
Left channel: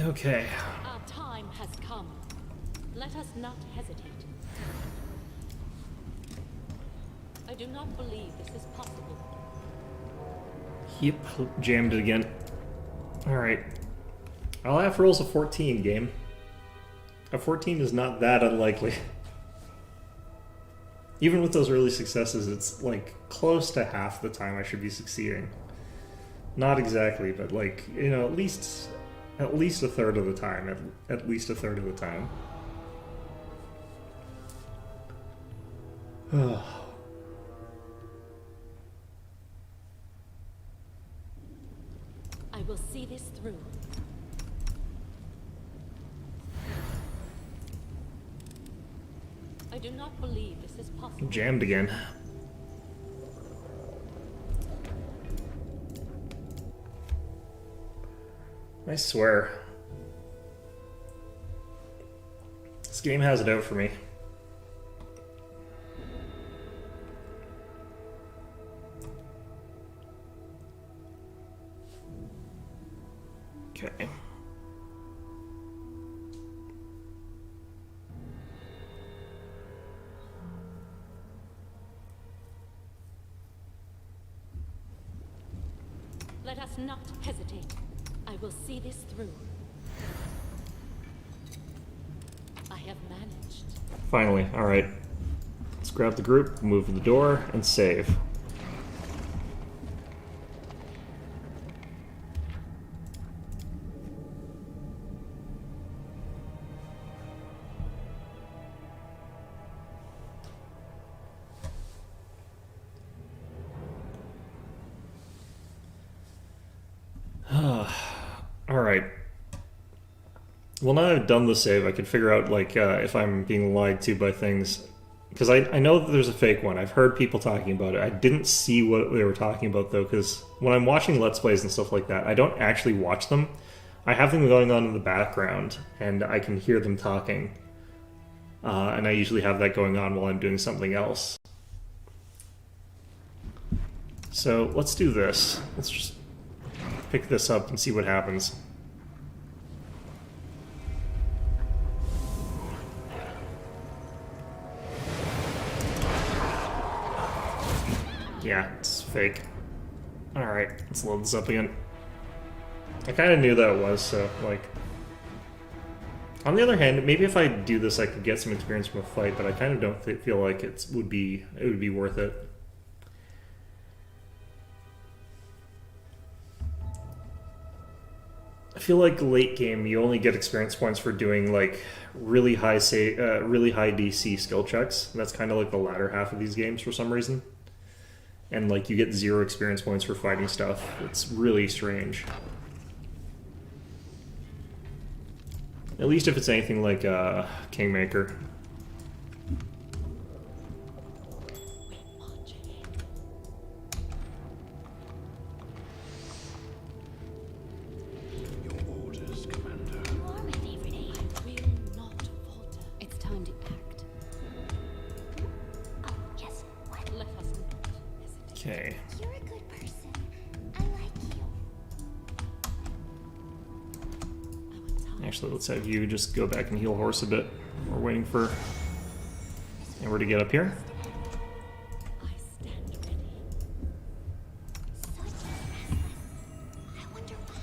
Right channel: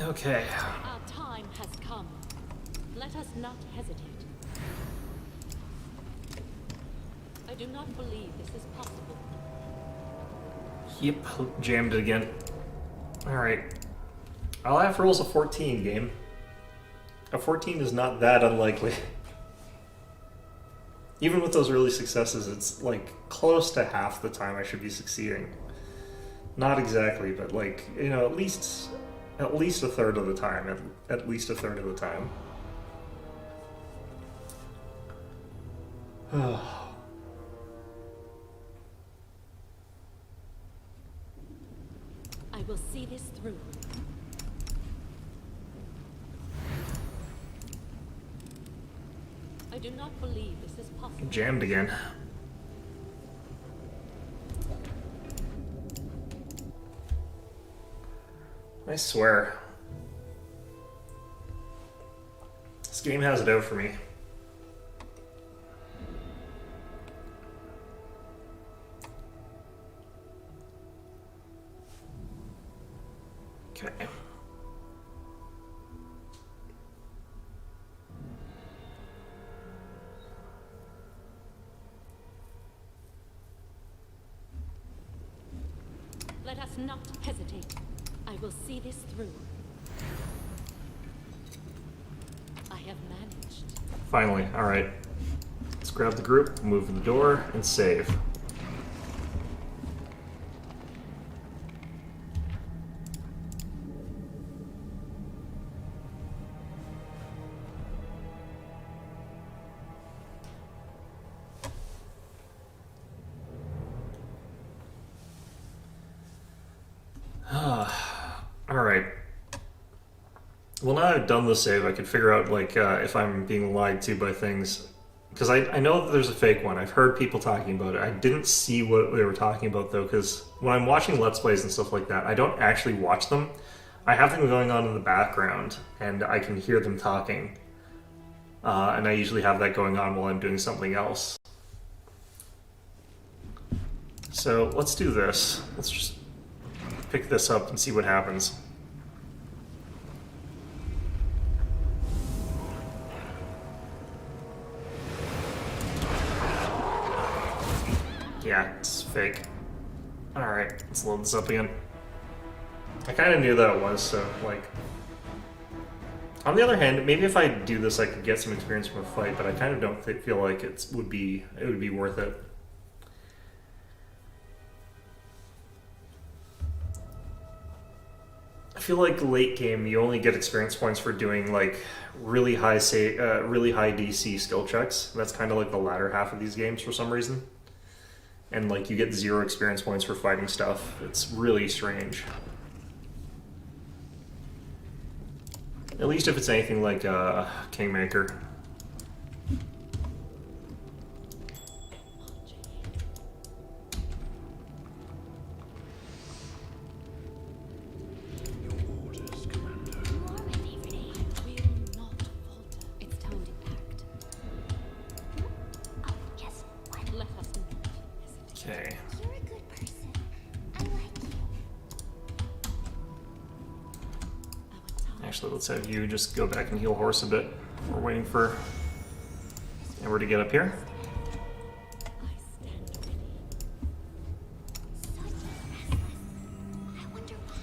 Okay. Our time has come. Let us not hesitate. I do not believe this is possible. Yep, jammed it again. Alright. I'll have rolls a 14, game. A 14 is not that unlikely. Even with those early successes, it's like close to half the time I should be succeeding. Not exactly, but like, you know, at least a third of the time. At least a third of the time. I will see this through. I do not believe this is possible. Jammed again. I swear. This game has it out for me. Okay. Let us not hesitate. I will see this through. I have managed. Finally, alright. Let's grab the group, move to the door, and save. Alright. Well, now I've done the save, I can figure out, like, if I'm being lied to by things. Because I know that there's a fake one. I've heard people talking about it. I didn't see what they were talking about, though, because when I'm watching Let's Plays and stuff like that, I don't actually watch them. I have them going on in the background, and I can hear them talking. And I usually have that going on while I'm doing something else. So, let's do this. Let's just pick this up and see what happens. Yeah, it's fake. Alright, let's load this up again. I kind of knew that it was, so, like... On the other hand, maybe if I do this I could get some experience from a fight, but I kind of don't feel like it would be worth it. I feel like late game you only get experience points for doing like really high DC skill checks. That's kind of like the latter half of these games for some reason. And like you get 0 experience points for fighting stuff. It's really strange. At least if it's anything like Kingmaker. Your orders, Commander. You are my favorite aide. I will not falter. It's time to act. Oh, yes. What? Let us not hesitate. Okay. You're a good person. I like you. Our time Actually, let's have you just go back and heal Horse a bit. We're waiting for Amber to get up here. I stand ready. Such restless. I wonder why.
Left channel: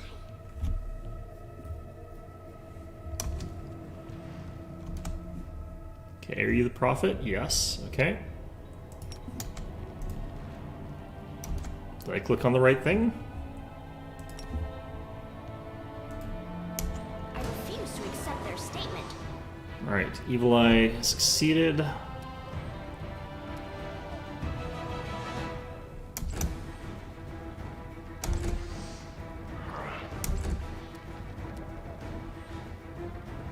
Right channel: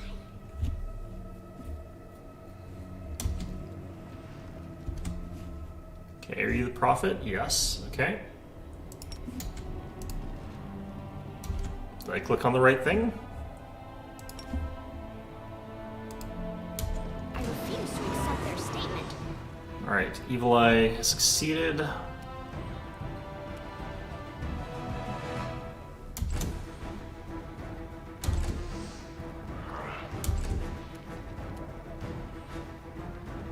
Okay, are you the prophet? Yes. Okay. Did I click on the right thing? I refuse to accept their statement. Alright, Evil Eye has succeeded.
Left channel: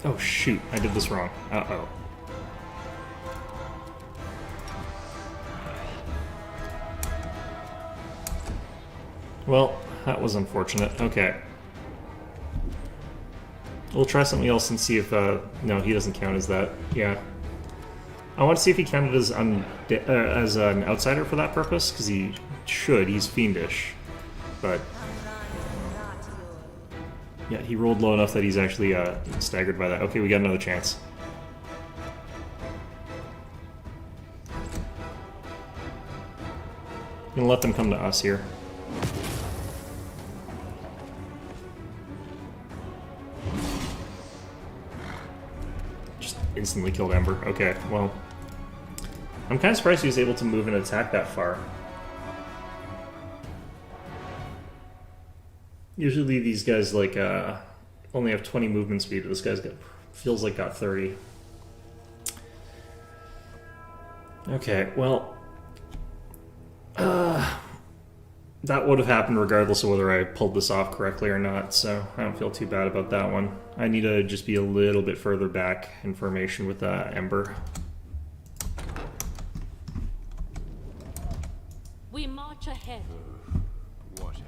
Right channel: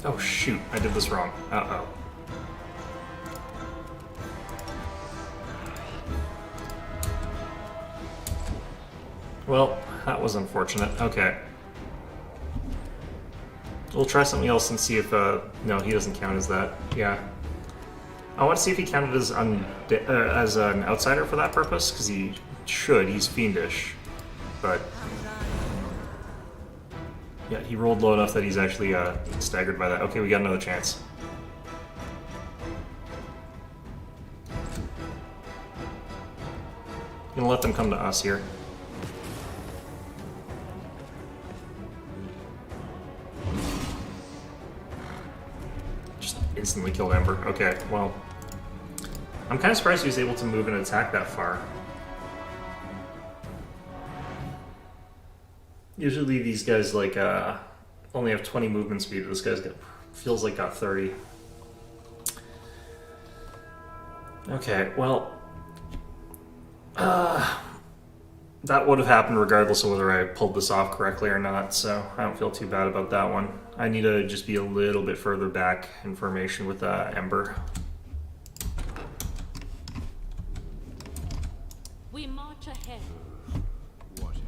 Oh shoot, I did this wrong. Uh-oh. Well, that was unfortunate. Okay. We'll try something else and see if, no, he doesn't count as that. Yeah. I want to see if he counted as an outsider for that purpose, because he should. He's fiendish. But... yeah, he rolled low enough that he's actually staggered by that. Okay, we got another chance. Gonna let them come to us here. Just instantly killed Ember. Okay, well. I'm kind of surprised he was able to move and attack that far. Usually these guys like only have 20 movement speed. This guy's got feels like got 30. Okay, well, that would have happened regardless of whether I pulled this off correctly or not. So I don't feel too bad about that one. I need to just be a little bit further back in formation with Ember. we march ahead. Whatever.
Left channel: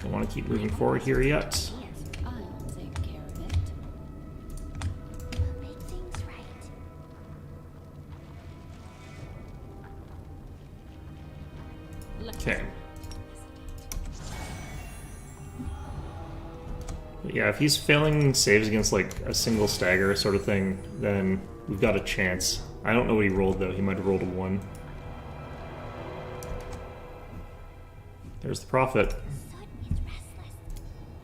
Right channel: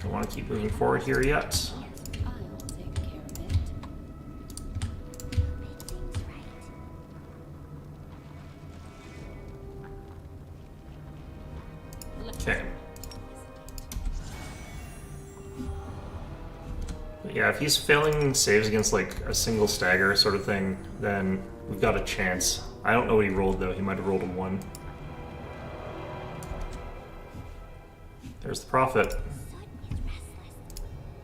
Don't want to keep moving forward here yet. I'll take care of it. We'll make things right. Let us Okay. not hesitate. But yeah, if he's failing saves against like a single stagger sort of thing, then we've got a chance. I don't know what he rolled though. He might have rolled a 1. There's the prophet. Sud is restless.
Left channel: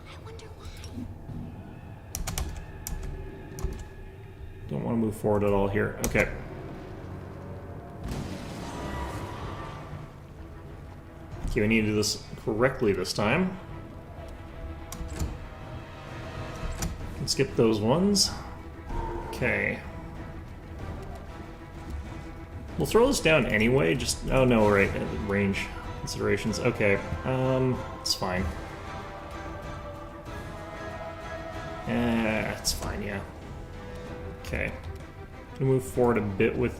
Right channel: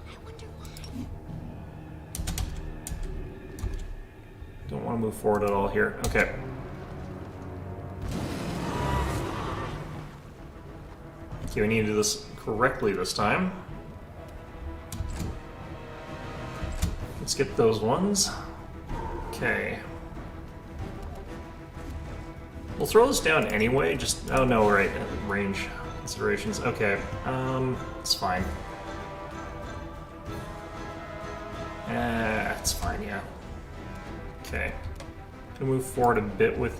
I wonder why. Don't want to move forward at all here. Okay. Okay, we need to do this correctly this time. Let's get those ones. Okay. We'll throw this down anyway, just... oh no, right, range considerations. Okay, it's fine. It's fine, yeah. Okay. Gonna move forward a bit with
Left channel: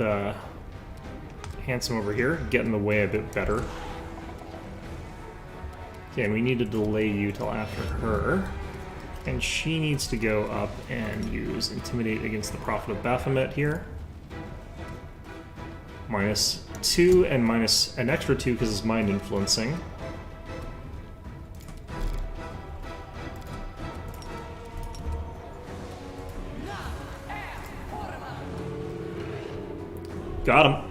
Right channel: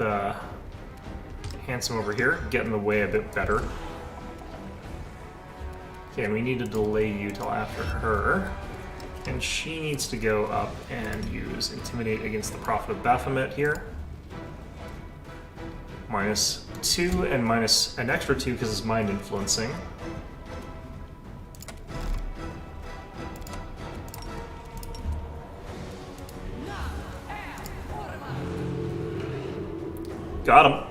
Handsome over here, get in the way a bit better. Okay, and we need to delay you till after her. And she needs to go up and use Intimidate against the Prophet of Baphomet here. -2 and minus an extra 2 because it's mind influencing. Got him.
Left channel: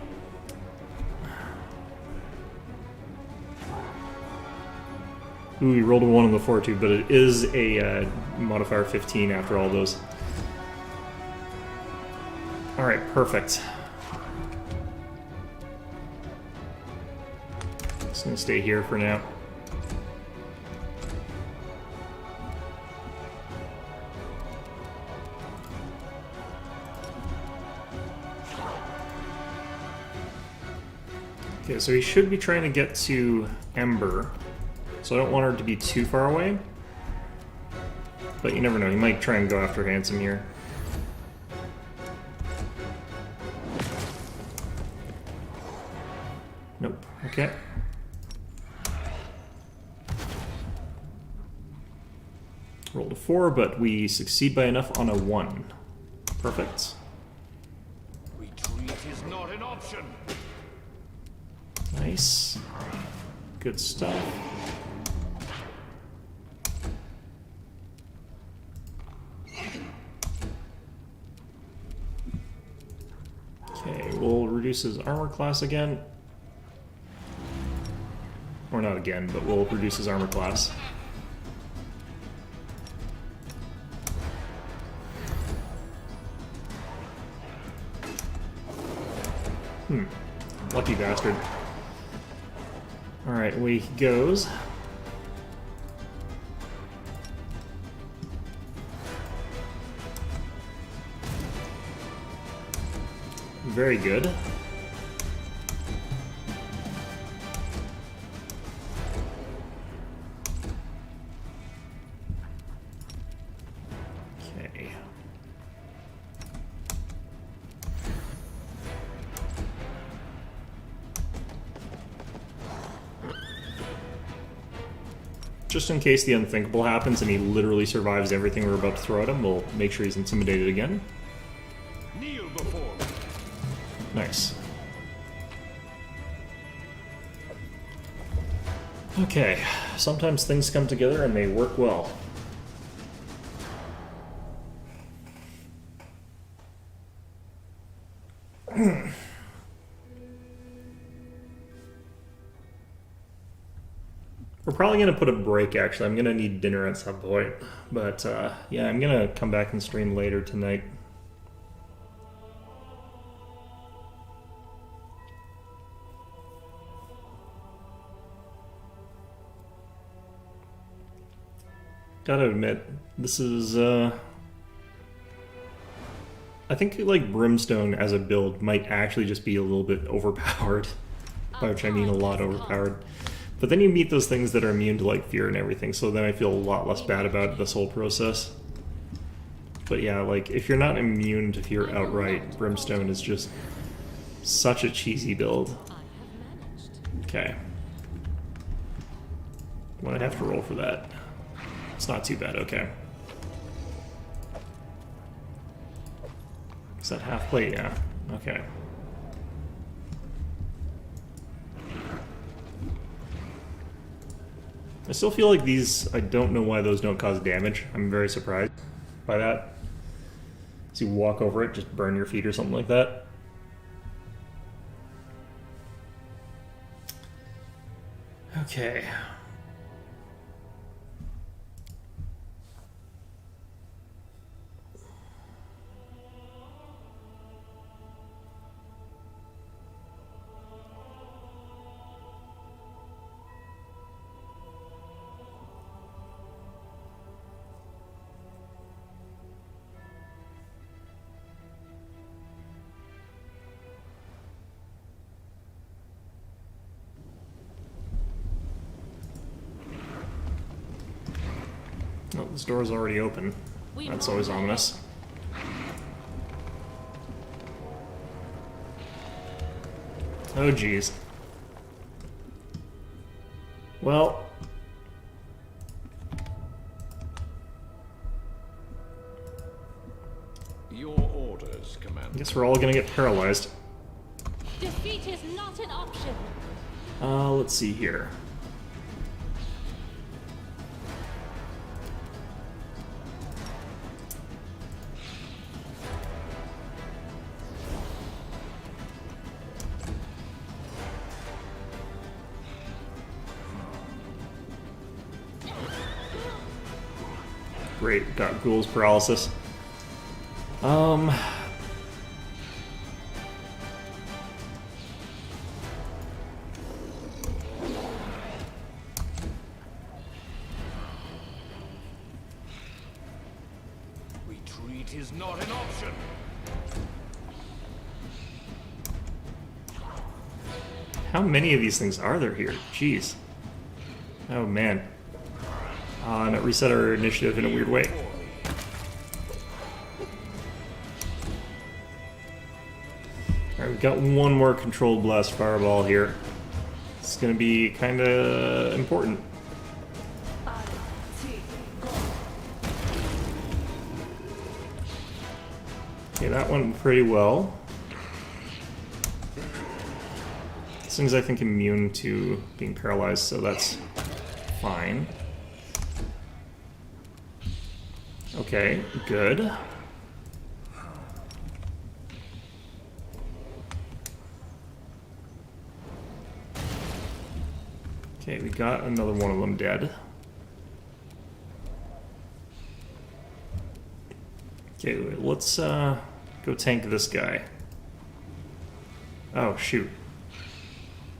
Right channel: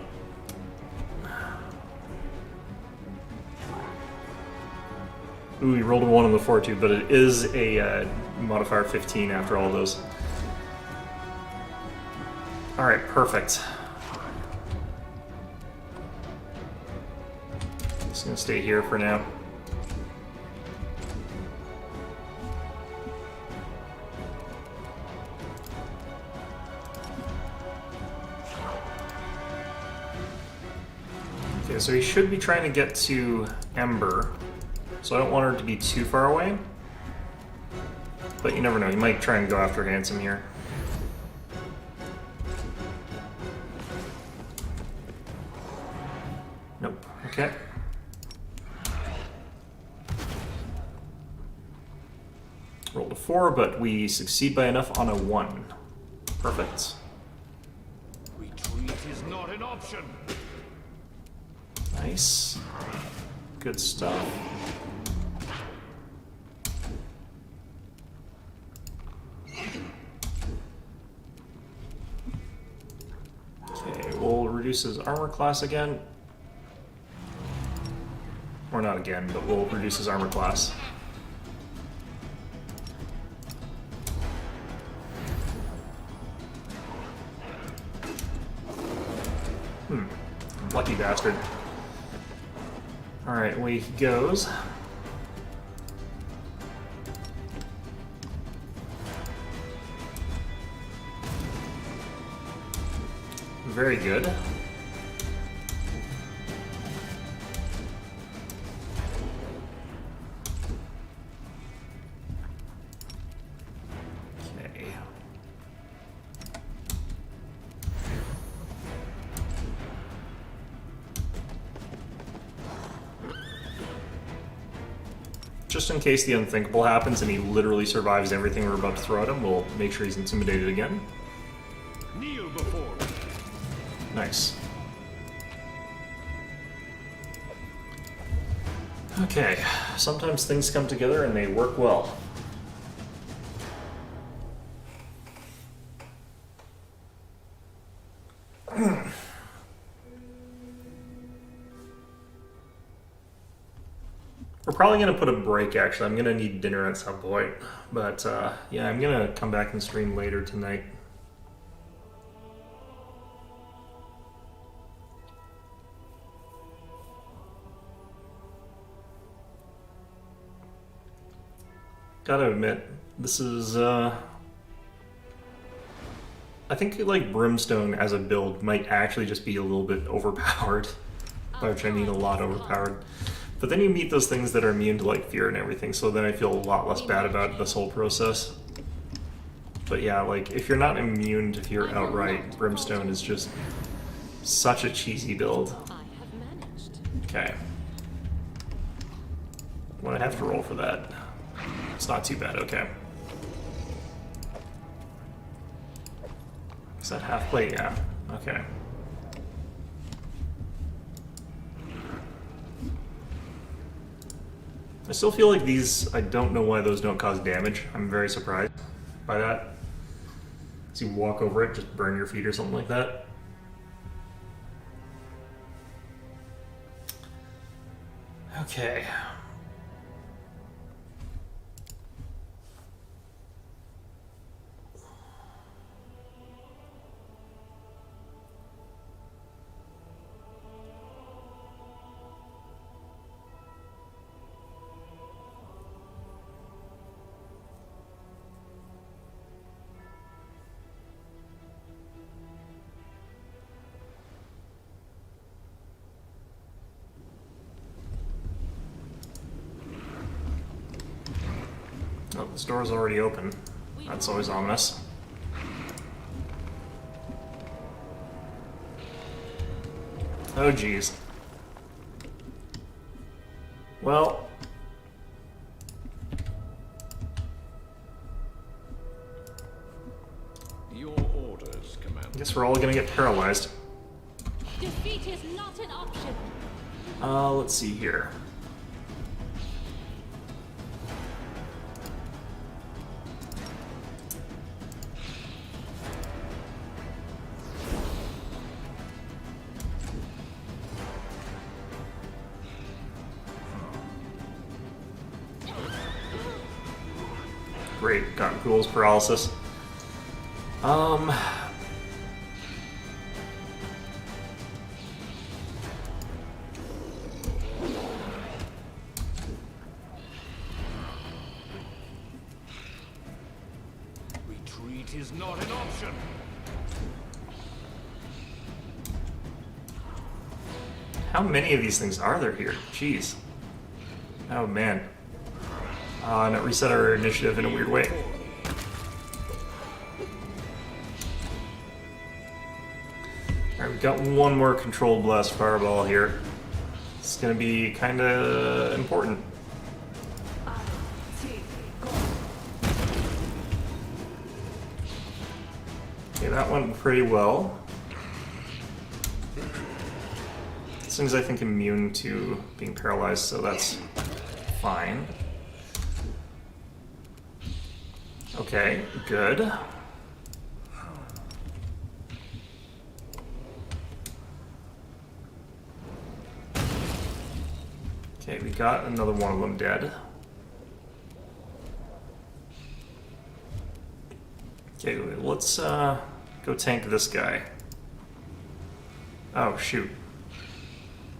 Ooh, he rolled a 1 on the fortitude, but it is a modifier 15 after all those. Alright, perfect. Just gonna stay here for now. Okay, so he should be trying to get to Ember. So I don't want her to be too far away. But you never know, he might try and go after Handsome here. Nope. Okay. Rolled a 4, but we succeed by enough on a 1. Perfect. Retreat is not an option. Nice. Good stuff. Okay, we'll reduce his armor class again. Or not again, but we'll reduce his armor class. Lucky bastard. Alright, away he goes. Very good. Okay. Just in case the unthinkable happens and he literally survives everything we're about to throw at him, we'll make sure he's intimidated again. Kneel before me. Nice. Okay, sometimes things come together and they work well. We're probably going to put a break, actually. I'm going to need dinner at some point. But, yeah, I'm going to come back and stream later tonight. Gotta admit, this is, I think, like, Brimstone as a build might actually just be a little bit overpowered. By which I mean a lot overpowered. But then you meet those things that are immune to, like, fear and everything, so then I feel a lot less bad about this whole process. But yeah, like, if you're not immune to fear outright, Brimstone is just such a cheesy build. I have managed. Okay. What do I have to roll for that? It's not too bad, okay. Is that half plate? Yeah. Okay. I still feel like these, I don't know why those don't cause damage. I'm very surprised by that. So you walk over it, just burn your feet or something like that. Okay. Oh, this door's already open. That's always ominous. Oh, geez. Well... Your orders, Commander. I guess we're all gonna get paralyzed. Defeat is not an option. Let's see here. great. Got Ghoul's paralysis. Retreat is not an option. How many of these things are there here? Jeez. Oh man. And it reset our initiative in a weird way. Alright, we've got one more controlled blast fireball here. It's gonna be kinda important. Okay, that went pretty well. This thing's, I think, immune to being paralyzed, so that's fine. Okay, good. Okay, we got another one of them dead. Okay, let's go tank this guy. Oh, shoot.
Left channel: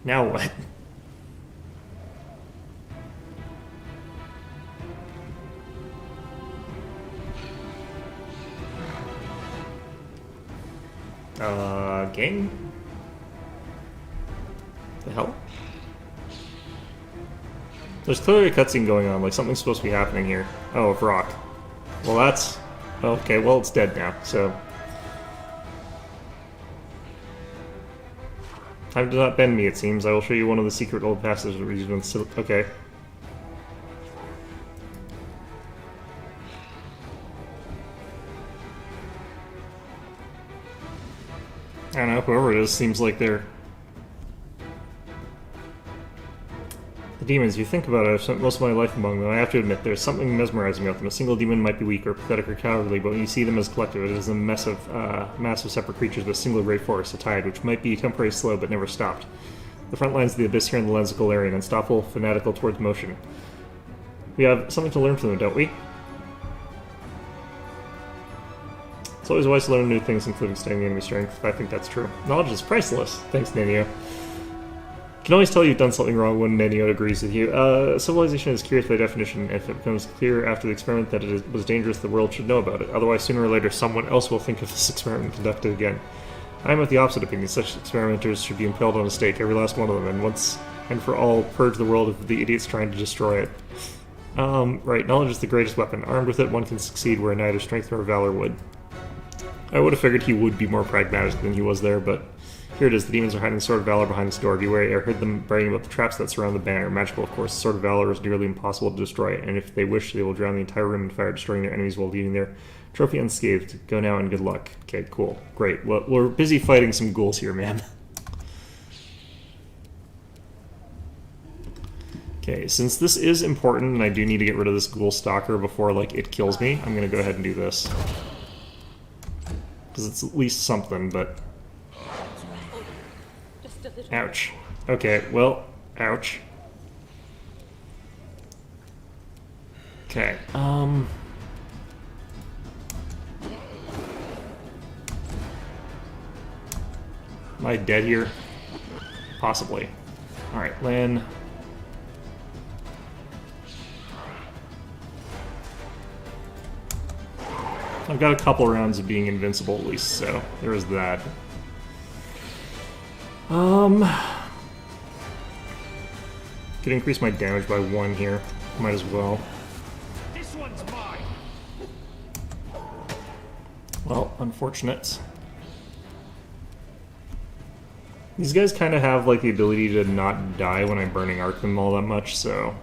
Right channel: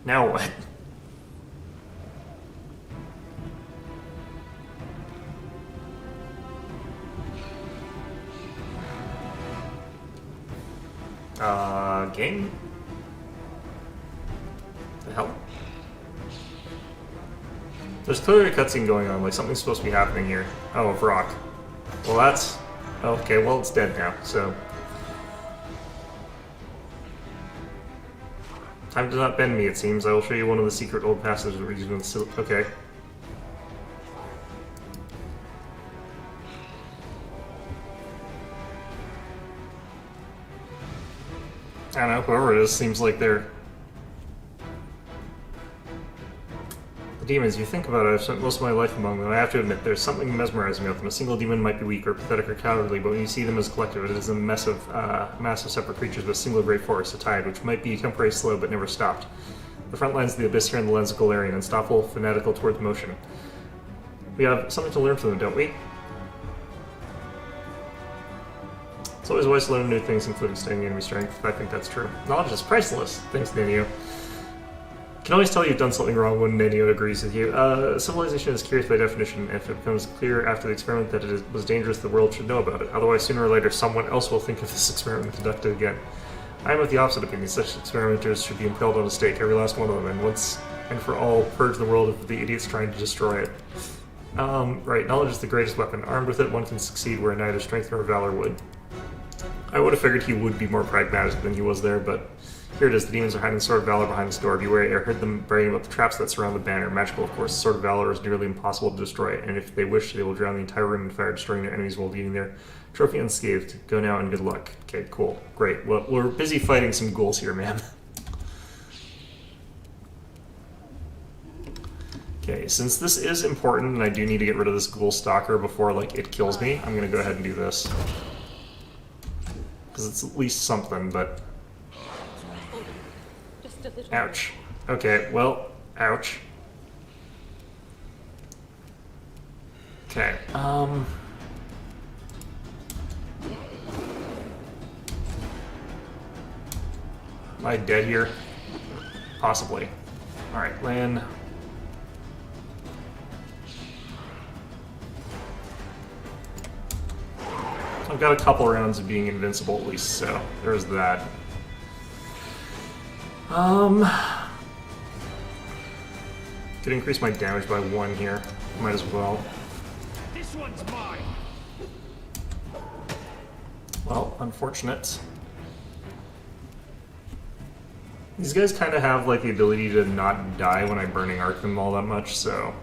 Now what? Game? The hell? There's clearly a cutscene going on, like something's supposed to be happening here. Oh, a Vrock. Well, that's... Okay, well, it's dead now, so... Time to not bend me, it seems. I will show you one of the secret old passages where you've been... Okay. I don't know, whoever it is seems like they're... The demons, you think about it, I've spent most of my life among them. I have to admit, there's something mesmerizing about them. A single demon might be weak or pathetic or cowardly, but when you see them as a collective, it is a mess of massive separate creatures with a single great force, a tide, which might be temporarily slow but never stopped. The front lines of the abyss here in the lens of Galarian, unstoppable, fanatical towards motion. We have something to learn from them, don't we? It's always wise to learn new things, including studying the enemy strength. I think that's true. Knowledge is priceless. Thanks, Nanio. Can always tell you've done something wrong when Nanio agrees with you. Civilization is curious by definition. If it becomes clear after the experiment that it was dangerous, the world should know about it. Otherwise, sooner or later, someone else will think of this experiment and conduct it again. I am of the opposite opinion. Such experimenters should be impaled on a stake, every last one of them, and once and for all, purge the world of the idiots trying to destroy it. Right, knowledge is the greatest weapon. Armed with it, one can succeed where neither strength nor valor would. I would have figured he would be more pragmatic than he was there, but here it is. The demons are hiding the Sword of Valor behind this door. Beware, I heard them bragging about the traps that surround the banner. Magical, of course. The Sword of Valor is nearly impossible to destroy, and if they wish, they will drown the entire room in fire, destroying their enemies while leaving their trophy unscathed. Go now and good luck. Okay, cool. Great. Well, we're busy fighting some ghouls here, man. Okay, since this is important, and I do need to get rid of this ghoul stalker before, like, it kills me, I'm gonna go ahead and do this. Because it's at least something, but... Just a little Ouch. Okay, well, ouch. Okay, Am I dead here? Possibly. Alright, land. I've got a couple rounds of being invincible at least, so there's that. Could increase my damage by 1 here. Might as well. This one's mine. Well, unfortunate. These guys kind of have like the ability to not die when I burning arc them all that much, so...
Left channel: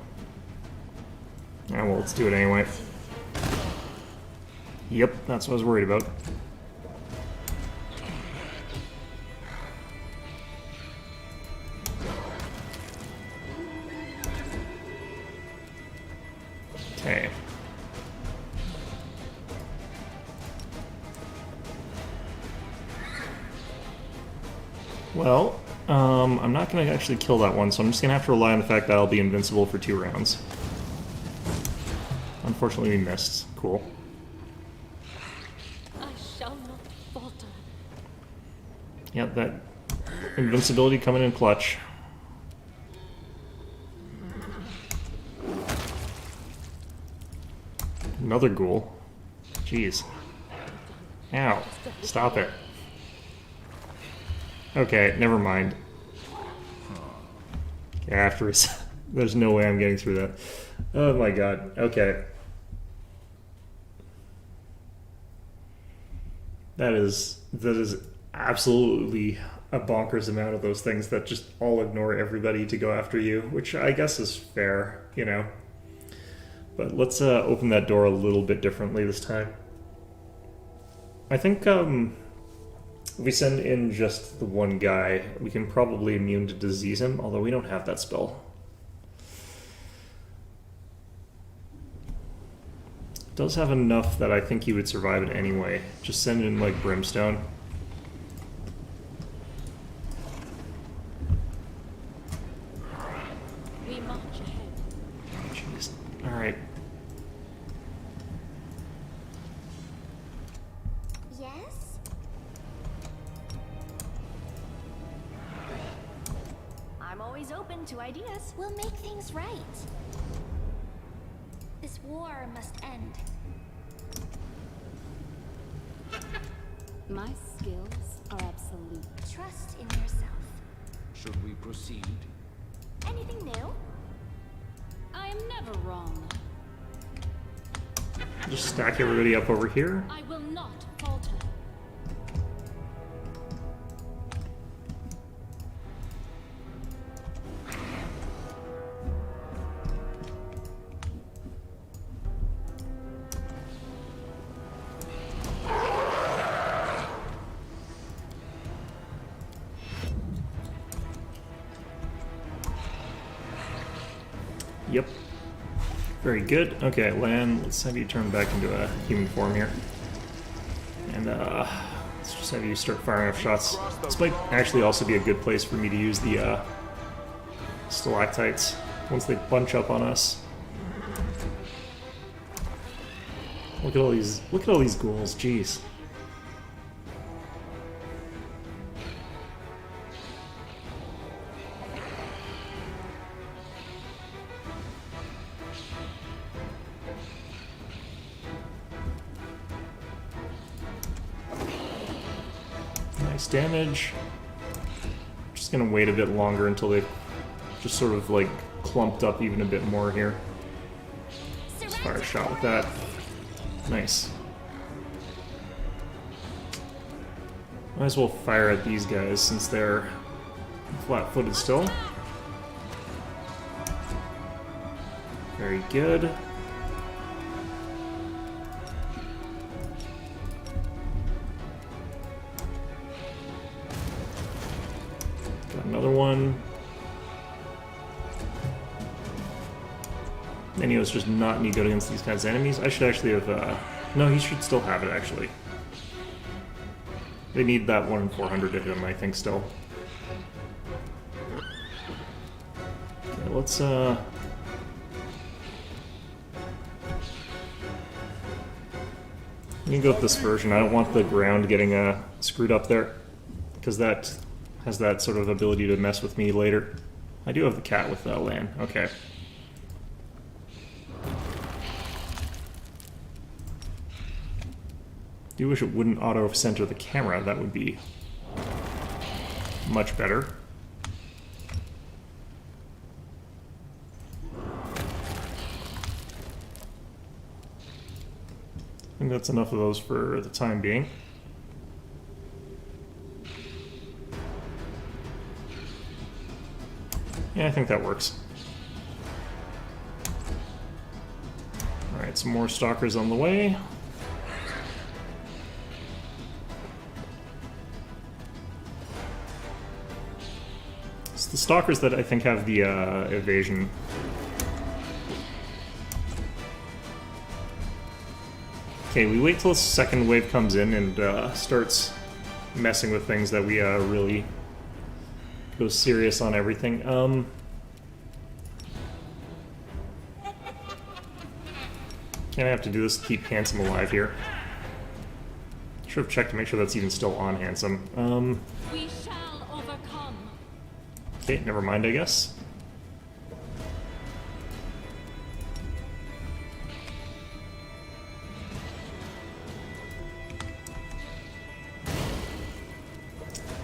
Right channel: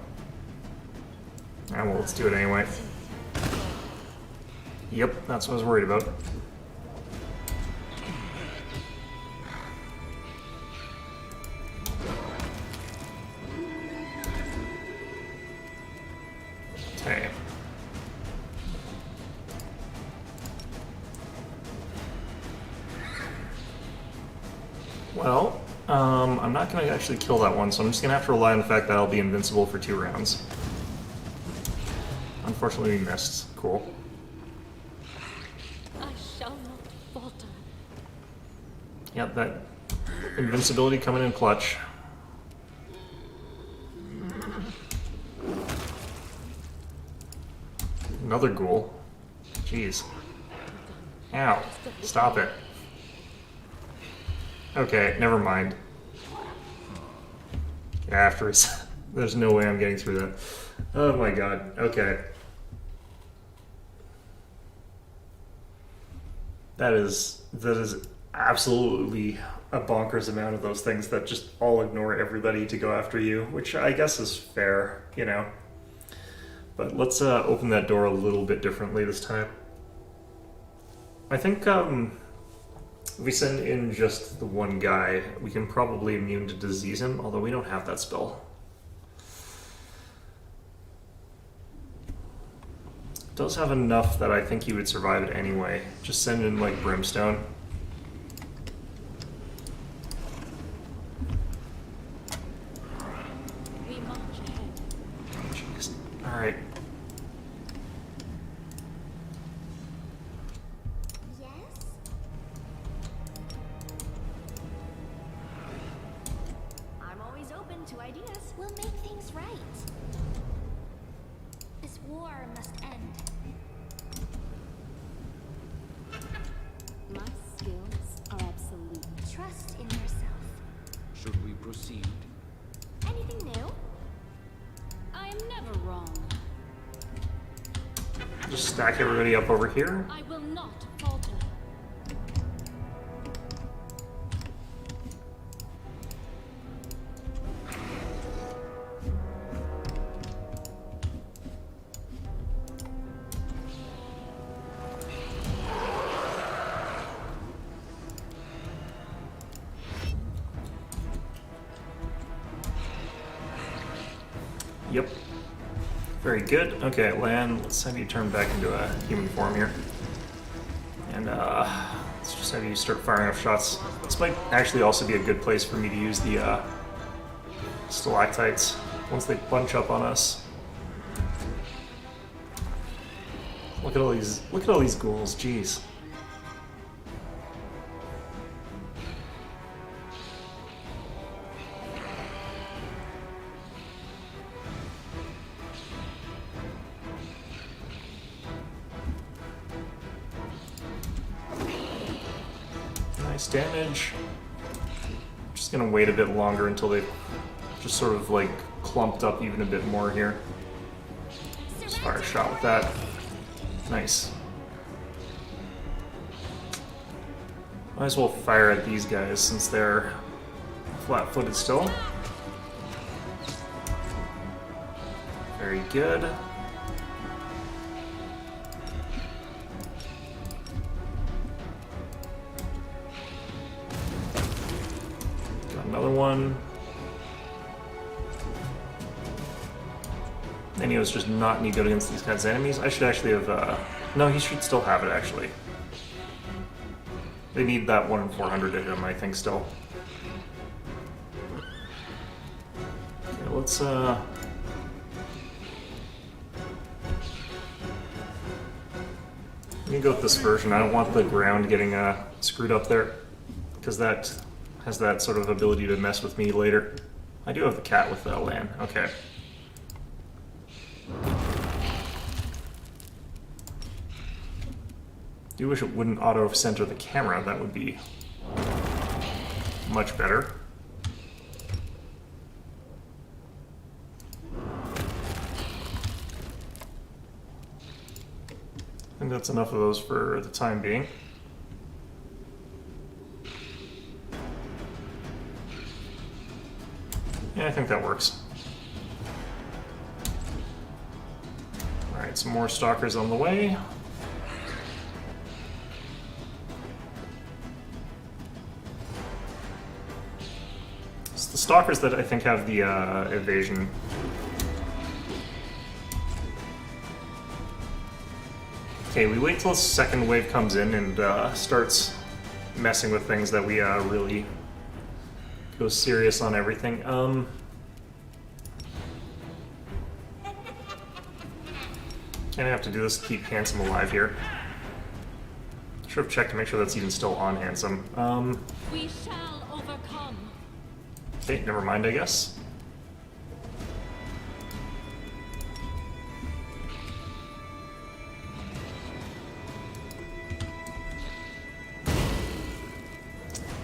Yeah, well, let's do it anyway. Yep, that's what I was worried about. Okay. Well, I'm not going to actually kill that one, so I'm just going to have to rely on the fact that I'll be invincible for 2 rounds. unfortunately we missed. Cool. I shall not falter. Yep, that invincibility coming in clutch. Another ghoul. Jeez. Ow. Stop it. Okay, never mind. Yeah, after there's no way I'm getting through that. Oh my god. Okay. That is absolutely a bonkers amount of those things that just all ignore everybody to go after you, which I guess is fair, you know. But let's open that door a little bit differently this time. I think if we send in just the one guy, we can probably immune to disease him, although we don't have that spell. It does have enough that I think he would survive it anyway. Just send in like Brimstone. We march ahead. Oh, jeez. Alright. Yes? I'm always open to ideas. We'll make things right. This war must end. My skills are absolute. Trust in yourself. Should we proceed? Anything new? I am never wrong. Just stack everybody up over here. I will not falter. Yep. Very good. Okay, Lan, let's have you turn back into a human form here. And let's just have you start firing off shots. This might actually also be a good place for me to use the stalactites once they bunch up on us. Look at all these ghouls, jeez. Nice damage. Just gonna wait a bit longer until they've just sort of like clumped up even a bit more here. Just fire a shot with that. Nice. Might as well fire at these guys since they're flat-footed still. Very good. Got another one. Nenio's just not any good against these kinds of enemies. I should actually have, no, he should still have it, actually. They need that 1 in 400 of him, I think, still. Okay, let's, let me go with this version. I don't want the ground getting, screwed up there, because that has that sort of ability to mess with me later. I do have the cat with Lan. Okay. I do wish it wouldn't auto-center the camera. That would be much better. I think that's enough of those for the time being. Yeah, I think that works. Alright, some more stalkers on the way. It's the stalkers that I think have the evasion. Okay, we wait till the second wave comes in and starts messing with things that we really go serious on everything. And I have to do this to keep Handsome alive here. Should have checked to make sure that's even still on Handsome. We shall overcome. Okay, never mind, I guess.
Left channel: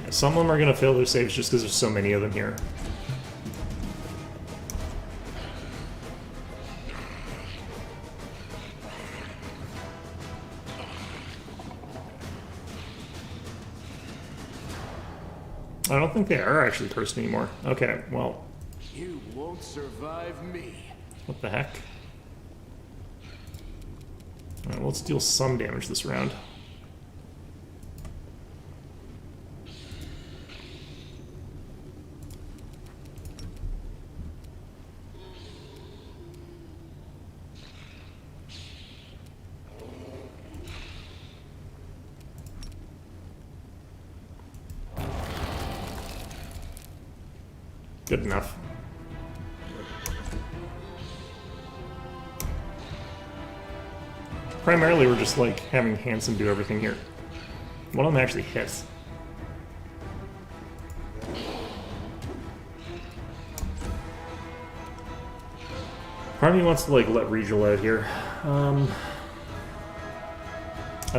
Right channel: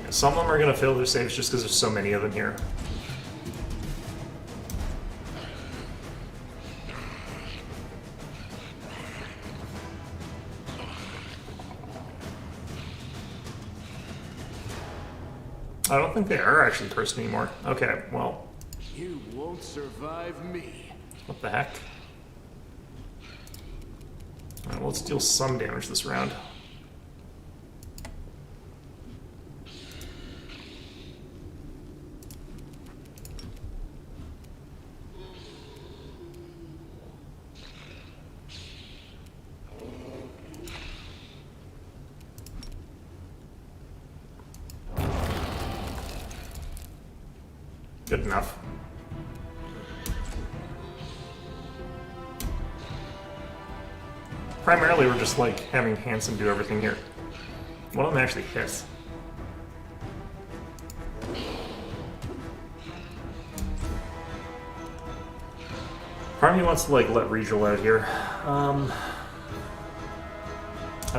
Yeah, some of them are going to fail their saves just because there's so many of them here. I don't think they are actually cursed anymore. Okay, well, You won't survive me. what the heck? Alright, well, let's deal some damage this round. Good enough. Primarily, we're just like having Handsome do everything here. One of them actually hits. Part of me wants to like let Regal out here. I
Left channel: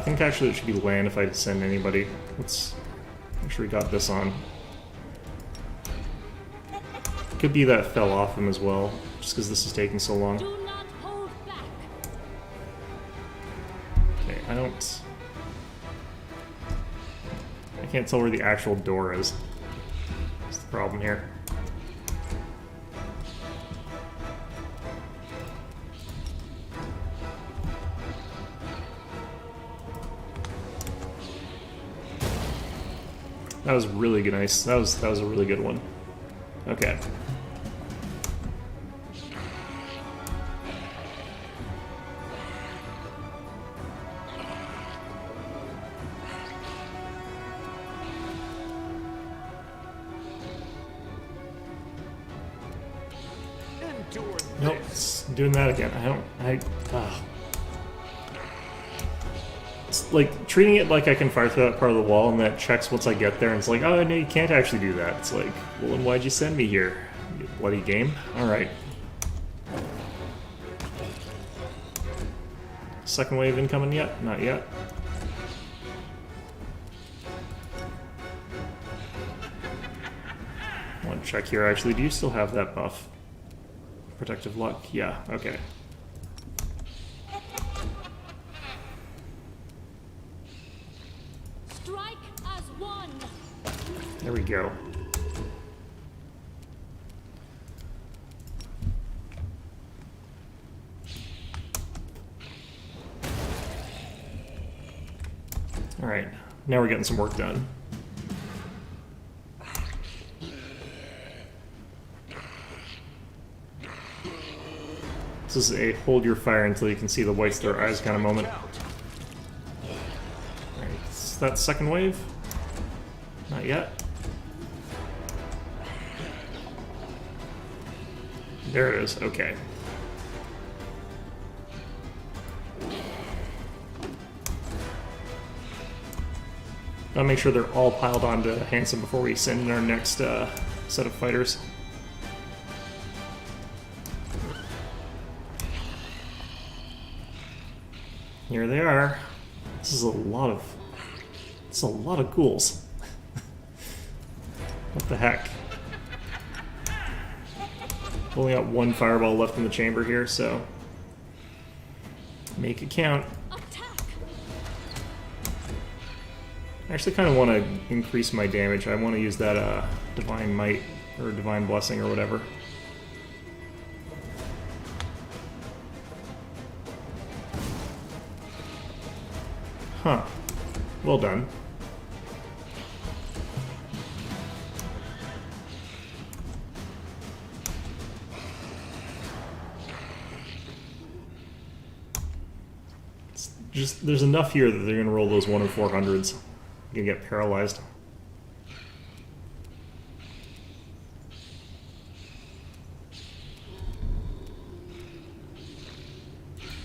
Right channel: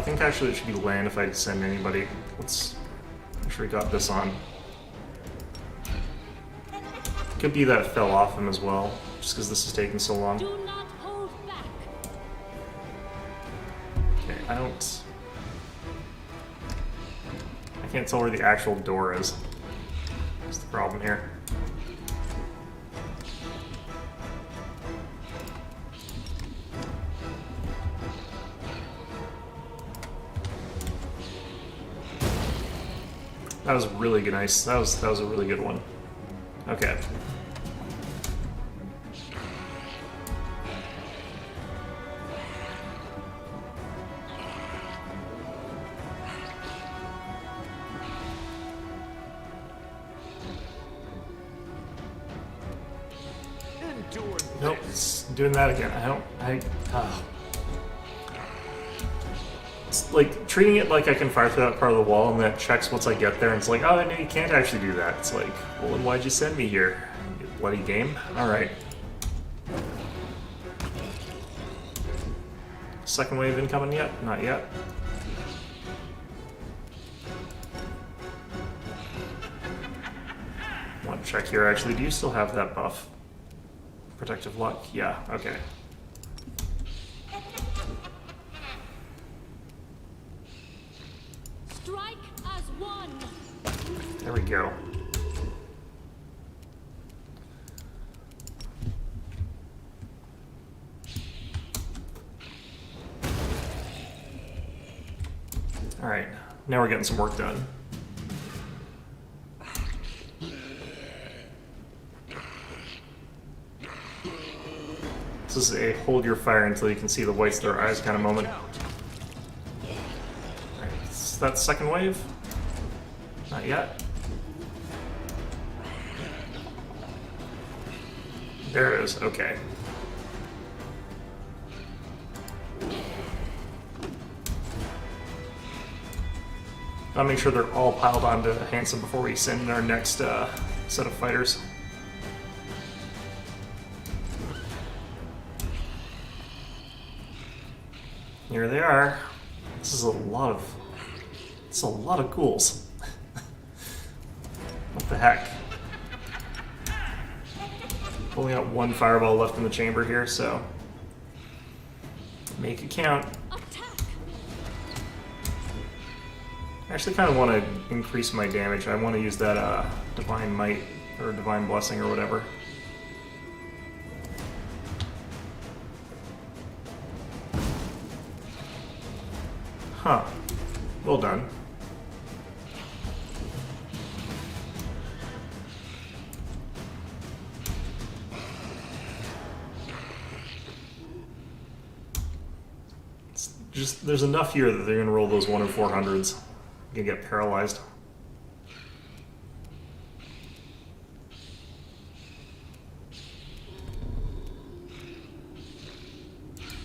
think actually it should be land if I send anybody. Let's make sure we got this on. Could be that fell off him as well, just because this is taking so long. Do not hold back. Okay, I can't tell where the actual door is. That's the problem here. That was really good, nice. That was a really good one. Okay. Endure Nope, this. it's doing that again. It's like treating it like I can fire through that part of the wall and that checks once I get there and it's like, oh no, you can't actually do that. It's like, well then why'd you send me here? You bloody game. Alright. Second wave incoming yet? Not yet. One check here actually. Do you still have that buff? Protective luck? Yeah, okay. Strike as one. There we go. Alright, now we're getting some work done. This is a hold your fire until you can see the whites of their eyes kind of moment. Alright, is that second wave? Not yet. There it is, okay. Gotta make sure they're all piled onto Handsome before we send in our next set of fighters. Here they are. This is a lot of... It's a lot of ghouls. What the heck? Only got one fireball left in the chamber here, so... Make it count. Attack. I actually kind of want to increase my damage. I want to use that Divine Might, or Divine Blessing, or whatever. Huh. Well done. It's just, there's enough here that they're going to roll those 1 in 400s. You can get paralyzed.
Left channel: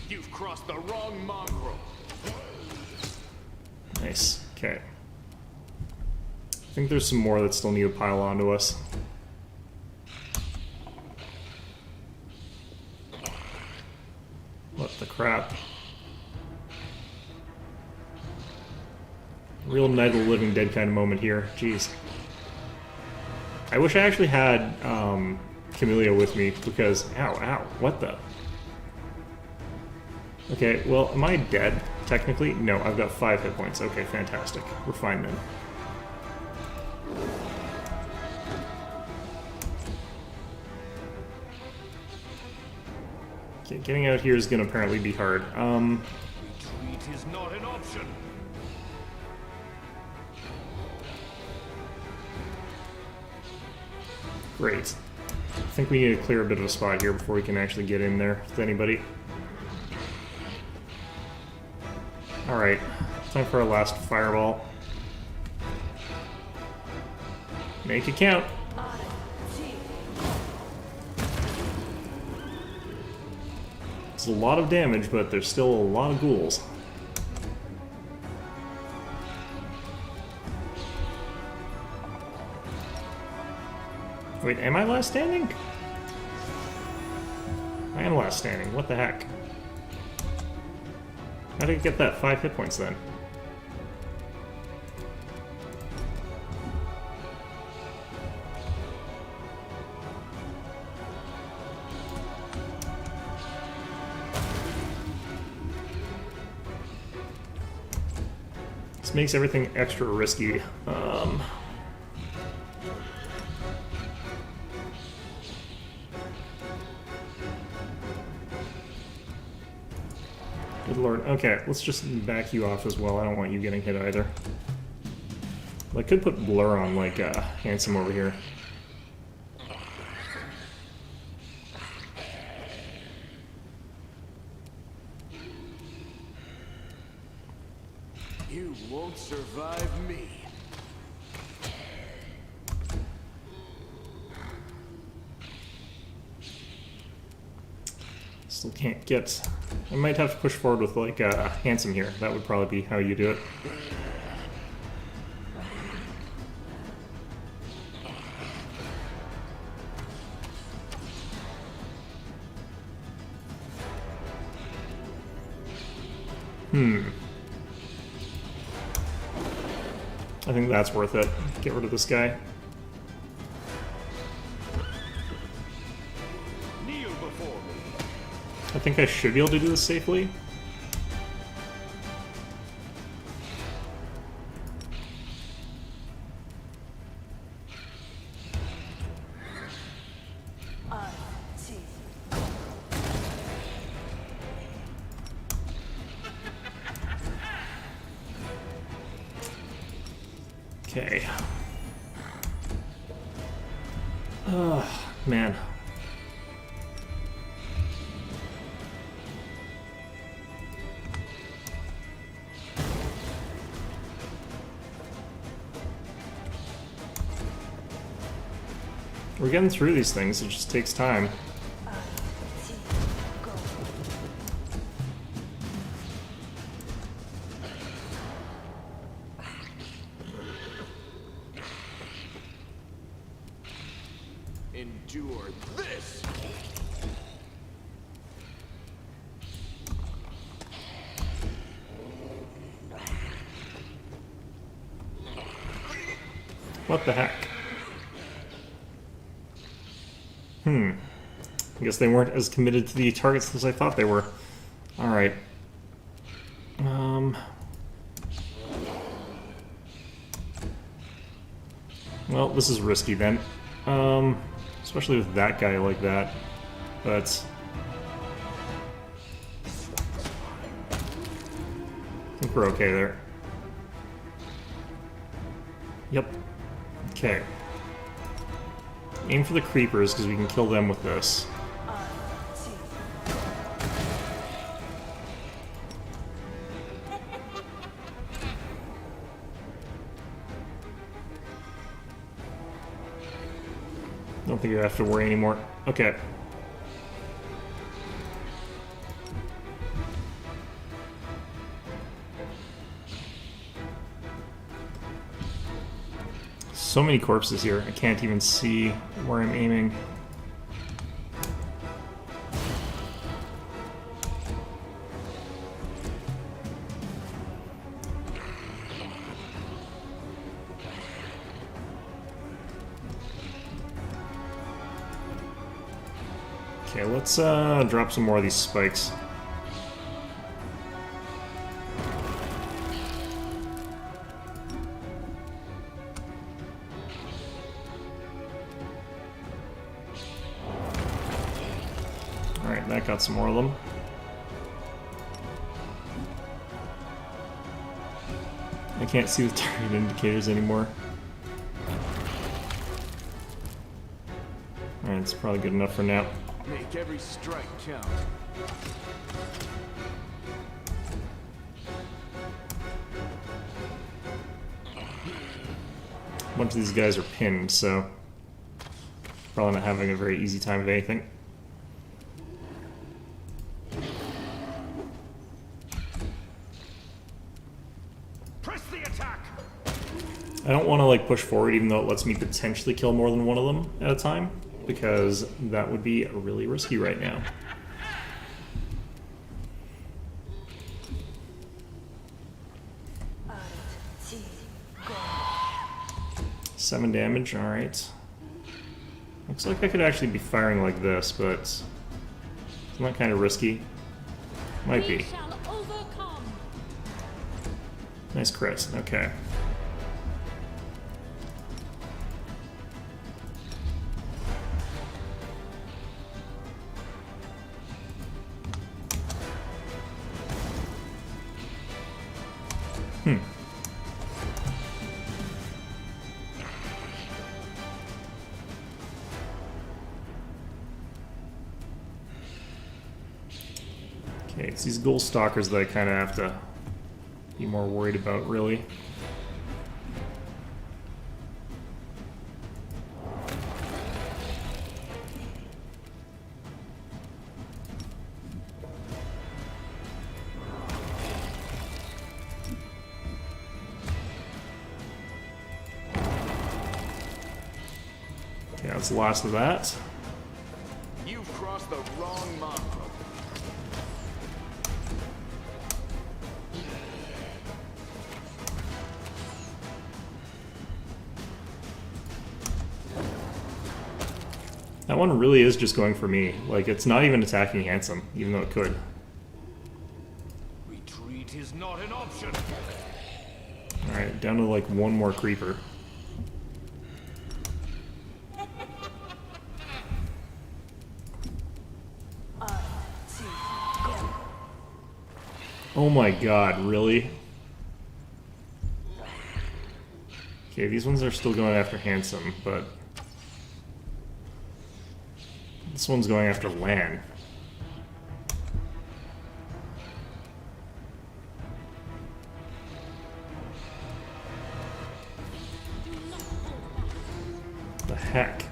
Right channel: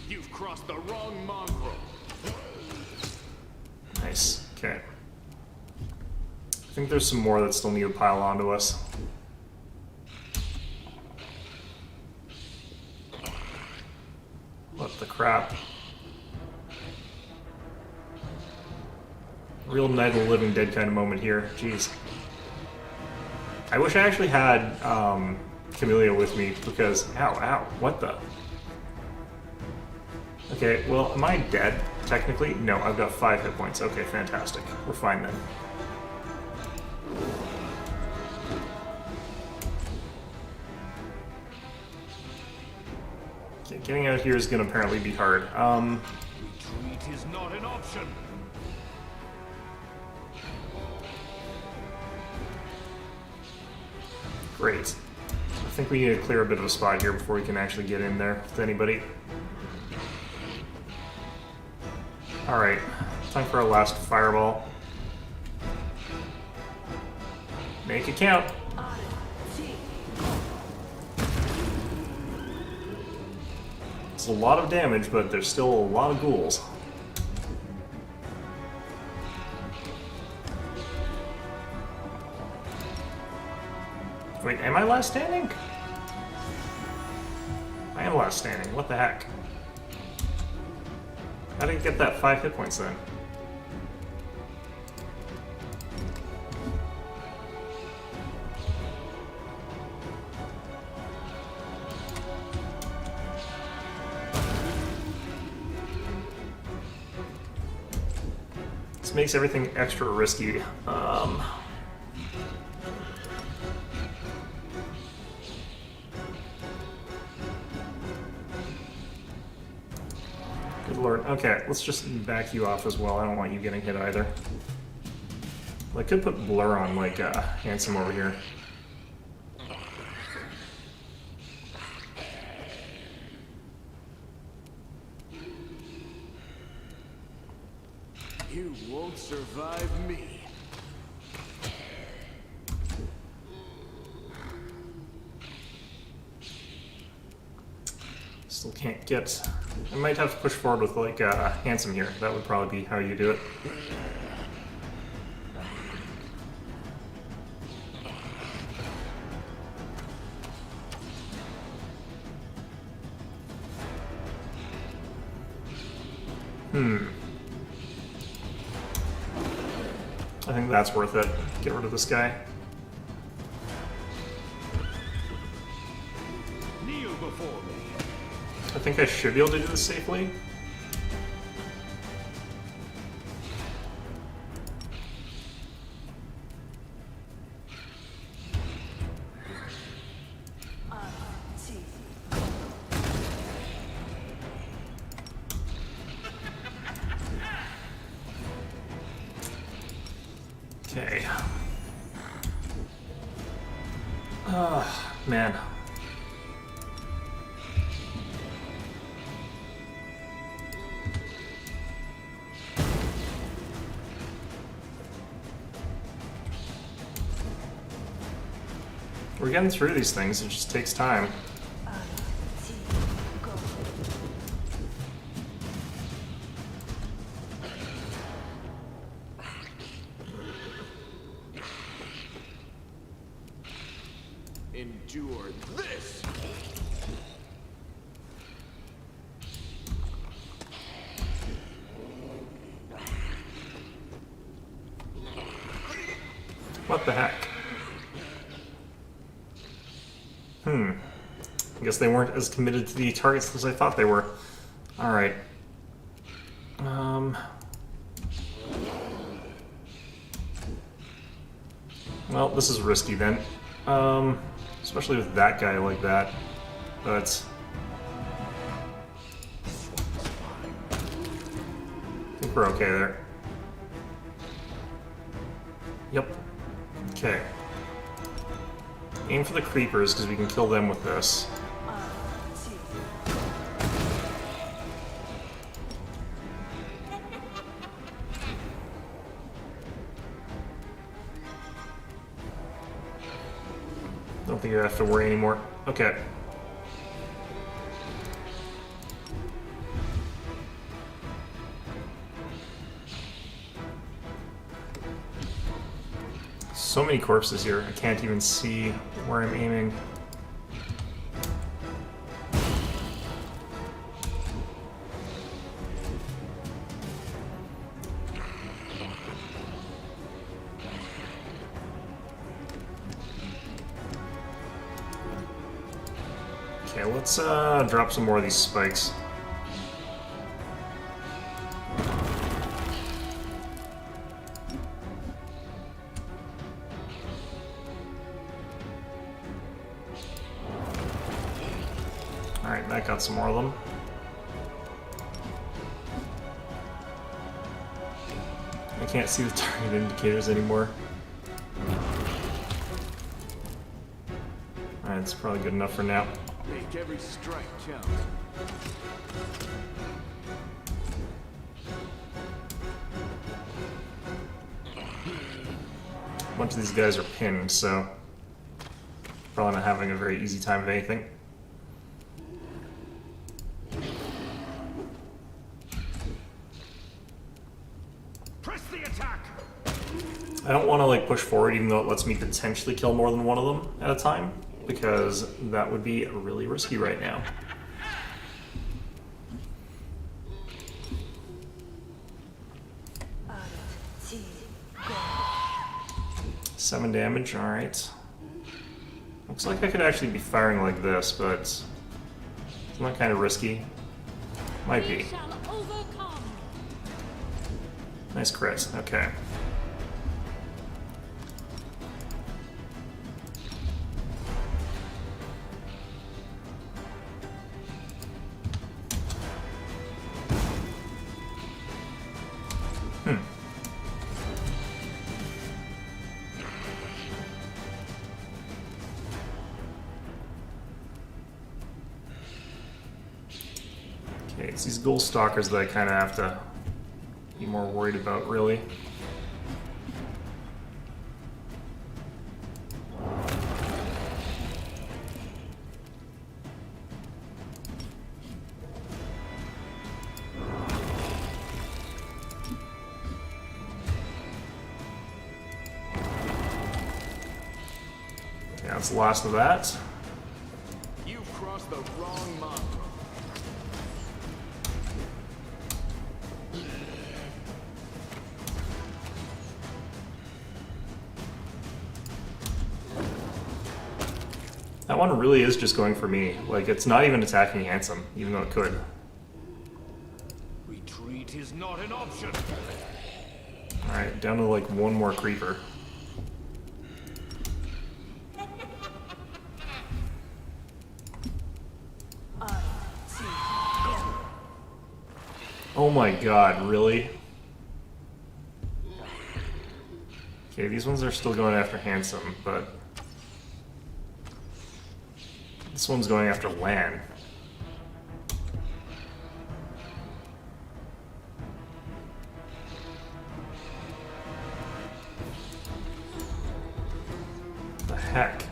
You've crossed the wrong mongrel. Nice. Okay. I think there's some more that still need to pile onto us. What the crap? Real Night of the Living Dead kind of moment here. Jeez. I wish I actually had Camellia with me because... Ow, what the... Okay, well, am I dead, technically? No, I've got 5 hit points. Okay, fantastic. We're fine then. Okay, getting out here is going to apparently be hard. Retreat is not an option. Great. I think we need to clear a bit of a spot here before we can actually get in there with anybody. Alright, time for our last fireball. Make it count! It's a lot of damage, but there's still a lot of ghouls. Wait, am I last standing? I am last standing. What the heck? How did I get that 5 hit points then? This makes everything extra risky. Good lord. Okay, let's just back you off as well. I don't want you getting hit either. Well, I could put Blur on, like, Handsome over here. You won't survive me. Still can't get... I might have to push forward with, like, Handsome here. That would probably be how you do it. I think that's worth it. Get rid of this guy. Kneel before me. I think I should be able to do this safely. Okay. Man. We're getting through these things, it just takes time. Endure this. What the heck? I guess they weren't as committed to the targets as I thought they were. Alright. Well, this is risky then. Especially with that guy like that. But... I think we're okay there. Yep. Okay. Aim for the creepers, because we can kill them with this. Don't think you have to worry anymore. Okay. So many corpses here, I can't even see where I'm aiming. Okay, let's drop some more of these spikes. Alright, that got some more of them. I can't see the target indicators anymore. Alright, it's probably good enough for now. Make every strike count. A bunch of these guys are pinned, so probably not having a very easy time of anything. Press the attack! I don't want to like push forward even though it lets me potentially kill more than one of them at a time, because that would be really risky right now. Seven damage, alright. Looks like I could actually be firing like this, but isn't that kind of risky? Might We be. shall overcome. Nice crit, okay. Okay, it's these ghoul stalkers that I kind of have to be more worried about, really. Okay, that's the last of that. You've crossed the wrong mark. That one really is just going for me. Like, it's not even attacking Handsome, even though it could. Retreat is not an option. Alright, down to like one more creeper. Oh my god, really? Okay, these ones are still going after Handsome, but this one's going after Lan. The heck?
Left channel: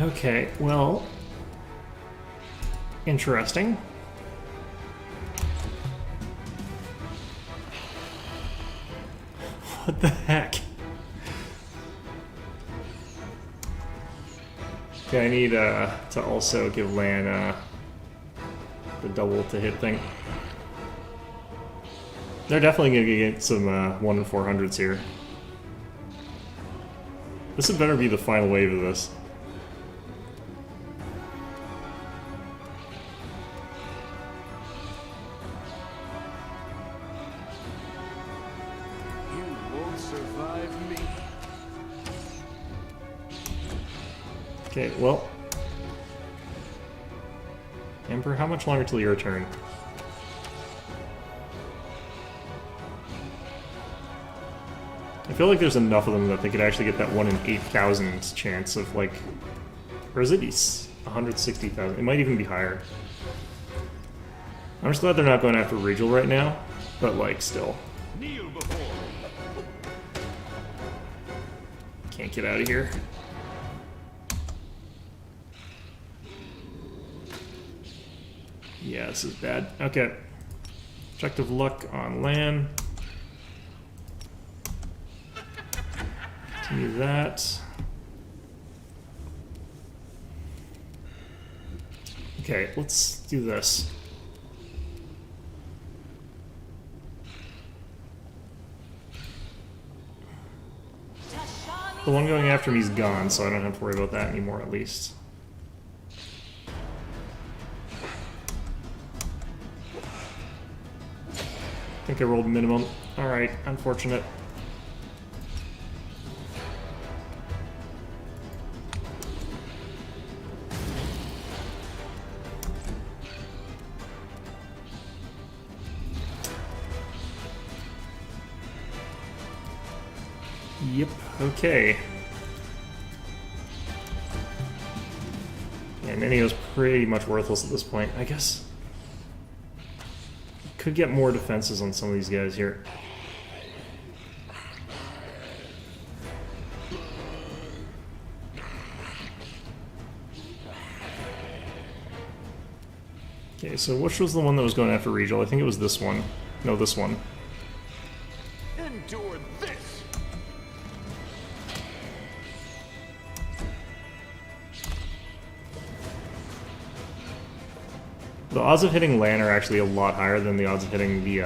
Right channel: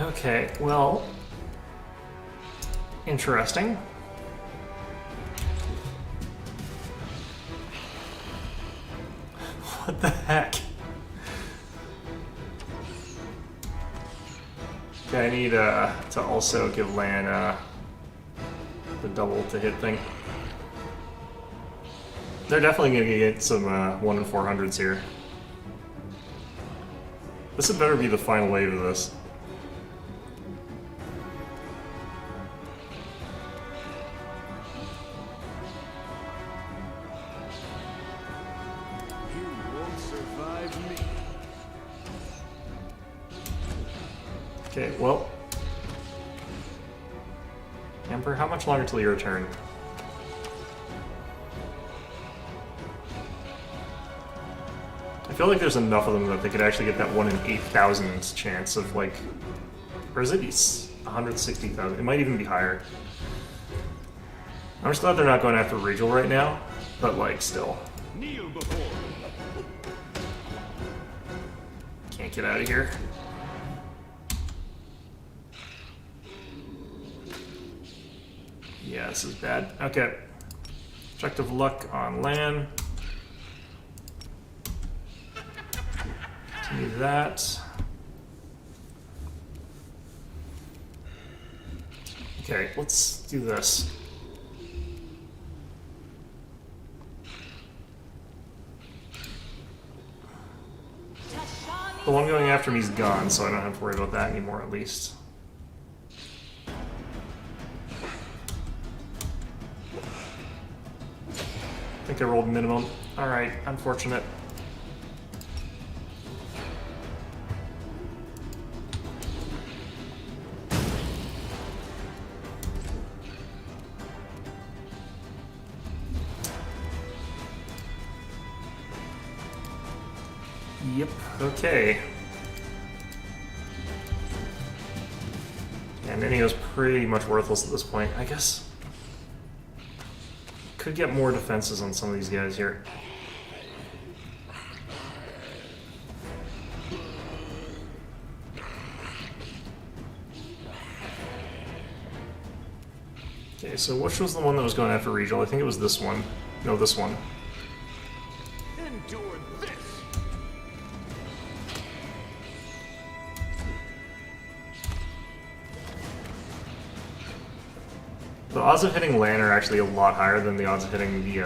Okay, well, interesting. What the heck? Okay, I need to also give Lan the double to hit thing. They're definitely gonna get some 1 in 400s here. This had better be the final wave of this. You won't survive me. Okay, well. Emperor, how much longer till your turn? I feel like there's enough of them that they could actually get that 1 in 8,000 chance of, like... Or is it 160,000? It might even be higher. I'm just glad they're not going after Regal right now, but, like, still. Kneel before me. Can't get out of here. Yeah, this is bad. Okay. Objective luck on land. Continue that. Okay, let's do this. The one going after me is gone, so I don't have to worry about that anymore, at least. I think I rolled minimum. Alright, unfortunate. Yep, okay. Yeah, Ninio's pretty much worthless at this point, I guess. Could get more defenses on some of these guys here. Okay, so which was the one that was going after Regal? I think it was this one. No, this one. Endure this! The odds of hitting Lan are actually a lot higher than the odds of hitting the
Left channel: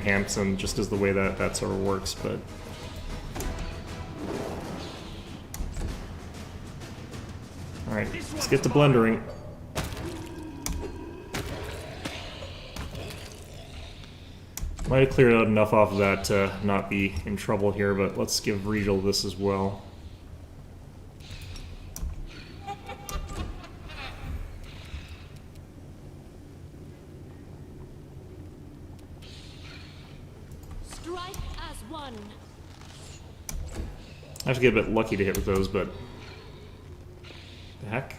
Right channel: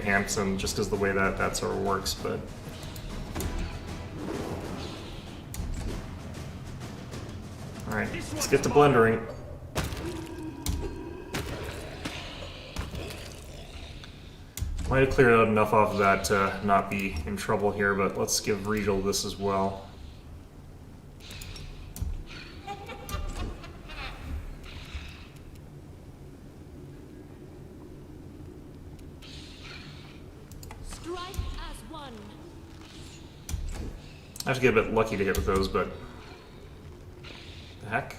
Hampson, just because the way that sort of works. But all right, let's get to blendering. Might have cleared out enough off of that to not be in trouble here, but let's give Regal this as well. Strike as one. I have to get a bit lucky to hit with those, but the heck?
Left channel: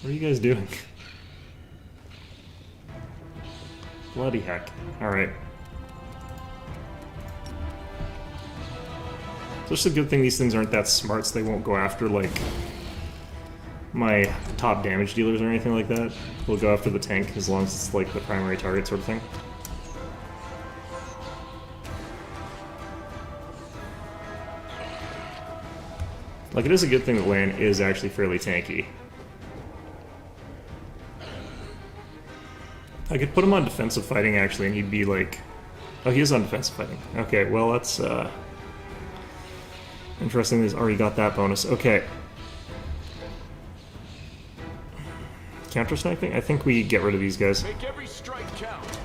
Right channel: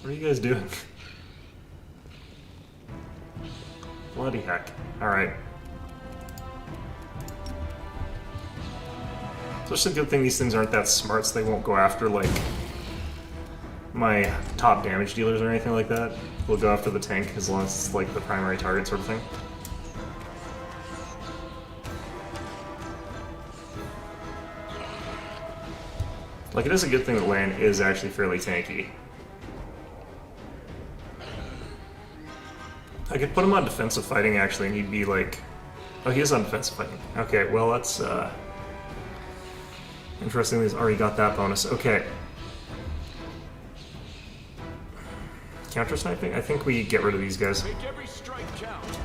What are you guys doing? Bloody heck. Alright. So it's a good thing these things aren't that smart, so they won't go after, like, my top damage dealers or anything like that. They'll go after the tank as long as it's, like, the primary target sort of thing. Like, it is a good thing that Lan is actually fairly tanky. I could put him on defensive fighting, actually, and he'd be like... Oh, he is on defensive fighting. Okay, well, that's, interesting, he's already got that bonus. Okay. Counter-sniping? I think we get rid of these guys. Make every strike count.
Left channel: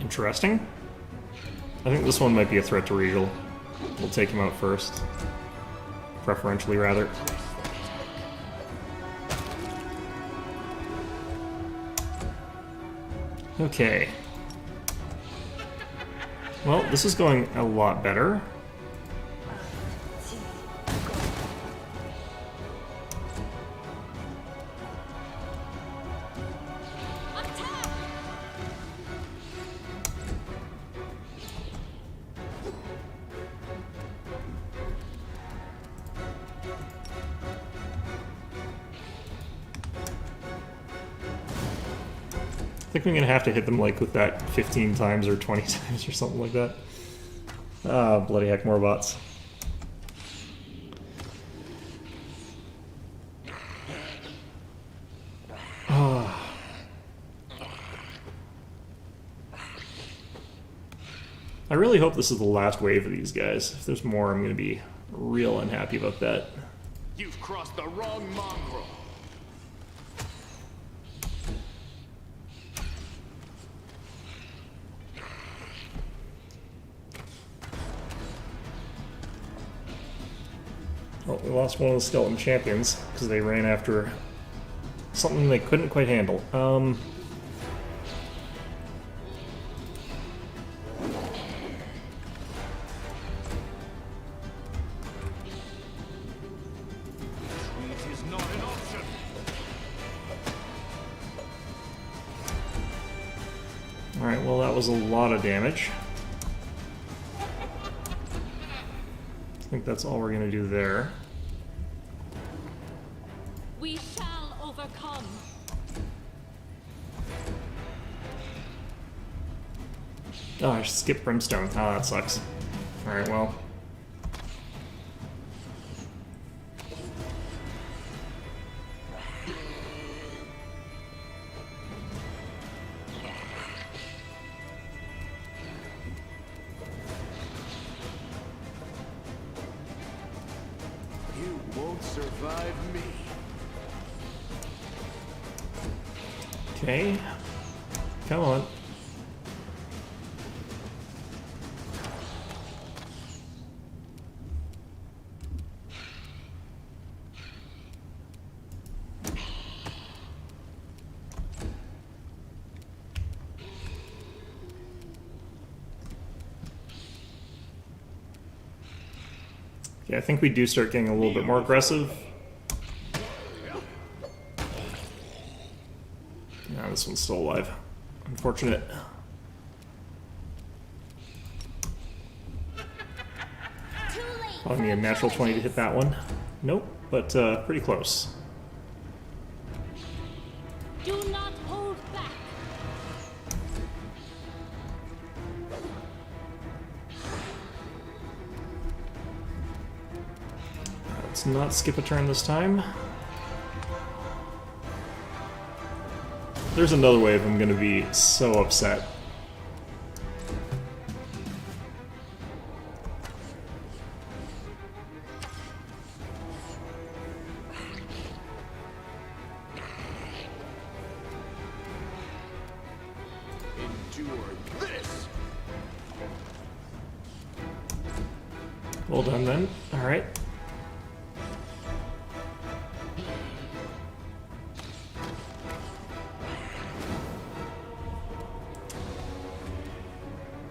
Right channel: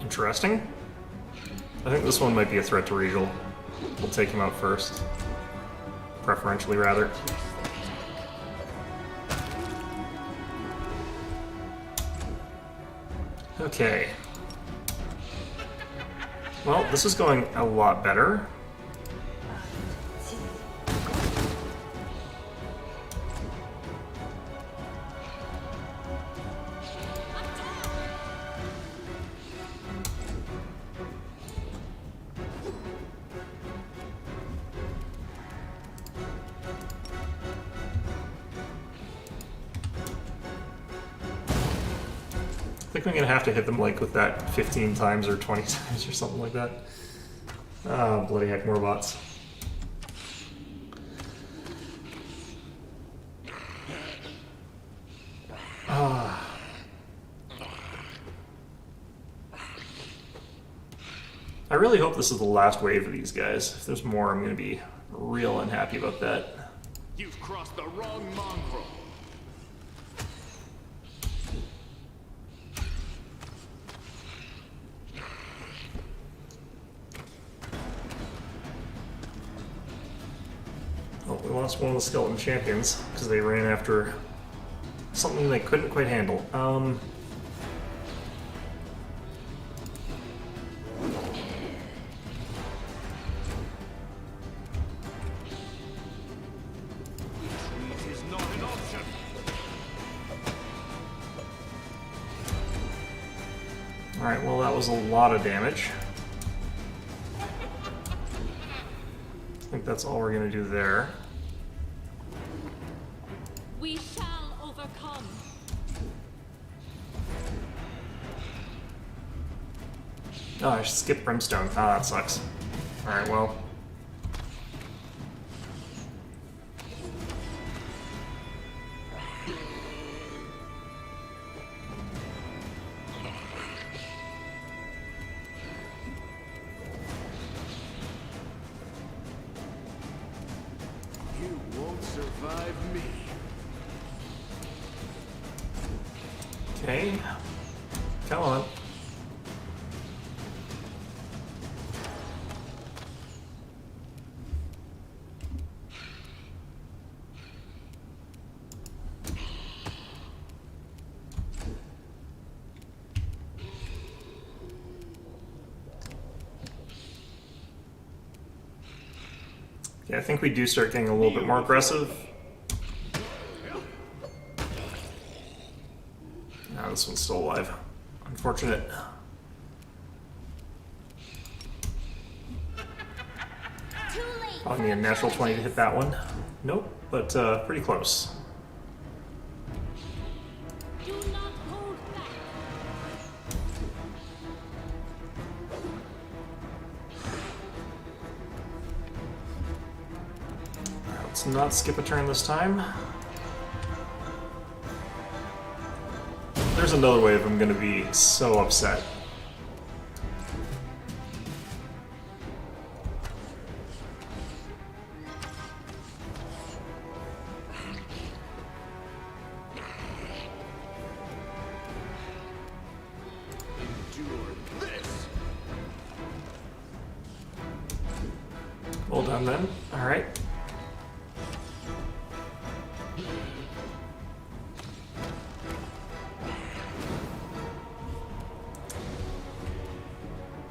Interesting. I think this one might be a threat to Regal. We'll take him out first. Preferentially, rather. Okay. Well, this is going a lot better. I think I'm gonna have to hit them like with that 15 times or 20 times or something like that. Oh, bloody heck, more bots. I really hope this is the last wave of these guys. If there's more, I'm gonna be real unhappy about that. You've crossed the wrong mongrel. Well, we lost one of the skeleton champions because they ran after something they couldn't quite handle. Alright, well that was a lot of damage. I think that's all we're gonna do there. We shall overcome. Oh, I skipped Brimstone. Oh, that sucks. Alright, well. You won't survive me. Okay. Come on. Yeah, I think we do start getting a little bit more aggressive. Yeah, this one's still alive. Unfortunate. Too late. Probably need a natural 20 to hit that one. Nope, but pretty close. Do not hold back. Alright, let's not skip a turn this time. There's another wave I'm gonna be so upset. Endure this. Well done then. Alright.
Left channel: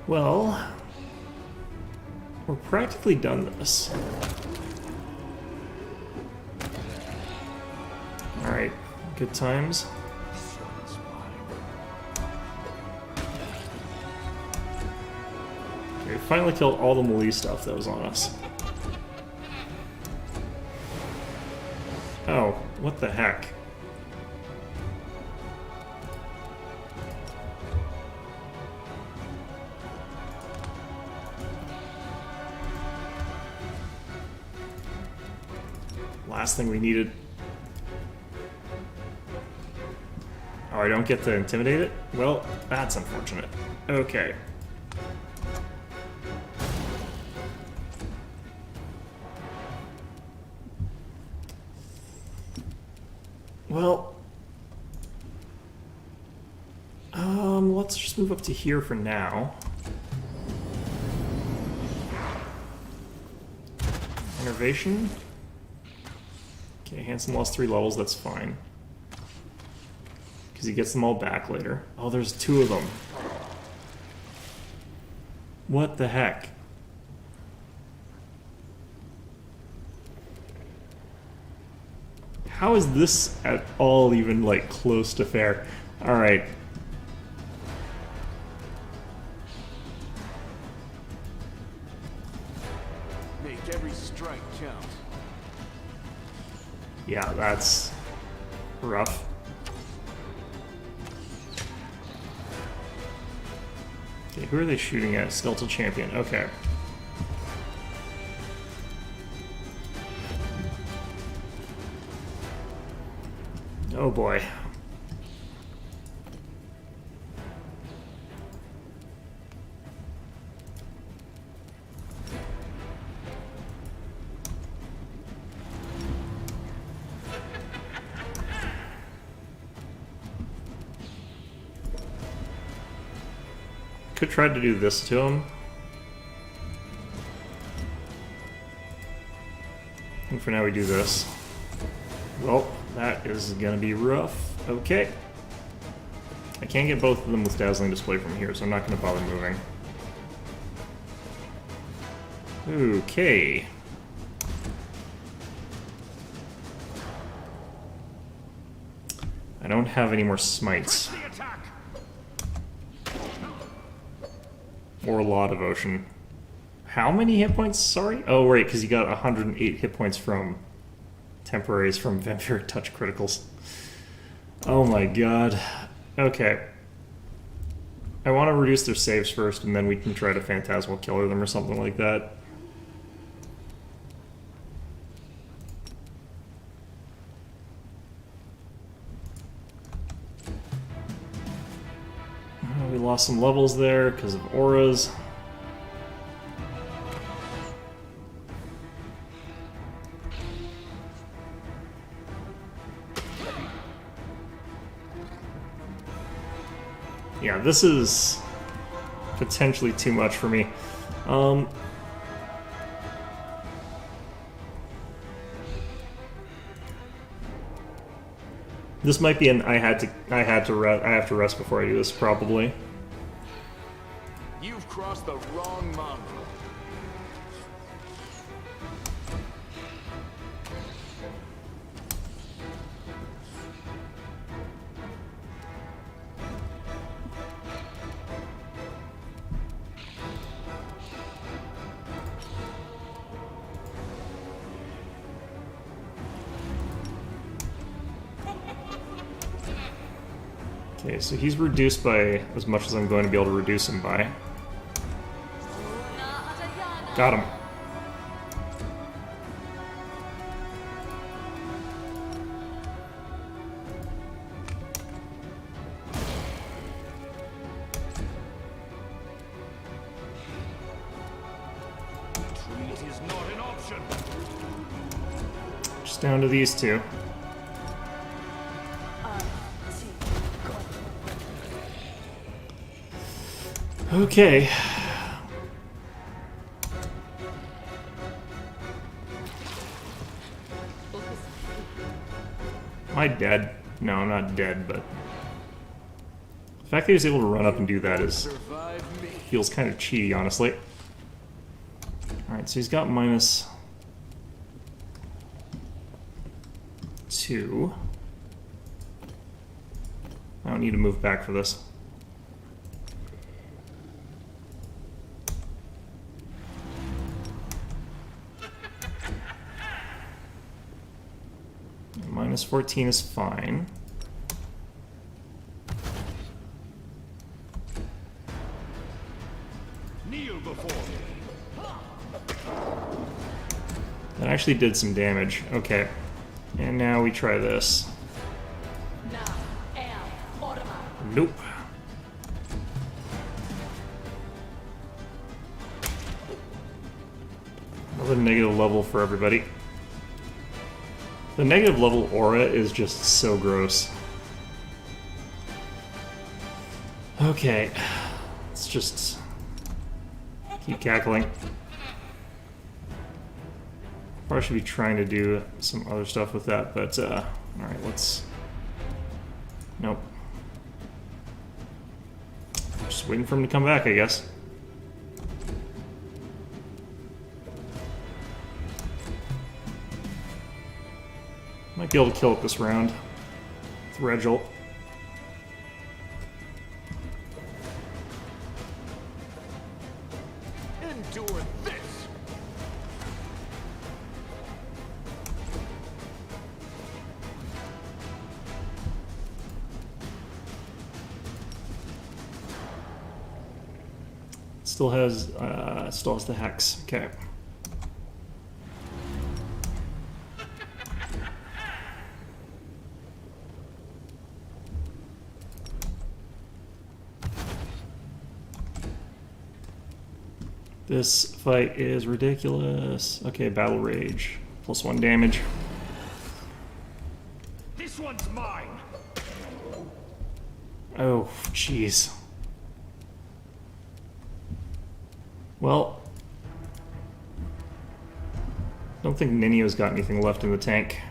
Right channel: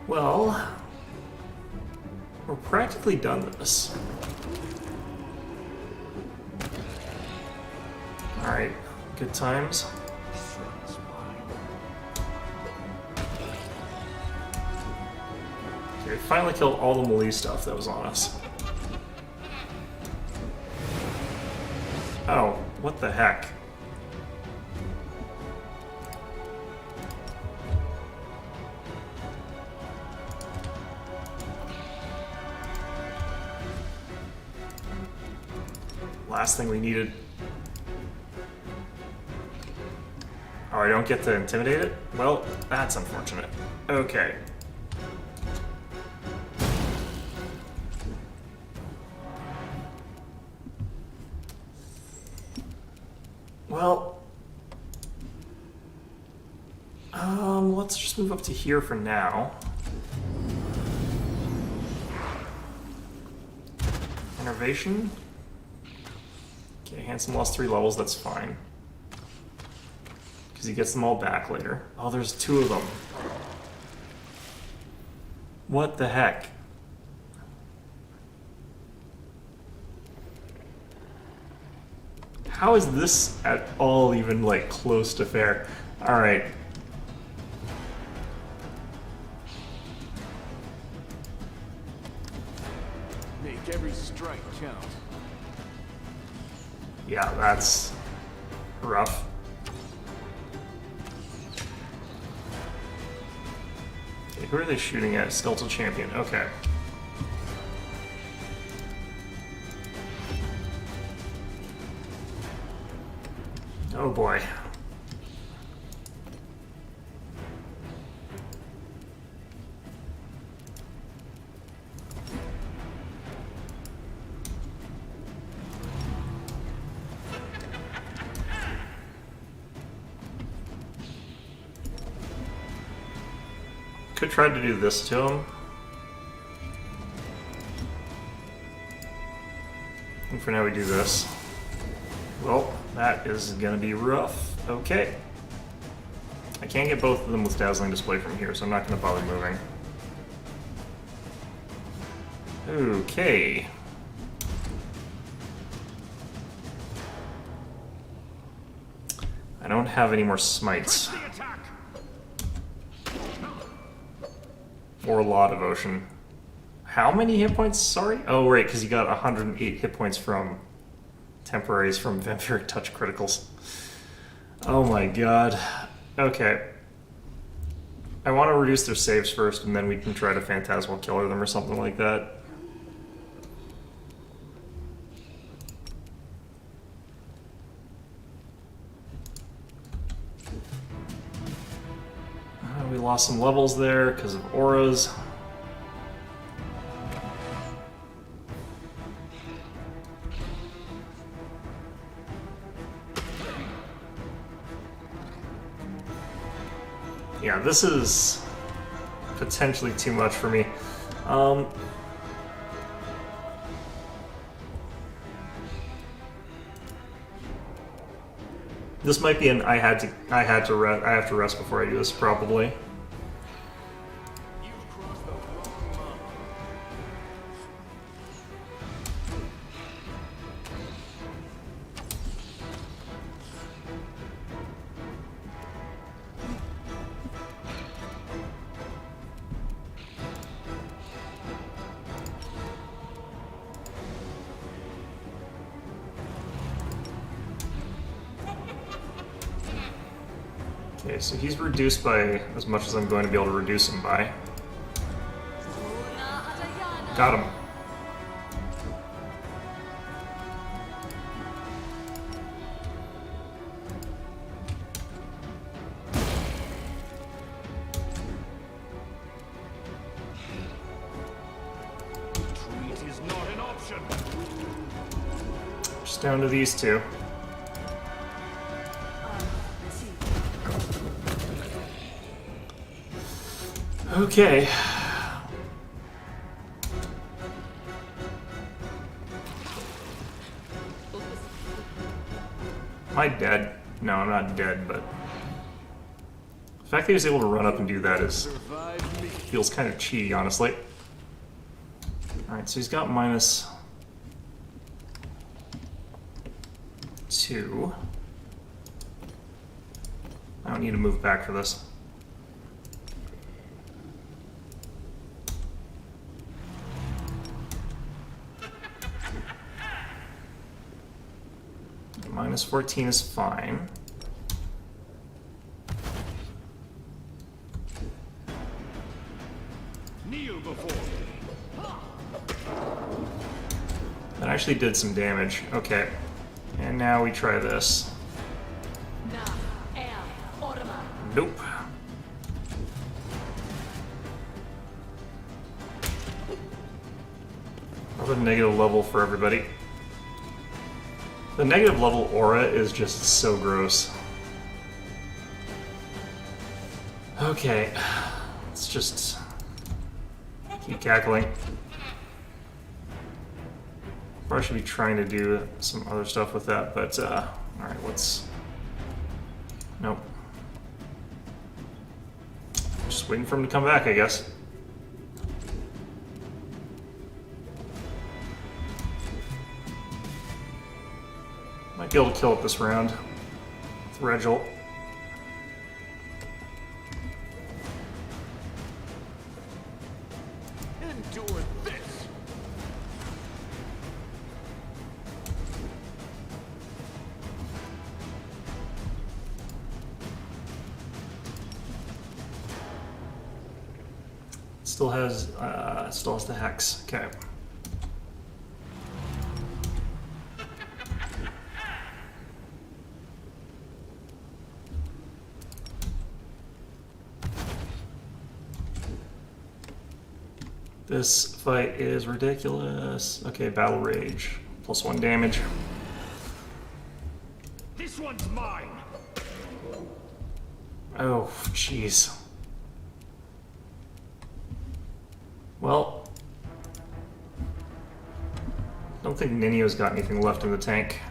Well, we're practically done this. Alright, good times. This one's mine. Okay, we finally killed all the melee stuff that was on us. Oh, what the heck? Last thing we needed. Oh, I don't get to intimidate it? Well, that's unfortunate. Okay. Well, let's just move up to here for now. Innervation. Okay, Handsome lost 3 levels, that's fine. Because he gets them all back later. Oh, there's 2 of them. What the heck? How is this at all even, like, close to fair? Alright. Make every strike count. Yeah, that's rough. Okay, who are they shooting at? Skeletal Champion. Okay. Oh boy. Could try to do this to him. And for now we do this. Well, that is gonna be rough. Okay. I can't get both of them with Dazzling Display from here, so I'm not gonna bother moving. Okay. I don't have any more smites. The attack. Or a lot of ocean. How many hit points? Sorry? Oh, right, because you got 108 hit points from temporaries from Vampiric Touch criticals. Oh my god. Okay. I want to reduce their saves first, and then we can try to Phantasmal Killer them or something like that. We lost some levels there because of auras. Yeah, this is potentially too much for me. This might be an I have to rest before I do this, probably. You've crossed the wrong mountain. Okay, so he's reduced by as much as I'm going to be able to reduce him by. Got him. Retreat is not an option. Just down to these two. Okay. Am I dead? No, I'm not dead, but the fact that he was able to run up and do that feels kind of cheaty, honestly. Alright, so he's got -2. I don't need to move back for this. -14 is fine. Kneel before me. That actually did some damage. Okay. And now we try this. Nope. Another negative level for everybody. The negative level aura is just so gross. Okay. Let's just keep cackling. Probably should be trying to do some other stuff with that, but alright, let's... Nope. Just waiting for him to come back, I guess. Might be able to kill it this round with Regil. Endure this. Still has the hex. Okay. This fight is ridiculous. Okay, Battle Rage. +1 damage. This one's mine. Oh, jeez. Well, don't think Ninio's got anything left in the tank.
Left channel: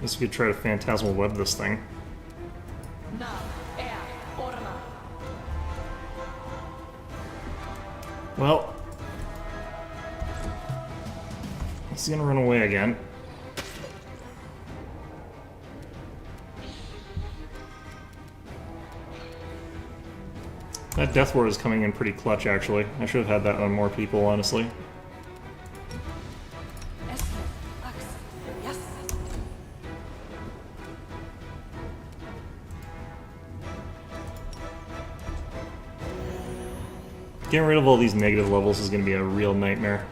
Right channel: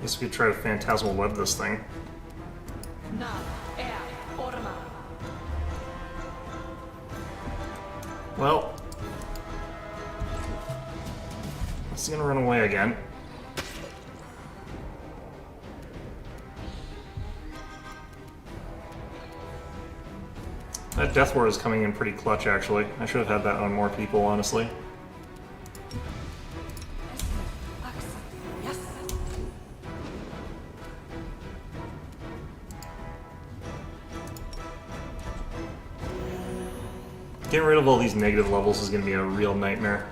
Guess we could try to Phantasmal Web this thing. Well, he's gonna run away again. That Death Ward is coming in pretty clutch, actually. I should have had that on more people, honestly. Getting rid of all these negative levels is going to be a real nightmare.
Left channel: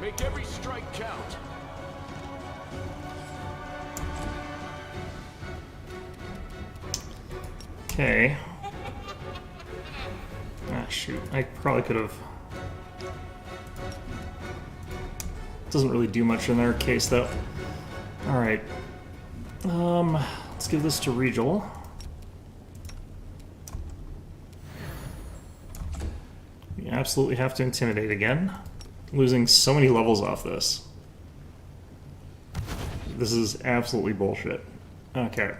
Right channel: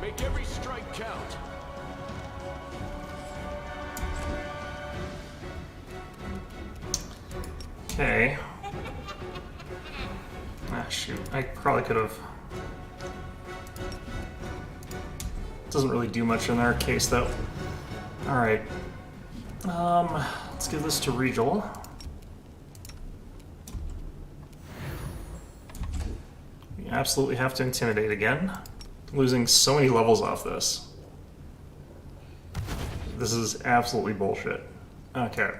Make every strike count. Okay. Ah, shoot. I probably could have... Doesn't really do much in our case, though. Alright. Let's give this to Regal. We absolutely have to Intimidate again. Losing so many levels off this. This is absolutely bullshit. Okay.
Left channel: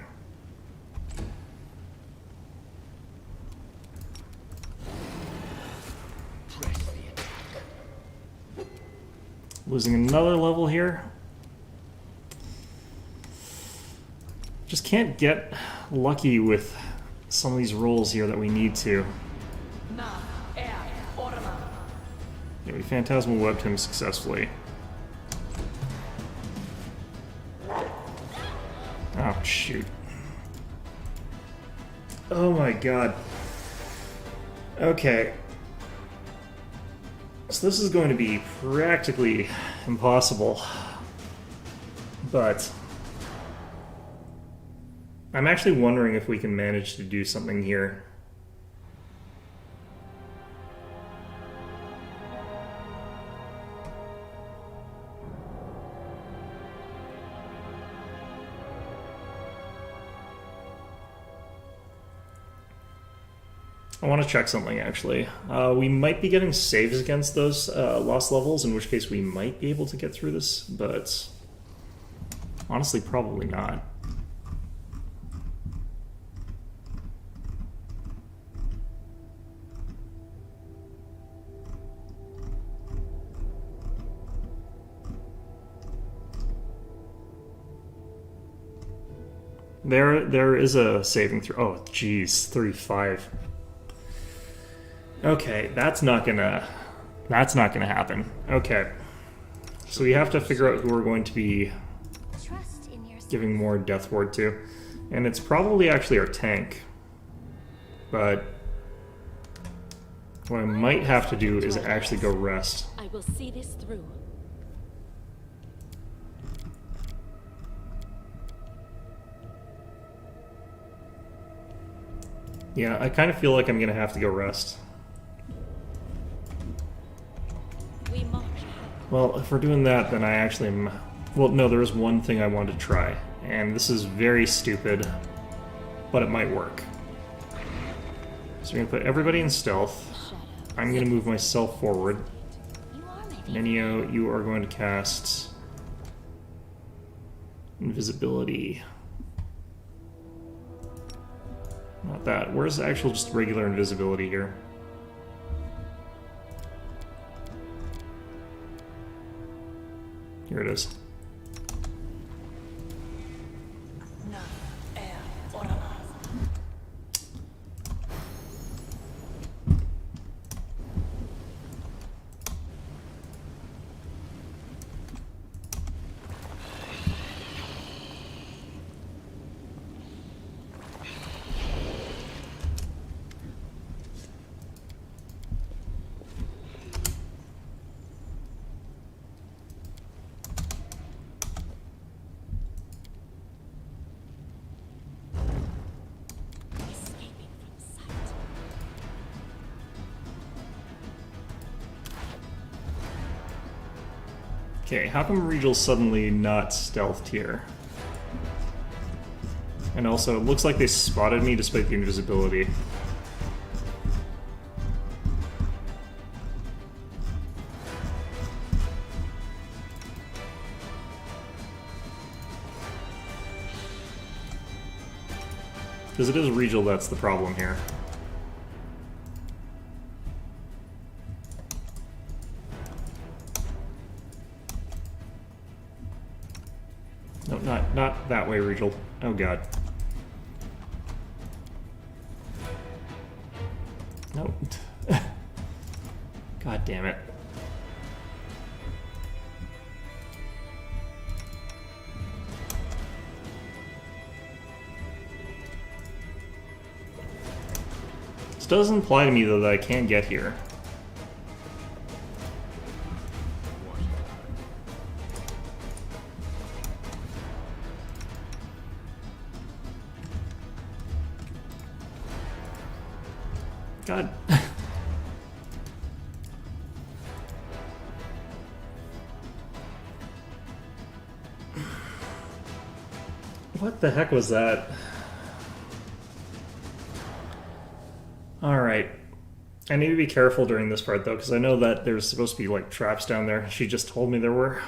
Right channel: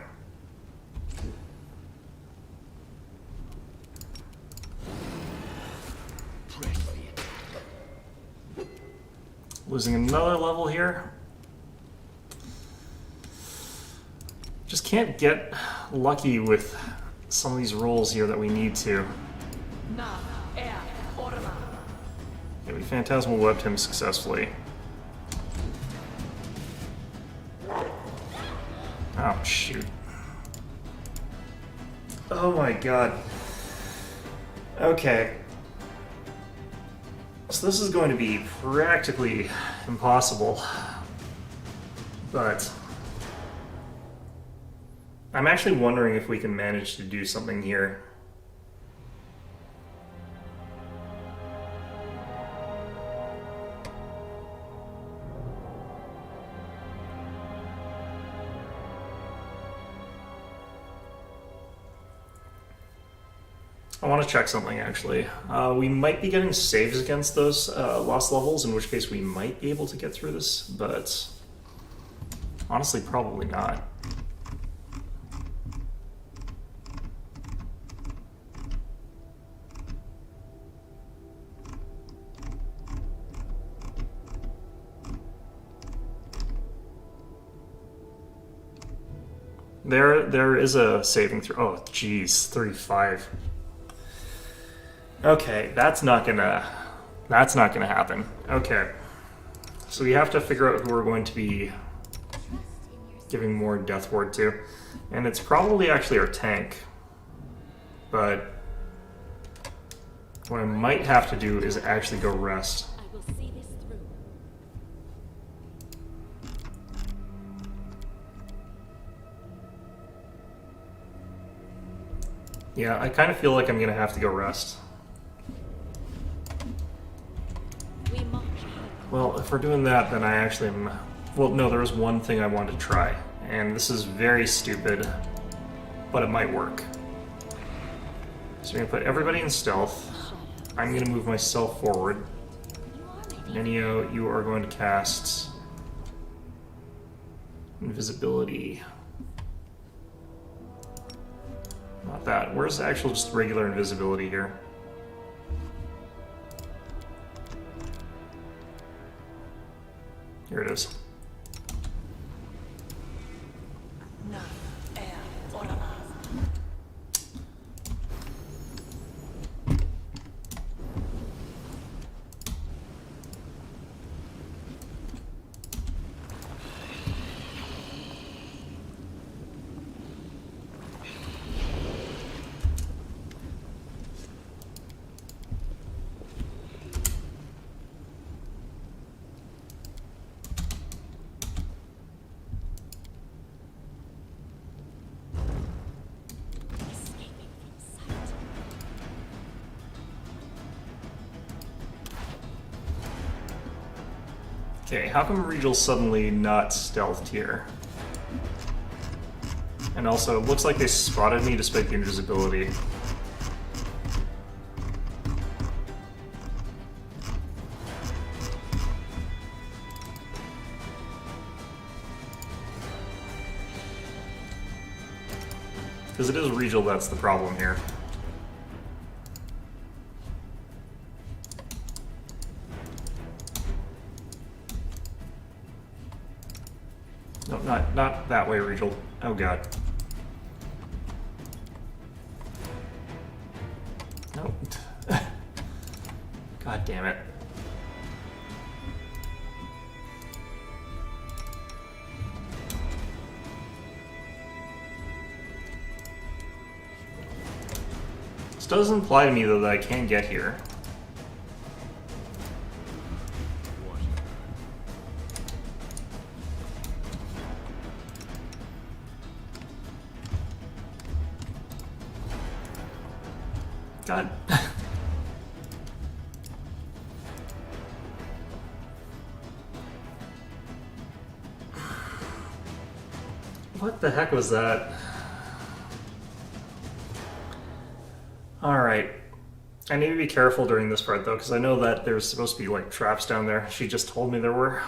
Press the attack. Losing another level here. Just can't get lucky with some of these rolls here that we need to. Yeah, we Phantasmal Webbed him successfully. Oh, shoot. Oh my god. Okay. So this is going to be practically impossible. But I'm actually wondering if we can manage to do something here. I want to check something, actually. We might be getting saves against those lost levels, in which case we might be able to get through this, but honestly, probably not. There is a saving throw. Oh, geez, 35. Okay, that's not gonna happen. Okay, so we have to figure out who we're going to be giving more Death Ward to, and it's probably actually our tank. But what I might have to do is actually go rest. I will see this through. Yeah, I kind of feel like I'm gonna have to go rest. We march ahead. Well, if we're doing that, then I actually am... Well, no, there is one thing I want to try, and this is very stupid, but it might work. So we're going to put everybody in stealth. I'm going to move myself forward. Nenio, you are going to cast invisibility. Not that. Where's actual just regular invisibility here? Here it is. Okay, how come Regal's suddenly not stealthed here? And also, it looks like they spotted me despite the invisibility. Because it is Regal that's the problem here. No, not that way, Regal. Oh god. No. God damn it. This does imply to me, though, that I can get here. God. What the heck was that? Alright. I need to be careful during this part, though, because I know that there's supposed to be, like, traps down there. She just told me there were.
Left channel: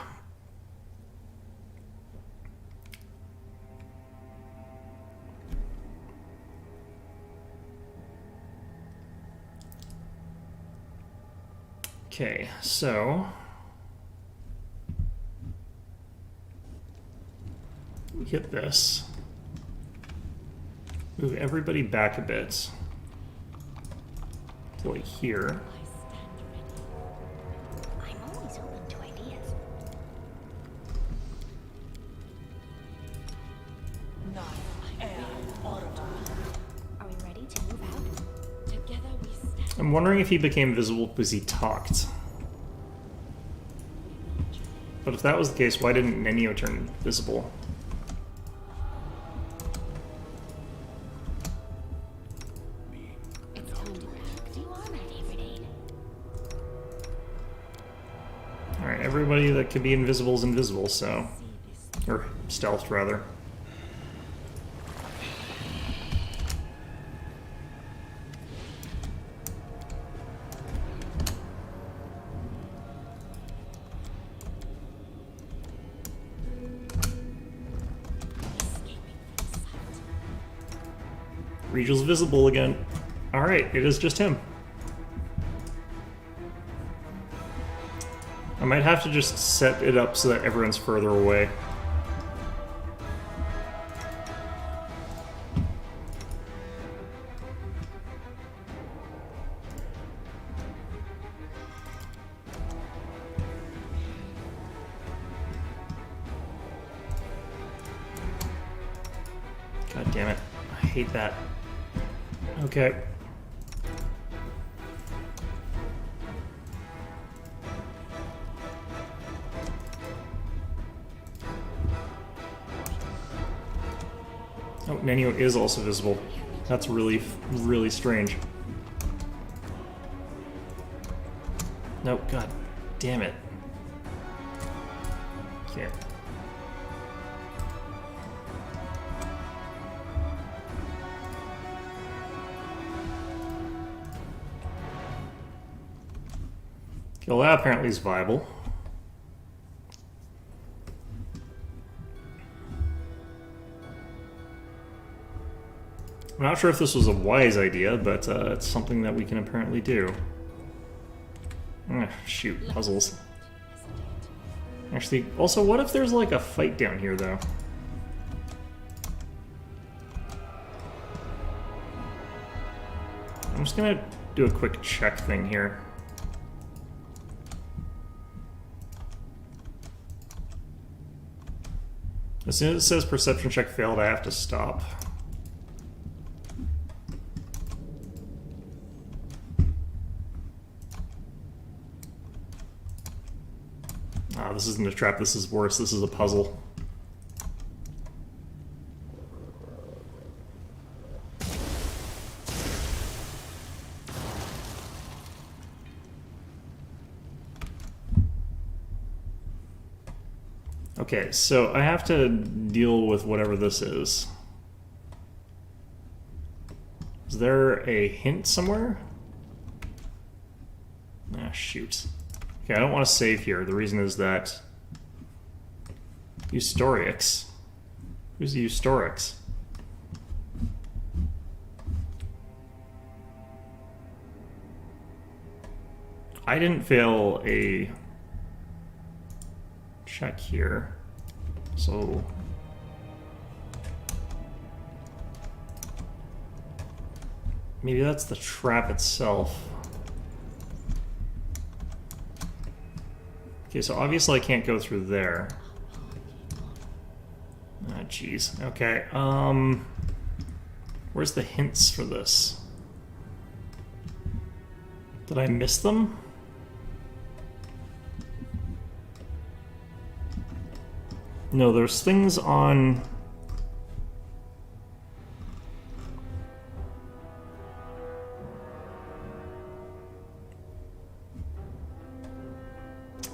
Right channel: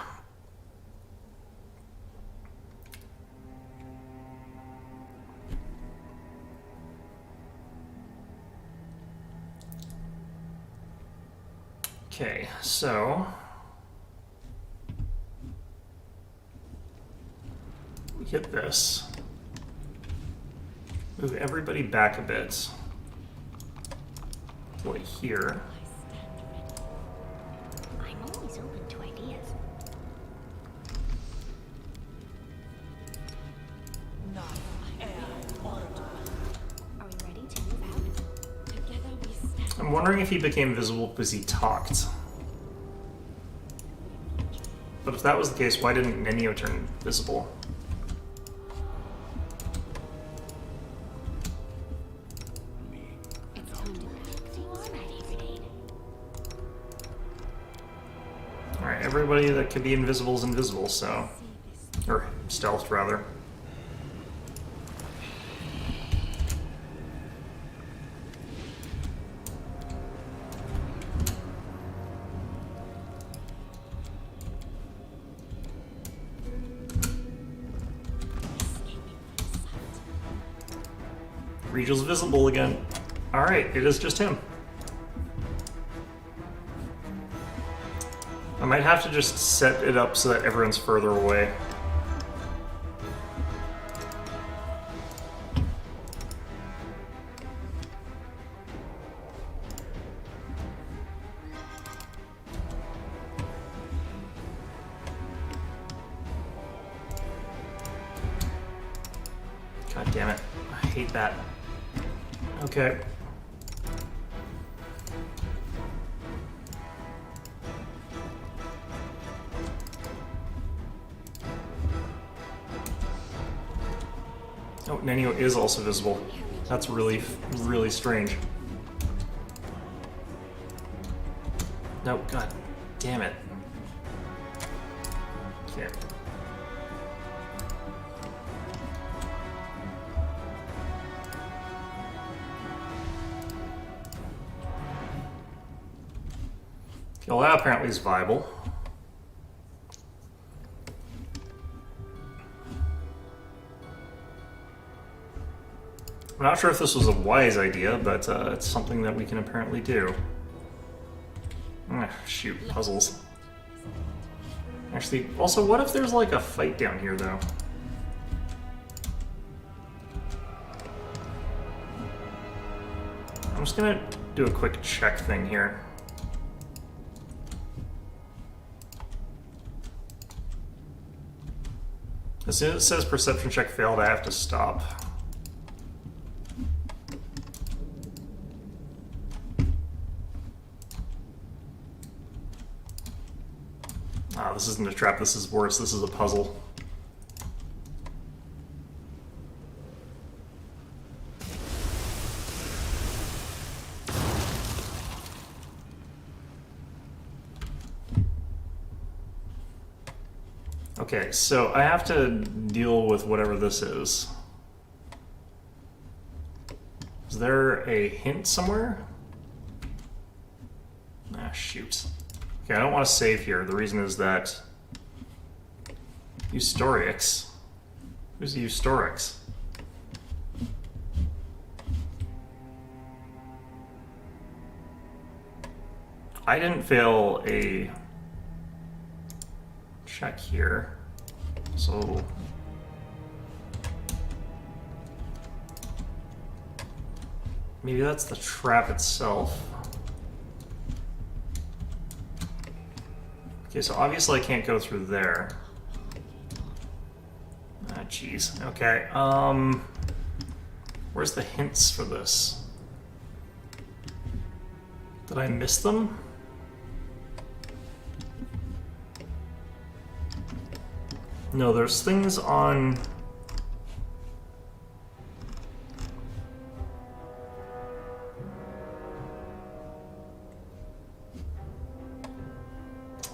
Okay, so... we hit this. Move everybody back a bit. To like here. I'm always open to ideas. Are we ready to move out? Together we stand. I'm wondering if he became visible because he talked. But if that was the case, why didn't Nenio turn visible? It's time to act. You are my favorite aid. Alright, everybody that could be invisible is invisible, so... or stealthed, rather. Regal's visible again. Alright, it is just him. I might have to just set it up so that everyone's further away. God damn it. I hate that. Okay. Oh, Nenio is also visible. That's really, really strange. No, god damn it. Can't. Okay, well, that apparently is viable. I'm not sure if this was a wise idea, but it's something that we can apparently do. Shoot, puzzles. Actually, also, what if there's like a fight down here, though? I'm just gonna do a quick check thing here. As soon as it says perception check failed, I have to stop. Ah, this isn't a trap, this is worse, this is a puzzle. Okay, so I have to deal with whatever this is. Is there a hint somewhere? Ah, shoot. Okay, I don't want to save here. The reason is that... Eustorix? Who's the Eustorix? I didn't fail a check here, so maybe that's the trap itself. Okay, so obviously I can't go through there. Ah, jeez. Okay, where's the hints for this? Did I miss them? No, there's things on...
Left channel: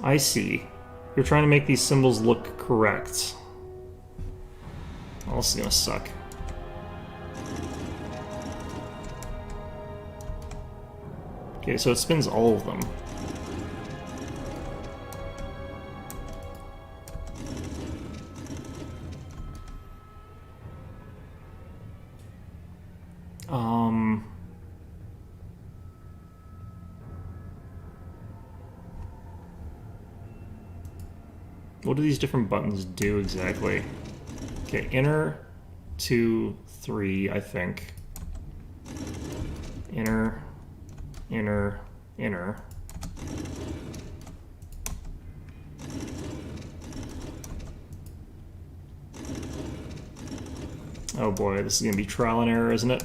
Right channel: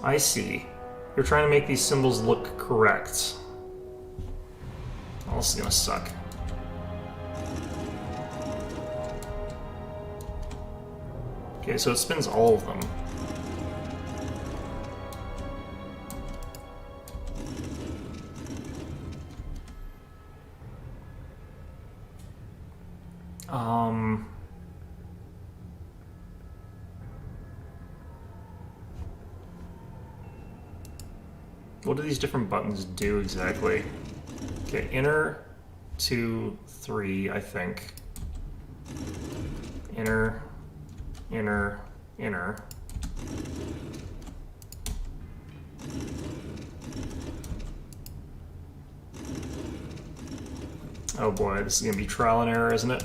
I see. You're trying to make these symbols look correct. Well, this is gonna suck. Okay, so it spins all of them. What do these different buttons do exactly? Okay, inner, 2, 3, I think. Inner, inner, inner. Oh boy, this is gonna be trial and error, isn't it?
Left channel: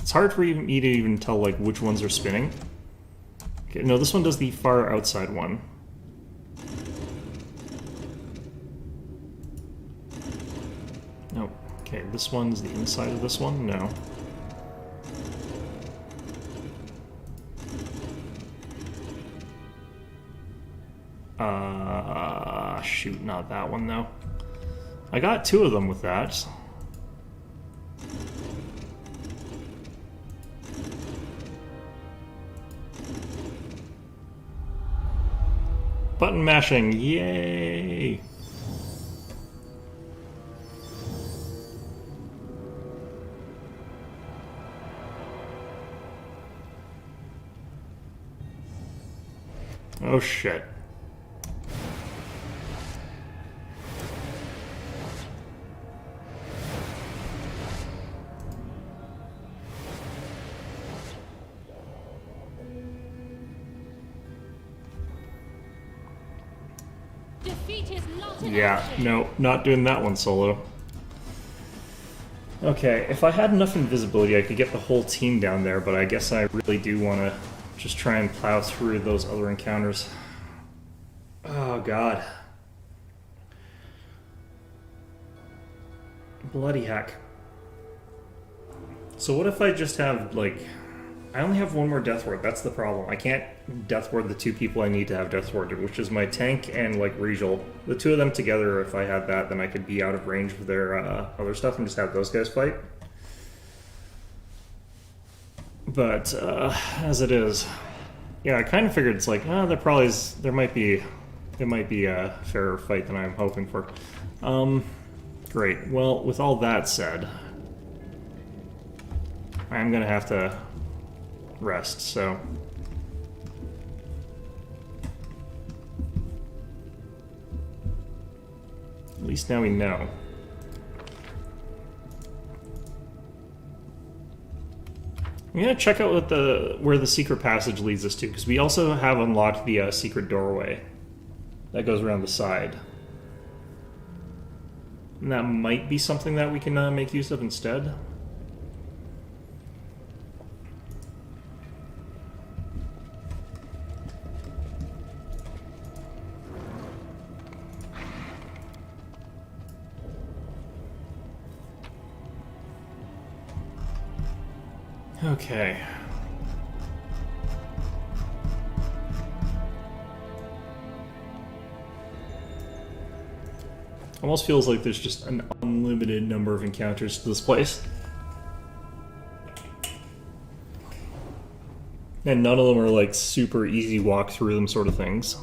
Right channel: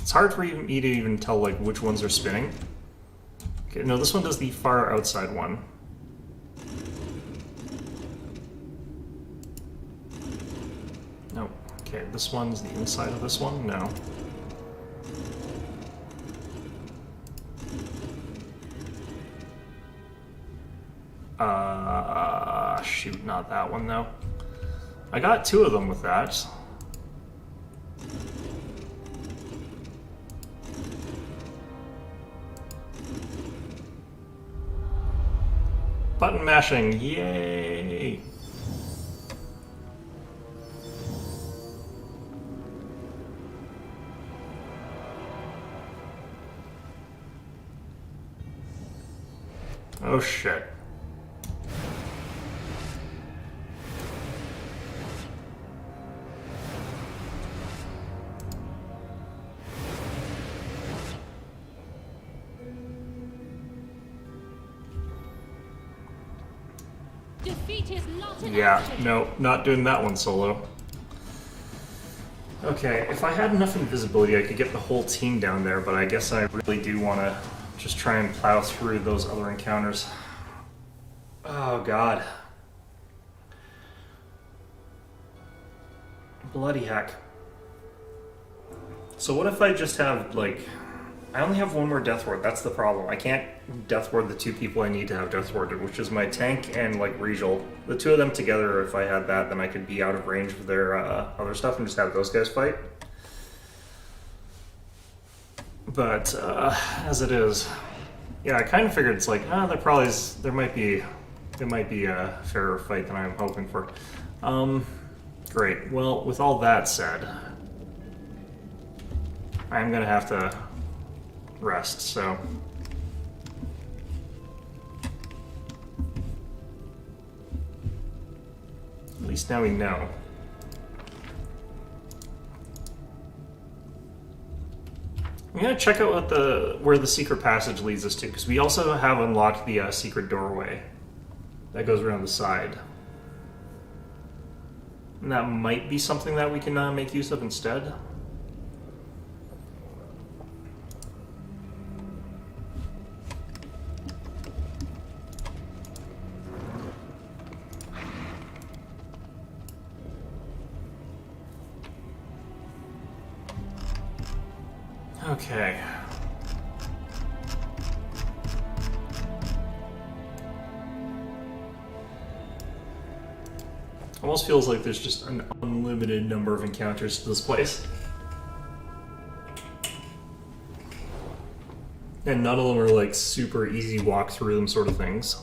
It's hard for me to even tell like which ones are spinning. Okay, no, this one does the far outside one. No. Okay, this one's the inside of this one? No. Shoot, not that one though. I got 2 of them with that. Button mashing, yay! Oh shit. Defeat is not an Yeah, option. no, not doing that one solo. Okay, if I had enough invisibility, I could get the whole team down there, but I guess I really do want to just try and plow through those other encounters. Oh, God. Bloody heck. So what if I just have, like... I only have one more Death Ward, that's the problem. I can't Death Ward the 2 people I need to have Death Warded, which is my tank and, like, Regal. The 2 of them together, if I had that, then I could be out of range of their other stuff and just have those guys fight. But, as it is... Yeah, I kind of figured it's like, there might be a fairer fight than I'm hoping for. Great. Well, with all that said, I'm gonna have to rest, so... At least now we know. I'm gonna check out where the secret passage leads us to, because we also have unlocked the secret doorway that goes around the side. And that might be something that we can make use of instead. Okay. Almost feels like there's just an unlimited number of encounters to this place. And none of them are like super easy walk through them sort of things.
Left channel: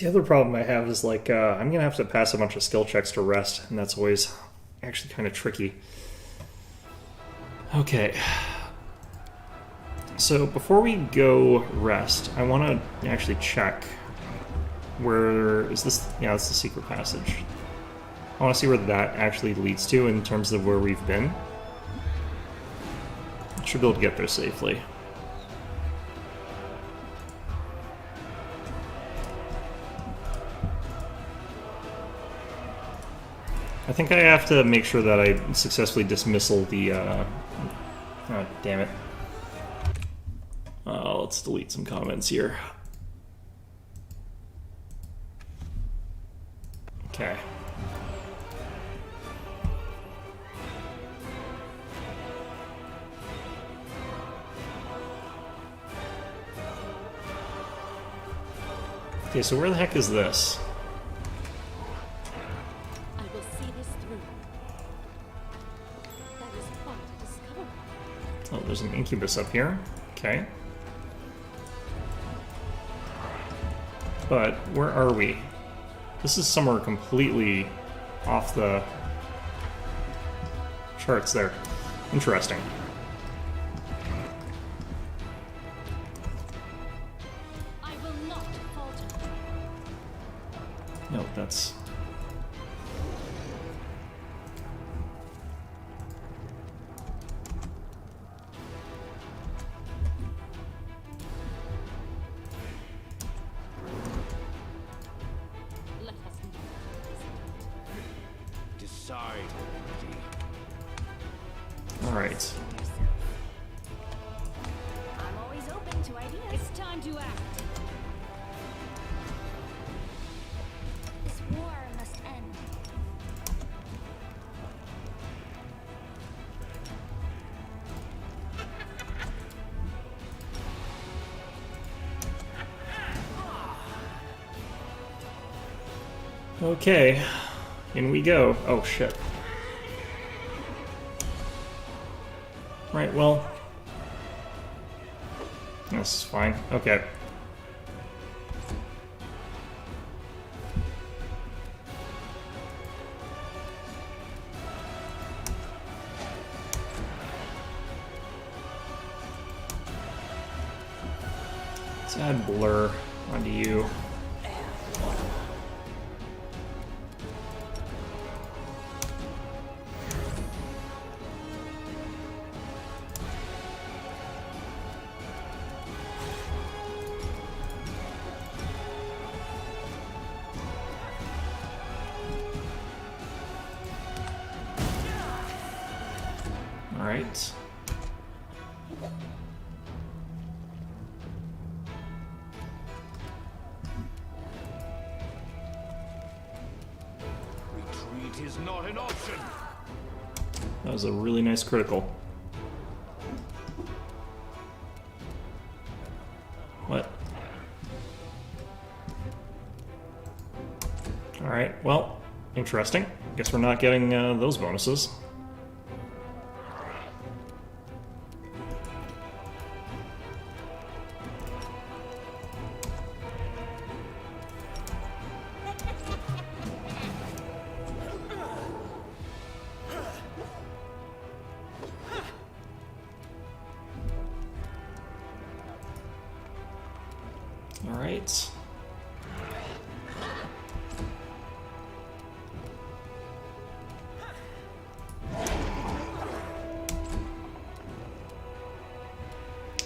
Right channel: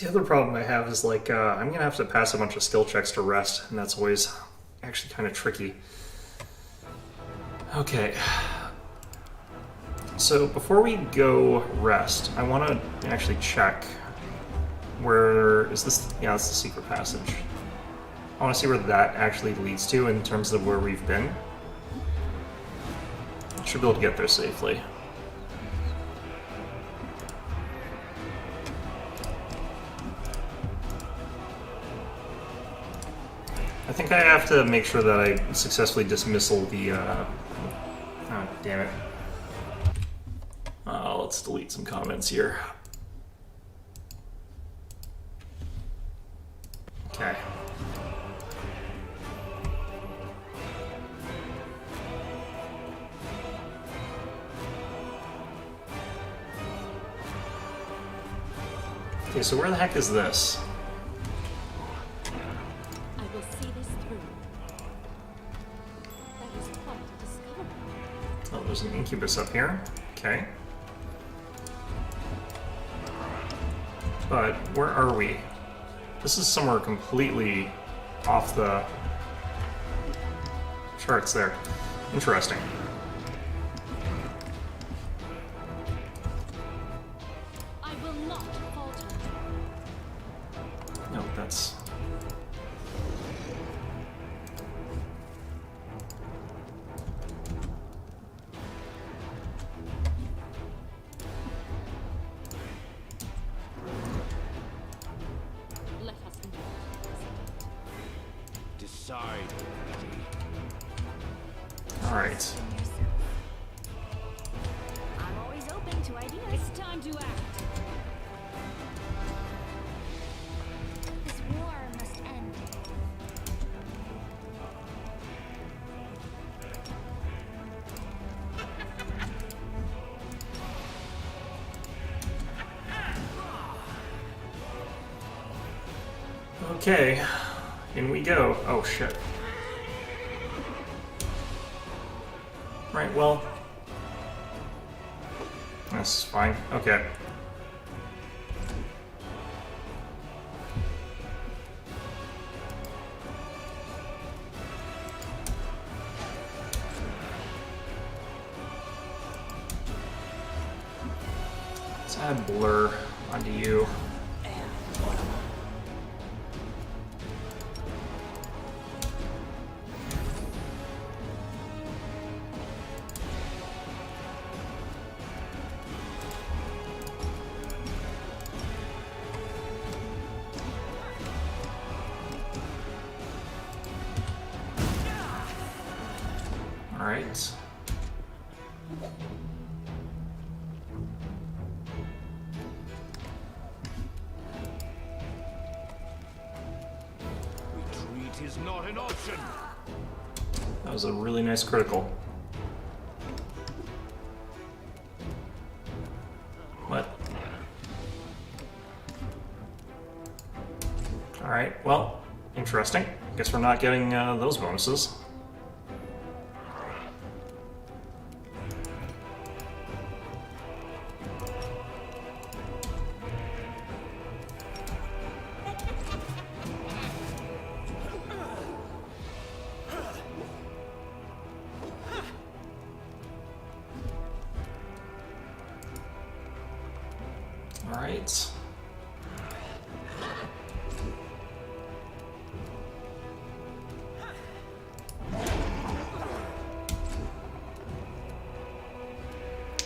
The other problem I have is like I'm gonna have to pass a bunch of skill checks to rest, and that's always actually kind of tricky. Okay. So before we go rest, I want to actually check where is this? Yeah, it's the secret passage. I want to see where that actually leads to in terms of where we've been. Should be able to get there safely. I think I have to make sure that I successfully dismissal the, oh, damn it. Let's delete some comments here. Okay. Okay, so where the heck is this? I will see this through. That is quite a discovery. Oh, there's an incubus up here. Okay. But where are we? This is somewhere completely off the charts there. Interesting. I will not falter. No, that's... Let us move. Decide already. Alright. In yourself. I'm always open to ideas. It's time to act. This war must end. Okay. In we go. Oh, shit. Right, well... That's fine. Okay. Let's add blur onto you. Alright. Retreat is not an option. That was a really nice critical. What? Alright, well, interesting. Guess we're not getting those bonuses. Alright.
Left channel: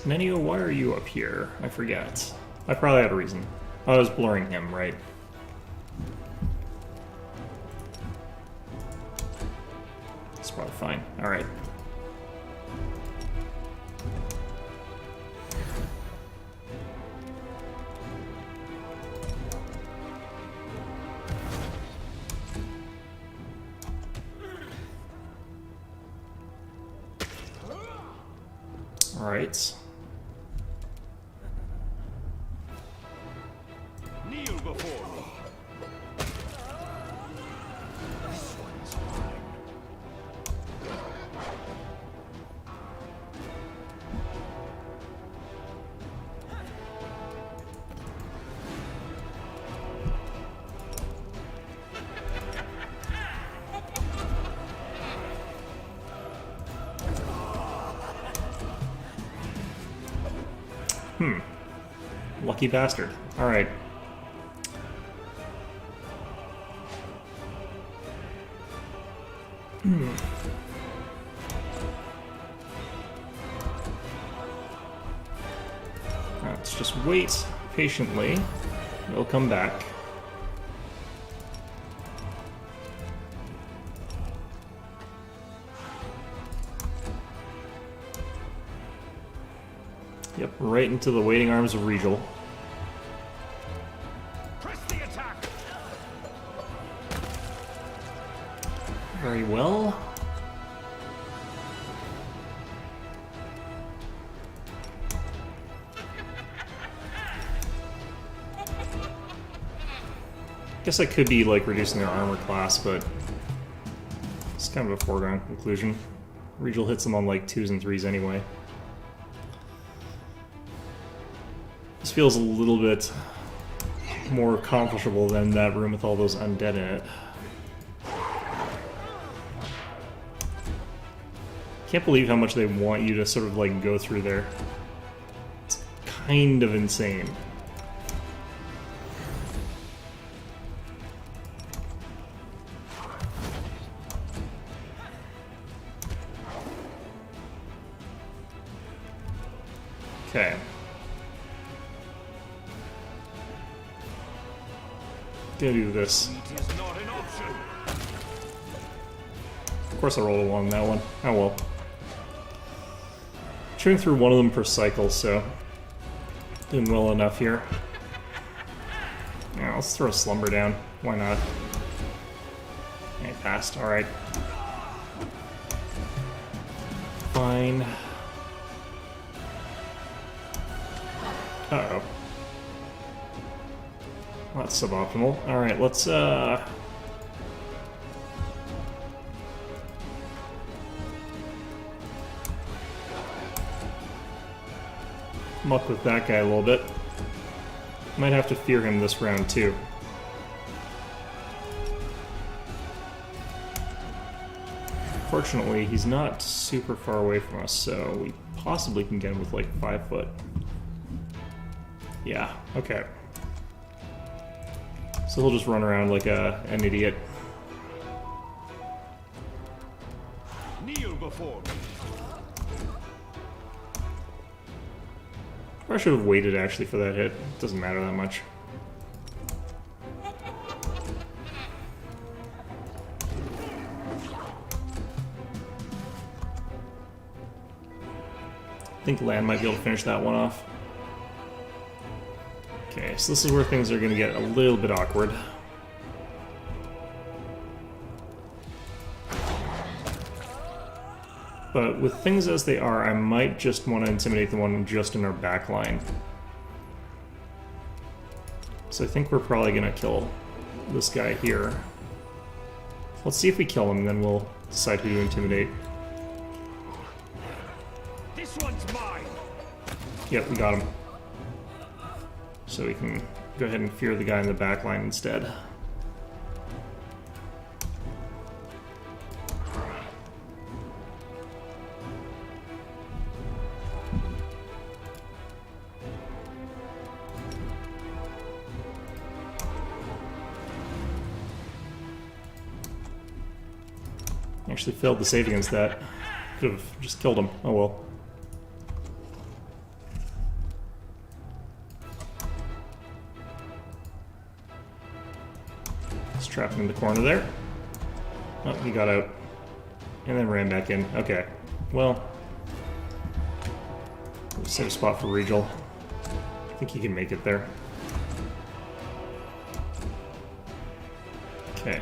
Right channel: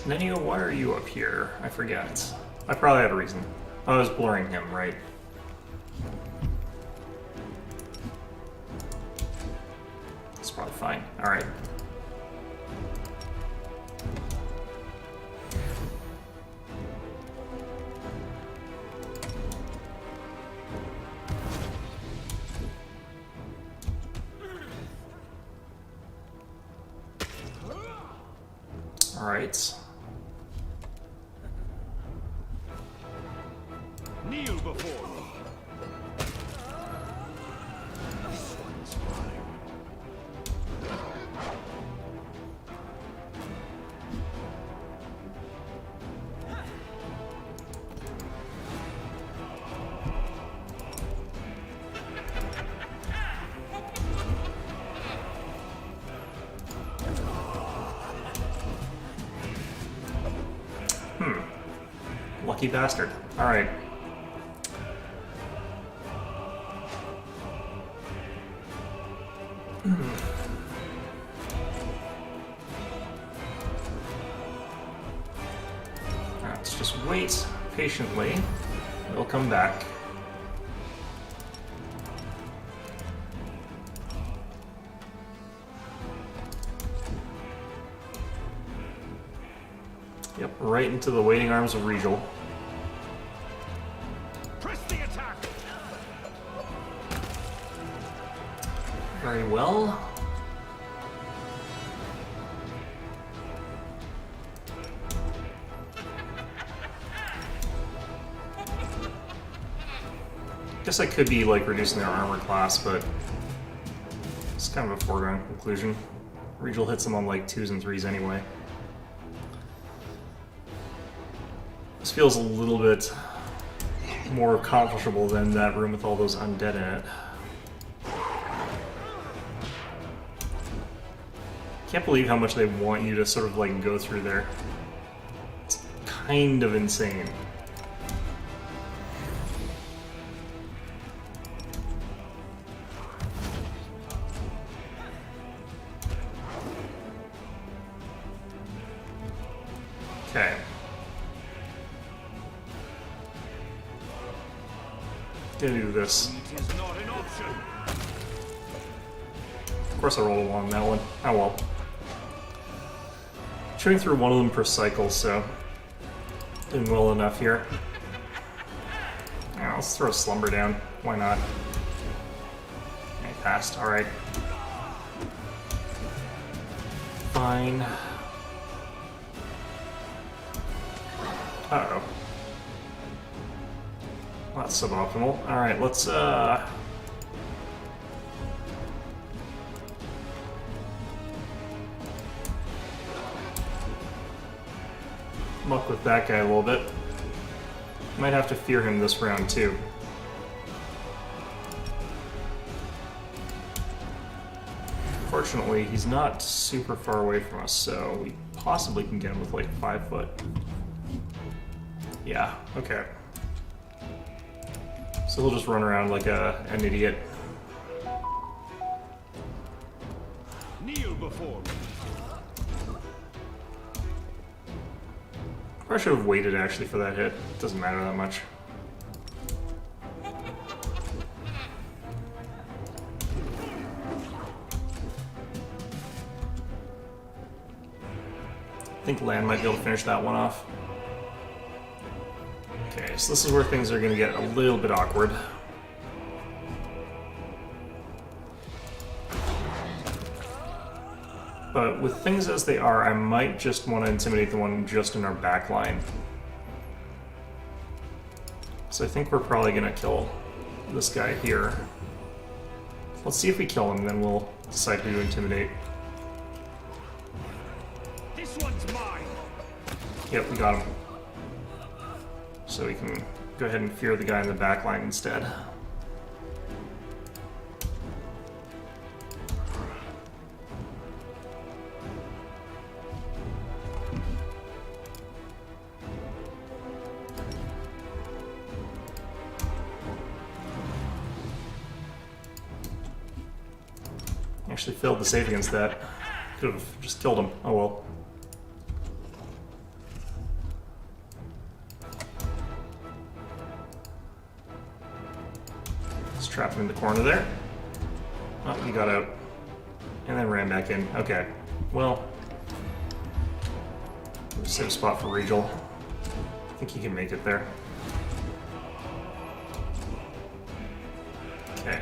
Nenio, why are you up here? I forget. I probably had a reason. I was blurring him, right? It's probably fine. Alright. Alright. Kneel before me. This one's mine. Lucky bastard. Alright. Let's just wait patiently. They'll come back. Yep, right into the waiting arms of Regal. Press the attack! Very well. Guess I could be like reducing their armor class, but it's kind of a foregone conclusion. Regal hits them on like 2s and 3s anyway. This feels a little bit more comfortable than that room with all those undead in it. Can't believe how much they want you to sort of like go through there. It's kind of insane. Okay. Gonna do this. Retreat is not an option. Of course I rolled a 1 on that one. Oh well. Chewing through one of them per cycle, so doing well enough here. Yeah, let's throw a slumber down. Why not? Okay, passed. Alright. Fine. Uh-oh. Well, that's suboptimal. Alright, let's muck with that guy a little bit. Might have to fear him this round too. Fortunately, he's not super far away from us, so we possibly can get him with like 5 foot. Yeah, okay. So he'll just run around like an idiot. Kneel before me. I should have waited actually for that hit. Doesn't matter that much. I think Land might be able to finish that one off. Okay, so this is where things are going to get a little bit awkward. But with things as they are, I might just want to intimidate the one just in our back line. So I think we're probably going to kill this guy here. Let's see if we kill him, and then we'll decide who to intimidate. This one's mine. Yep, we got him. So we can go ahead and fear the guy in the back line instead. Actually failed to save against that. Could have just killed him. Oh well. Let's trap him in the corner there. Oh, he got out. And then ran back in. Okay. Well. Safe spot for Regal. I think he can make it there. Okay.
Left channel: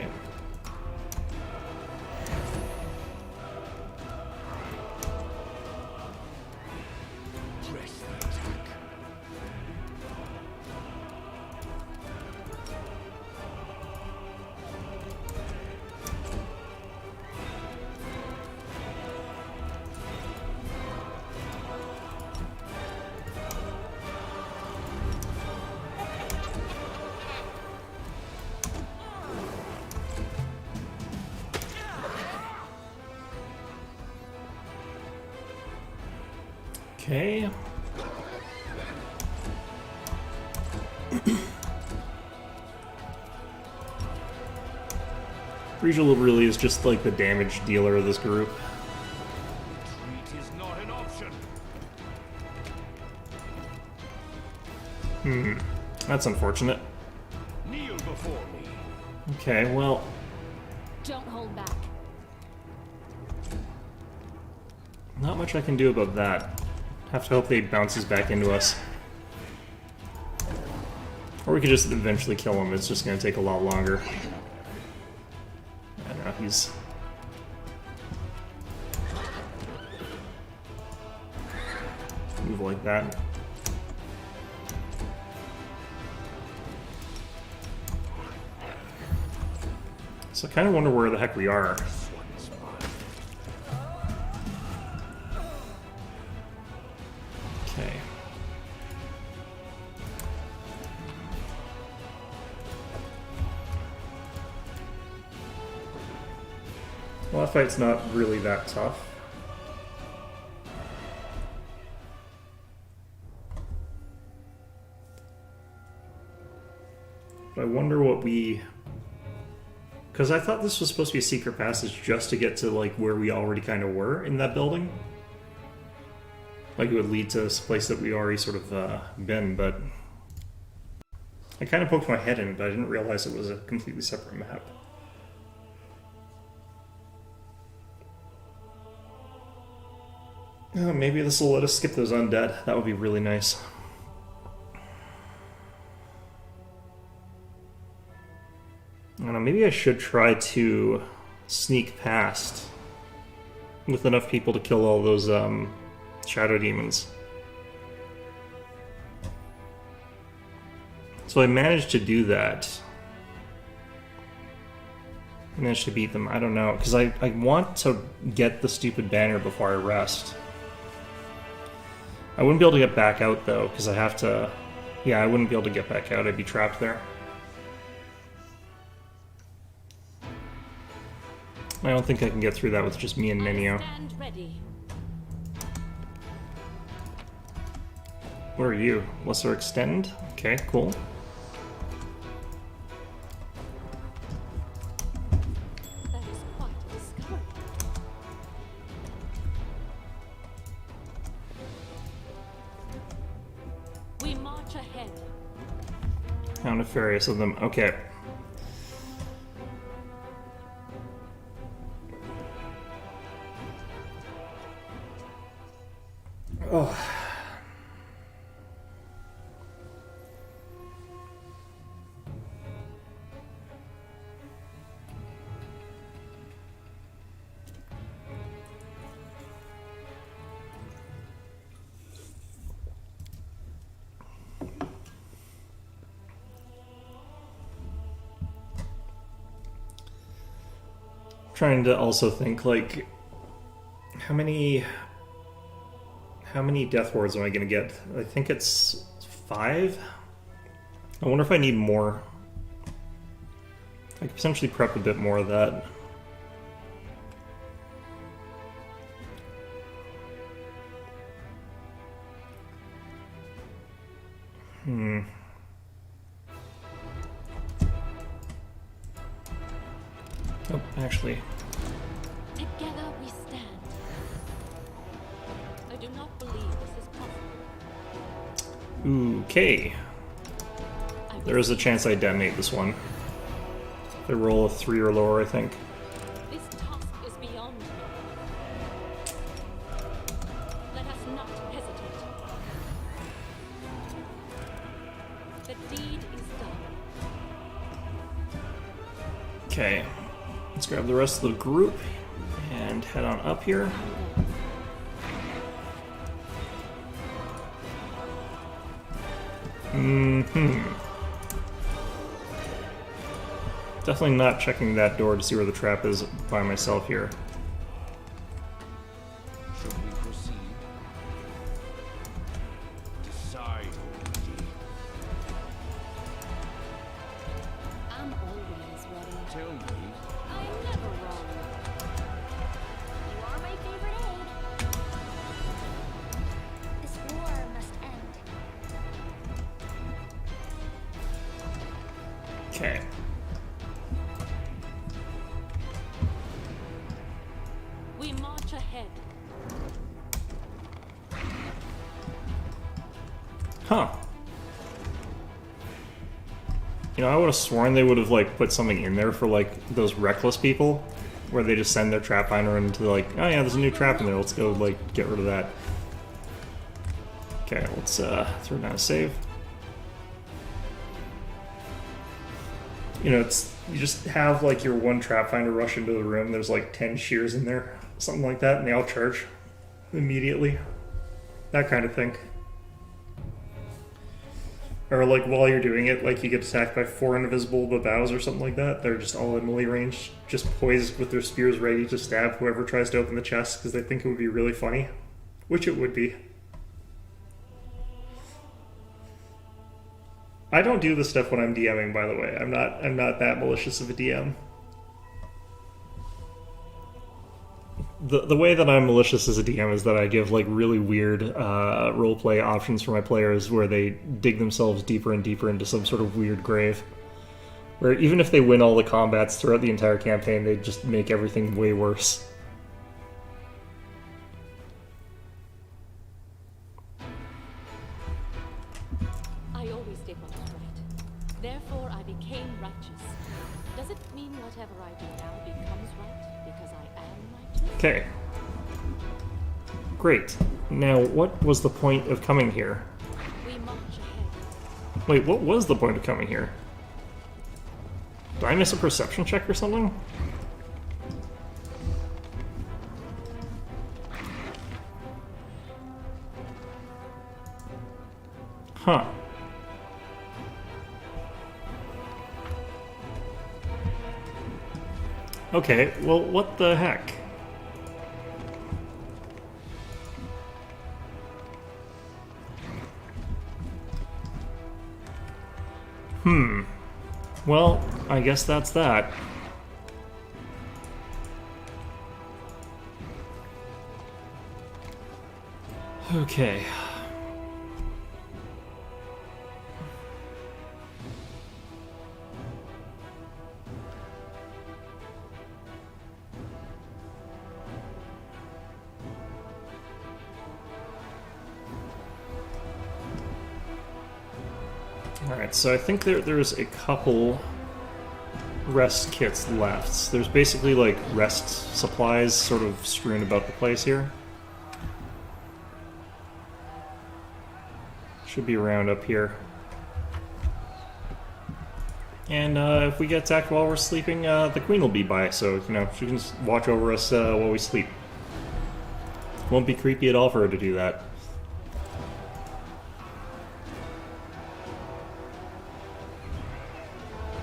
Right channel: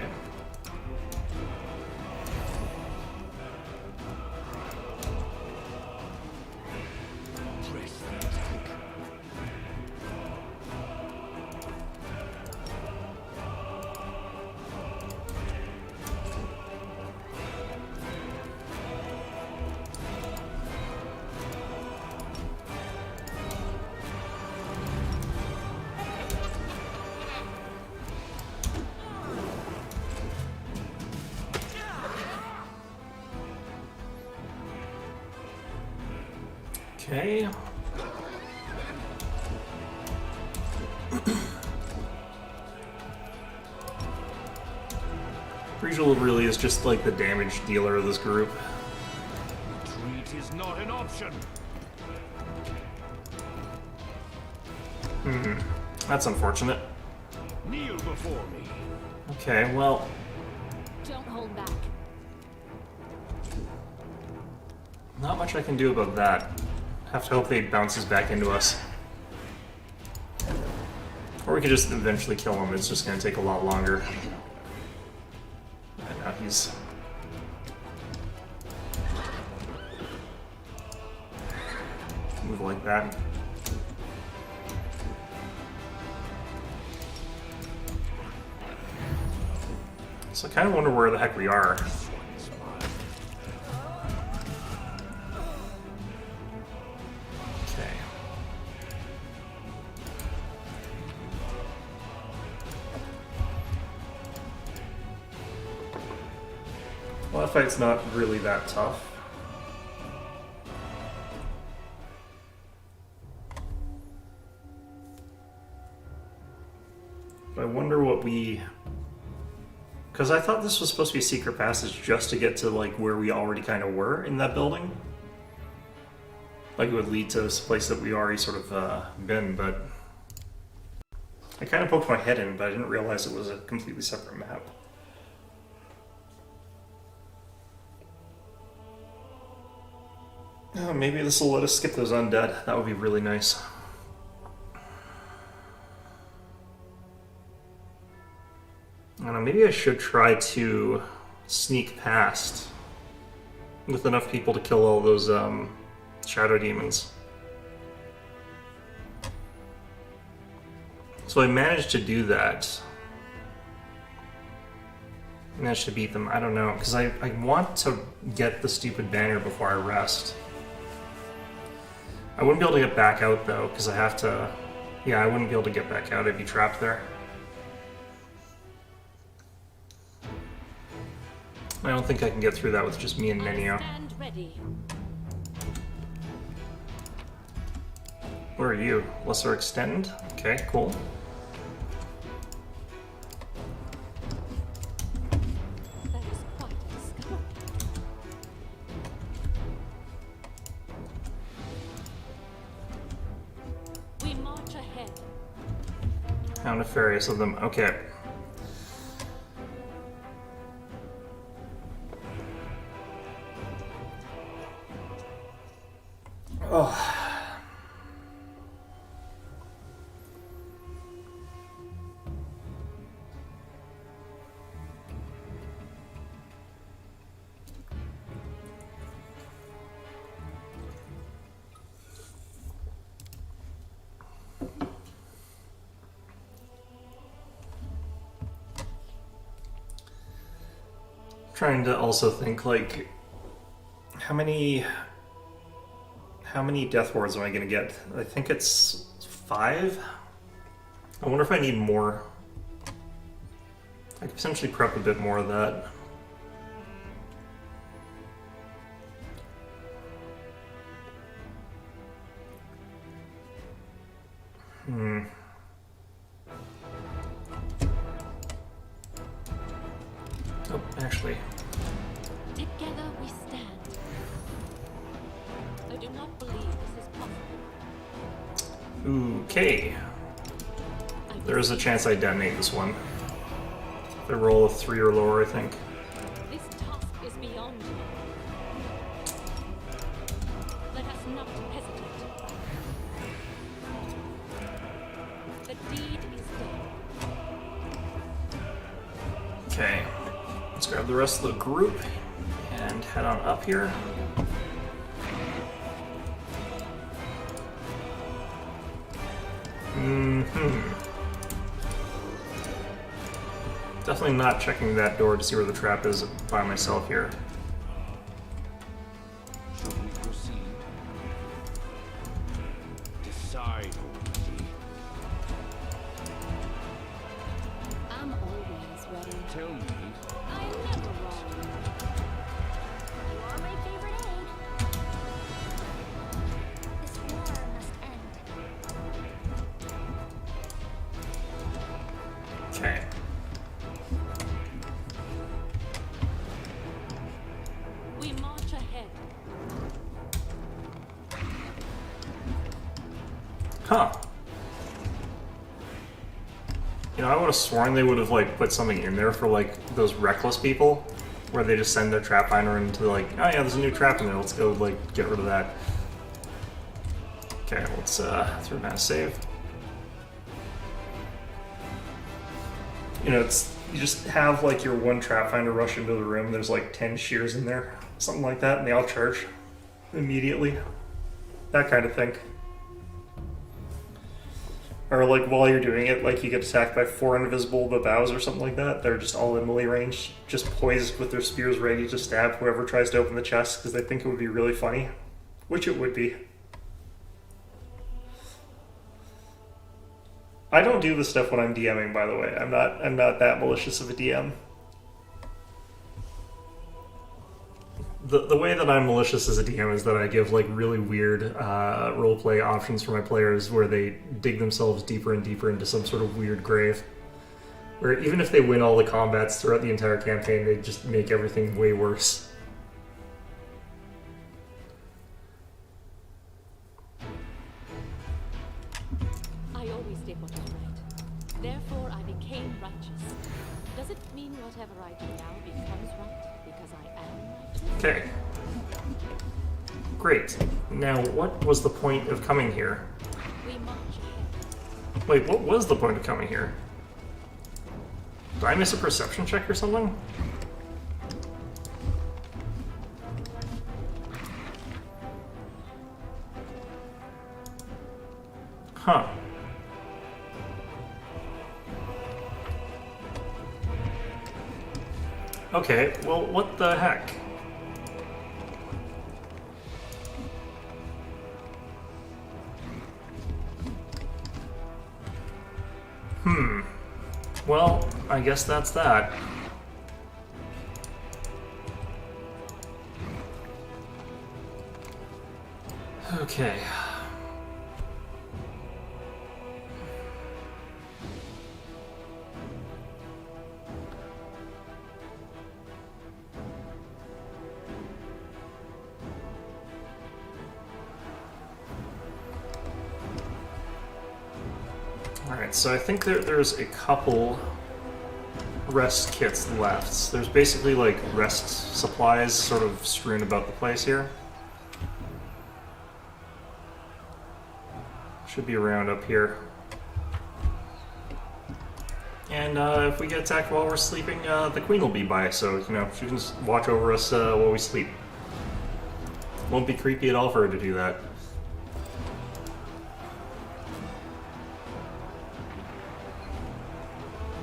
Press the attack. Okay. Regal really is just like the damage dealer of this group. Retreat is not an option. That's unfortunate. Kneel before me. Okay, well, Don't hold back. not much I can do about that. Have to hope they bounces back into us. Or we could just eventually kill him. It's just going to take a lot longer. And now he's... move like that. So I kind of wonder where the heck we are. Okay. Well, that fight's not really that tough. But I wonder what we... Because I thought this was supposed to be a secret passage just to get to, like, where we already kind of were in that building. Like, it would lead to this place that we already sort of been, but... I kind of poked my head in, but I didn't realize it was a completely separate map. Oh, maybe this will let us skip those undead. That would be really nice. I don't know, maybe I should try to sneak past with enough people to kill all those shadow demons. So I managed to do that. Managed to beat them. I don't know, because I want to get the stupid banner before I rest. I wouldn't be able to get back out though, because I have to... Yeah, I wouldn't be able to get back out. I'd be trapped there. I don't think I can get through that with just me and Nenio. Stand ready. Where are you? Lesser Extend? Okay, cool. That is quite a discovery. We march ahead. How nefarious of them. Okay. Oh. Trying to also think, like, how many death wards am I gonna get? I think it's 5? I wonder if I need more. I could potentially prep a bit more of that. Oh, actually. Together we stand. I do not believe this is possible. Okay. There is a chance I detonate this one. If I roll a 3 or lower, I think. This task is beyond me. Let us not hesitate. The deed is done. Okay. Let's grab the rest of the group and head on up here. Definitely not checking that door to see where the trap is by myself here. Should we proceed? Decide already. I'm always ready. Tell me. I am never wrong. You are my favorite aide. This war must end. Huh. You know, I would have sworn they would have, like, put something in there for, like, those reckless people, where they just send their trap finder into, like, oh yeah, there's a new trap in there, let's go, like, get rid of that. Okay, let's, throw down a save. You know, it's, you just have, like, your one trap finder rush into the room, there's, like, 10 shears in there, something like that, and they all charge immediately. That kind of thing. Or, like, while you're doing it, like, you get attacked by 4 invisible babaus or something like that. They're just all in melee range, just poised with their spears ready to stab whoever tries to open the chest because they think it would be really funny. Which it would be. I don't do this stuff when I'm DMing, by the way. I'm not that malicious of a DM. The way that I'm malicious as a DM is that I give, like, really weird roleplay options for my players where they dig themselves deeper and deeper into some sort of weird grave. Where even if they win all the combats throughout the entire campaign, they just make everything way worse. I always did what was right. Therefore, I became righteous. Does it mean whatever I do now becomes right because I am righteous? Okay. Great. Now, what was the point of coming here? We march ahead. Wait, what was the point of coming here? Did I miss a perception check or something? Huh. Okay, well, what the heck? Well, I guess that's that. Okay. Alright, so I think there's a couple rest kits left. There's basically, like, rest supplies sort of strewn about the place here. Should be around up here. And if we get attacked while we're sleeping, the queen will be by, so, you know, she can just watch over us while we sleep. Won't be creepy at all for her to do that.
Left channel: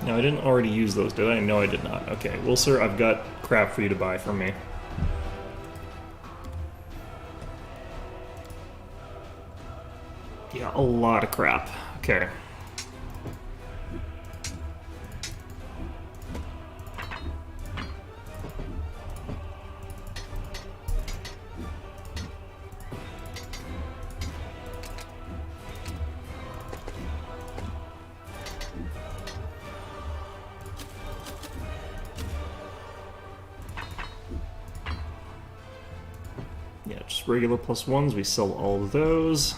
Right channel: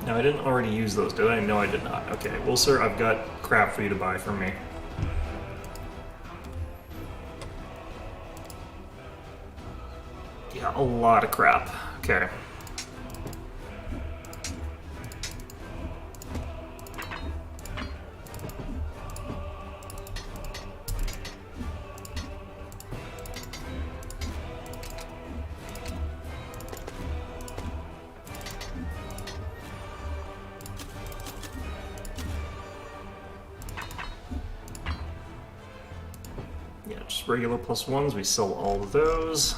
Now, I didn't already use those, did I? No, I did not. Okay, well, sir, I've got crap for you to buy from me. Yeah, a lot of crap. Okay. Yeah, just regular +1s, we sell all of those.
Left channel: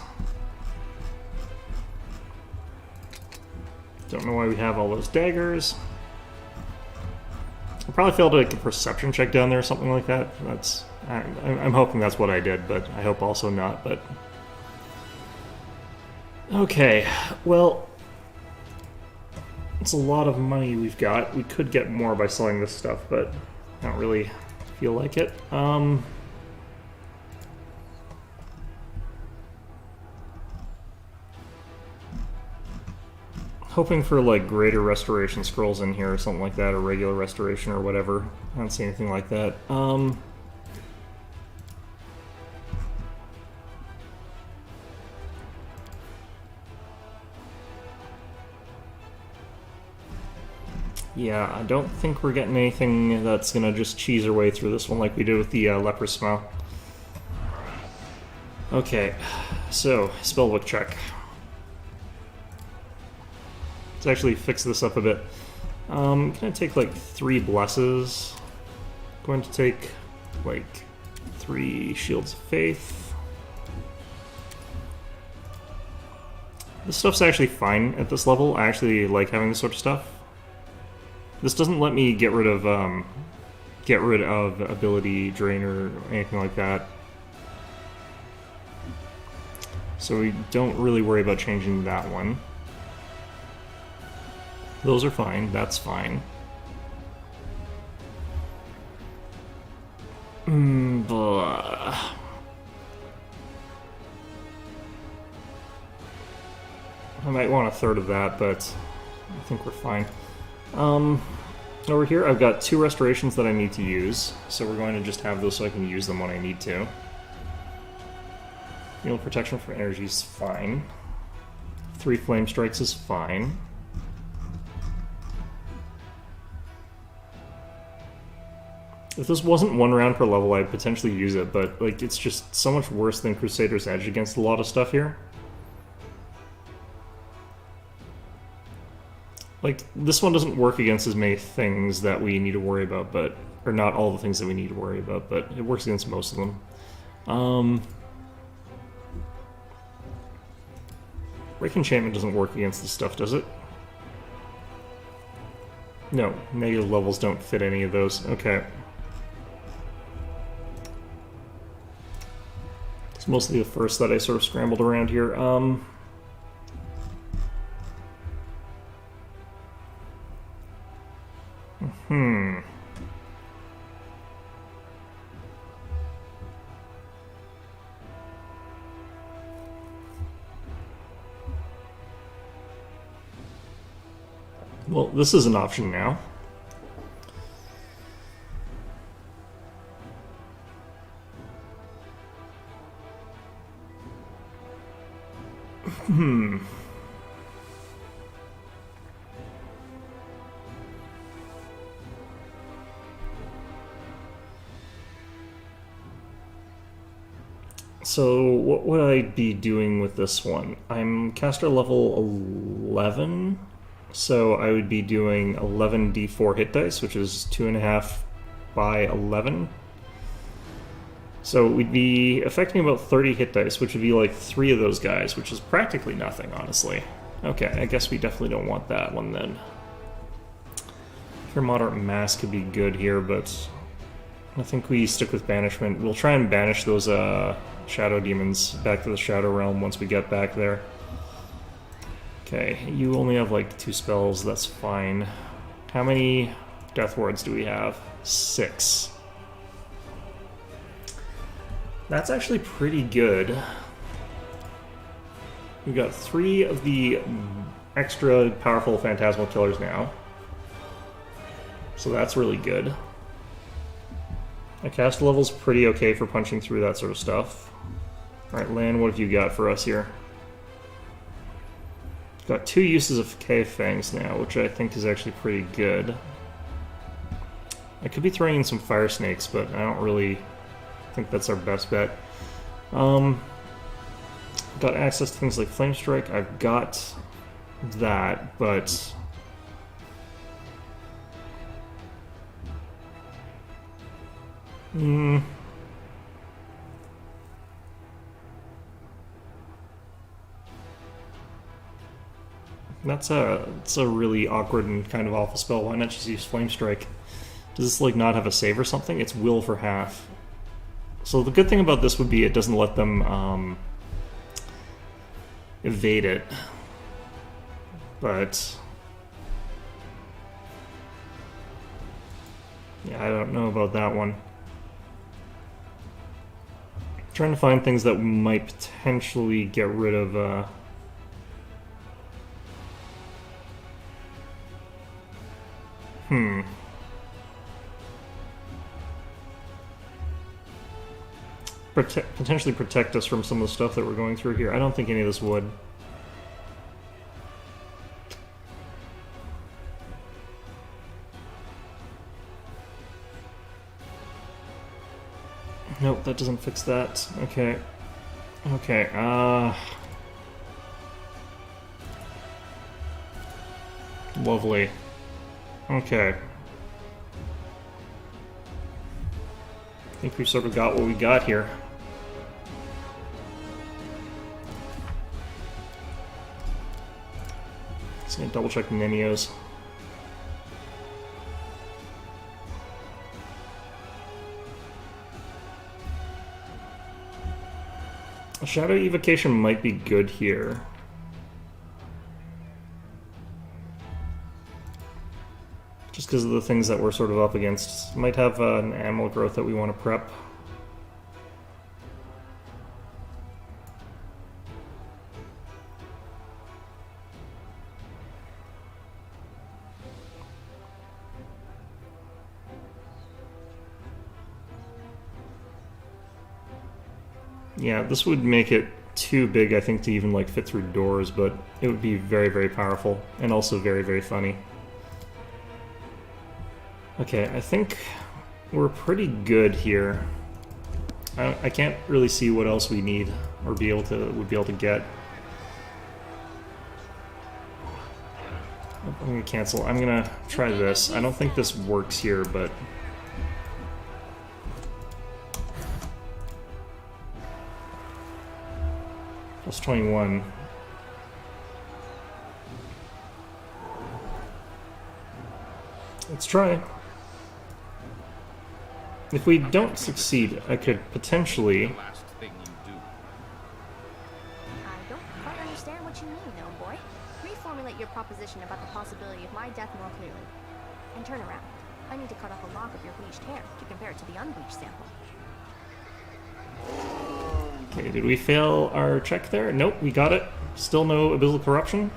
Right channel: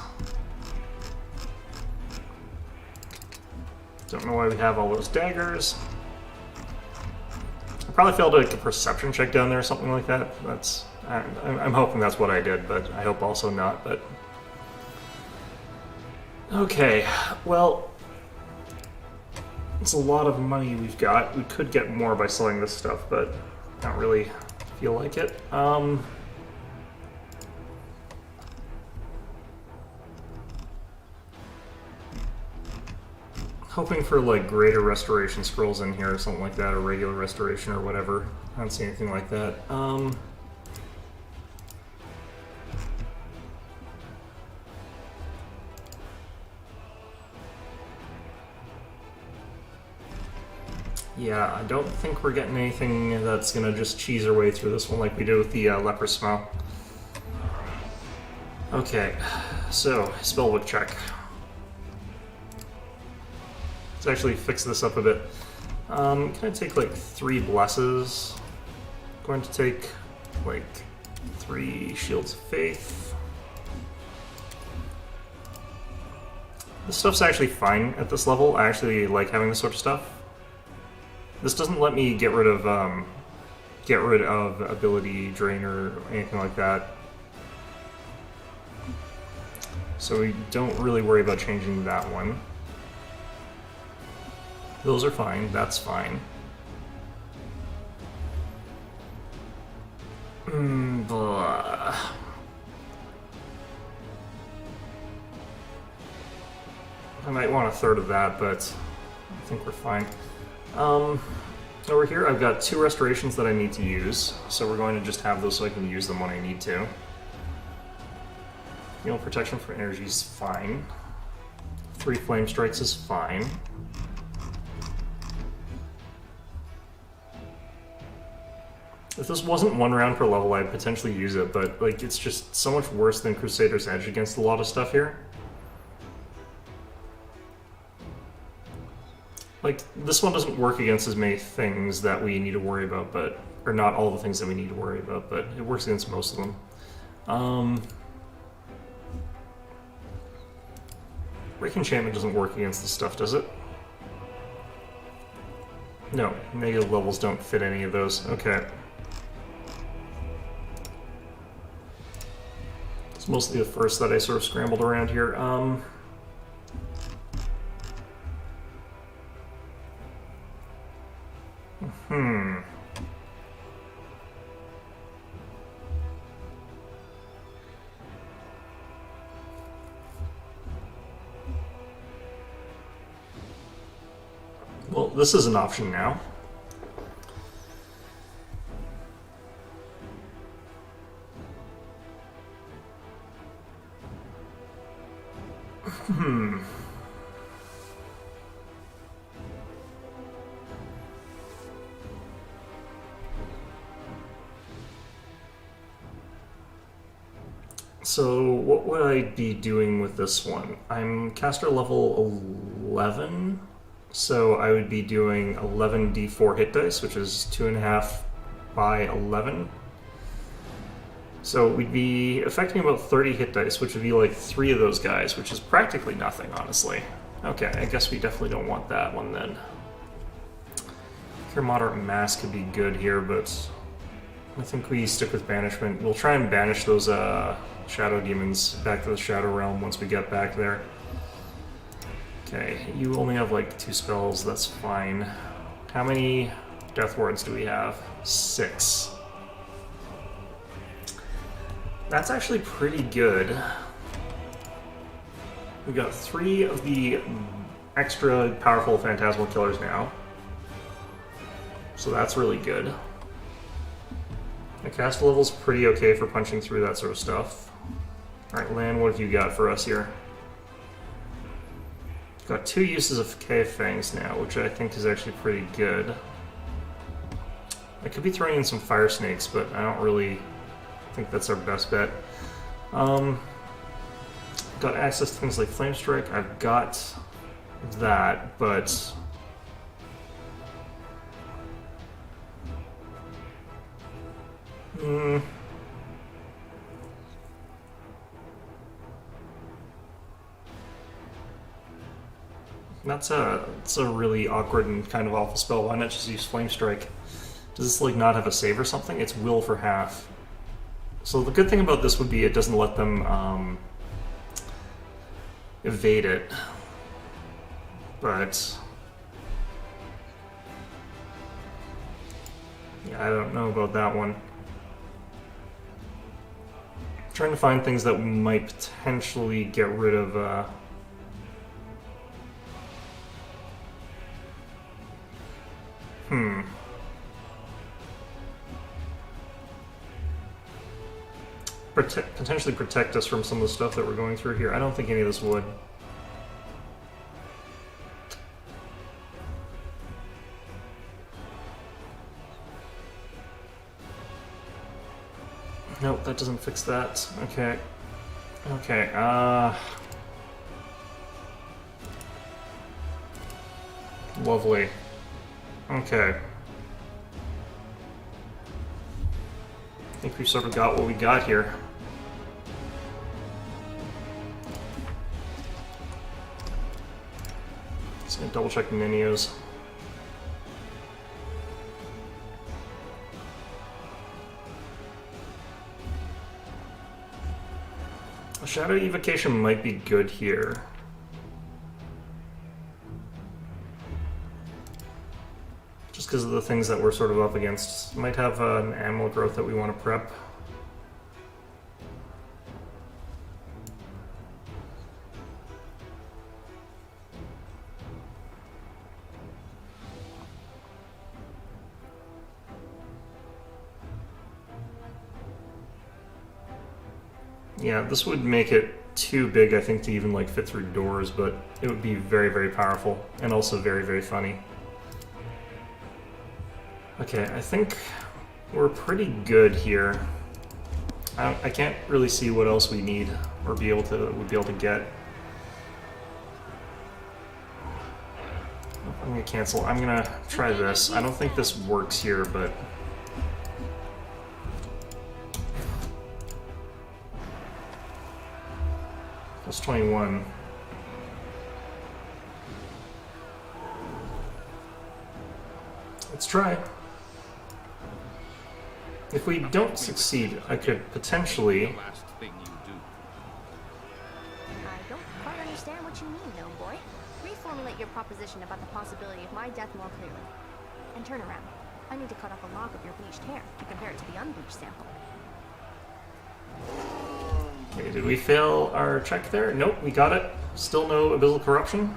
Don't know why we have all those daggers. I probably failed like a perception check down there or something like that. That's I'm hoping that's what I did, but I hope also not. But okay, well, it's a lot of money we've got. We could get more by selling this stuff, but I don't really feel like it. Hoping for, like, greater restoration scrolls in here or something like that, or regular restoration or whatever. I don't see anything like that. Yeah, I don't think we're getting anything that's gonna just cheese our way through this one like we did with the leper smell. Okay, so, spellbook check. Let's actually fix this up a bit. Can I take like 3 blesses? Going to take like 3 shields of faith. This stuff's actually fine at this level. I actually like having this sort of stuff. This doesn't let me get rid of ability drain or anything like that. So we don't really worry about changing that one. Those are fine, that's fine. Blah. I might want a third of that, but I think we're fine. Over here I've got 2 restorations that I need to use, so we're going to just have those so I can use them when I need to. Heal protection for energy is fine. 3 flame strikes is fine. If this wasn't 1 round per level, I'd potentially use it, but like it's just so much worse than Crusader's Edge against a lot of stuff here. Like, this one doesn't work against as many things that we need to worry about, but... or not all the things that we need to worry about, but it works against most of them. Break Enchantment doesn't work against this stuff, does it? No, negative levels don't fit any of those. Okay. It's mostly the first that I sort of scrambled around here. Well, this is an option now. So, what would I be doing with this one? I'm caster level 11, so I would be doing 11 d4 hit dice, which is 2.5 by 11. So we'd be affecting about 30 hit dice, which would be like 3 of those guys, which is practically nothing, honestly. Okay, I guess we definitely don't want that one then. Cure Moderate Mass could be good here, but I think we stick with Banishment. We'll try and banish those Shadow Demons back to the Shadow Realm once we get back there. Okay, you only have like 2 spells, that's fine. How many Death Wards do we have? 6. That's actually pretty good. We've got 3 of the extra powerful Phantasmal Killers now. So that's really good. The cast level's pretty okay for punching through that sort of stuff. Alright, Lan, what have you got for us here? Got 2 uses of Cave Fangs now, which I think is actually pretty good. I could be throwing in some Fire Snakes, but I don't really think that's our best bet. Got access to things like Flame Strike. I've got that, but... That's a really awkward and kind of awful spell. Why not just use Flame Strike? Does this like not have a save or something? It's will for half. So the good thing about this would be it doesn't let them evade it. But yeah, I don't know about that one. I'm trying to find things that might potentially get rid of potentially protect us from some of the stuff that we're going through here. I don't think any of this would. Nope, that doesn't fix that. Okay. Okay, lovely. Okay. I think we've sort of got what we got here. Just gonna double check menus. A shadow evocation might be good here. Just because of the things that we're sort of up against. Might have an ammo growth that we want to prep. Yeah, this would make it too big, I think, to even like fit through doors, but it would be very, very powerful and also very, very funny. Okay, I think we're pretty good here. I can't really see what else we need or would be able to get. I'm gonna cancel. I'm gonna try this. I don't think this works here, but plus 21. Let's try. If we don't succeed, I could potentially... The last thing you do. I don't quite understand what you mean, gnome boy. Reformulate your proposition about the possibility of my death more clearly. And turn around. I need to cut off a lock of your bleached hair to compare it to the unbleached sample. Okay, did we fail our check there? Nope, we got it. Still no abyssal corruption.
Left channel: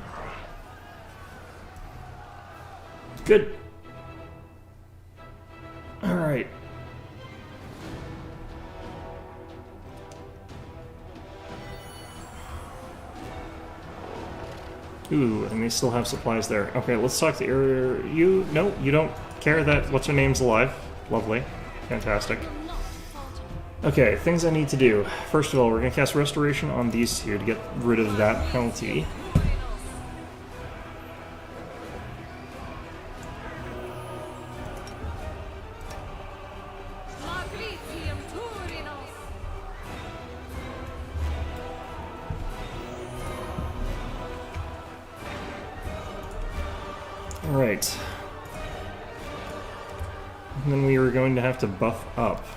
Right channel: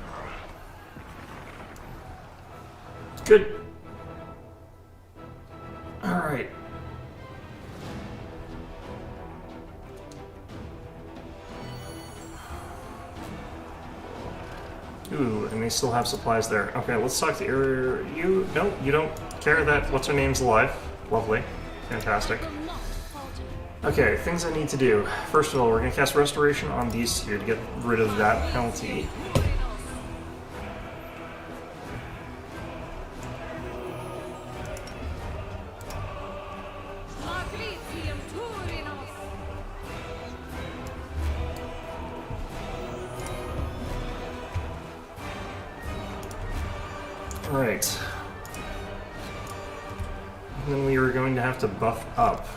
Good. Alright. Ooh, and they still have supplies there. Okay, let's talk to you. No, you don't care that what's her name's alive. Lovely. Fantastic. Okay, things I need to do. First of all, we're going to cast Restoration on these two to get rid of that penalty. Alright. And then we are going to have to buff up.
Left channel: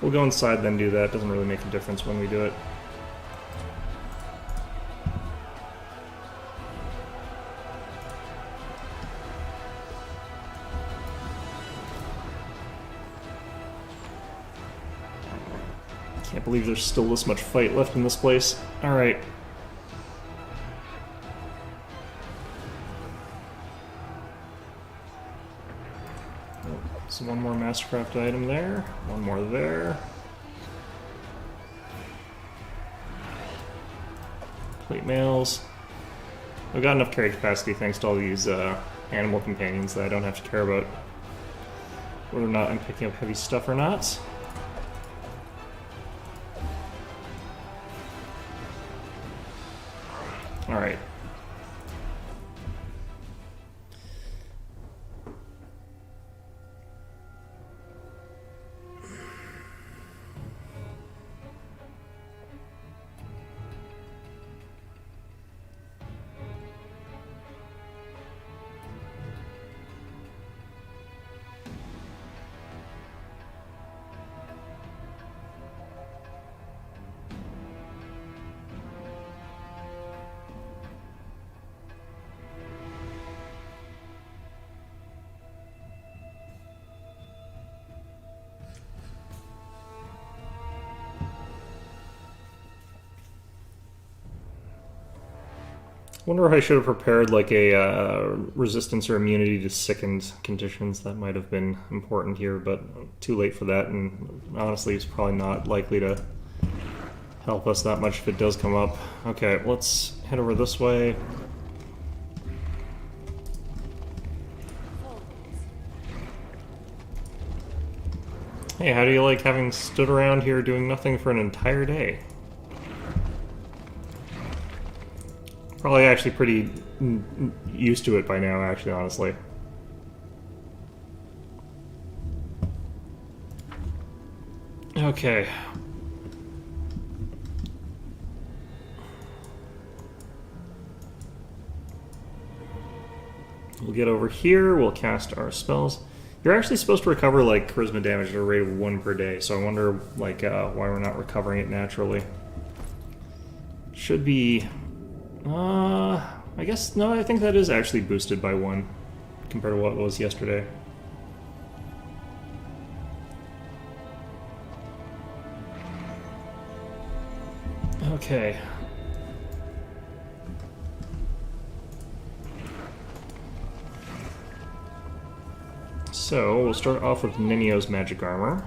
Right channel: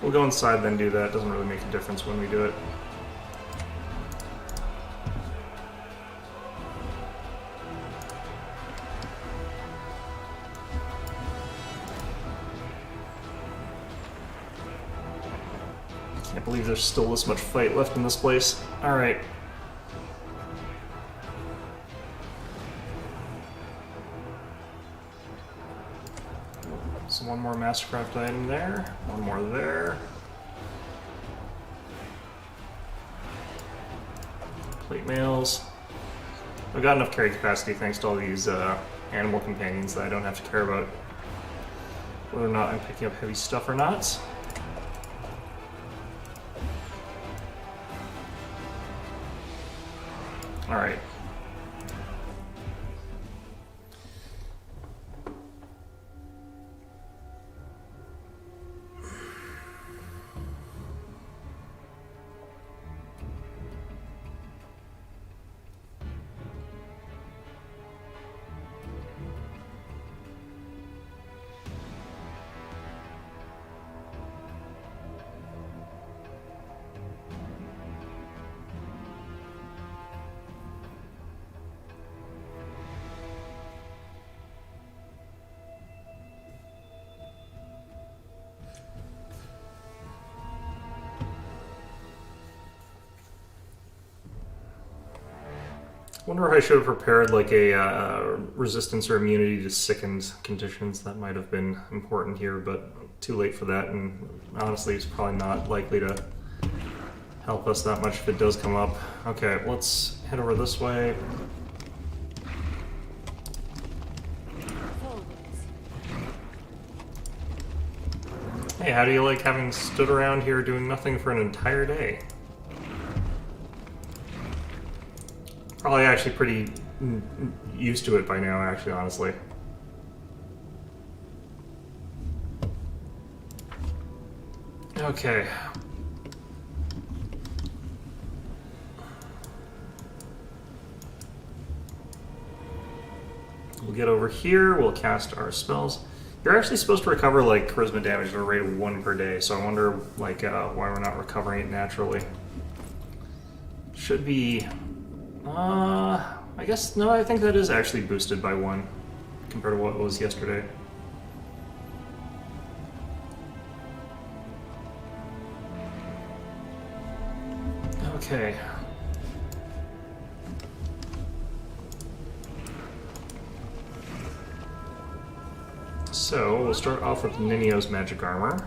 We'll go inside then do that. Doesn't really make a difference when we do it. Can't believe there's still this much fight left in this place. Alright. So one more Mastercraft item there, one more there. Plate mails. I've got enough carry capacity thanks to all these animal companions that I don't have to care about whether or not I'm picking up heavy stuff or not. Alright. Wonder if I should have prepared like a resistance or immunity to sickened conditions. That might have been important here, but too late for that, and honestly it's probably not likely to help us that much if it does come up. Okay, let's head over this way. Hey, how do you like having stood around here doing nothing for an entire day? Probably actually pretty used to it by now, actually, honestly. Okay. We'll get over here, we'll cast our spells. You're actually supposed to recover like charisma damage at a rate of 1 per day, so I wonder like why we're not recovering it naturally. Should be I guess no, I think that is actually boosted by 1 compared to what it was yesterday. Okay. So, we'll start off with Ninio's magic armor.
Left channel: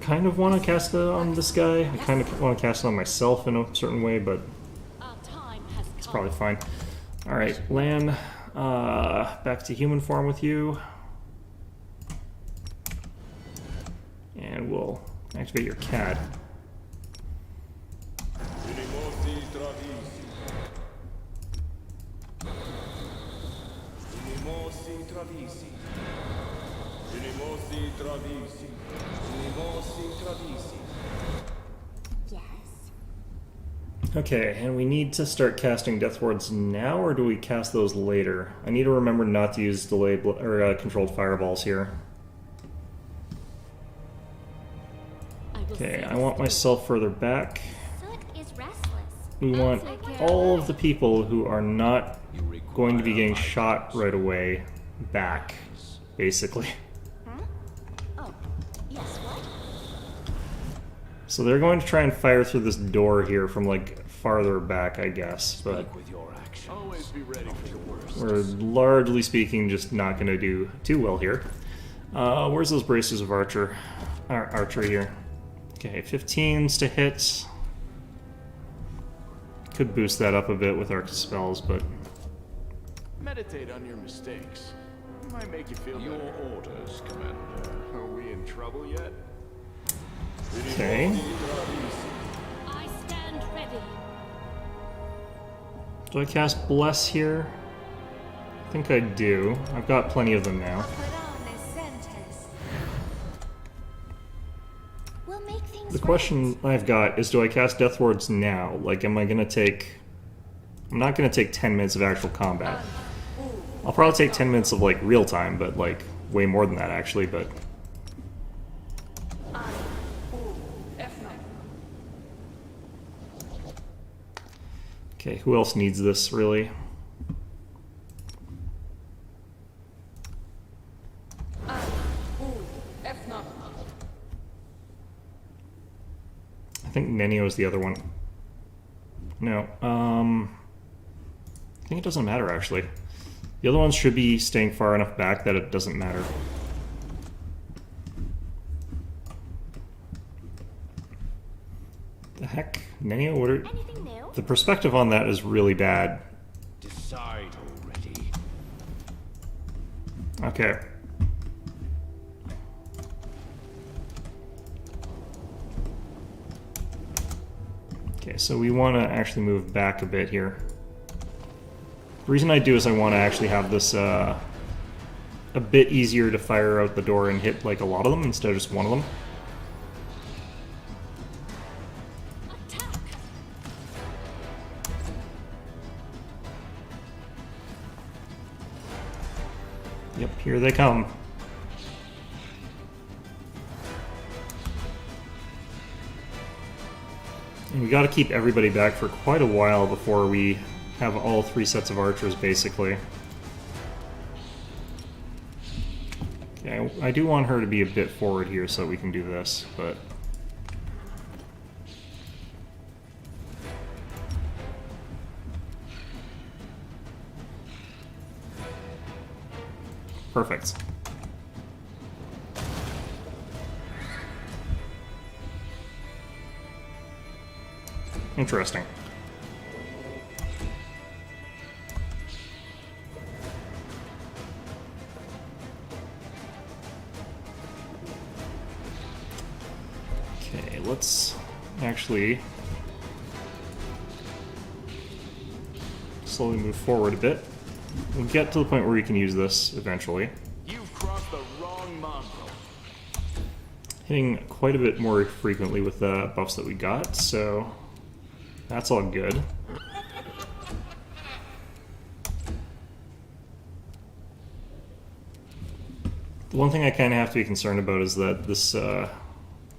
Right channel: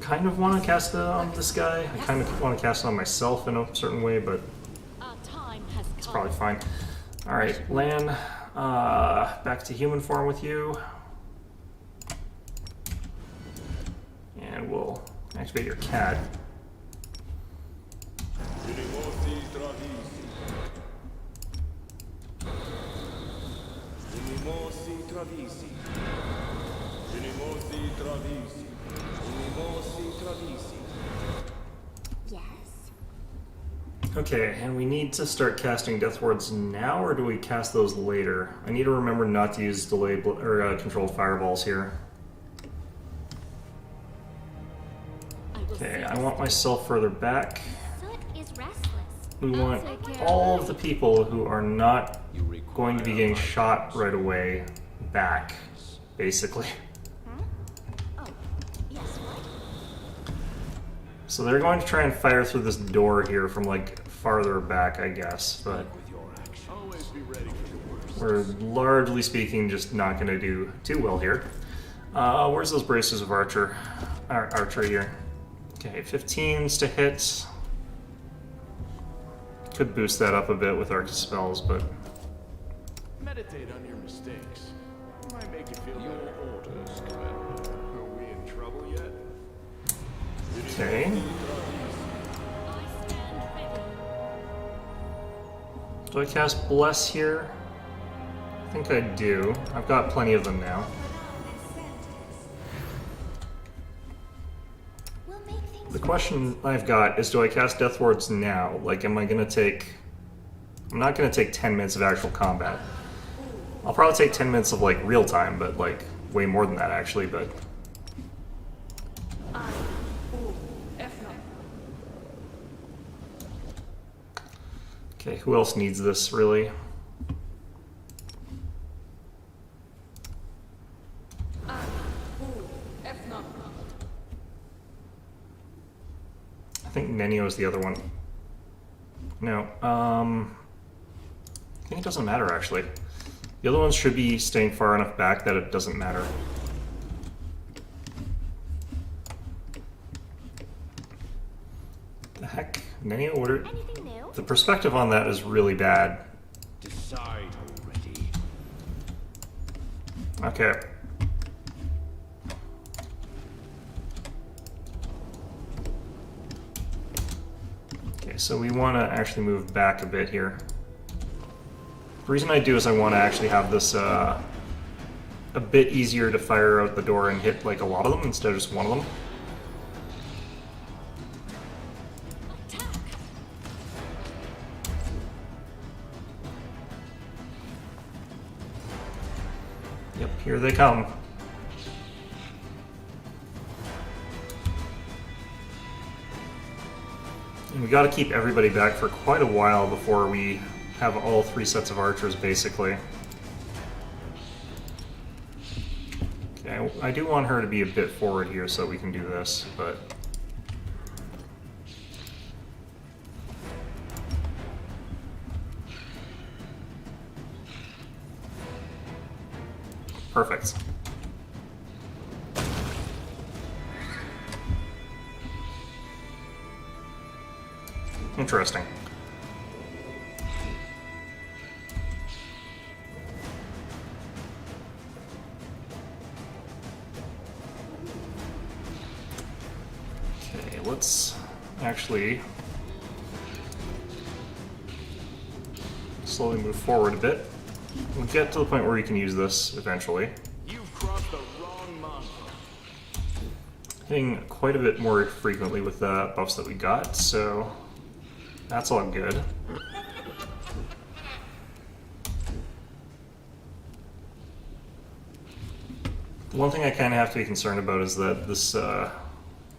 Kind of want to cast it on this guy. I kind of want to cast it on myself in a certain way, but Our time has it's come. probably fine. Alright, Lan, back to human form with you. And we'll activate your cat. Unimosi travisi. Unimosi travisi. Unimosi travisi. Unimosi travisi. Yes? Okay, and we need to start casting Death Wards now, or do we cast those later? I need to remember not to use delayed or controlled fireballs here. I will Okay, see I this want through. myself further back. Soot is restless. We want take care all of of the people who are not You require going to be getting my shot right away back, basically. Oh, yes, what? So they're going to try and fire through this door here from like farther back, I guess, but Speak with your actions. Always be ready for the worst. we're largely speaking just not going to do too well here. Where's those braces of archery here? Okay, 15s to hit. Could boost that up a bit with arc spells, but Meditate on your mistakes. It might make you feel Your better. orders, Commander. Are we in trouble yet? okay. I stand ready. Do I cast Bless here? I think I do. I've got plenty of them now. We'll make things The question I've got is, do I cast Death Wards now? Like, am I gonna take... I'm not gonna take 10 minutes of actual combat. I'll probably take 10 minutes of, like, real time, but, like, way more than that, actually, but... Okay, who else needs this, really? I think Nenio's the other one. No, I think it doesn't matter, actually. The other ones should be staying far enough back that it doesn't matter. The heck? Nenio, what are... Anything new? The perspective on that is really bad. Decide already. Okay. Okay, so we want to actually move back a bit here. The reason I do is I want to actually have this a bit easier to fire out the door and hit like a lot of them instead of just one of them. Attack! Yep, here they come. And we gotta keep everybody back for quite a while before we have all 3 sets of archers, basically. Okay, I do want her to be a bit forward here so we can do this, but... Perfect. Interesting. Okay, let's actually slowly move forward a bit. We'll get to the point where we can use this eventually. You've crossed the wrong mongrel. Hitting quite a bit more frequently with the buffs that we got, so that's all good. The one thing I kind of have to be concerned about is that this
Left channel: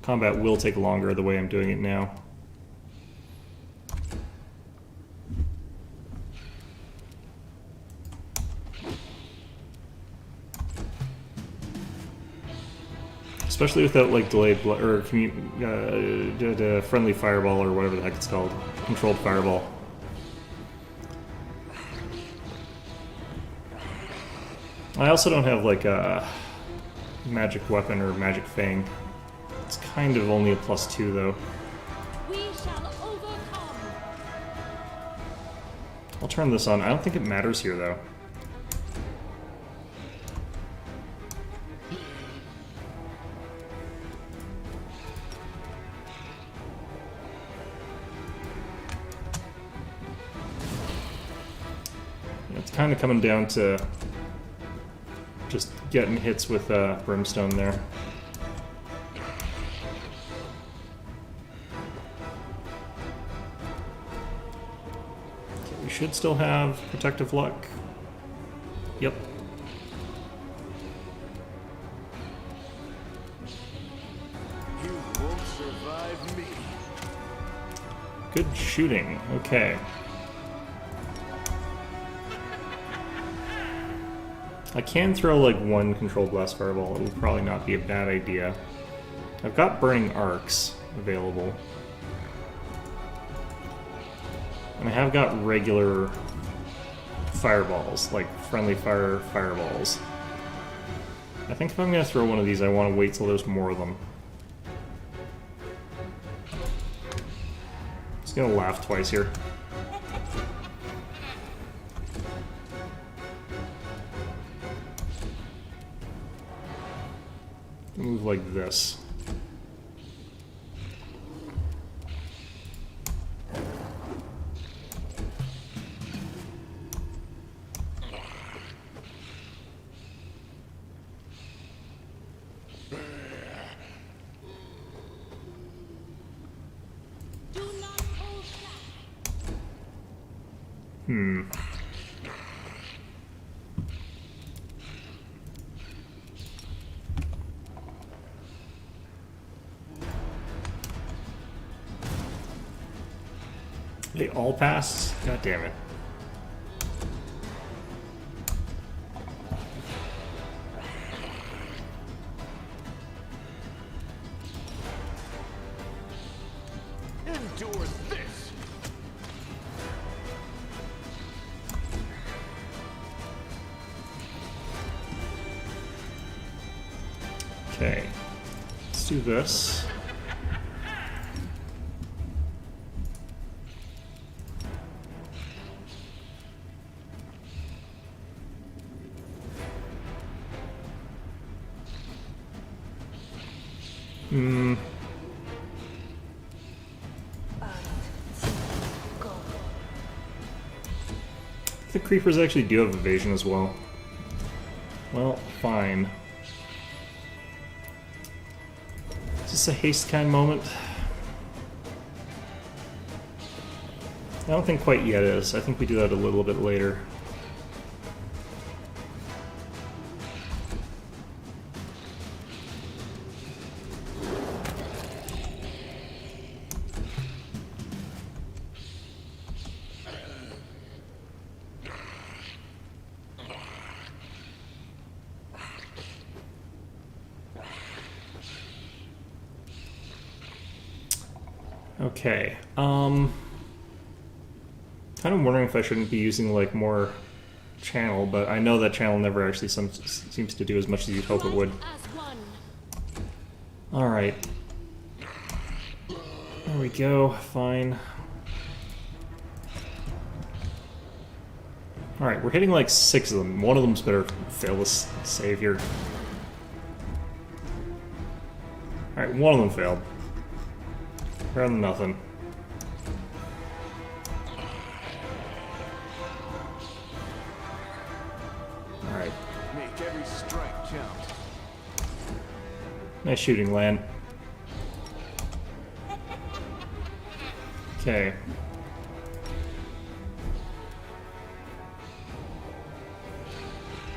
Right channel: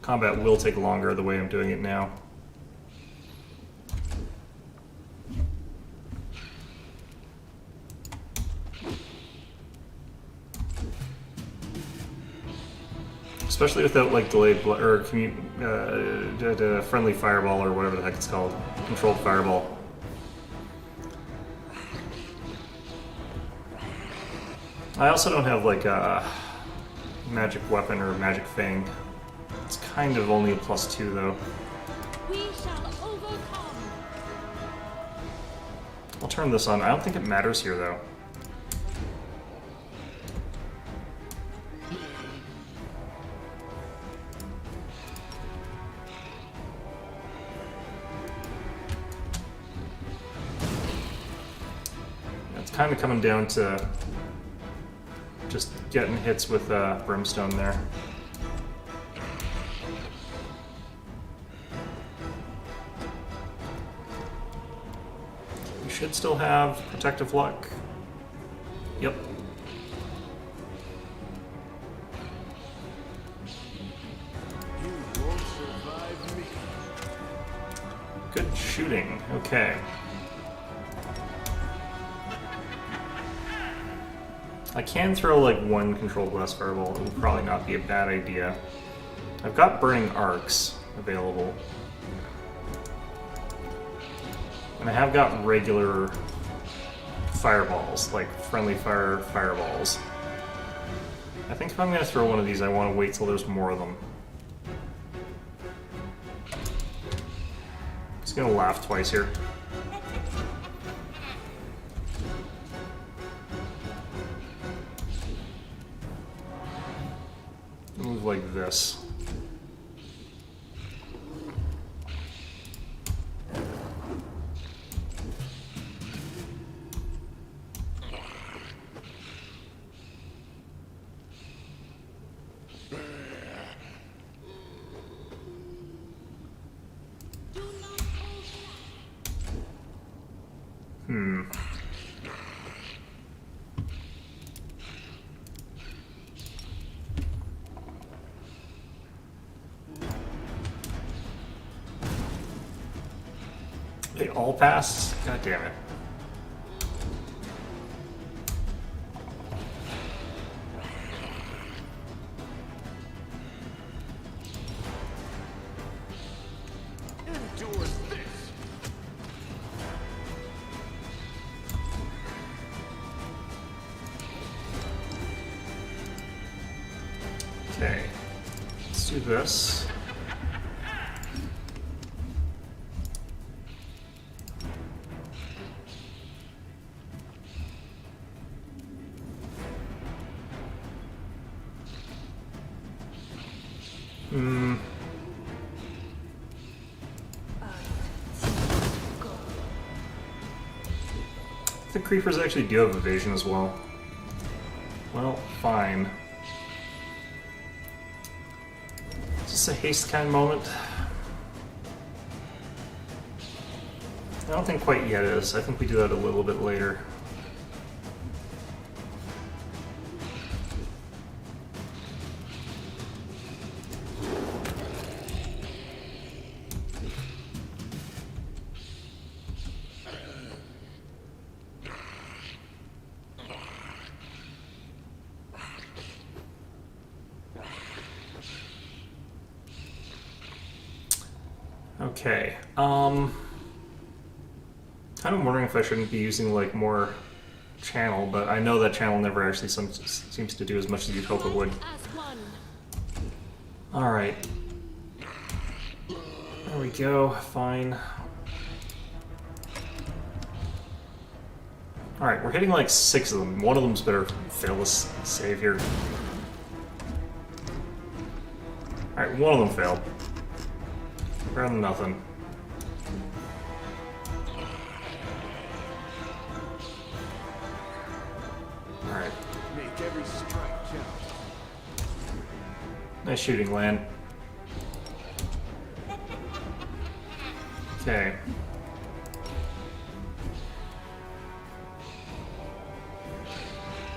combat will take longer the way I'm doing it now. Especially without like delayed or friendly fireball or whatever the heck it's called, controlled fireball. I also don't have like a magic weapon or magic fang. It's kind of only a +2 though. We shall overcome. I'll turn this on. I don't think it matters here though. It's kind of coming down to just getting hits with brimstone there. We should still have protective luck. Yep. You won't survive me. Good shooting. Okay. I can throw like one controlled blast fireball. It would probably not be a bad idea. I've got burning arcs available. And I have got regular fireballs, like friendly fire fireballs. I think if I'm going to throw one of these, I want to wait till there's more of them. Just going to laugh twice here. Move like this. Do not hold back. Hmm. They all passed? God damn it. Endure this. Okay. Let's do this. Hmm. The creepers actually do have evasion as well. Well, fine. Is this a haste kind of moment? I don't think quite yet is. I think we do that a little bit later. Okay, kind of wondering if I shouldn't be using like more channel, but I know that channel never actually seems to do as much as you'd hope it would. As one. Alright. There we go, fine. Alright, we're hitting like 6 of them. One of them's better fail this save here. Alright, one of them failed. Better than nothing. Alright. Make Every strike counts. Nice shooting, Lan. Okay.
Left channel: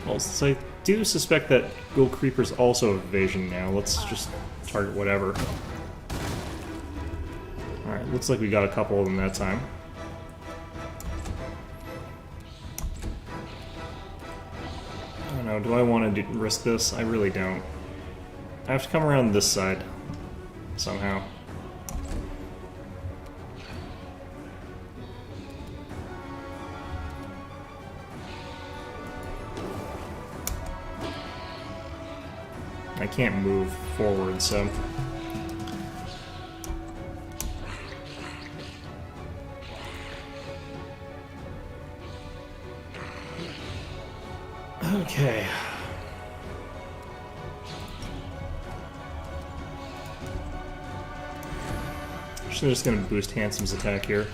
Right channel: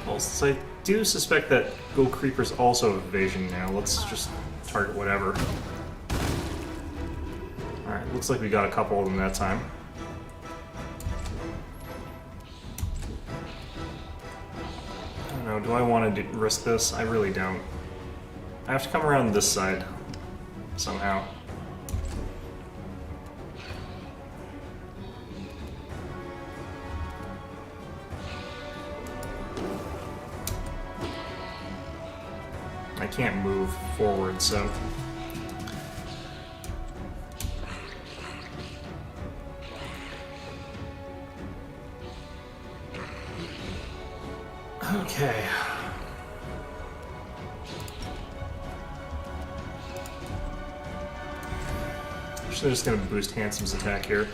Well, since I do suspect that Ghoul Creeper's also evasion now, let's just target whatever. Alright, looks like we got a couple of them that time. I don't know, do I want to risk this? I really don't. I have to come around this side somehow. I can't move forward, so... Okay. I'm just gonna boost Handsome's attack here.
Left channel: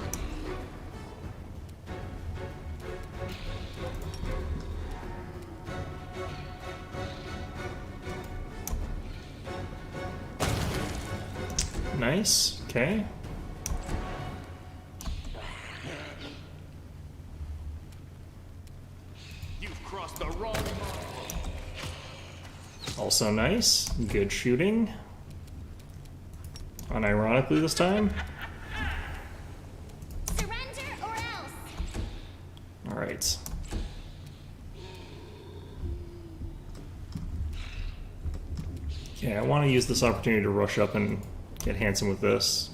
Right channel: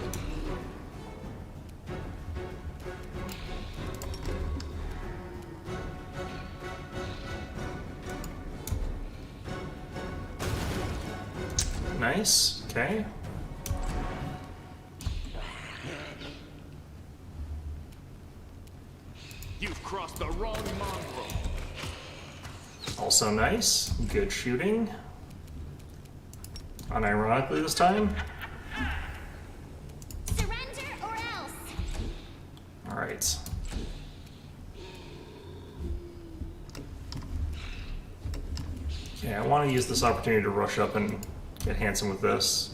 Nice, okay. You've crossed the wrong mongrel. Also nice. Good shooting. Unironically this time. Surrender or else. Alright. Okay, I want to use this opportunity to rush up and get Handsome with this.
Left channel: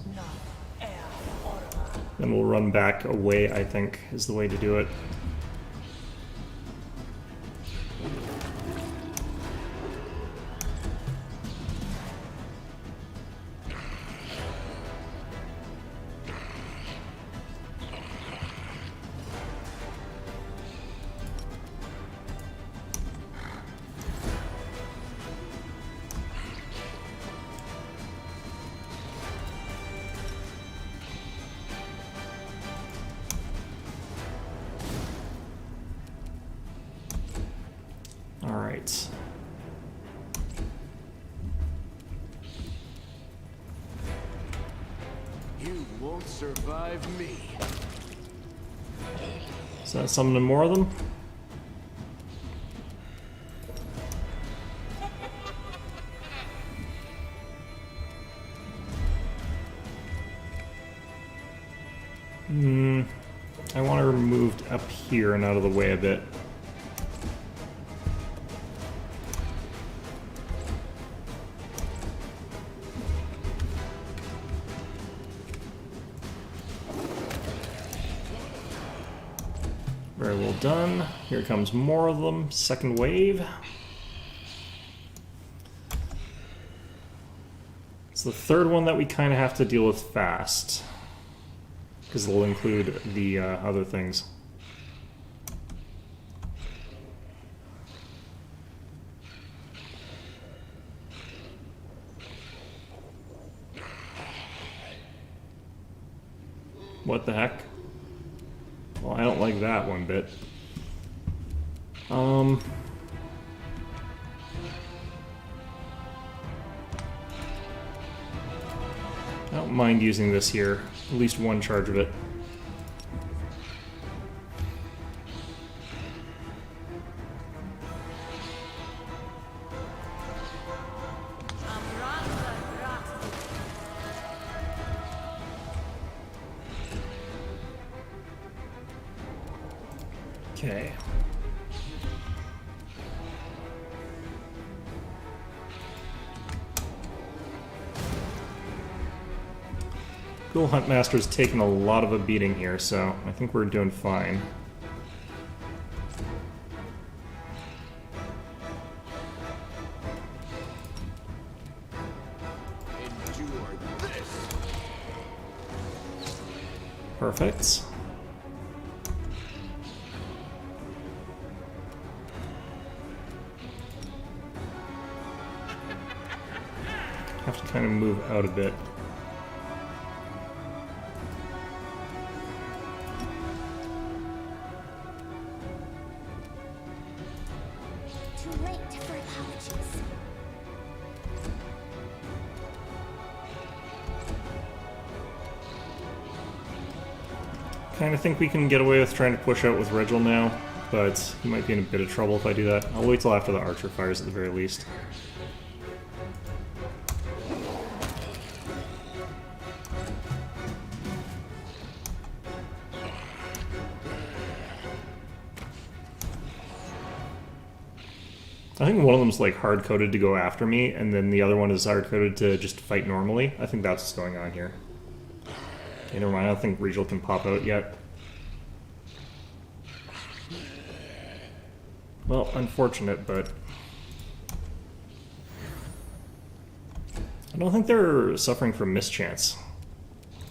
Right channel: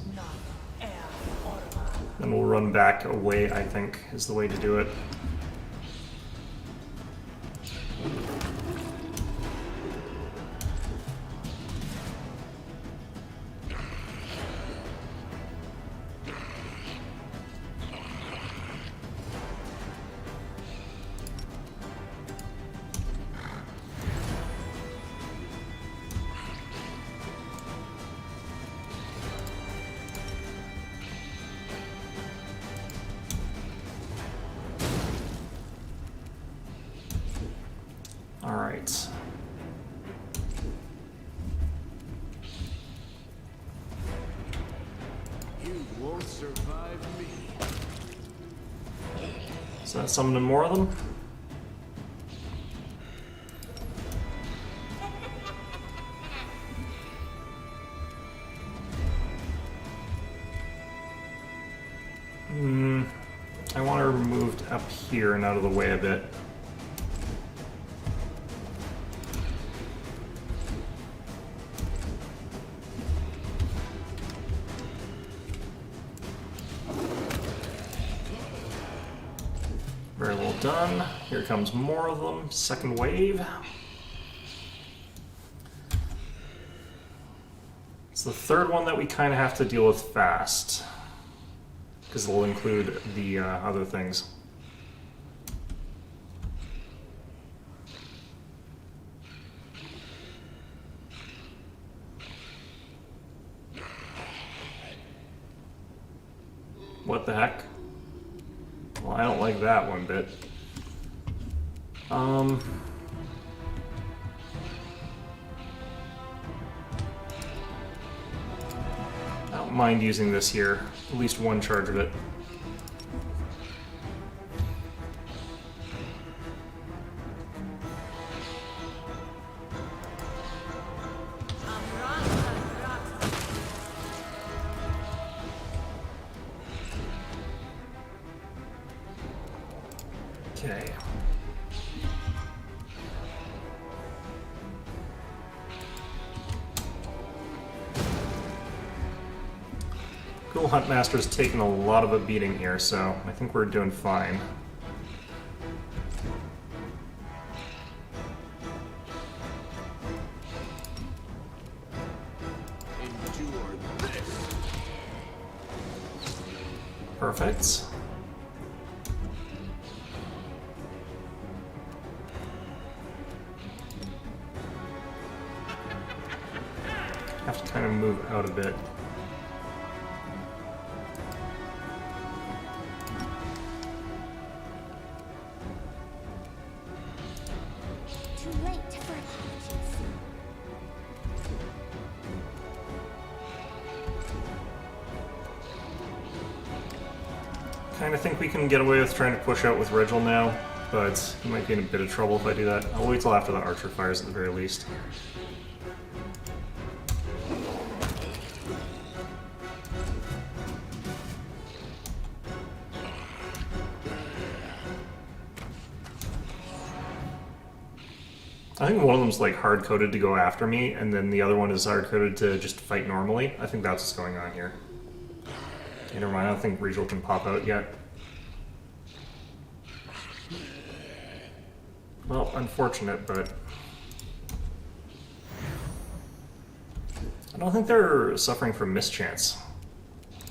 Then we'll run back away, I think, is the way to do it. Alright. You won't survive me. So that's summon more of them? I want her moved up here and out of the way a bit. Very well done. Here comes more of them. Second wave. It's the third one that we kind of have to deal with fast, because it'll include the other things. What the heck? Well, I don't like that one bit. I don't mind using this here. At least one charge of it. Okay. Ghoul Huntmaster's taken a lot of a beating here, so I think we're doing fine. Endure this. Perfect. Have to kind of move out a bit. To late for apologies. Kind of think we can get away with trying to push out with Regil now, but he might be in a bit of trouble if I do that. I'll wait till after the archer fires at the very least. I think one of them's like hard-coded to go after me, and then the other one is hard-coded to just fight normally. I think that's what's going on here. Okay, never mind, I don't think Regil can pop out yet. Well, unfortunate, but... I don't think they're suffering from mischance.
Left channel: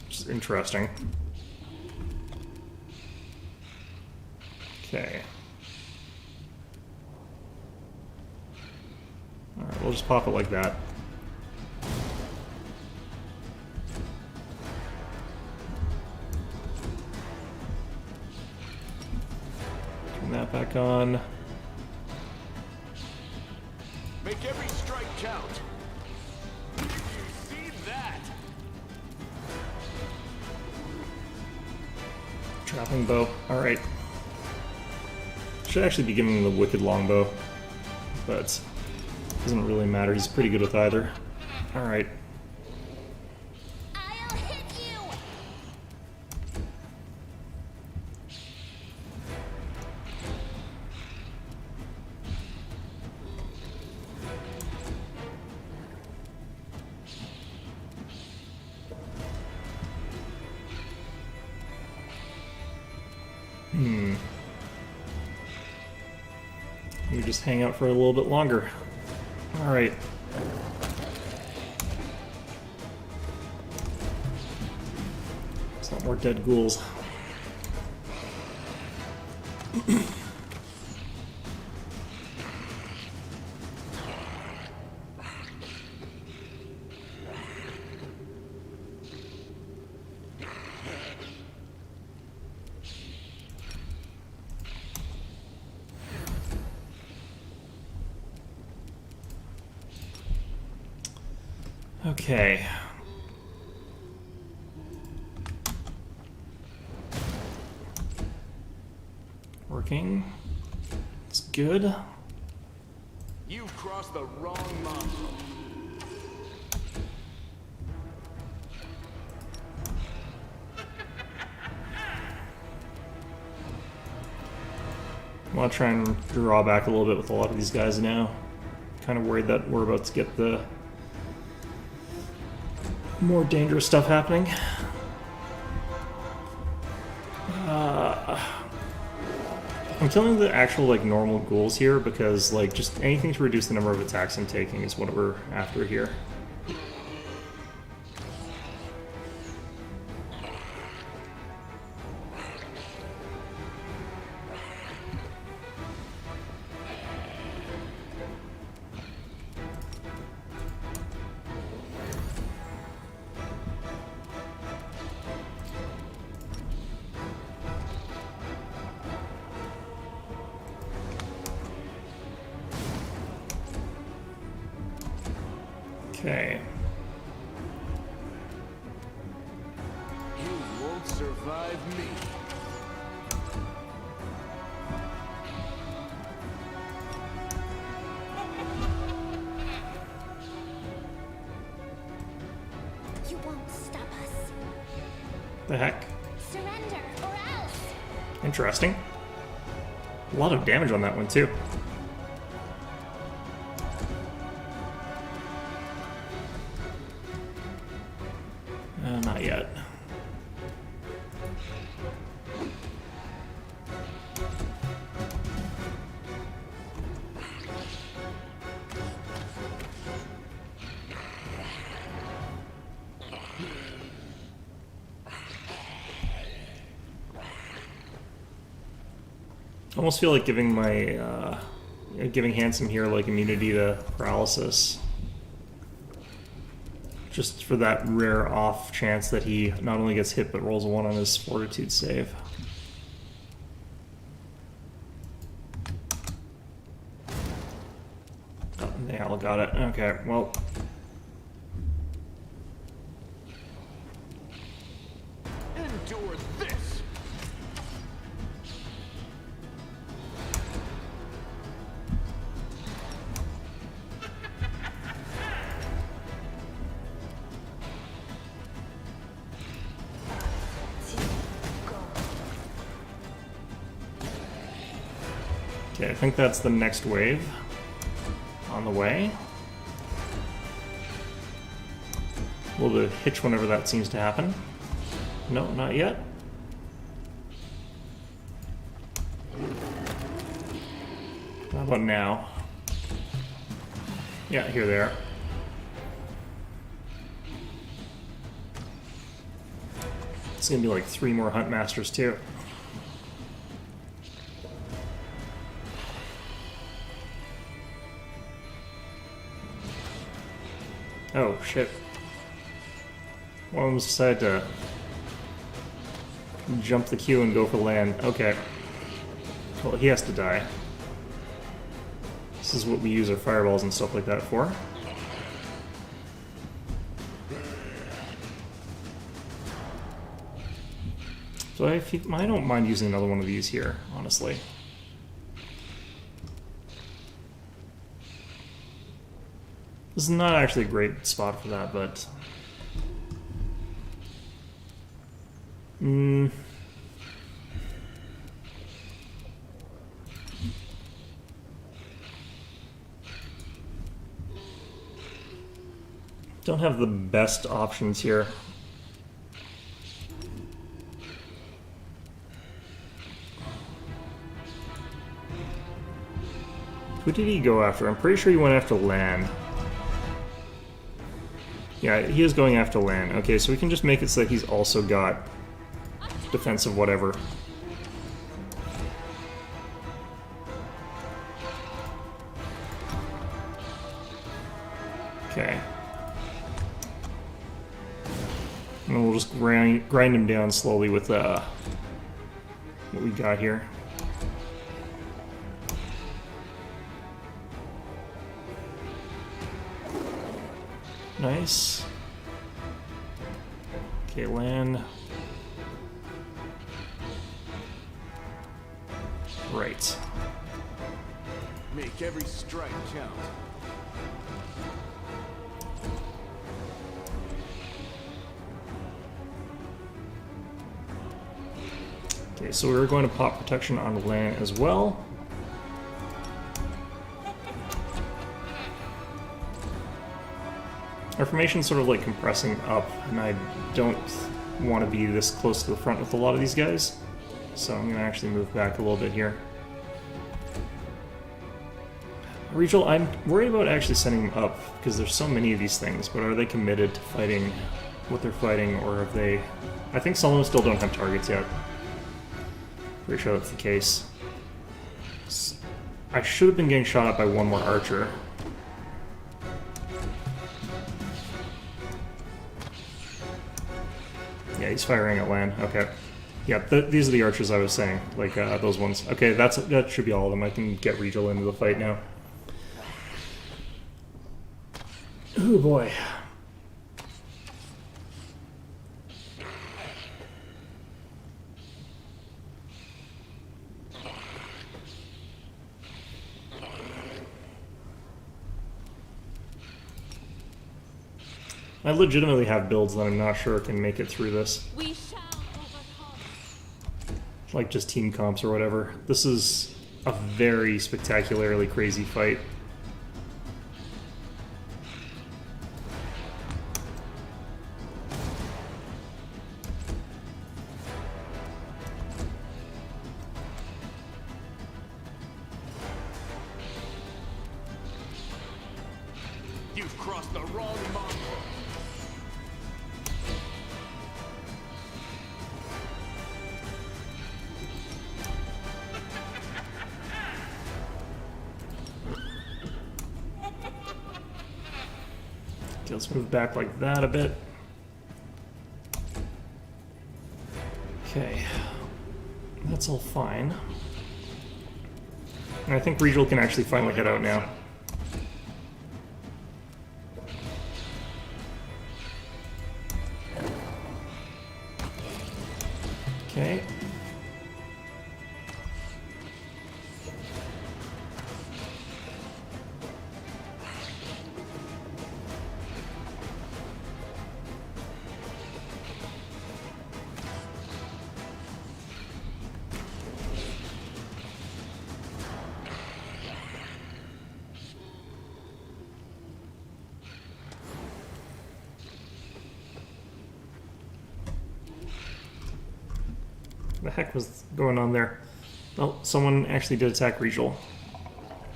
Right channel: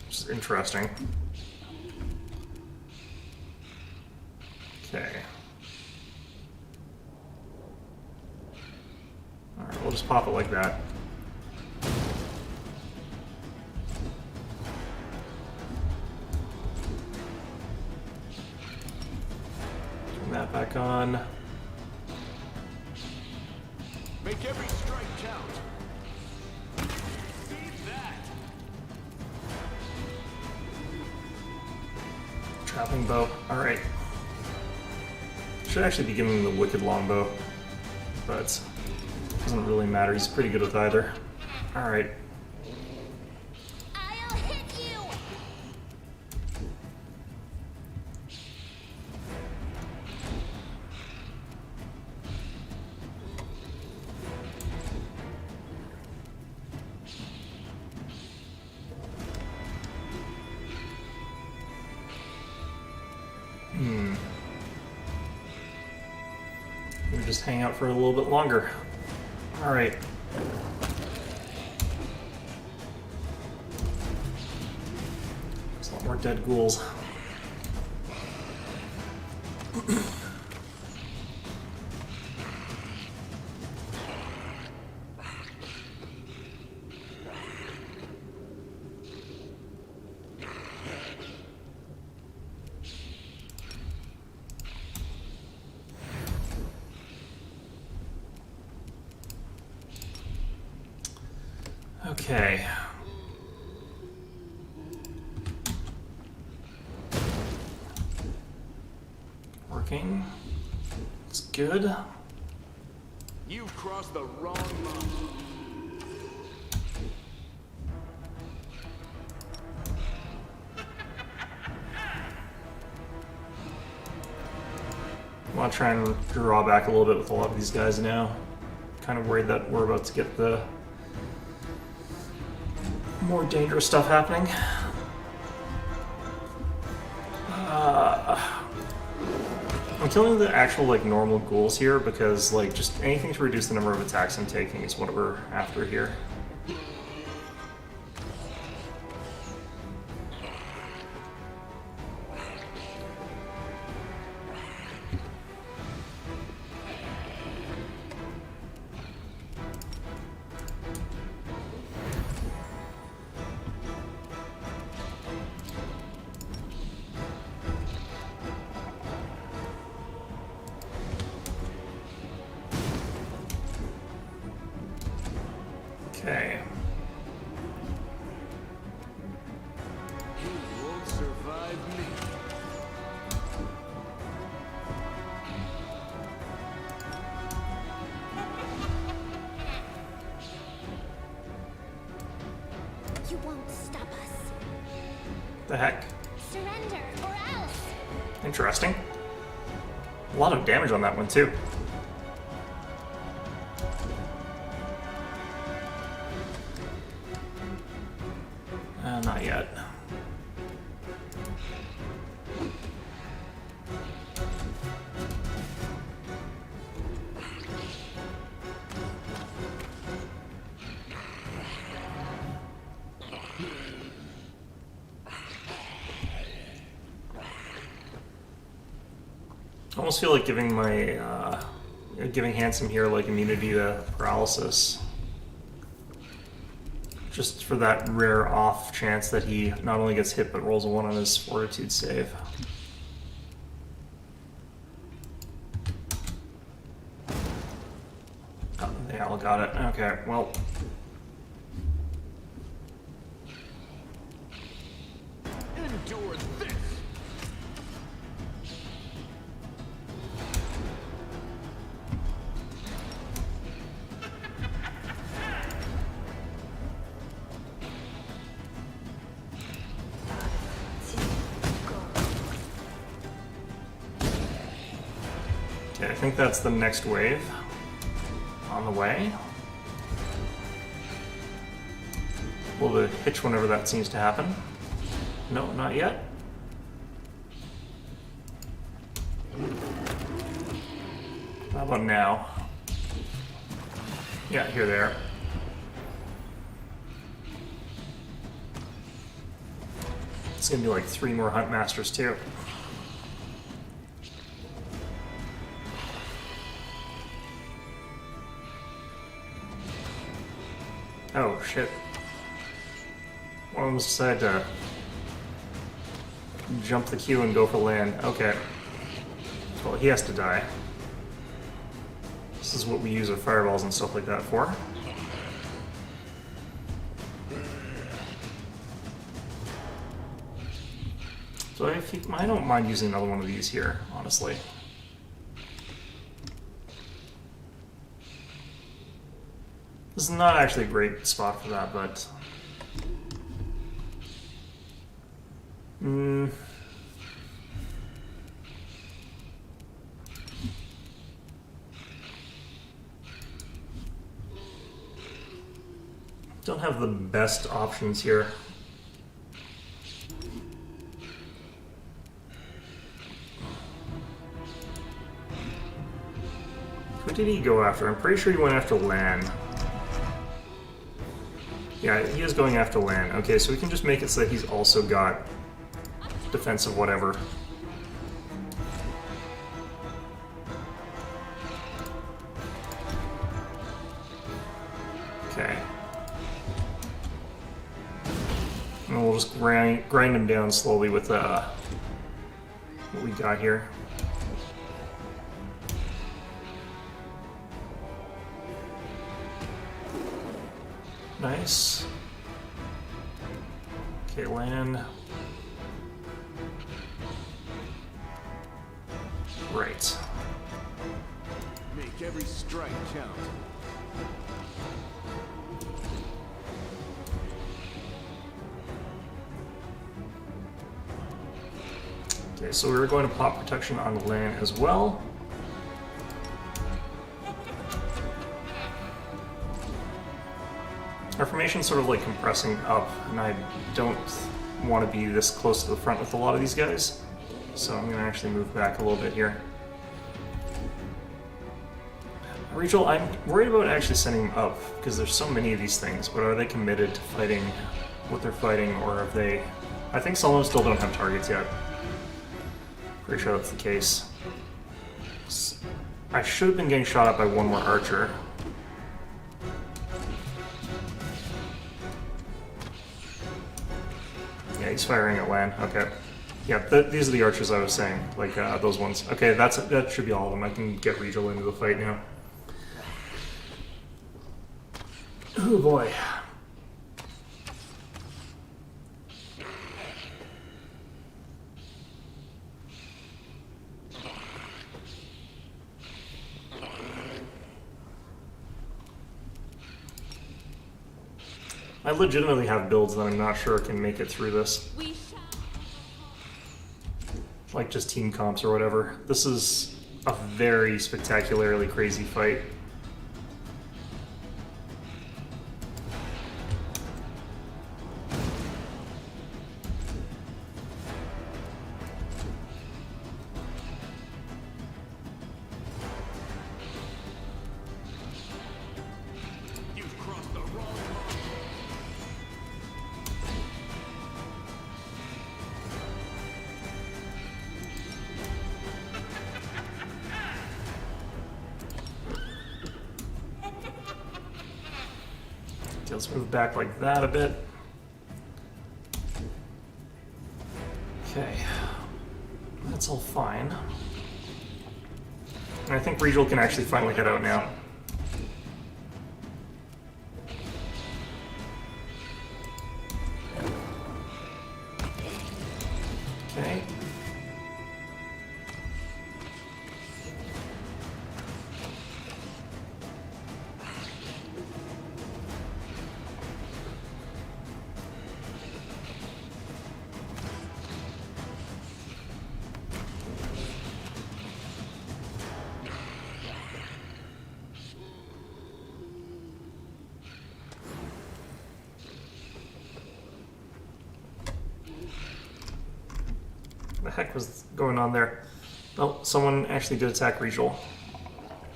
Which is interesting. Okay. Alright, we'll just pop it like that. Turn that back on. Make every strike count. You see that? Trapping bow. Alright. Should actually be giving him the wicked longbow, but doesn't really matter. He's pretty good with either. Alright. I'll hit you! We just hang out for a little bit longer. Alright. There's a lot more dead ghouls. Okay. Working. It's good. You've crossed the wrong line. I want to try and draw back a little bit with a lot of these guys now. Kind of worried that we're about to get the more dangerous stuff happening. I'm killing the actual like normal ghouls here because like just anything to reduce the number of attacks I'm taking is what we're after here. Okay. You won't survive me. You won't stop us. The heck? Surrender, or else! Interesting. A lot of damage on that one too. Not yet. I almost feel like giving my giving Handsome here like immunity to paralysis. Just for that rare off chance that he not only gets hit but rolls a 1 on his fortitude save. They all got it. Okay, well. Endure this! Okay, I think that's the next wave on the way. A little bit of hitch whenever that seems to happen. No, not yet. How about now? Yeah, here they are. It's gonna be like 3 more Hunt Masters too. Oh, shit. One of them decided to jump the queue and go for land. Okay. Well, he has to die. This is what we use our fireballs and stuff like that for. So I don't mind using another one of these here, honestly. This is not actually a great spot for that, but... Don't have the best options here. Who did he go after? I'm pretty sure he went after Lan. Yeah, he is going after Lan. Okay, so we can just make it so that he's also got defensive whatever. Okay. And we'll just grind him down slowly with what we got here. Nice. Okay, land. Right. Make every strike count. Okay, so we're going to pop protection on the land as well. Our formation's sort of like compressing up, and I don't want to be this close to the front with a lot of these guys. So I'm going to actually move back a little bit here. Rachel, I'm worried about actually sending them up, because there's so many of these things, but are they committed to fighting what they're fighting, or have they... I think some of them still don't have targets yet. Pretty sure that's the case. I should have been getting shot at by one more archer. Yeah, he's firing at land. Okay. Yeah, these are the archers I was saying. Like, those ones. Okay, that should be all of them. I can get Regal into the fight now. Oh boy. I legitimately have builds that I'm not sure can make it through this. We shall overcome. Like just team comps or whatever. This is a very spectacularly crazy fight. You've crossed the wrong mark. Okay, let's move back like that a bit. Okay. That's all fine. And I think Regal can actually finally head out now. heck was going on there? Oh, someone actually did attack Regal.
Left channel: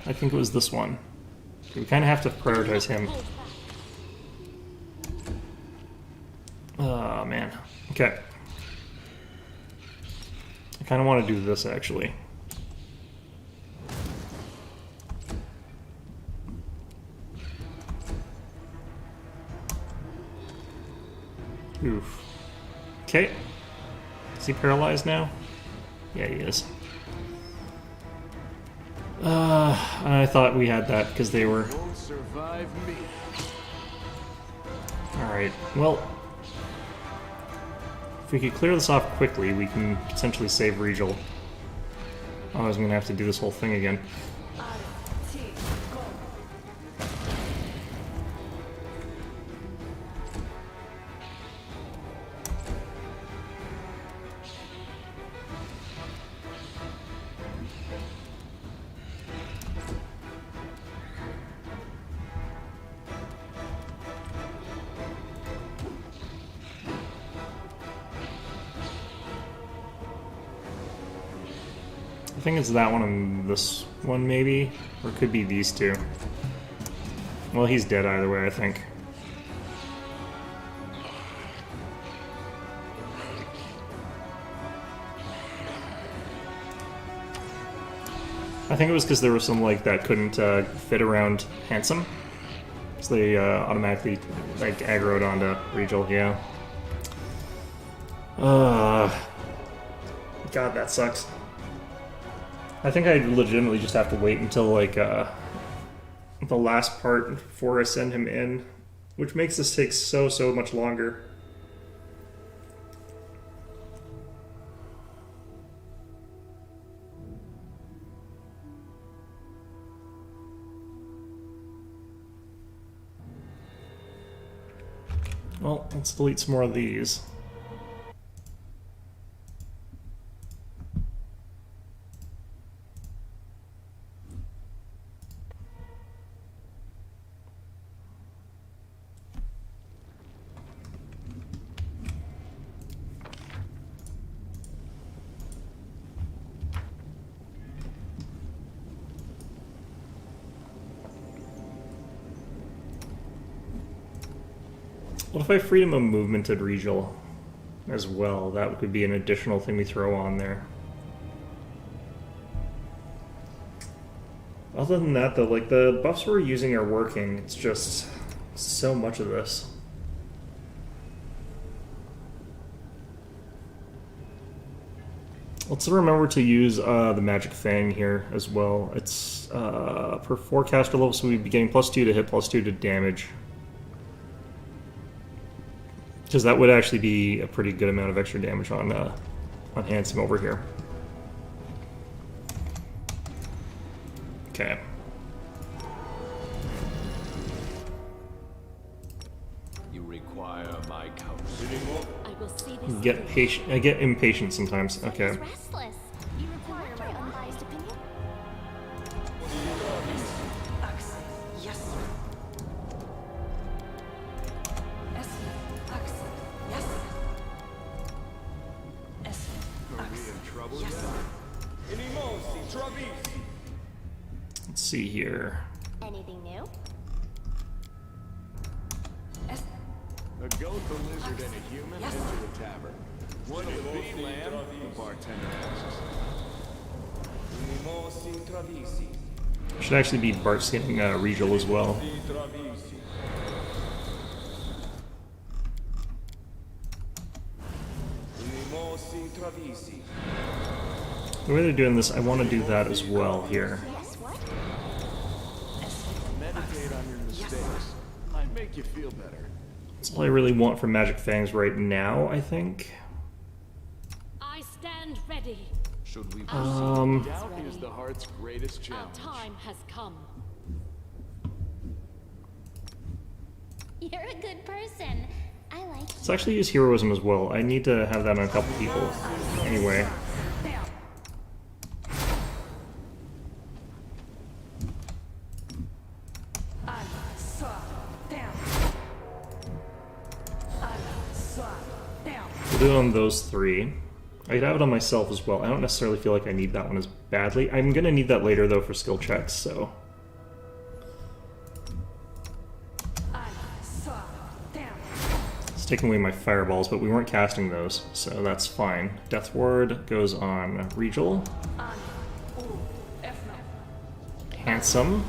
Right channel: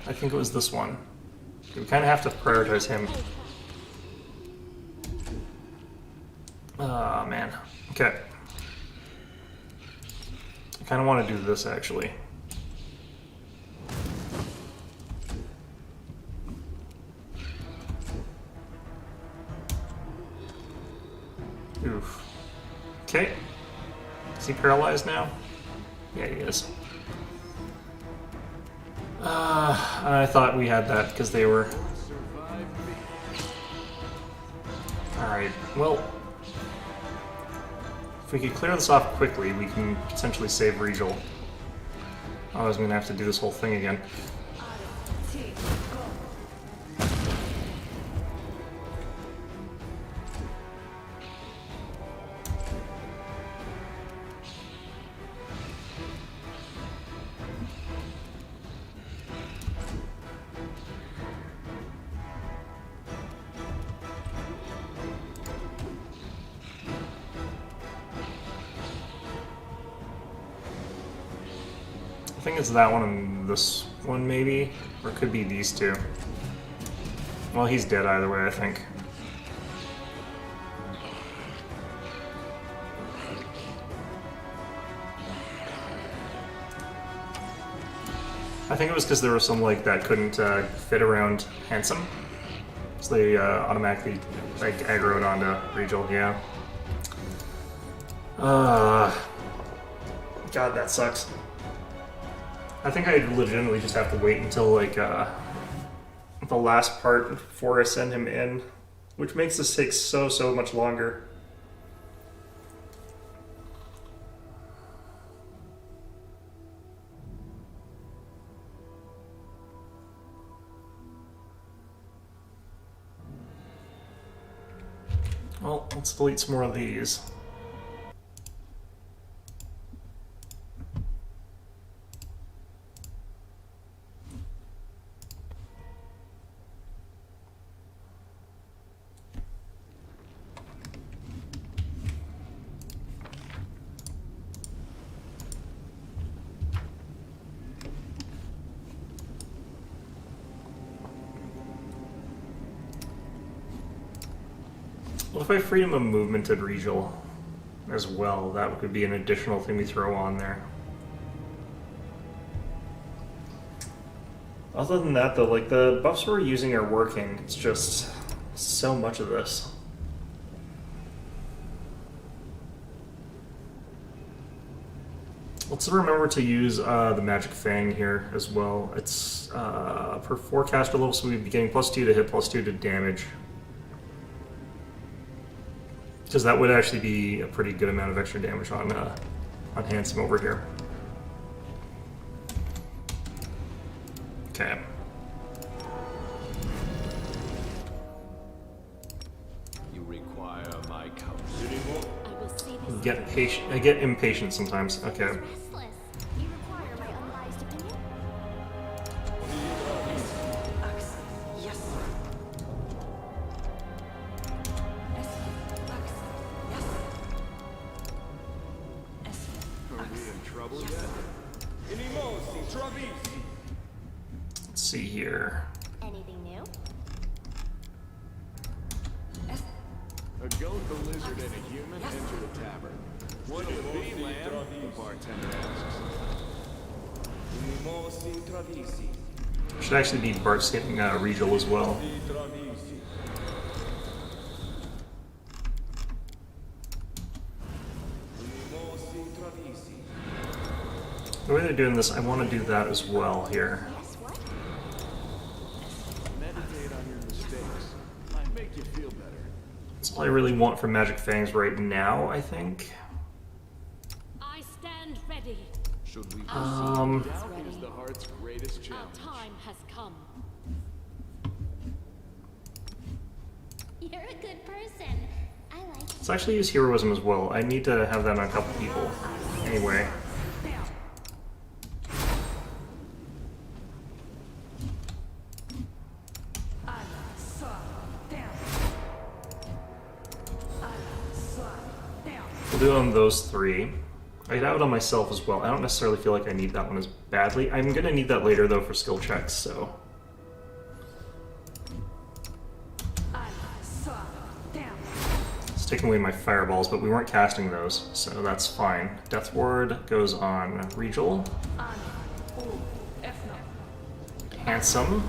I think it was this one. We kind of have to prioritize him. Oh, man. Okay. I kind of want to do this, actually. Oof. Okay. Is he paralyzed now? Yeah, he is. I thought we had that because they were... Won't survive me. Alright, well... If we could clear this off quickly, we can potentially save Regal. Otherwise, I'm going to have to do this whole thing again. I think it's that one and this one, maybe? Or it could be these two. Well, he's dead either way, I think. I think it was because there was some, like, that couldn't fit around Handsome. So they automatically, like, aggroed onto Regal, yeah. God, that sucks. I think I legitimately just have to wait until, like, the last part before I send him in, which makes this take so much longer. Well, let's delete some more of these. What if I freedom of movement at Regal as well? That would be an additional thing we throw on there. Other than that, though, like, the buffs we're using are working. It's just so much of this. Let's remember to use the Magic Fang here as well. It's per 4 caster level, so we'd be getting +2 to hit, +2 to damage. Because that would actually be a pretty good amount of extra damage on Handsome over here. Okay. You require my counsel. I will see this I get impatient sometimes. Okay. He's restless. You require my unbiased opinion? Are we in trouble yet? Let's see here. Anything new? A goat, a lizard, and a human enter the tavern. What'll it be, lamb? The bartender asks. Should actually be Bart's hitting Regal as well. The way they're doing this, I want to do that as well here. Yes, what? Meditate on your mistakes. Might make you feel better. That's all I really want from Magic Fangs right now, I think. I stand ready. Should we Doubt is the heart's greatest Our challenge. time has come. You're a good person. I like Let's actually use heroism as well. I need to have that on a couple people. Anyway. We'll do it on those 3. I have it on myself as well. I don't necessarily feel like I need that one as badly. I'm gonna need that later though for skill checks, so. It's taking away my fireballs, but we weren't casting those, so that's fine. Death Ward goes on Regal. Handsome.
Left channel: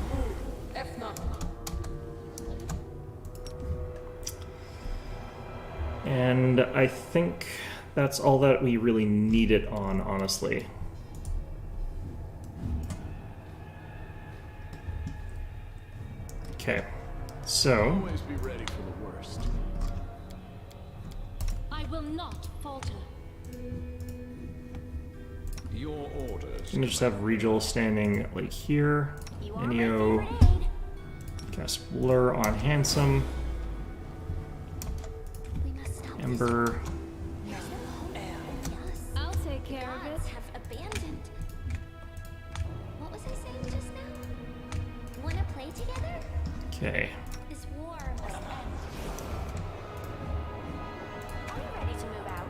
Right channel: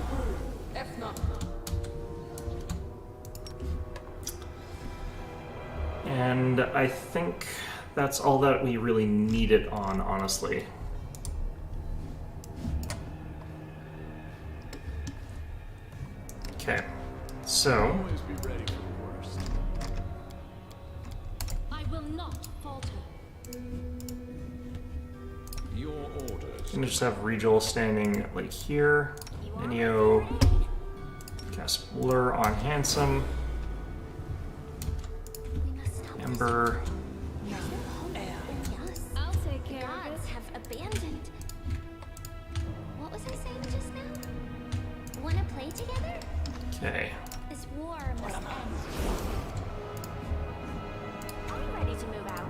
And I think that's all that we really need it on, honestly. Okay, so... Always be ready for the worst. I will not falter. Your orders. I'm gonna just have Regal standing like here. You are my Inio favorite aide. cast Blur on Handsome. We must stop this. Ember. Yes. I'll take The care of it. gods have abandoned. What was I saying just now? Wanna play together? Okay. This war must end. Are we ready to move out?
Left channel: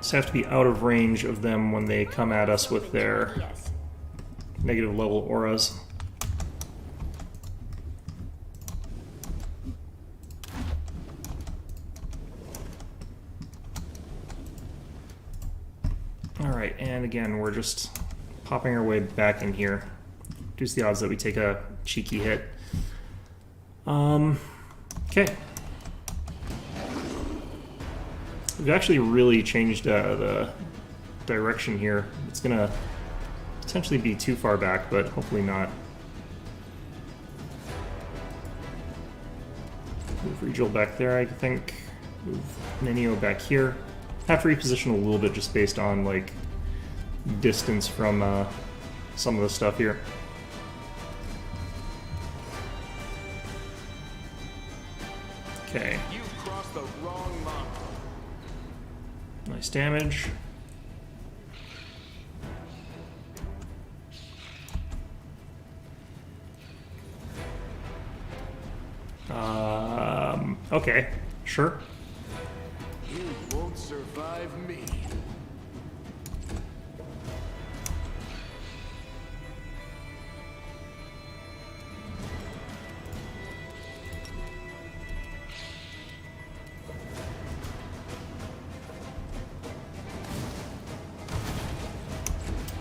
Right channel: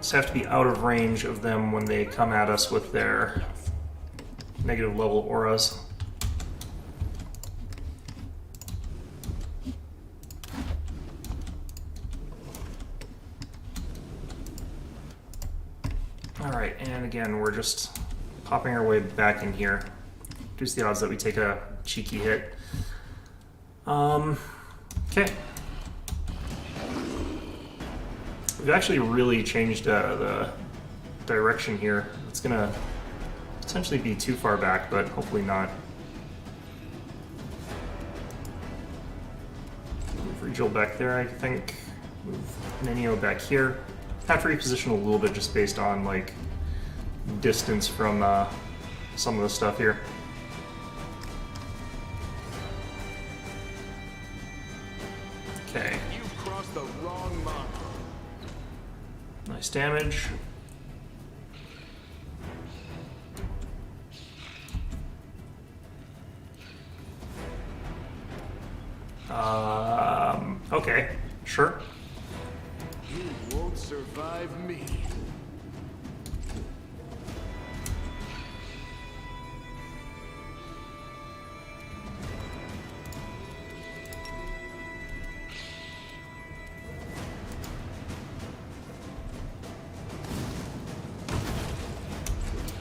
Just have to be out of range of them when they come at us with their Yes. negative level auras. Alright, and again, we're just popping our way back in here. Reduce the odds that we take a cheeky hit. Okay. We've actually really changed the direction here. It's gonna potentially be too far back, but hopefully not. Move Regal back there, I think. Move Nenio back here. Have to reposition a little bit just based on like distance from some of the stuff here. Okay, You've crossed the wrong mark. nice damage. Okay, sure. You won't survive me.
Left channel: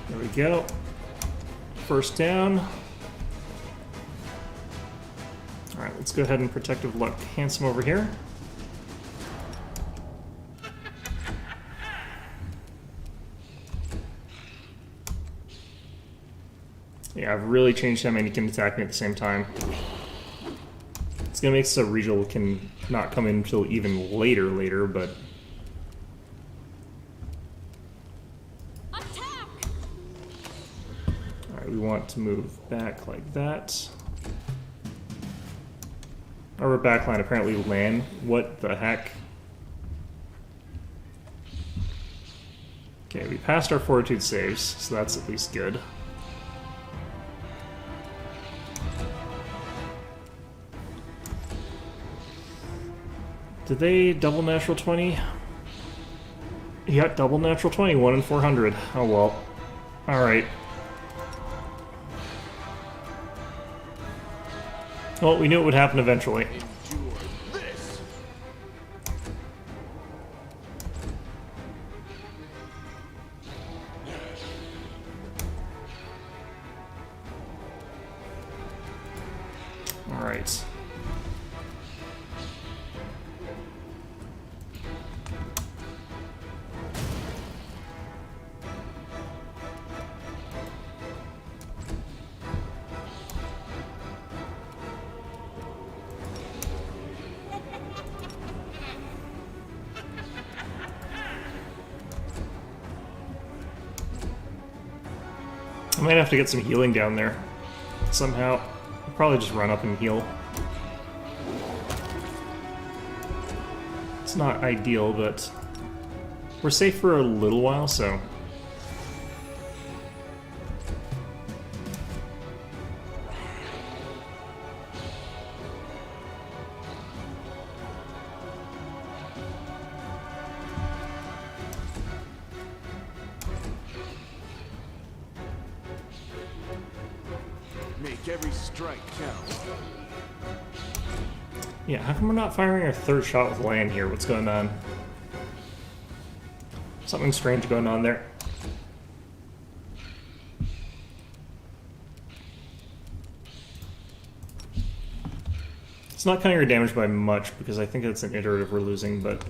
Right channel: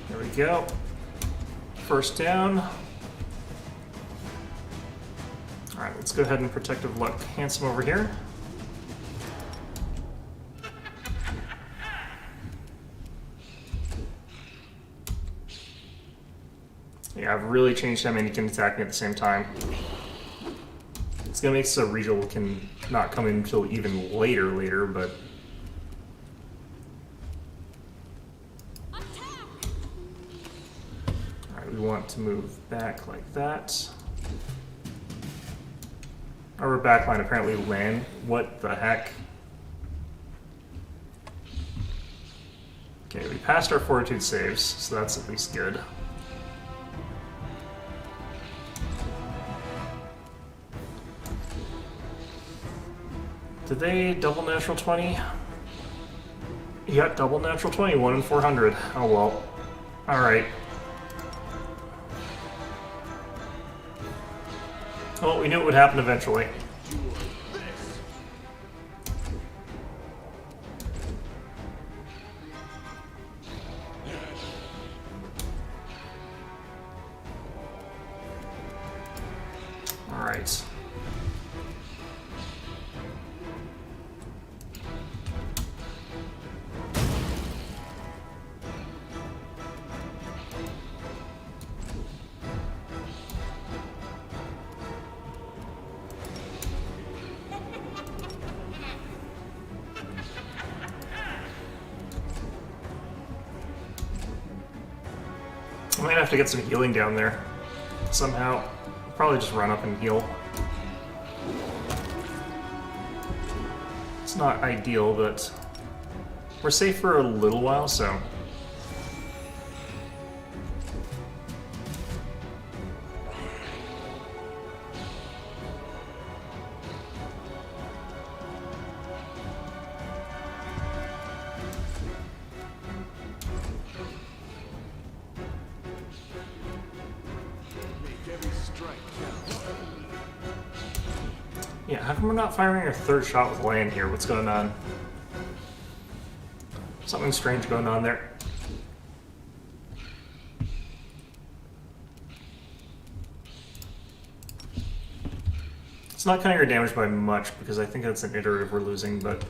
There we go. First down. Alright, let's go ahead and Protective Luck Handsome over here. Yeah, I've really changed how many can attack me at the same time. It's gonna make so Regal can not come in until even later, but... Attack! Alright, we want to move back like that. Our backline apparently land. What the heck? Okay, we passed our fortitude saves, so that's at least good. Did they double natural 20? He got double natural 20, 1 in 400. Oh well. Alright. Well, we knew it would happen eventually. Endure this. Alright. I might have to get some healing down there somehow. I'll probably just run up and heal. It's not ideal, but we're safe for a little while, so. Make every strike count. Yeah, how come we're not firing our third shot with land here? What's going on? Something strange going on there. It's not cutting our damage by much because I think it's an iterative we're losing, but...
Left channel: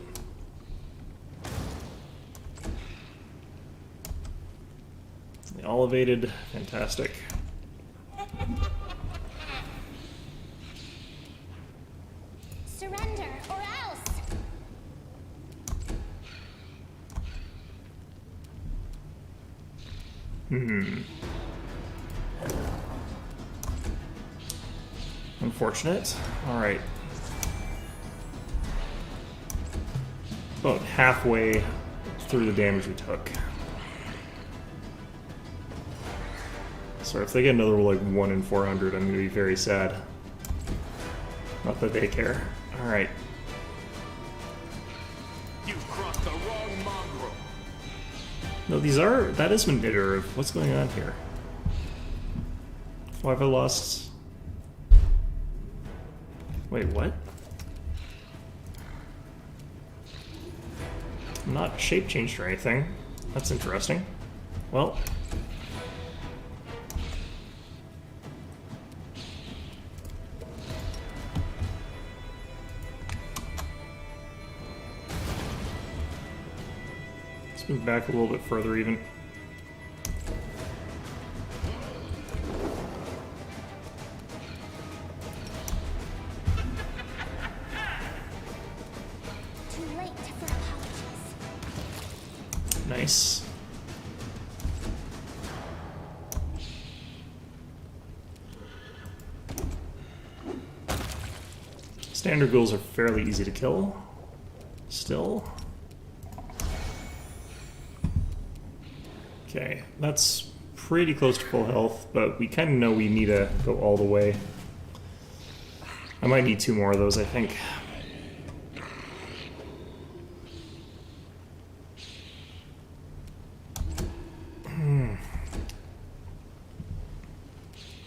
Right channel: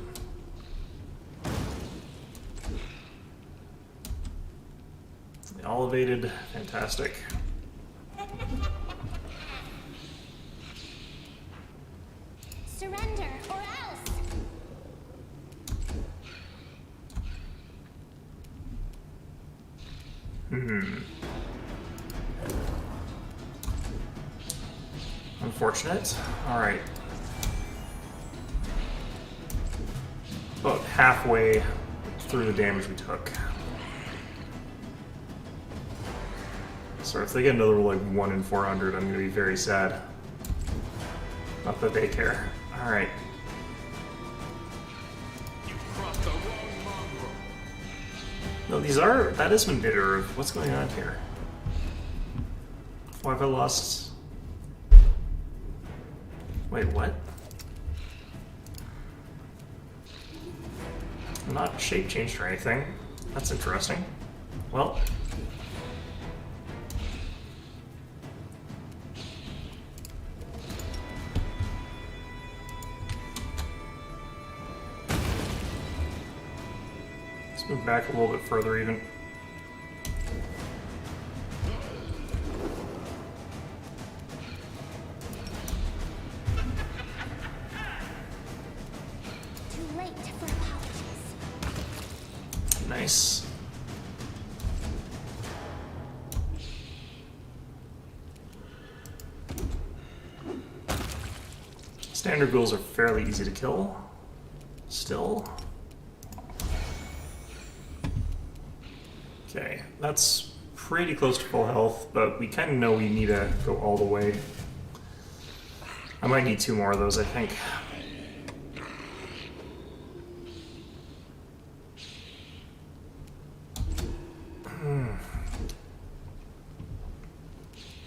Elevated, fantastic. Surrender or else. Unfortunate. Alright. About halfway through the damage we took. So if they get another like 1 in 400, I'm gonna be very sad. Not that they care. Alright. You've crossed the wrong mongrel. No, that is an iterative. What's going on here? Why have I lost... Wait, what? I'm not shape changed or anything. That's interesting. Well... Let's move back a little bit further even. Too late for apologies. Nice. Standard ghouls are fairly easy to kill. Still. Okay, that's pretty close to full health, but we kind of know we need to go all the way. I might need 2 more of those, I think.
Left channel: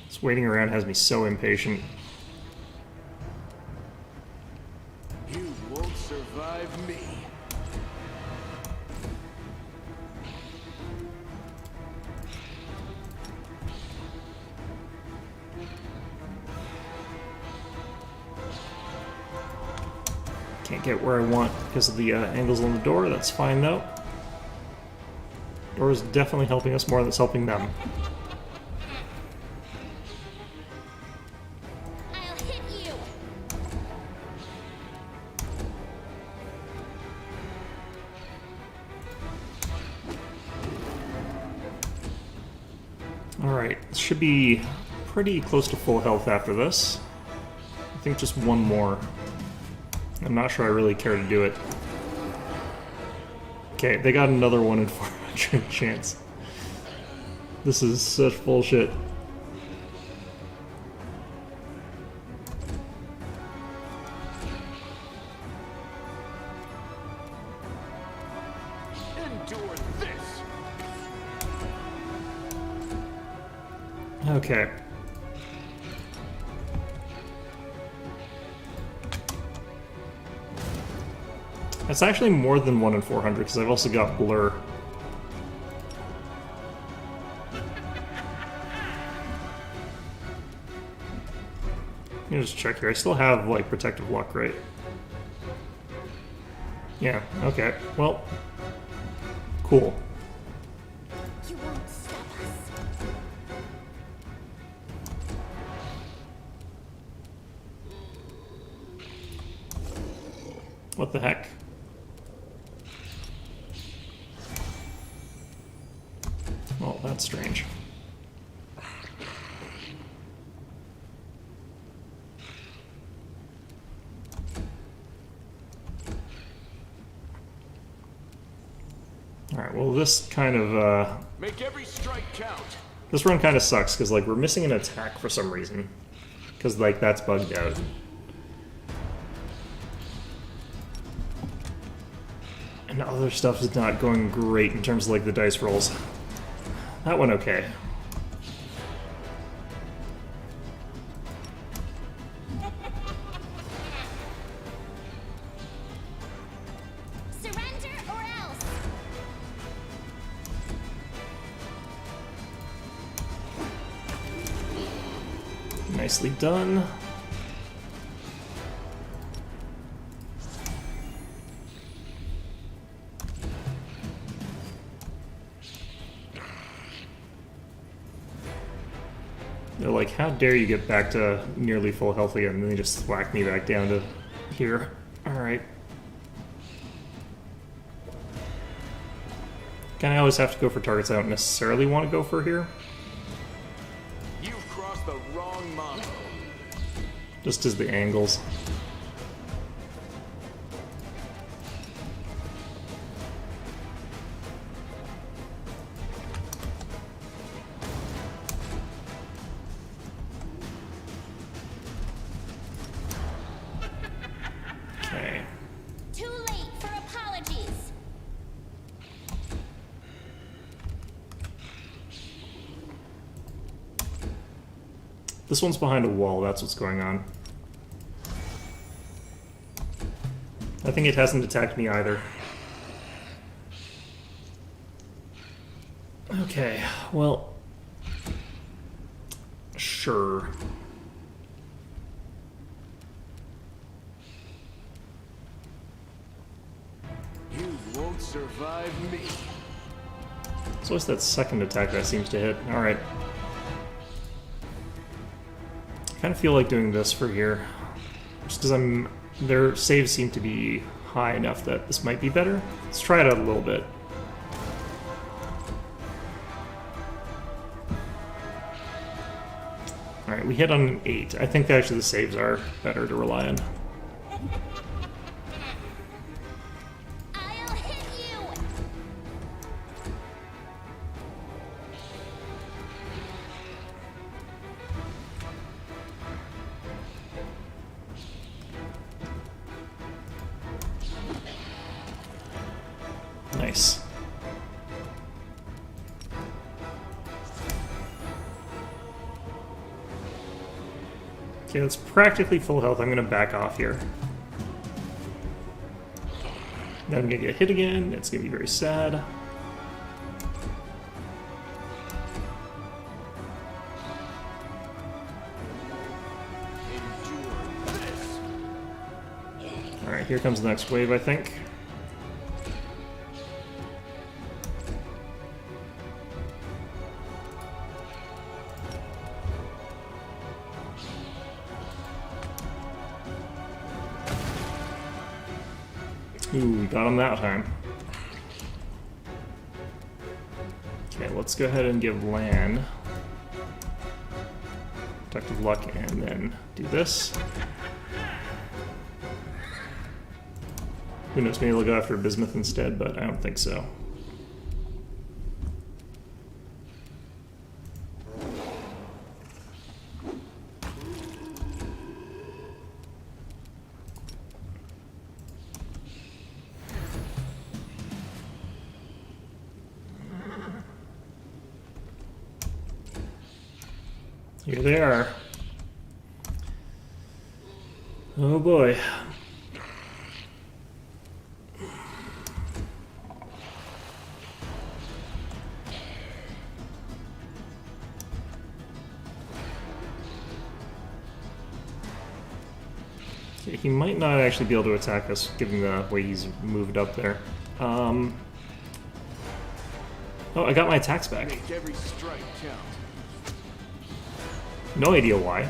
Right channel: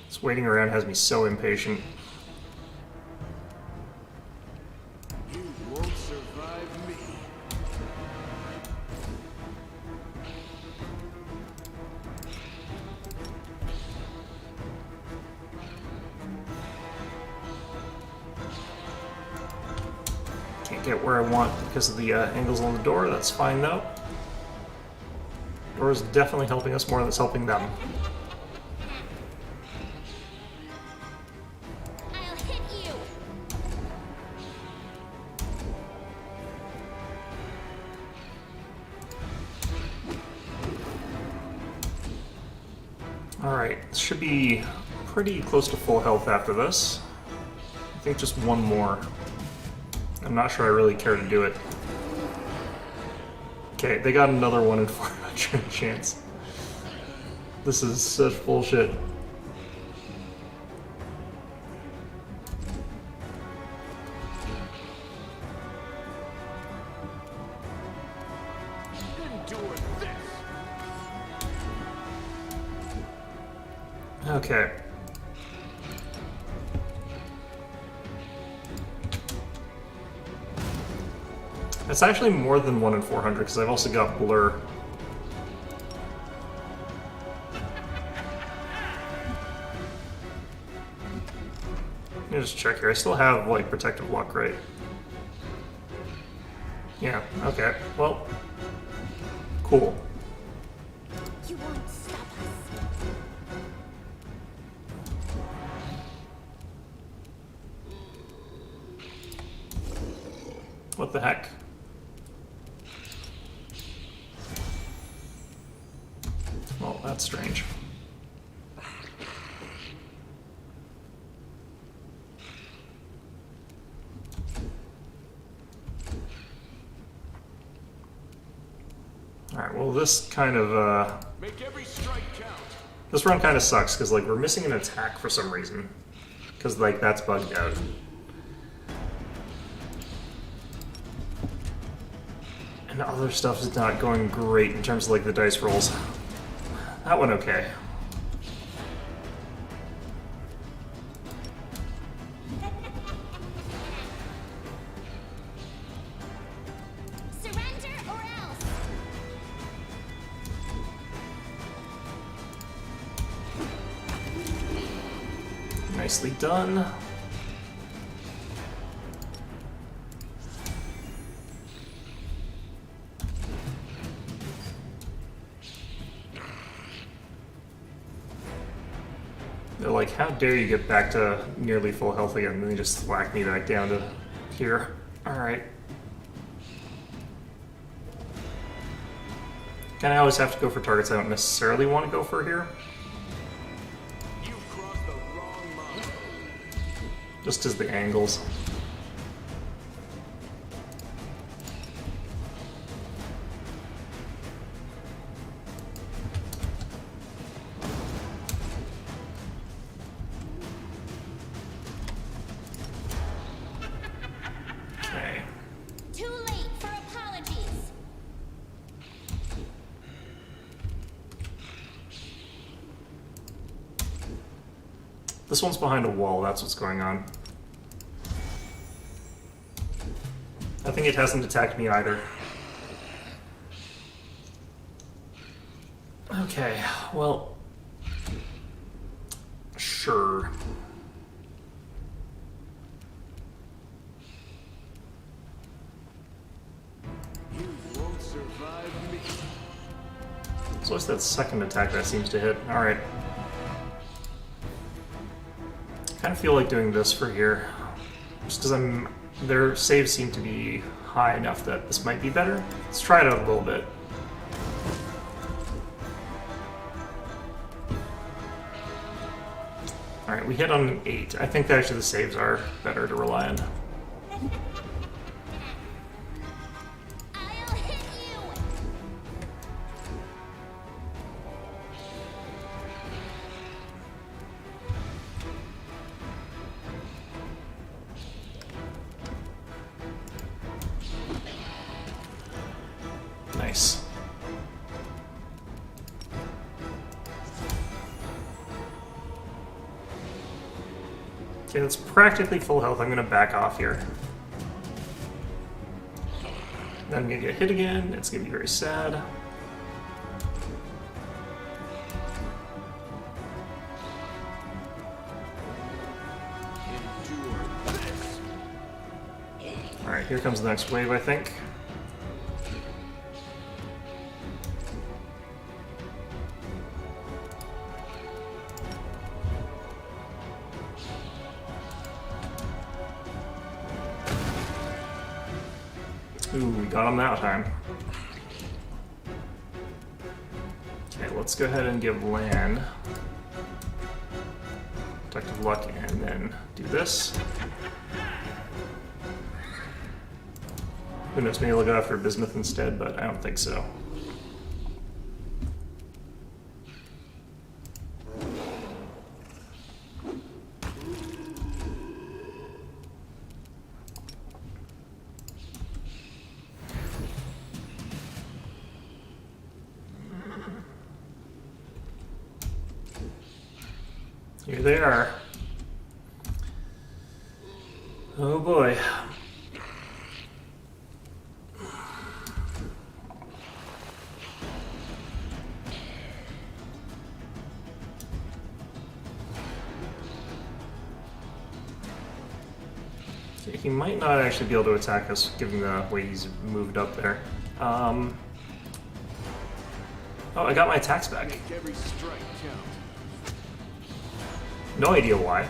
This waiting around has me so impatient. You won't survive me. Can't get where I want because of the angles on the door. That's fine though. Door is definitely helping us more than it's helping them. I'll hit you. Alright, should be pretty close to full health after this. I think just 1 more. I'm not sure I really care to do it. Okay, they got another 1 in 400 chance. This is such bullshit. Endure this. Okay. It's actually more than 1 in 400 because I've also got blur. Let me just check here. I still have like protective luck, right? Yeah, okay. Well, cool. You won't stop us. What the heck? Well, that's strange. Alright, well this kind of, Make every strike count. this run kind of sucks, because, like, we're missing an attack for some reason. Because, like, that's bugged out. And other stuff is not going great in terms of, like, the dice rolls. That one okay. Nicely done. They're like, how dare you get back to nearly full health again, and then they just whack me back down to here. Alright. Kinda always have to go for targets I don't necessarily want to go for here. You've crossed the wrong mountain. Just as the angles. Okay. Too late for apologies. This one's behind a wall, that's what's going on. I think it hasn't attacked me either. Okay, well... Sure. You won't survive me. So what's that second attack that seems to hit? Alright. I kind of feel like doing this for here. Just because their saves seem to be high enough that this might be better. Let's try it out a little bit. Alright, we hit on an 8. I think that actually the saves are better to rely on. I'll hit you. Nice. Okay, that's practically full health. I'm going to back off here. Then I'm going to get hit again. It's going to be very sad. Endure this. Alright, here comes the next wave, I think. Ooh, we got him that time. Okay, let's go ahead and give Lan Protective Luck and then do this. Who knows, maybe we'll go after Bismuth instead, but I don't think so. Here they are. Oh boy. Okay, he might not actually be able to attack us given the way he's moved up there. Oh, I got my attacks back. Make every strike count. No idea why.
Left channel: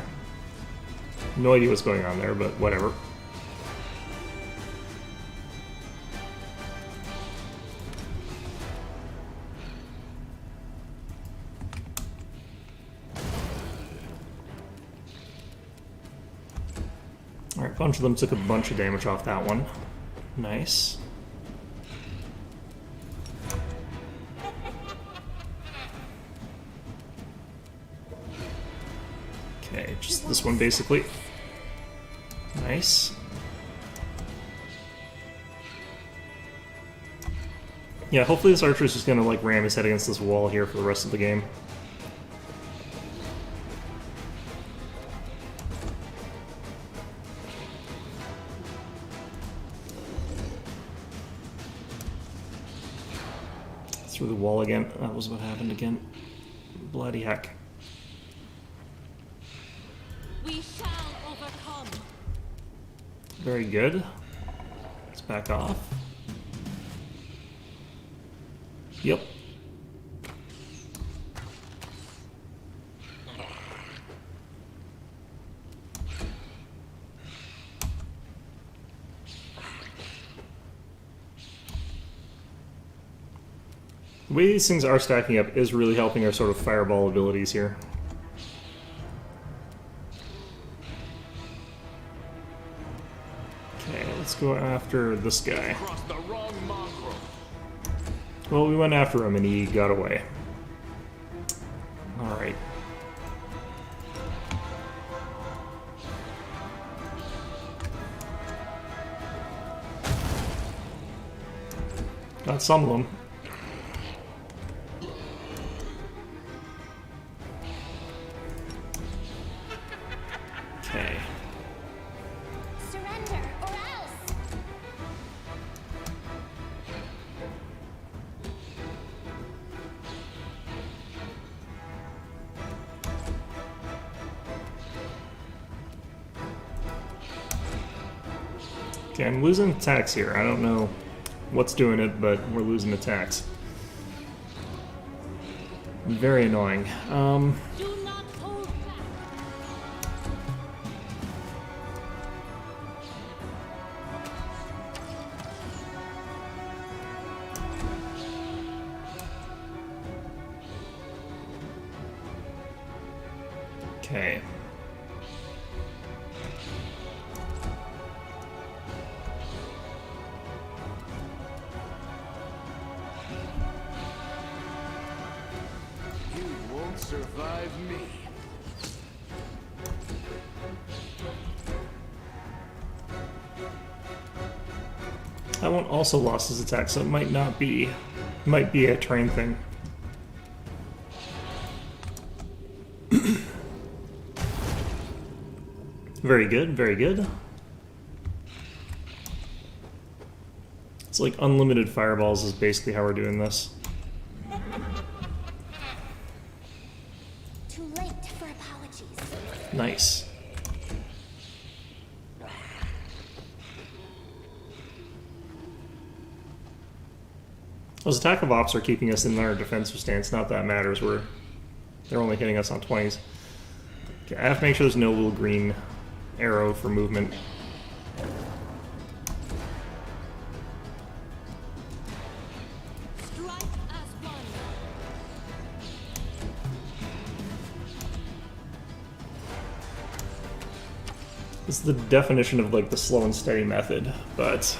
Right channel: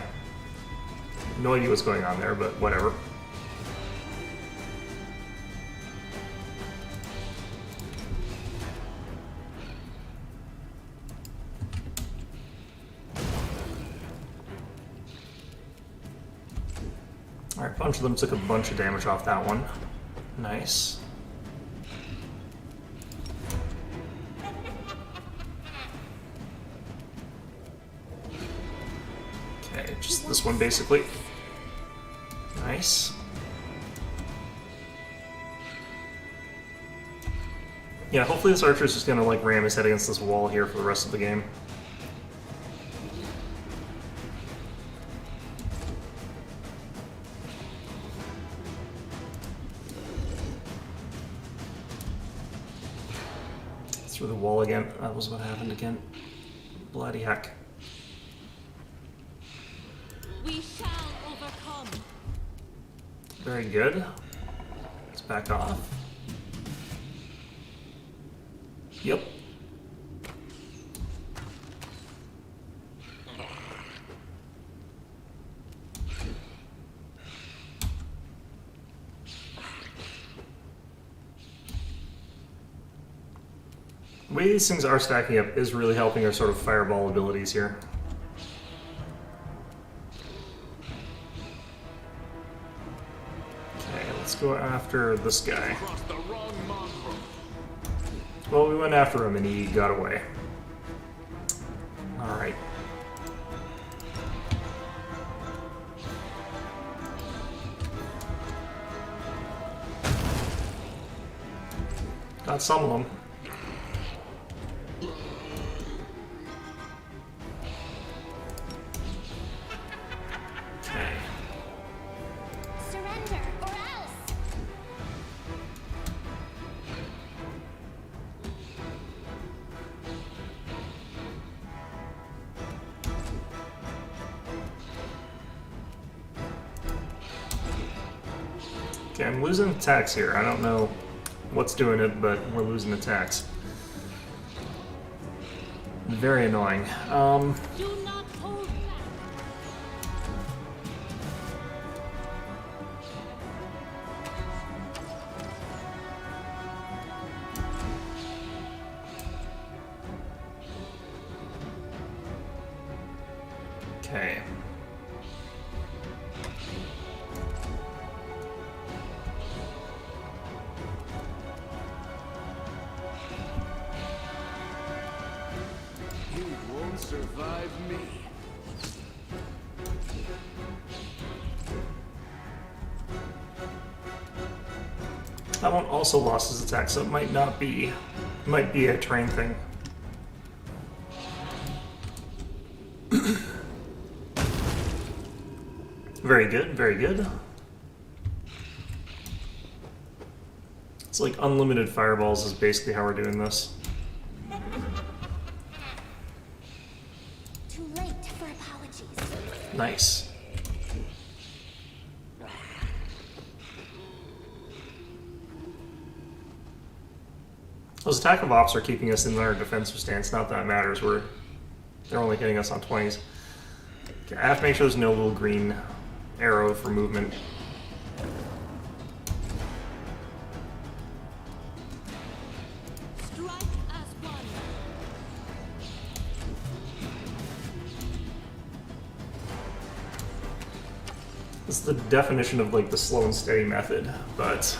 No idea what's going on there, but whatever. Alright, a bunch of them took a bunch of damage off that one. Nice. Okay, just this one basically. Nice. Yeah, hopefully this archer is just gonna like ram his head against this wall here for the rest of the game. Through the wall again. That was what happened again. Bloody heck. We shall overcome. Very good. Let's back off. Yep. The way these things are stacking up is really helping our sort of fireball abilities here. Okay, let's go after this guy. Crossed the wrong mongrel. Well, we went after him and he got away. Alright. Got some of them. Okay. Surrender or else. Okay, I'm losing attacks here. I don't know what's doing it, but we're losing attacks. Very annoying. Do not hold back. Okay. You won't survive me. That one also lost his attack, so it might not be. It might be a terrain thing. Very good, very good. It's like unlimited fireballs is basically how we're doing this. Too late for apologies. Nice. Those attack of ops are keeping us in our defensive stance. Not that it matters. They're only hitting us on 20s. Okay, I have to make sure there's no little green arrow for movement. Strike as one. This is the definition of like the slow and steady method, but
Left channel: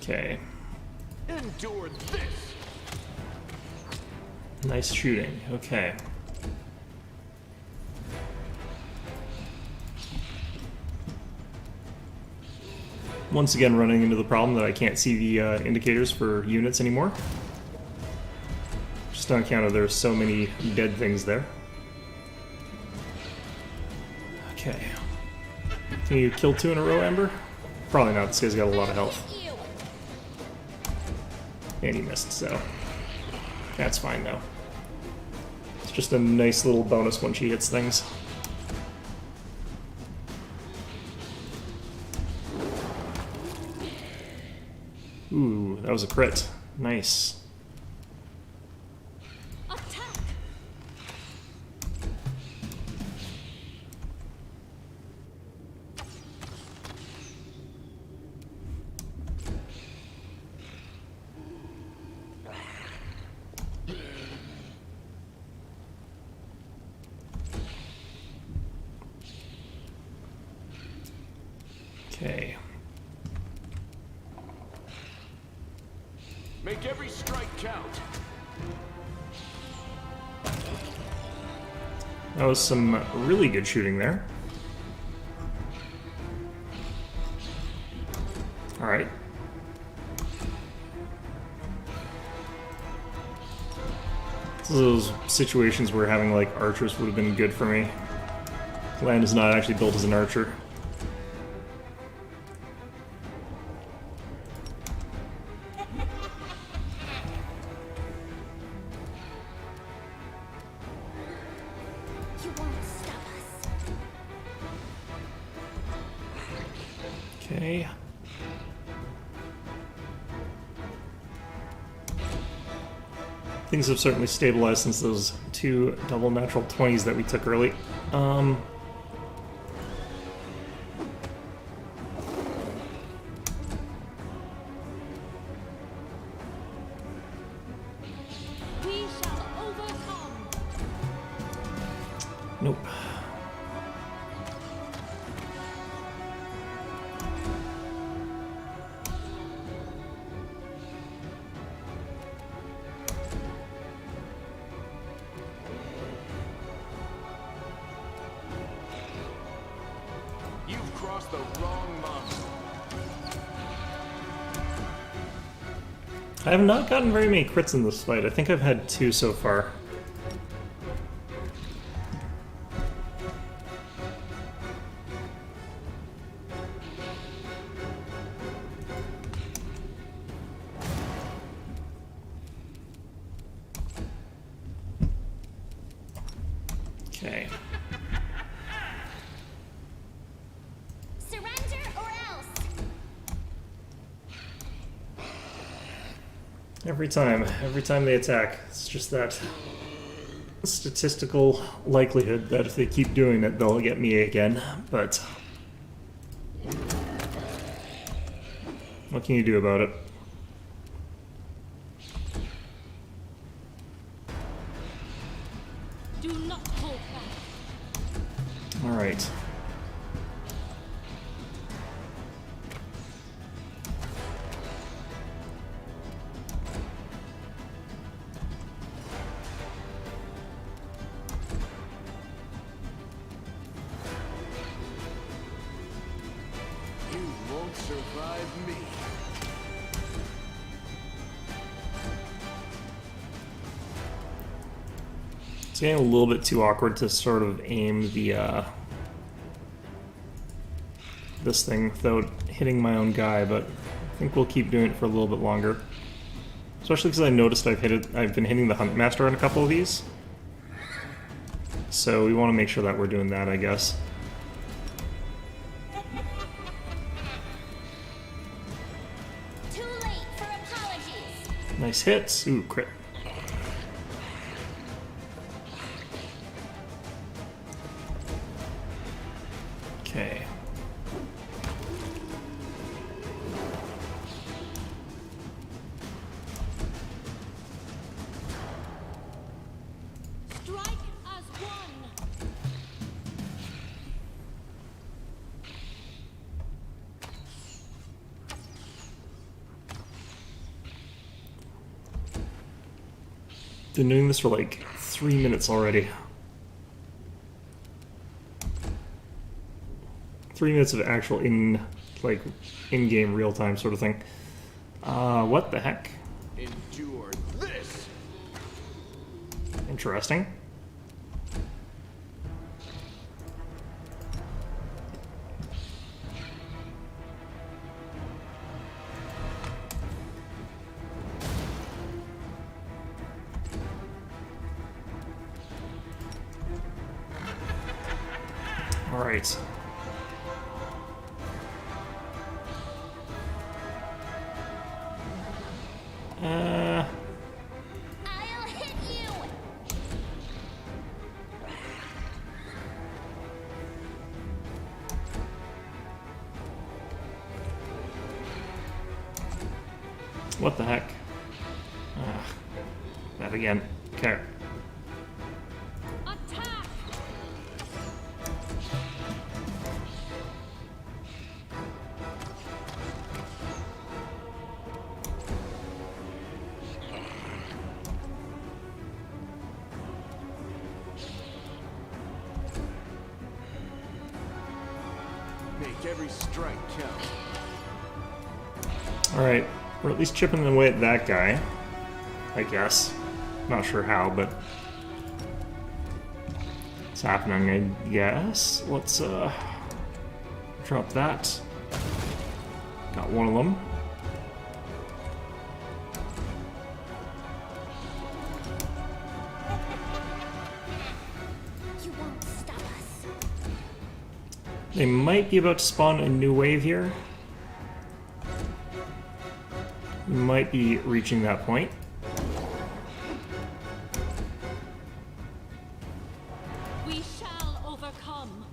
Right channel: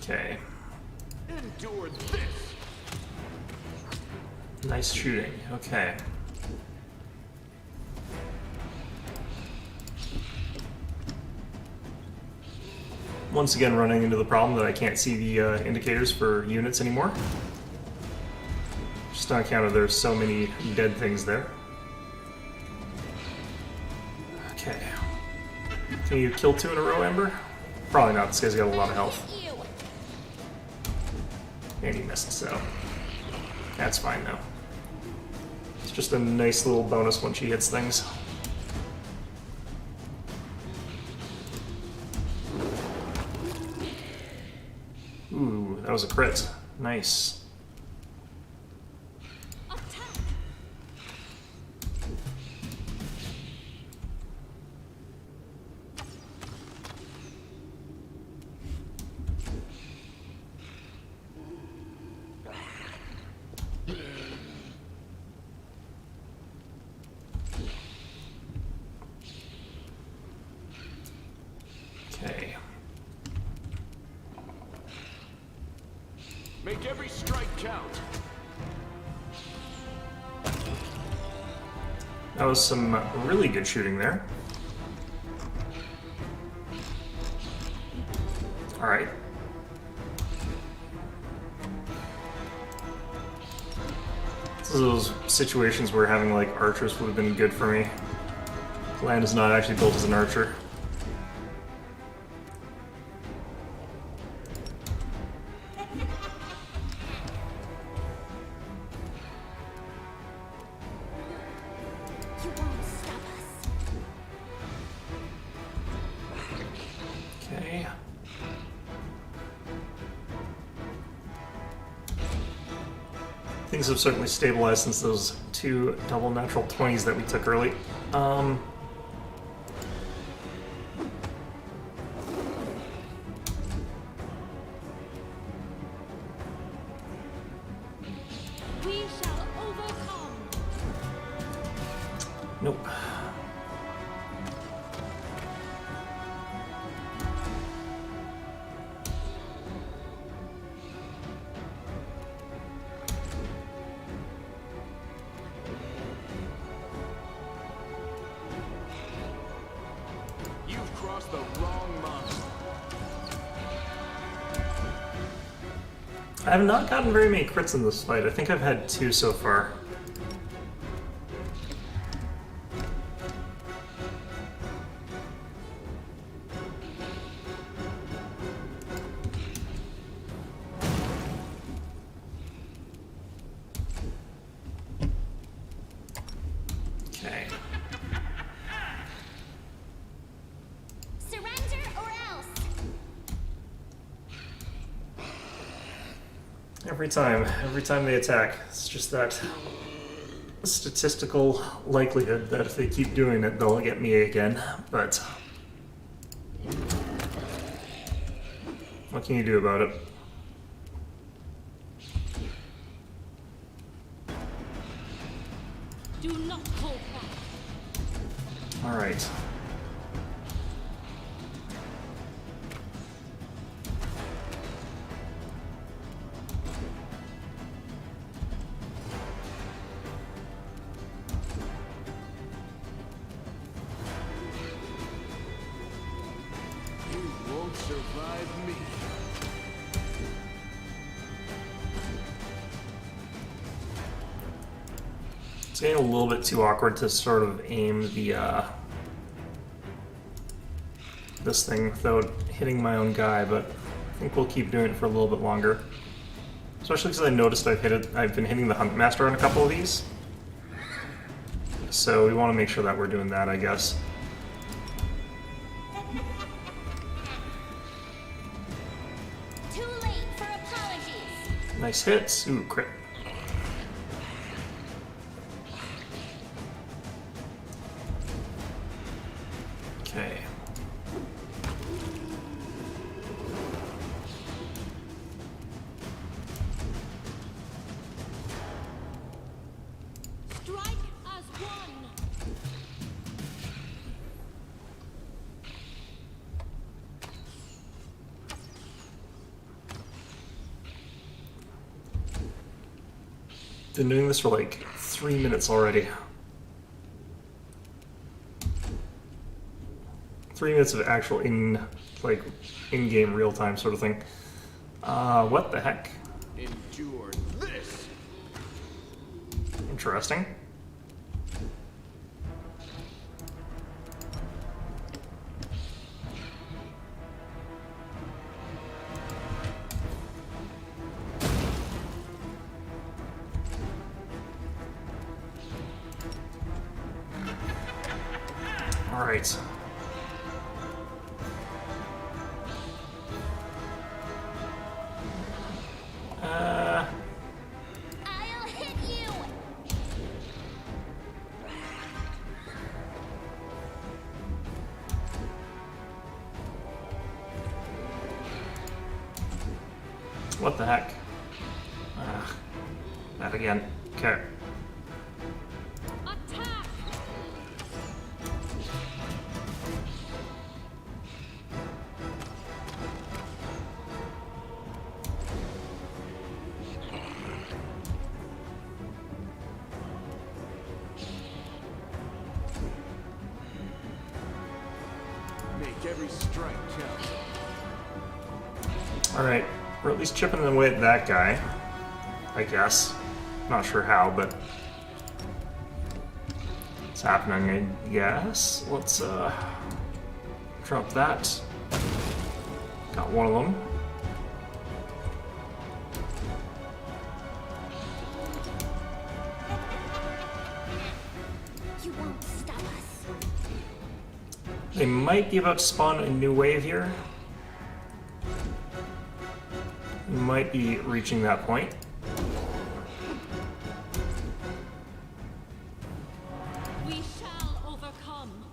okay. Endure this. Nice shooting. Okay. Once again running into the problem that I can't see the indicators for units anymore. Just on account of there's so many dead things there. Okay. Can you kill 2 in a row, Ember? Probably not, this guy's got a lot of health. You. And he missed, so that's fine though. It's just a nice little bonus when she hits things. Ooh, that was a crit. Nice. Attack. Okay. Make every strike count. That was some really good shooting there. Alright. This is those situations where having like archers would have been good for me. Land is not actually built as an archer. Okay. Things have certainly stabilized since those 2 double natural 20s that we took early. We shall overcome. Nope. You've crossed the wrong mountain. I have not gotten very many crits in this fight. I think I've had 2 so far. Okay. Surrender or else. Every time they attack, it's just that statistical likelihood that if they keep doing it, they'll get me again. But what can you do about it? Do not hold back. All right. You won't survive me. It's getting a little bit too awkward to sort of aim the this thing without hitting my own guy, but I think we'll keep doing it for a little bit longer. Especially because I noticed I've been hitting the Huntmaster on a couple of these. So we want to make sure that we're doing that, I guess. Too late for apologies. Nice hits. Ooh, crit. Okay. Strike as one. Been doing this for like 3 minutes already. 3 minutes of actual in-game real-time sort of thing. What the heck? Endure this. Interesting. All right. I'll hit you. What the heck? That again. Okay. Attack. Make every strike count. All right. We're at least chipping away at that guy. I guess. Not sure how, but it's happening, I guess. Let's drop that. Got one of them. You won't stop us. They might be about to spawn a new wave here. We might be reaching that point. We shall overcome.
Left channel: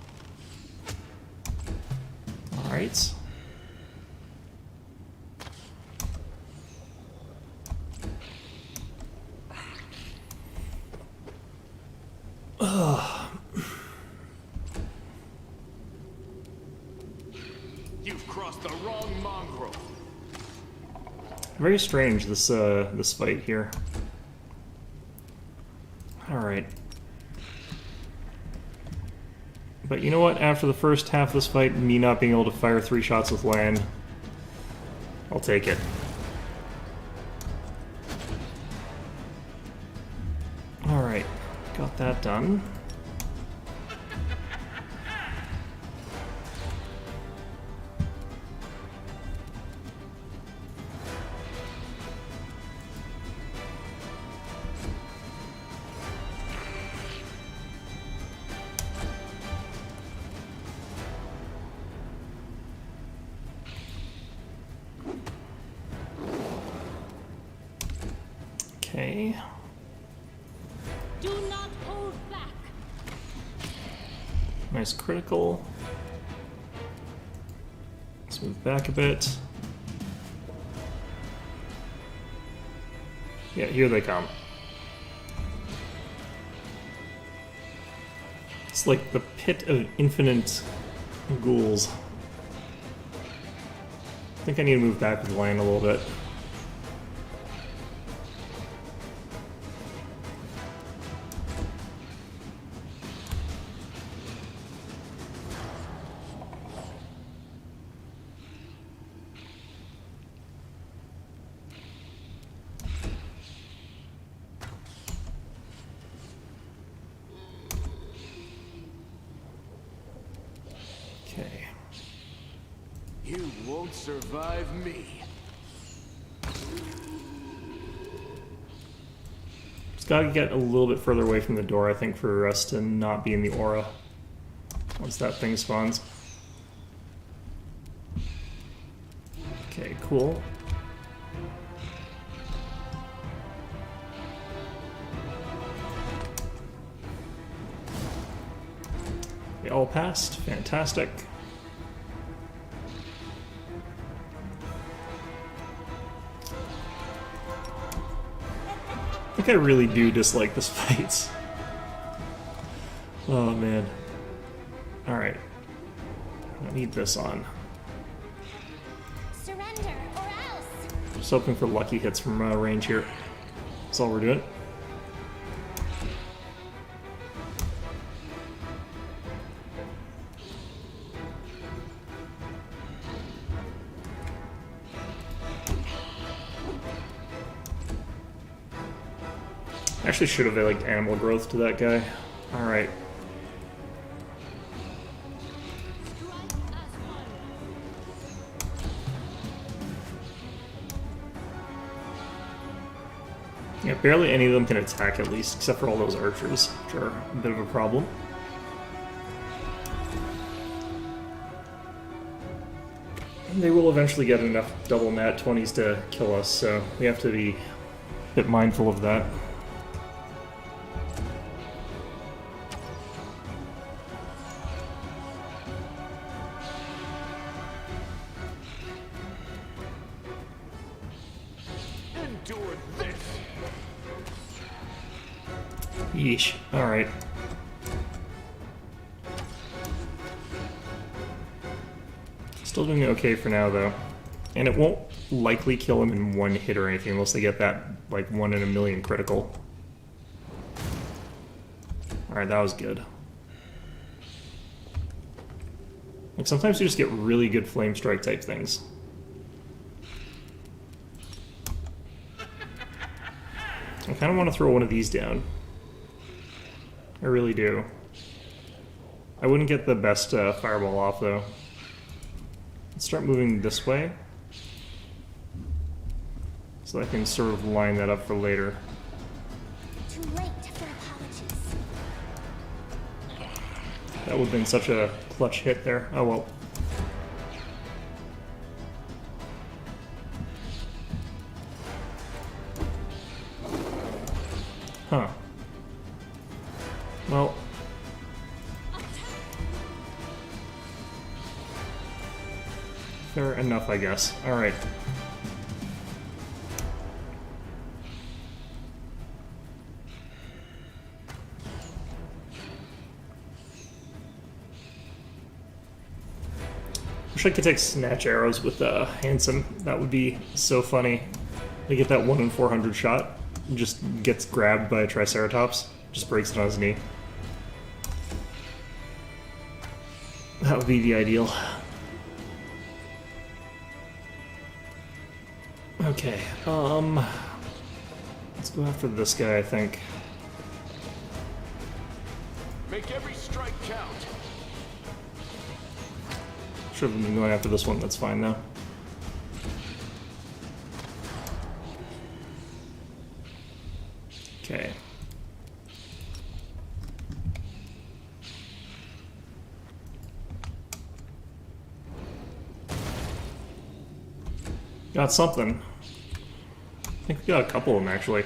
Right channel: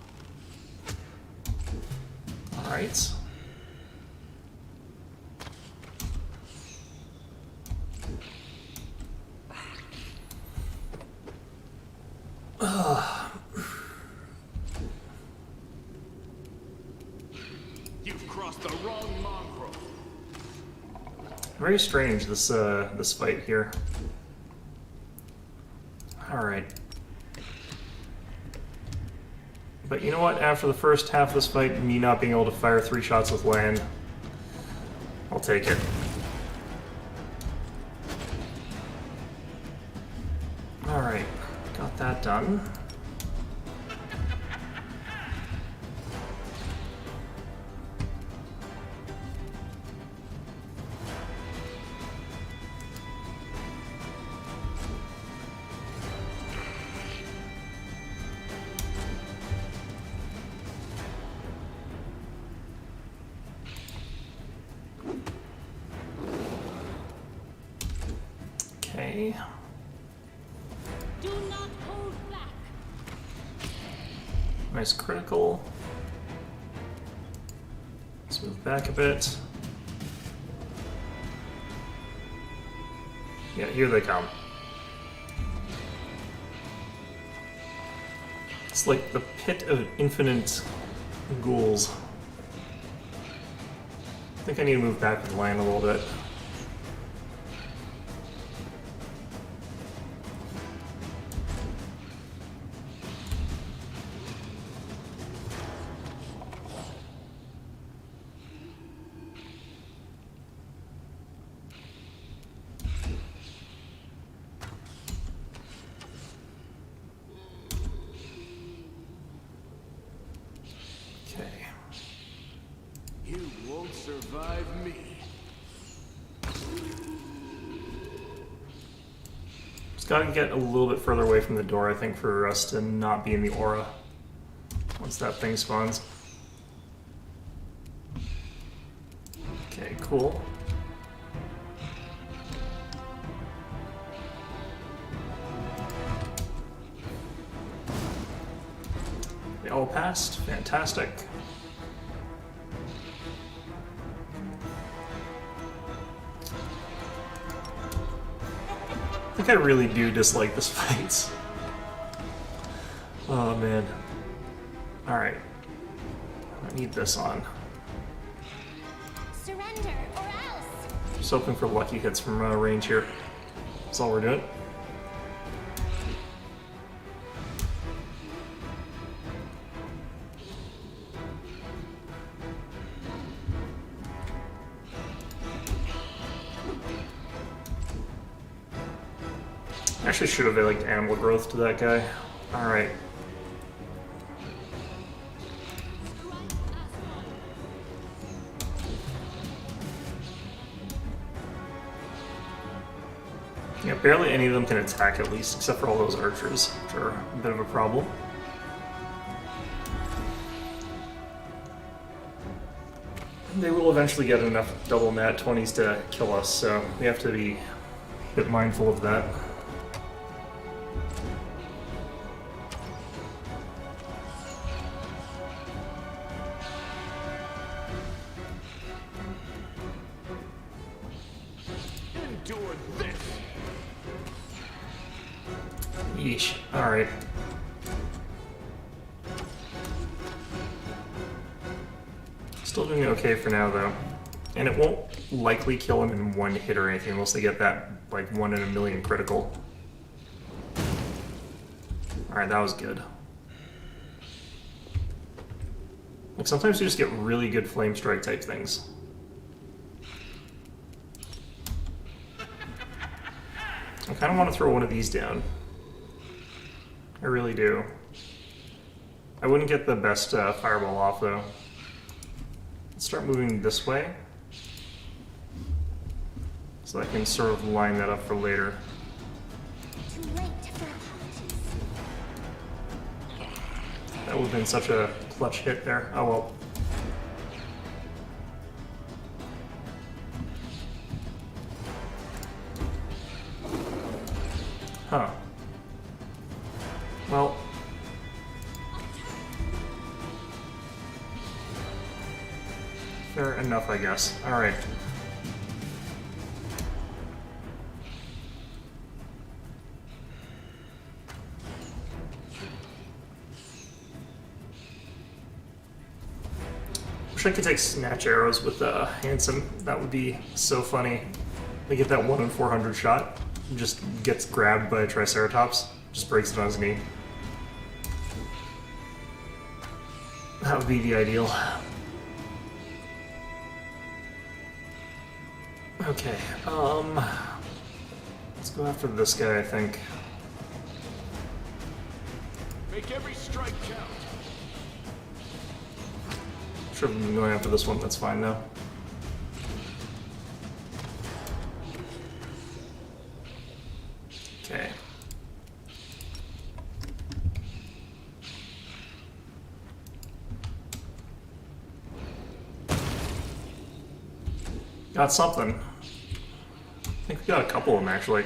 Alright. You've crossed the wrong mongrel. Very strange, this fight here. Alright. But you know what? After the first half of this fight, me not being able to fire 3 shots with land, I'll take it. Alright, got that done. Okay. Do not hold back. Nice critical. Let's move back a bit. Yeah, here they come. It's like the pit of infinite ghouls. I think I need to move back with the land a little bit. Okay. You won't survive me. Just gotta get a little bit further away from the door, I think, for us to not be in the aura once that thing spawns. Okay, cool. They all passed. Fantastic. I think I really do dislike this fight. Oh man. Alright. I need this on. Surrender or else. Just hoping for lucky hits from range here. That's all we're doing. Actually should have like animal growth to that guy. Alright. Strike as one. Yeah, barely any of them can attack at least, except for all those archers, which are a bit of a problem. They will eventually get enough double nat 20s to kill us, so we have to be a bit mindful of that. Endure this. Yeesh. Alright. Still doing okay for now, though. And it won't likely kill him in one hit or anything unless they get that, like, 1 in a million critical. Alright, that was good. Like, sometimes you just get really good flame strike type things. I kind of want to throw one of these down. I really do. I wouldn't get the best fireball off, though. Let's start moving this way. So I can sort of line that up for later. Too late for apologies. That would have been such a clutch hit there. Oh well. Huh. Well. Fair enough, I guess. Alright. Wish I could take snatch arrows with Handsome. That would be so funny. They get that 1 in 400 shot. Just gets grabbed by a Triceratops. Just breaks it on his knee. That would be the ideal. Okay, let's go after this guy, I think. Make every strike count. Should have been going after this one, that's fine though. Okay. Got something. I think we got a couple of them actually.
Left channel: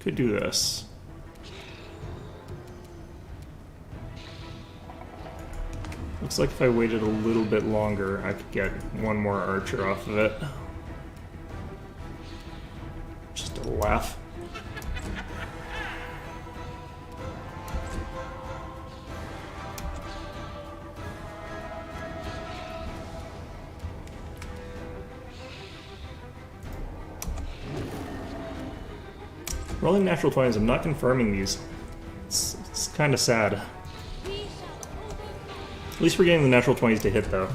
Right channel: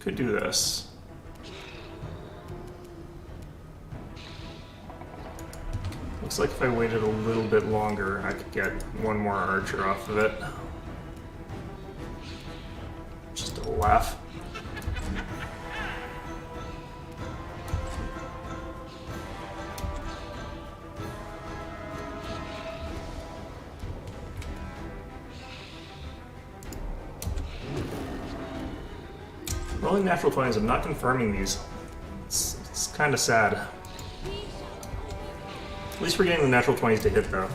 Could do this. Looks like if I waited a little bit longer, I could get one more archer off of it. Just a laugh. Rolling natural 20s, I'm not confirming these. It's kind of sad. At least we're getting the natural 20s to hit, though.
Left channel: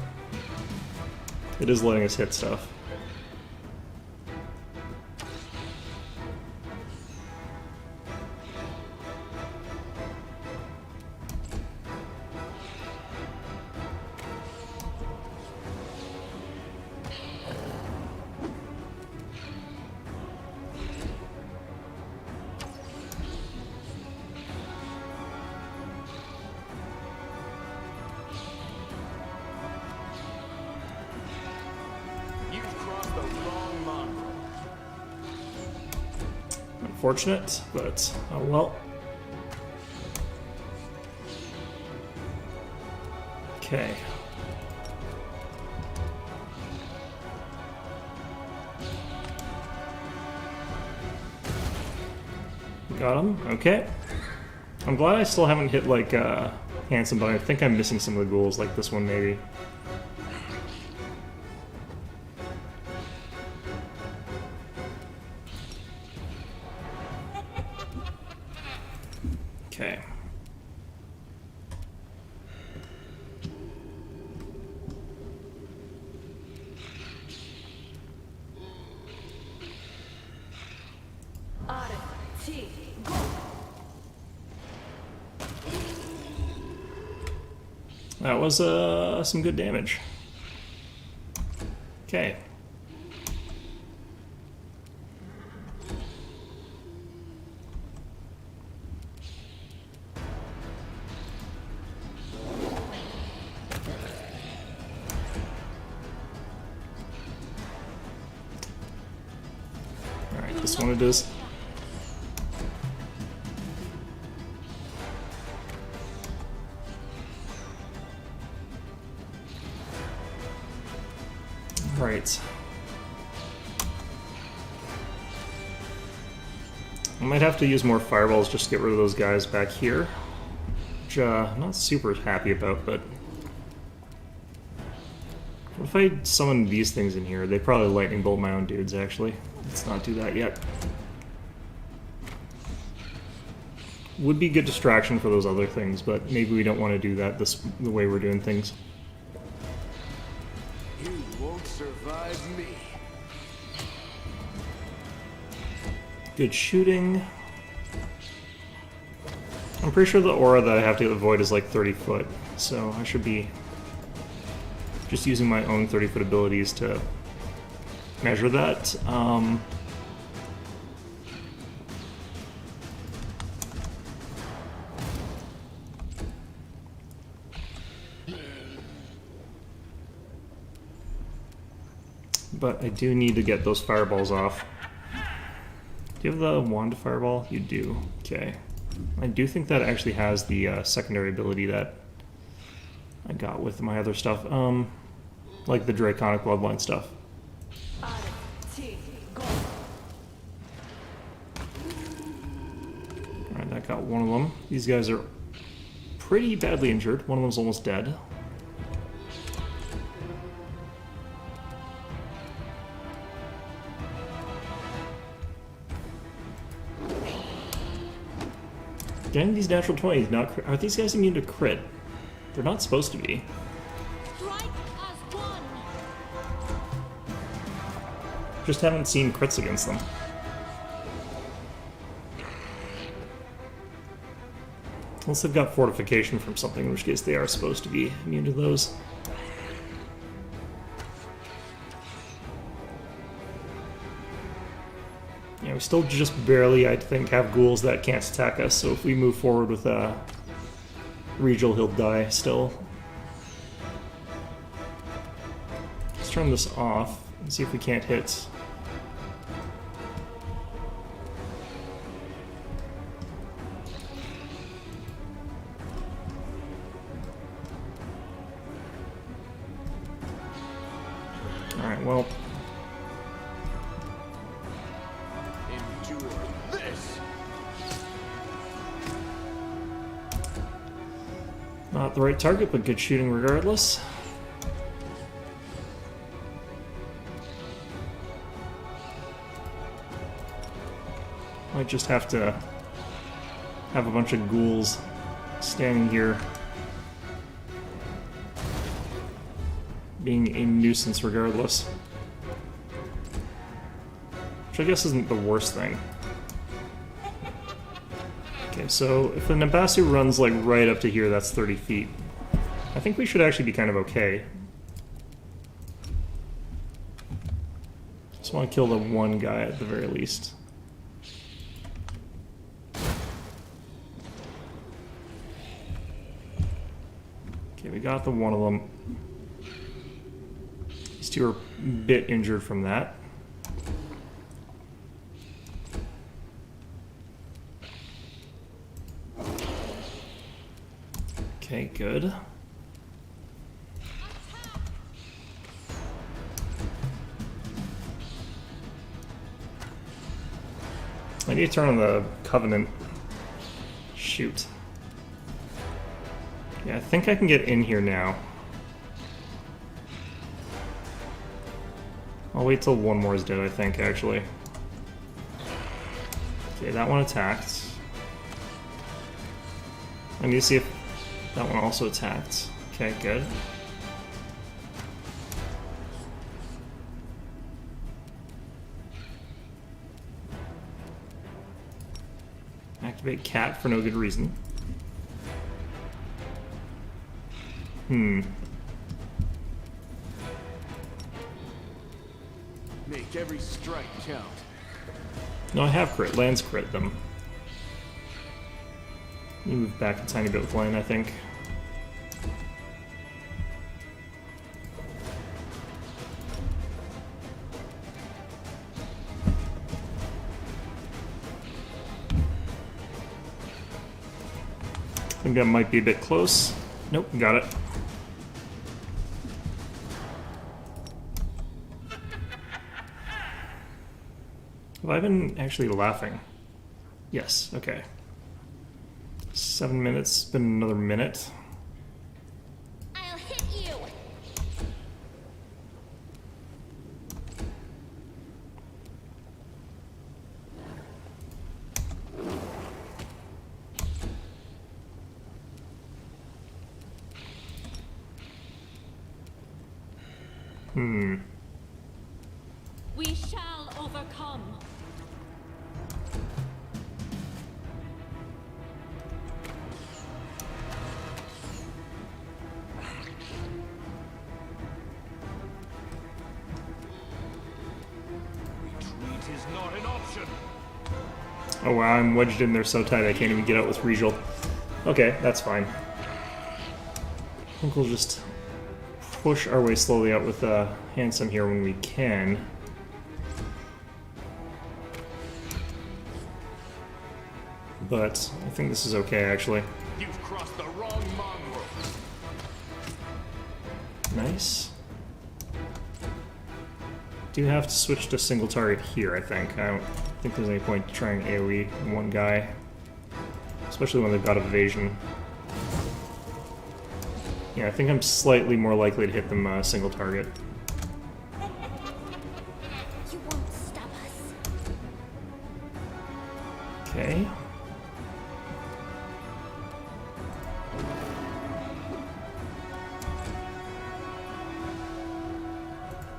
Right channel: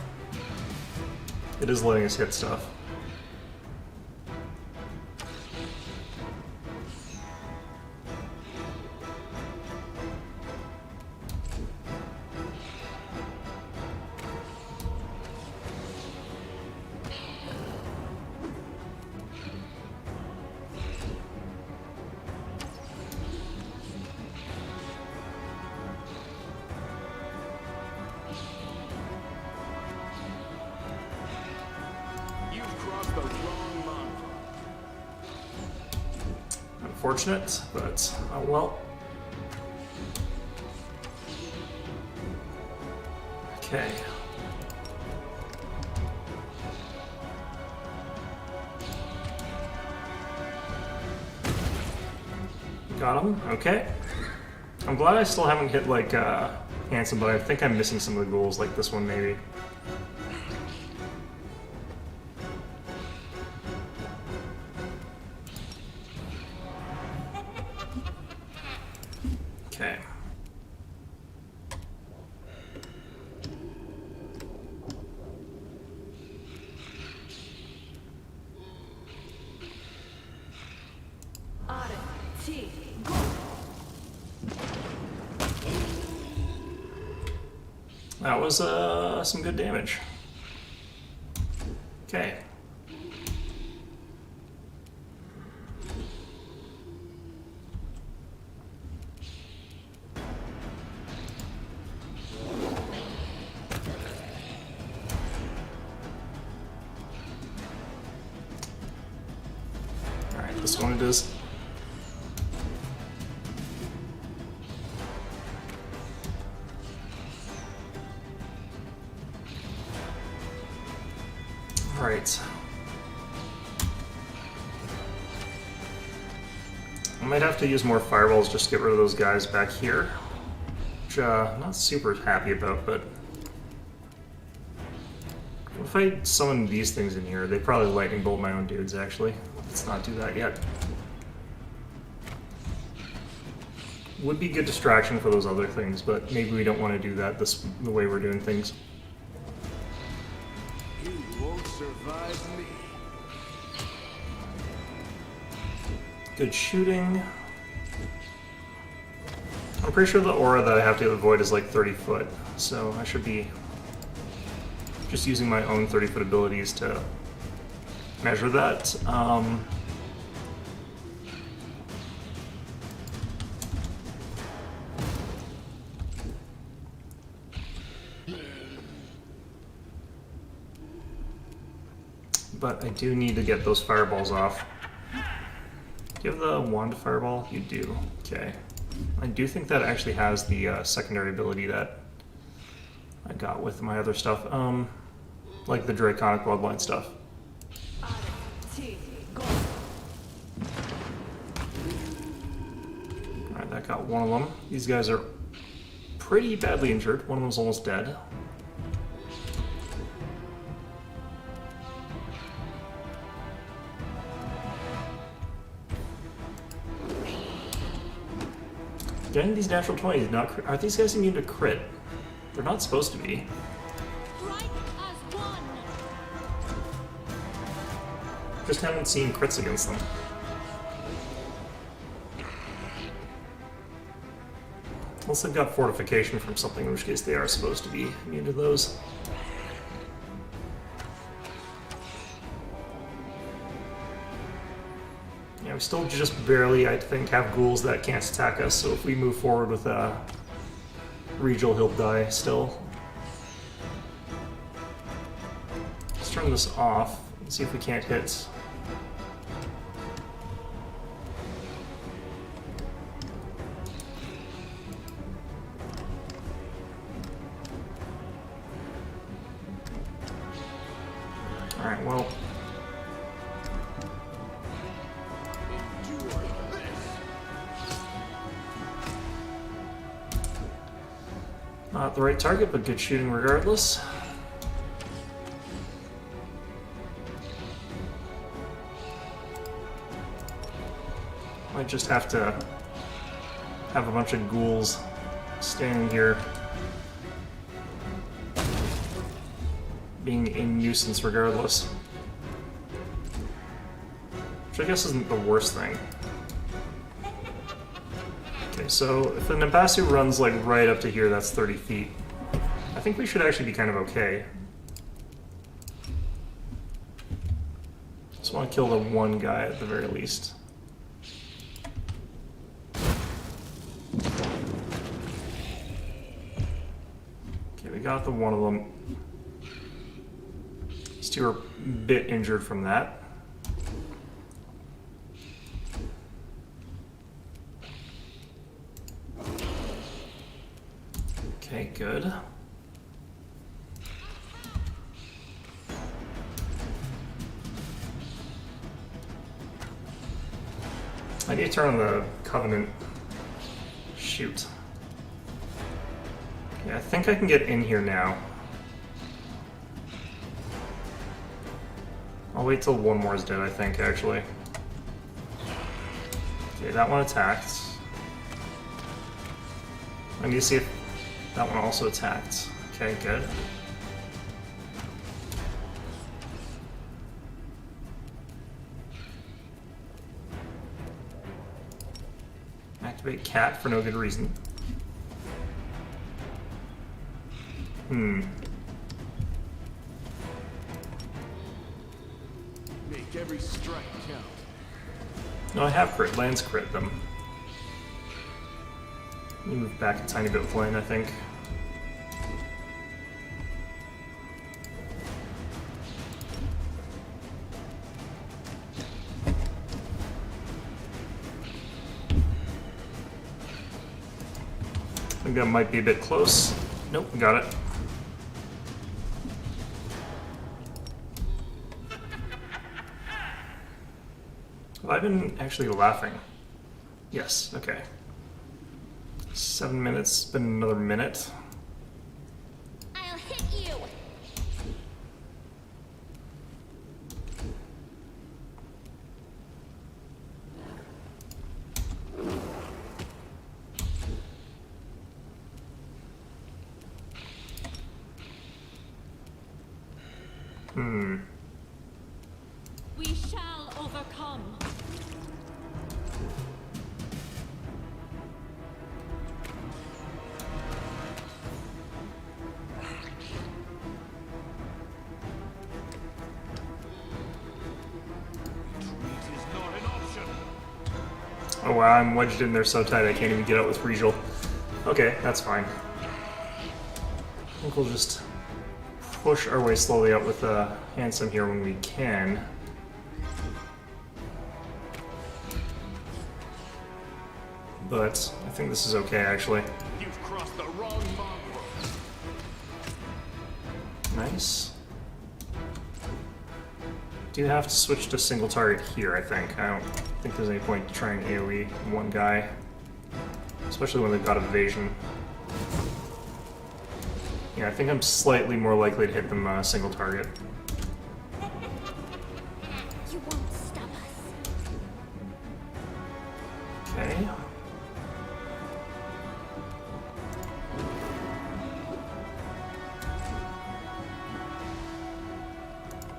It is letting us hit stuff. You've crossed the wrong mongrel. Unfortunate, but oh well. Okay. Got him. Okay. I'm glad I still haven't hit like Handsome, but I think I'm missing some of the ghouls, like this one maybe. Okay. That was some good damage. Okay. Alright, this one it is. Right. I might have to use more fireballs just to get rid of those guys back here. Which I'm not super happy about, but... What if I summon these things in here? They probably lightning bolt my own dudes, actually. Let's not do that yet. Would be good distraction for those other things, but maybe we don't want to do that the way we're doing things. You won't survive me. Good shooting. I'm pretty sure the aura that I have to avoid is like 30 foot, so I should be just using my own 30-foot abilities to measure that. But I do need to get those fireballs off. Do you have the wand fireball? You do. Okay. I do think that actually has the secondary ability that I got with my other stuff. Like the Draconic Bloodline stuff. Alright, that got one of them. These guys are pretty badly injured. One of them's almost dead. Getting these natural 20s, are these guys immune to crit? They're not supposed to be. Strike as one. Just haven't seen crits against them. Unless they've got fortification from something, in which case they are supposed to be immune to those. Yeah, we still just barely, I think, have ghouls that can't attack us, so if we move forward with Regal, he'll die still. Let's turn this off and see if we can't hit. Alright, well. Endure this. Not the right target, but good shooting regardless. Might just have to have a bunch of ghouls standing here being a nuisance regardless. Which I guess isn't the worst thing. Okay, so if an Ambasu runs like right up to here, that's 30 feet. I think we should actually be kind of okay. Just want to kill the one guy at the very least. Okay, we got the one of them. These two are a bit injured from that. Okay, good. I need to turn on the Covenant. Shoot. Yeah, I think I can get in here now. I'll wait till one more is dead, I think, actually. Okay, that one attacked. I need to see if that one also attacked. Okay, good. Activate cat for no good reason. Make every strike count. No, I have crit. Lands crit them. Let me move back a tiny bit with lane, I think. I think that might be a bit close. Nope, got it. Have I been actually laughing? Yes, okay. 7 minutes, been another minute. I'll hit you. We shall overcome. Retreat is not an option. Oh wow, I'm wedged in there so tight I can't even get out with Regal. Okay, that's fine. I think we'll just push our way slowly up with Handsome here when we can. But I think this is okay, actually. You've crossed the wrong mongrel. Nice. Do have to switch to single target here, I think. I don't think there's any point trying AoE one guy. Especially when they've got evasion. Yeah, I think I'm slightly more likely to hit them single target. You won't stop us. Okay.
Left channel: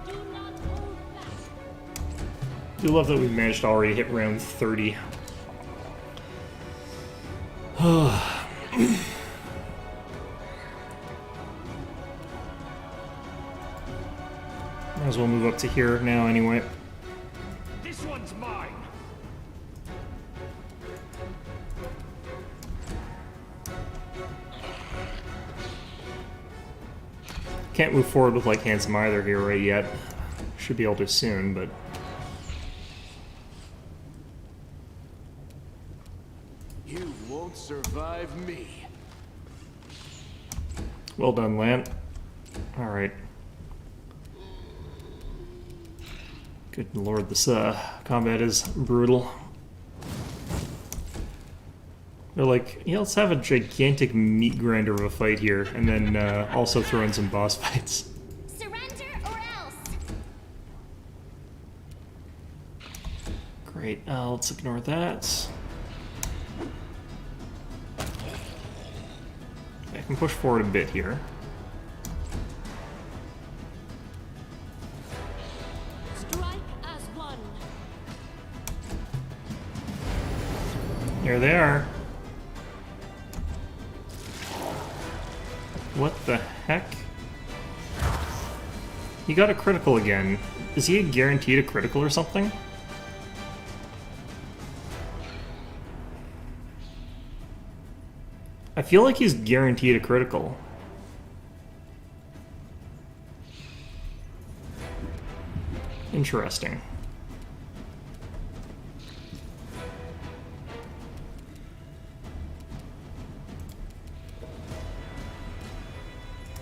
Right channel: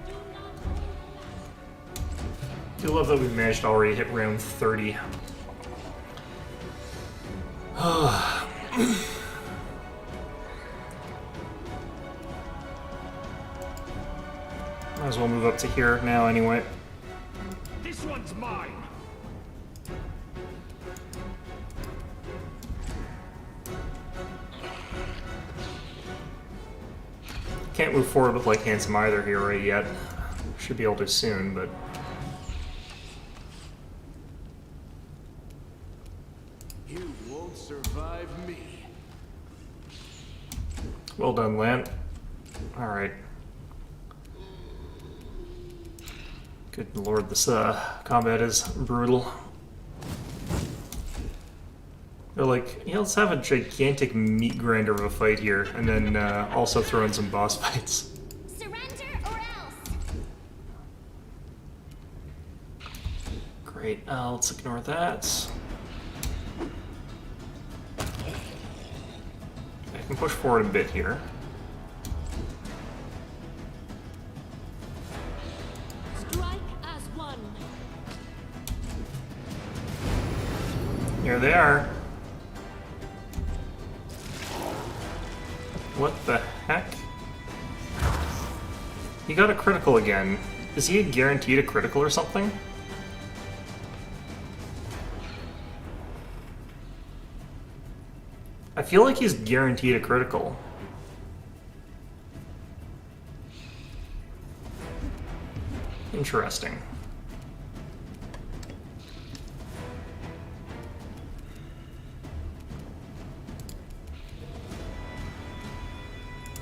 Do not hold back. I do love that we've managed to already hit round 30. Might as well move up to here now anyway. This one's mine. Can't move forward with like Handsome either here right yet. Should be able to soon, but You won't survive me. well done, Lan. Alright. Good lord, this combat is brutal. They're like, yeah, let's have a gigantic meat grinder of a fight here, and then also throw in some boss fights. Surrender or else. Great, let's ignore that. I can push forward a bit here. Strike as one. Here they are. What the heck? He got a critical again. Is he guaranteed a critical or something? I feel like he's guaranteed a critical. Interesting.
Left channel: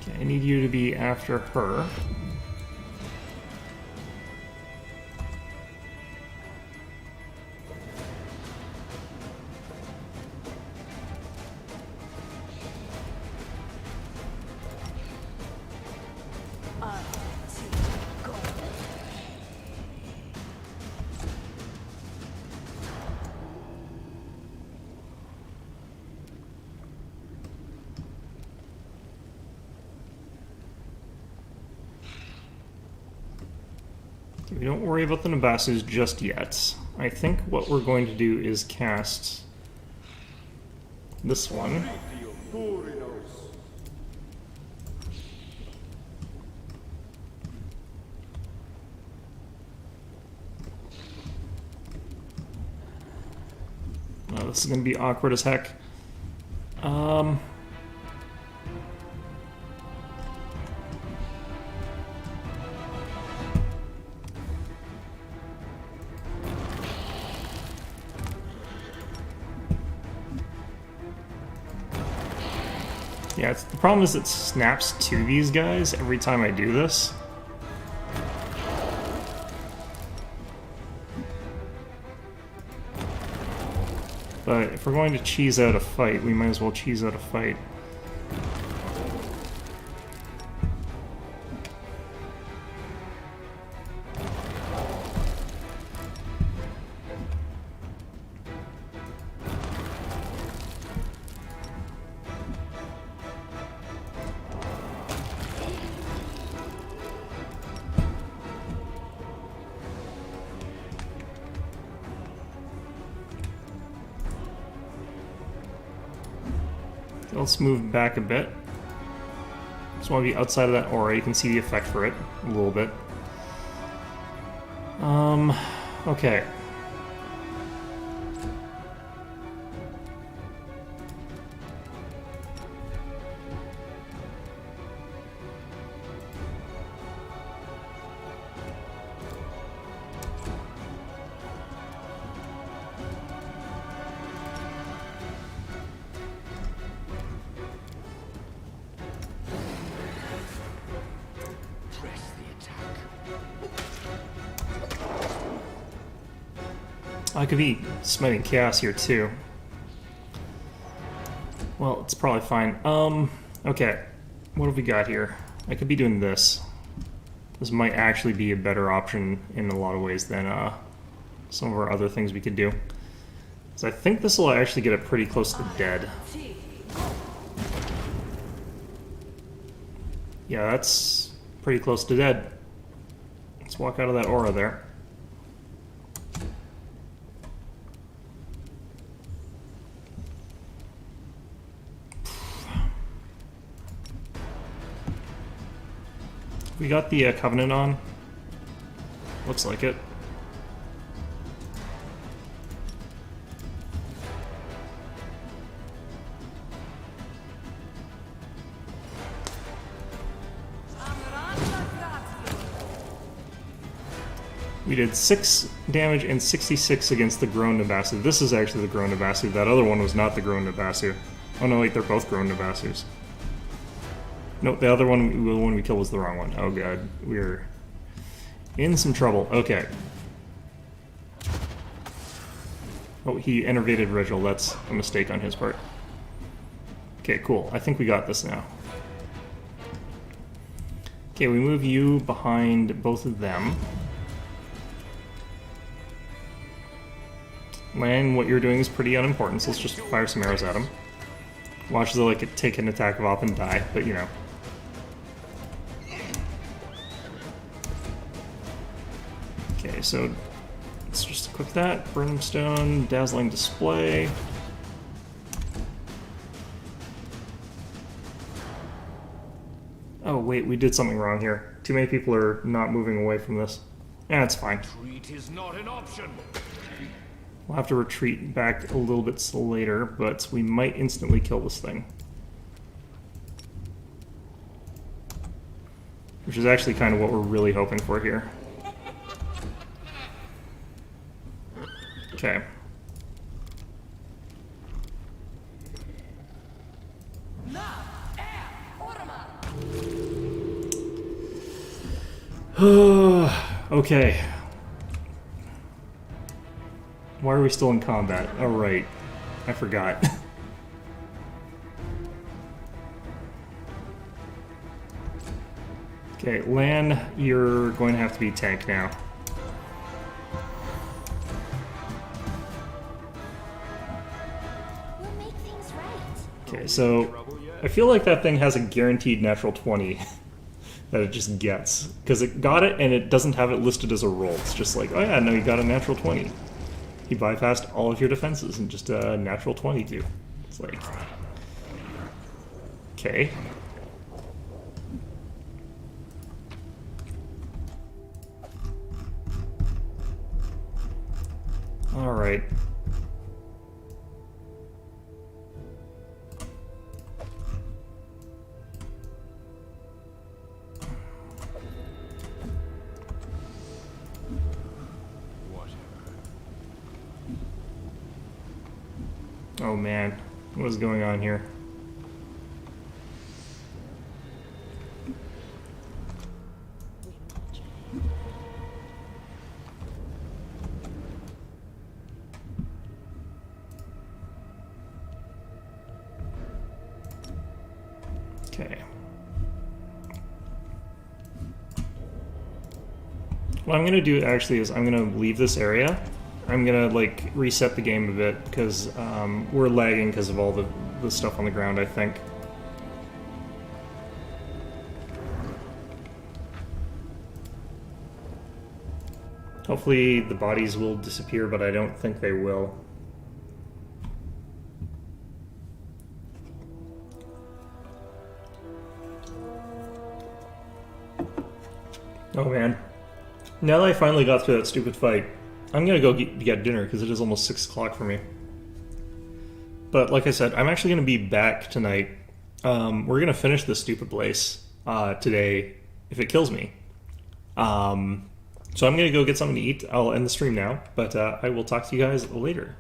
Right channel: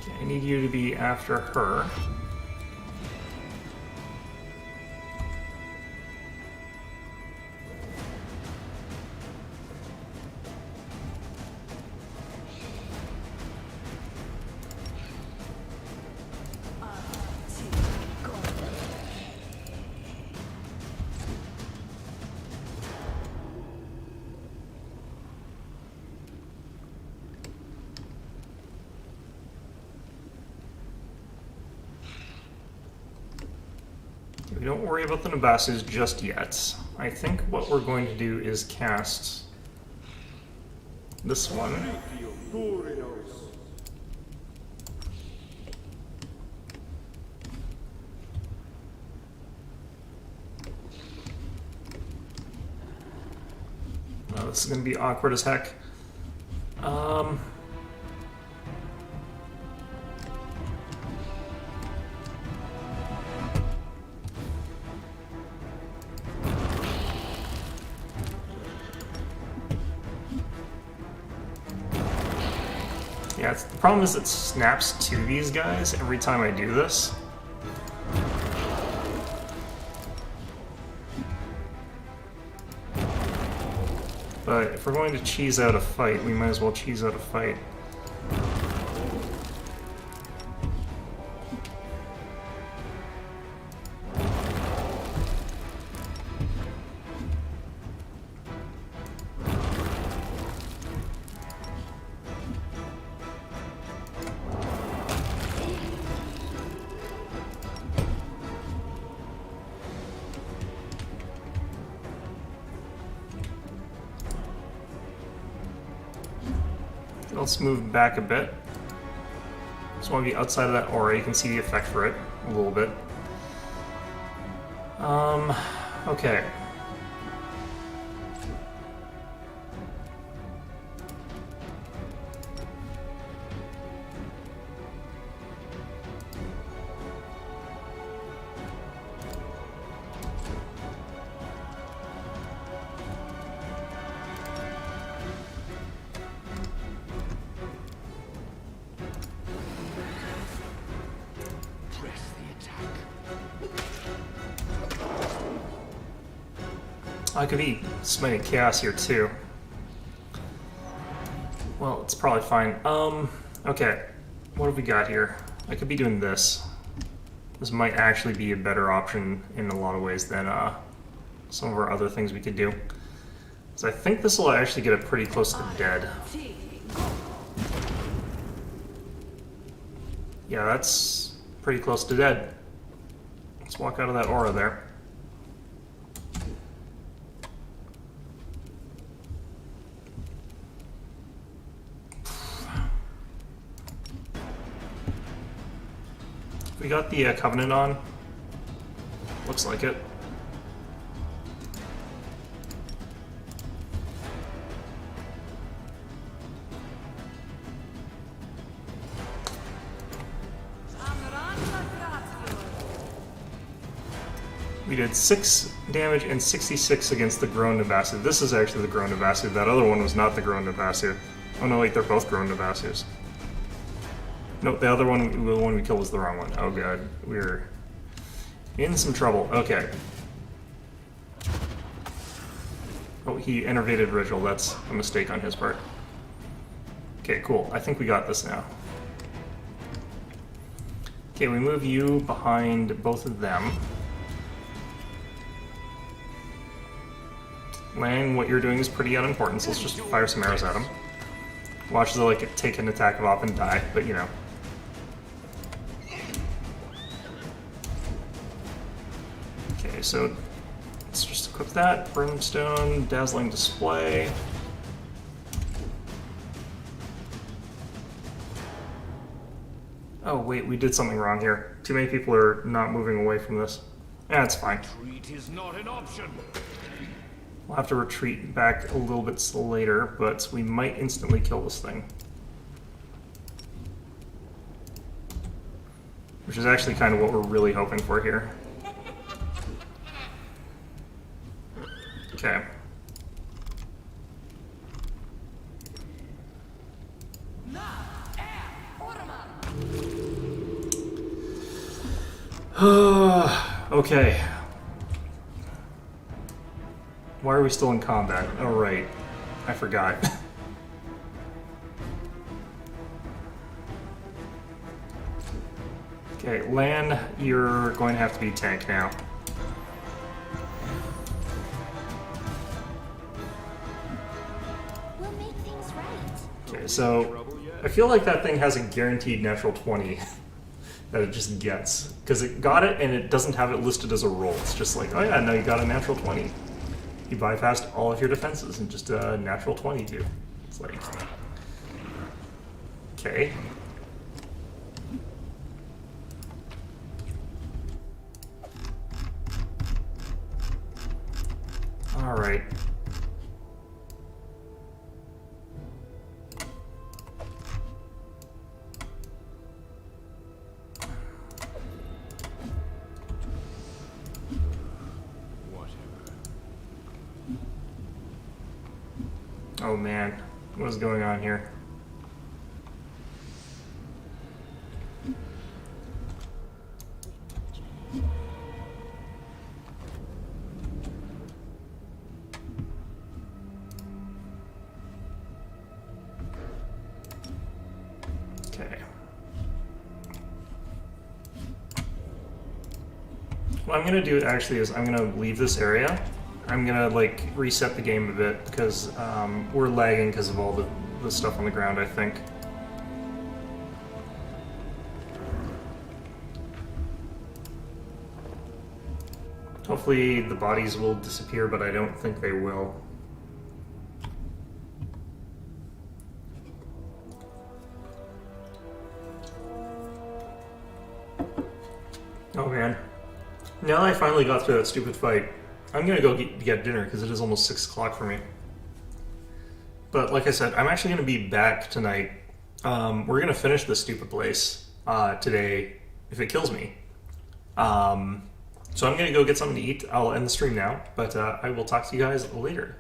Okay, I need you to be after her. We don't worry about the Nabasus just yet. I think what we're going to do is cast this one. Oh, this is going to be awkward as heck. Yeah, the problem is it snaps to these guys every time I do this. But if we're going to cheese out a fight, we might as well cheese out a fight. Let's move back a bit. Just want to be outside of that aura. You can see the effect for it a little bit. Okay. I could be smiting chaos here too. Well, it's probably fine. Okay. What have we got here? I could be doing this. This might actually be a better option in a lot of ways than some of our other things we could do. So I think this will actually get it pretty close to dead. Yeah, that's pretty close to dead. Let's walk out of that aura there. We got the Covenant on. Looks like it. We did 6 damage and 66 against the Grown Nabasu. This is actually the Grown Nabasu. That other one was not the Grown Nabasu. Oh no, wait, they're both Grown Nabasus. Nope, the other one, the one we killed was the wrong one. Oh god, we're in some trouble. Okay. Oh, he enervated Ritual. That's a mistake on his part. Okay, cool. I think we got this now. Okay, we move you behind both of them. Lan, what you're doing is pretty unimportant, so let's just fire some arrows at him. Watch the like take an attack of op and die, but you know. Okay, so let's just equip that. Brimstone, Dazzling Display. Oh wait, we did something wrong here. Too many people are not moving away from this. Yeah, it's fine. Retreat is not an option. We'll have to retreat back a little bit later, but we might instantly kill this thing. Which is actually kind of what we're really hoping for here. Okay. Okay. Why are we still in combat? Oh, right. I forgot. Okay, Lan, you're going to have to be tank now. We'll make things right. Okay, so I feel like that thing has a guaranteed natural 20 that it just gets. Because it got it and it doesn't have it listed as a roll. It's just like, oh yeah, no, you got a natural 20. He bypassed all of your defenses and just a natural 22. It's like... Okay. Alright. Oh man, what is going on here? Okay. What I'm gonna do actually is I'm gonna leave this area. I'm gonna like reset the game a bit because we're lagging because of all the stuff on the ground, I think. Hopefully the bodies will disappear, but I don't think they will. Oh man. Now that I finally got through that stupid fight, I'm gonna go get dinner because it is almost 6 o'clock for me. But like I said, I'm actually gonna be back tonight. We're gonna finish this stupid place today if it kills me. So I'm gonna go get something to eat. I'll end the stream now, but I will talk to you guys later.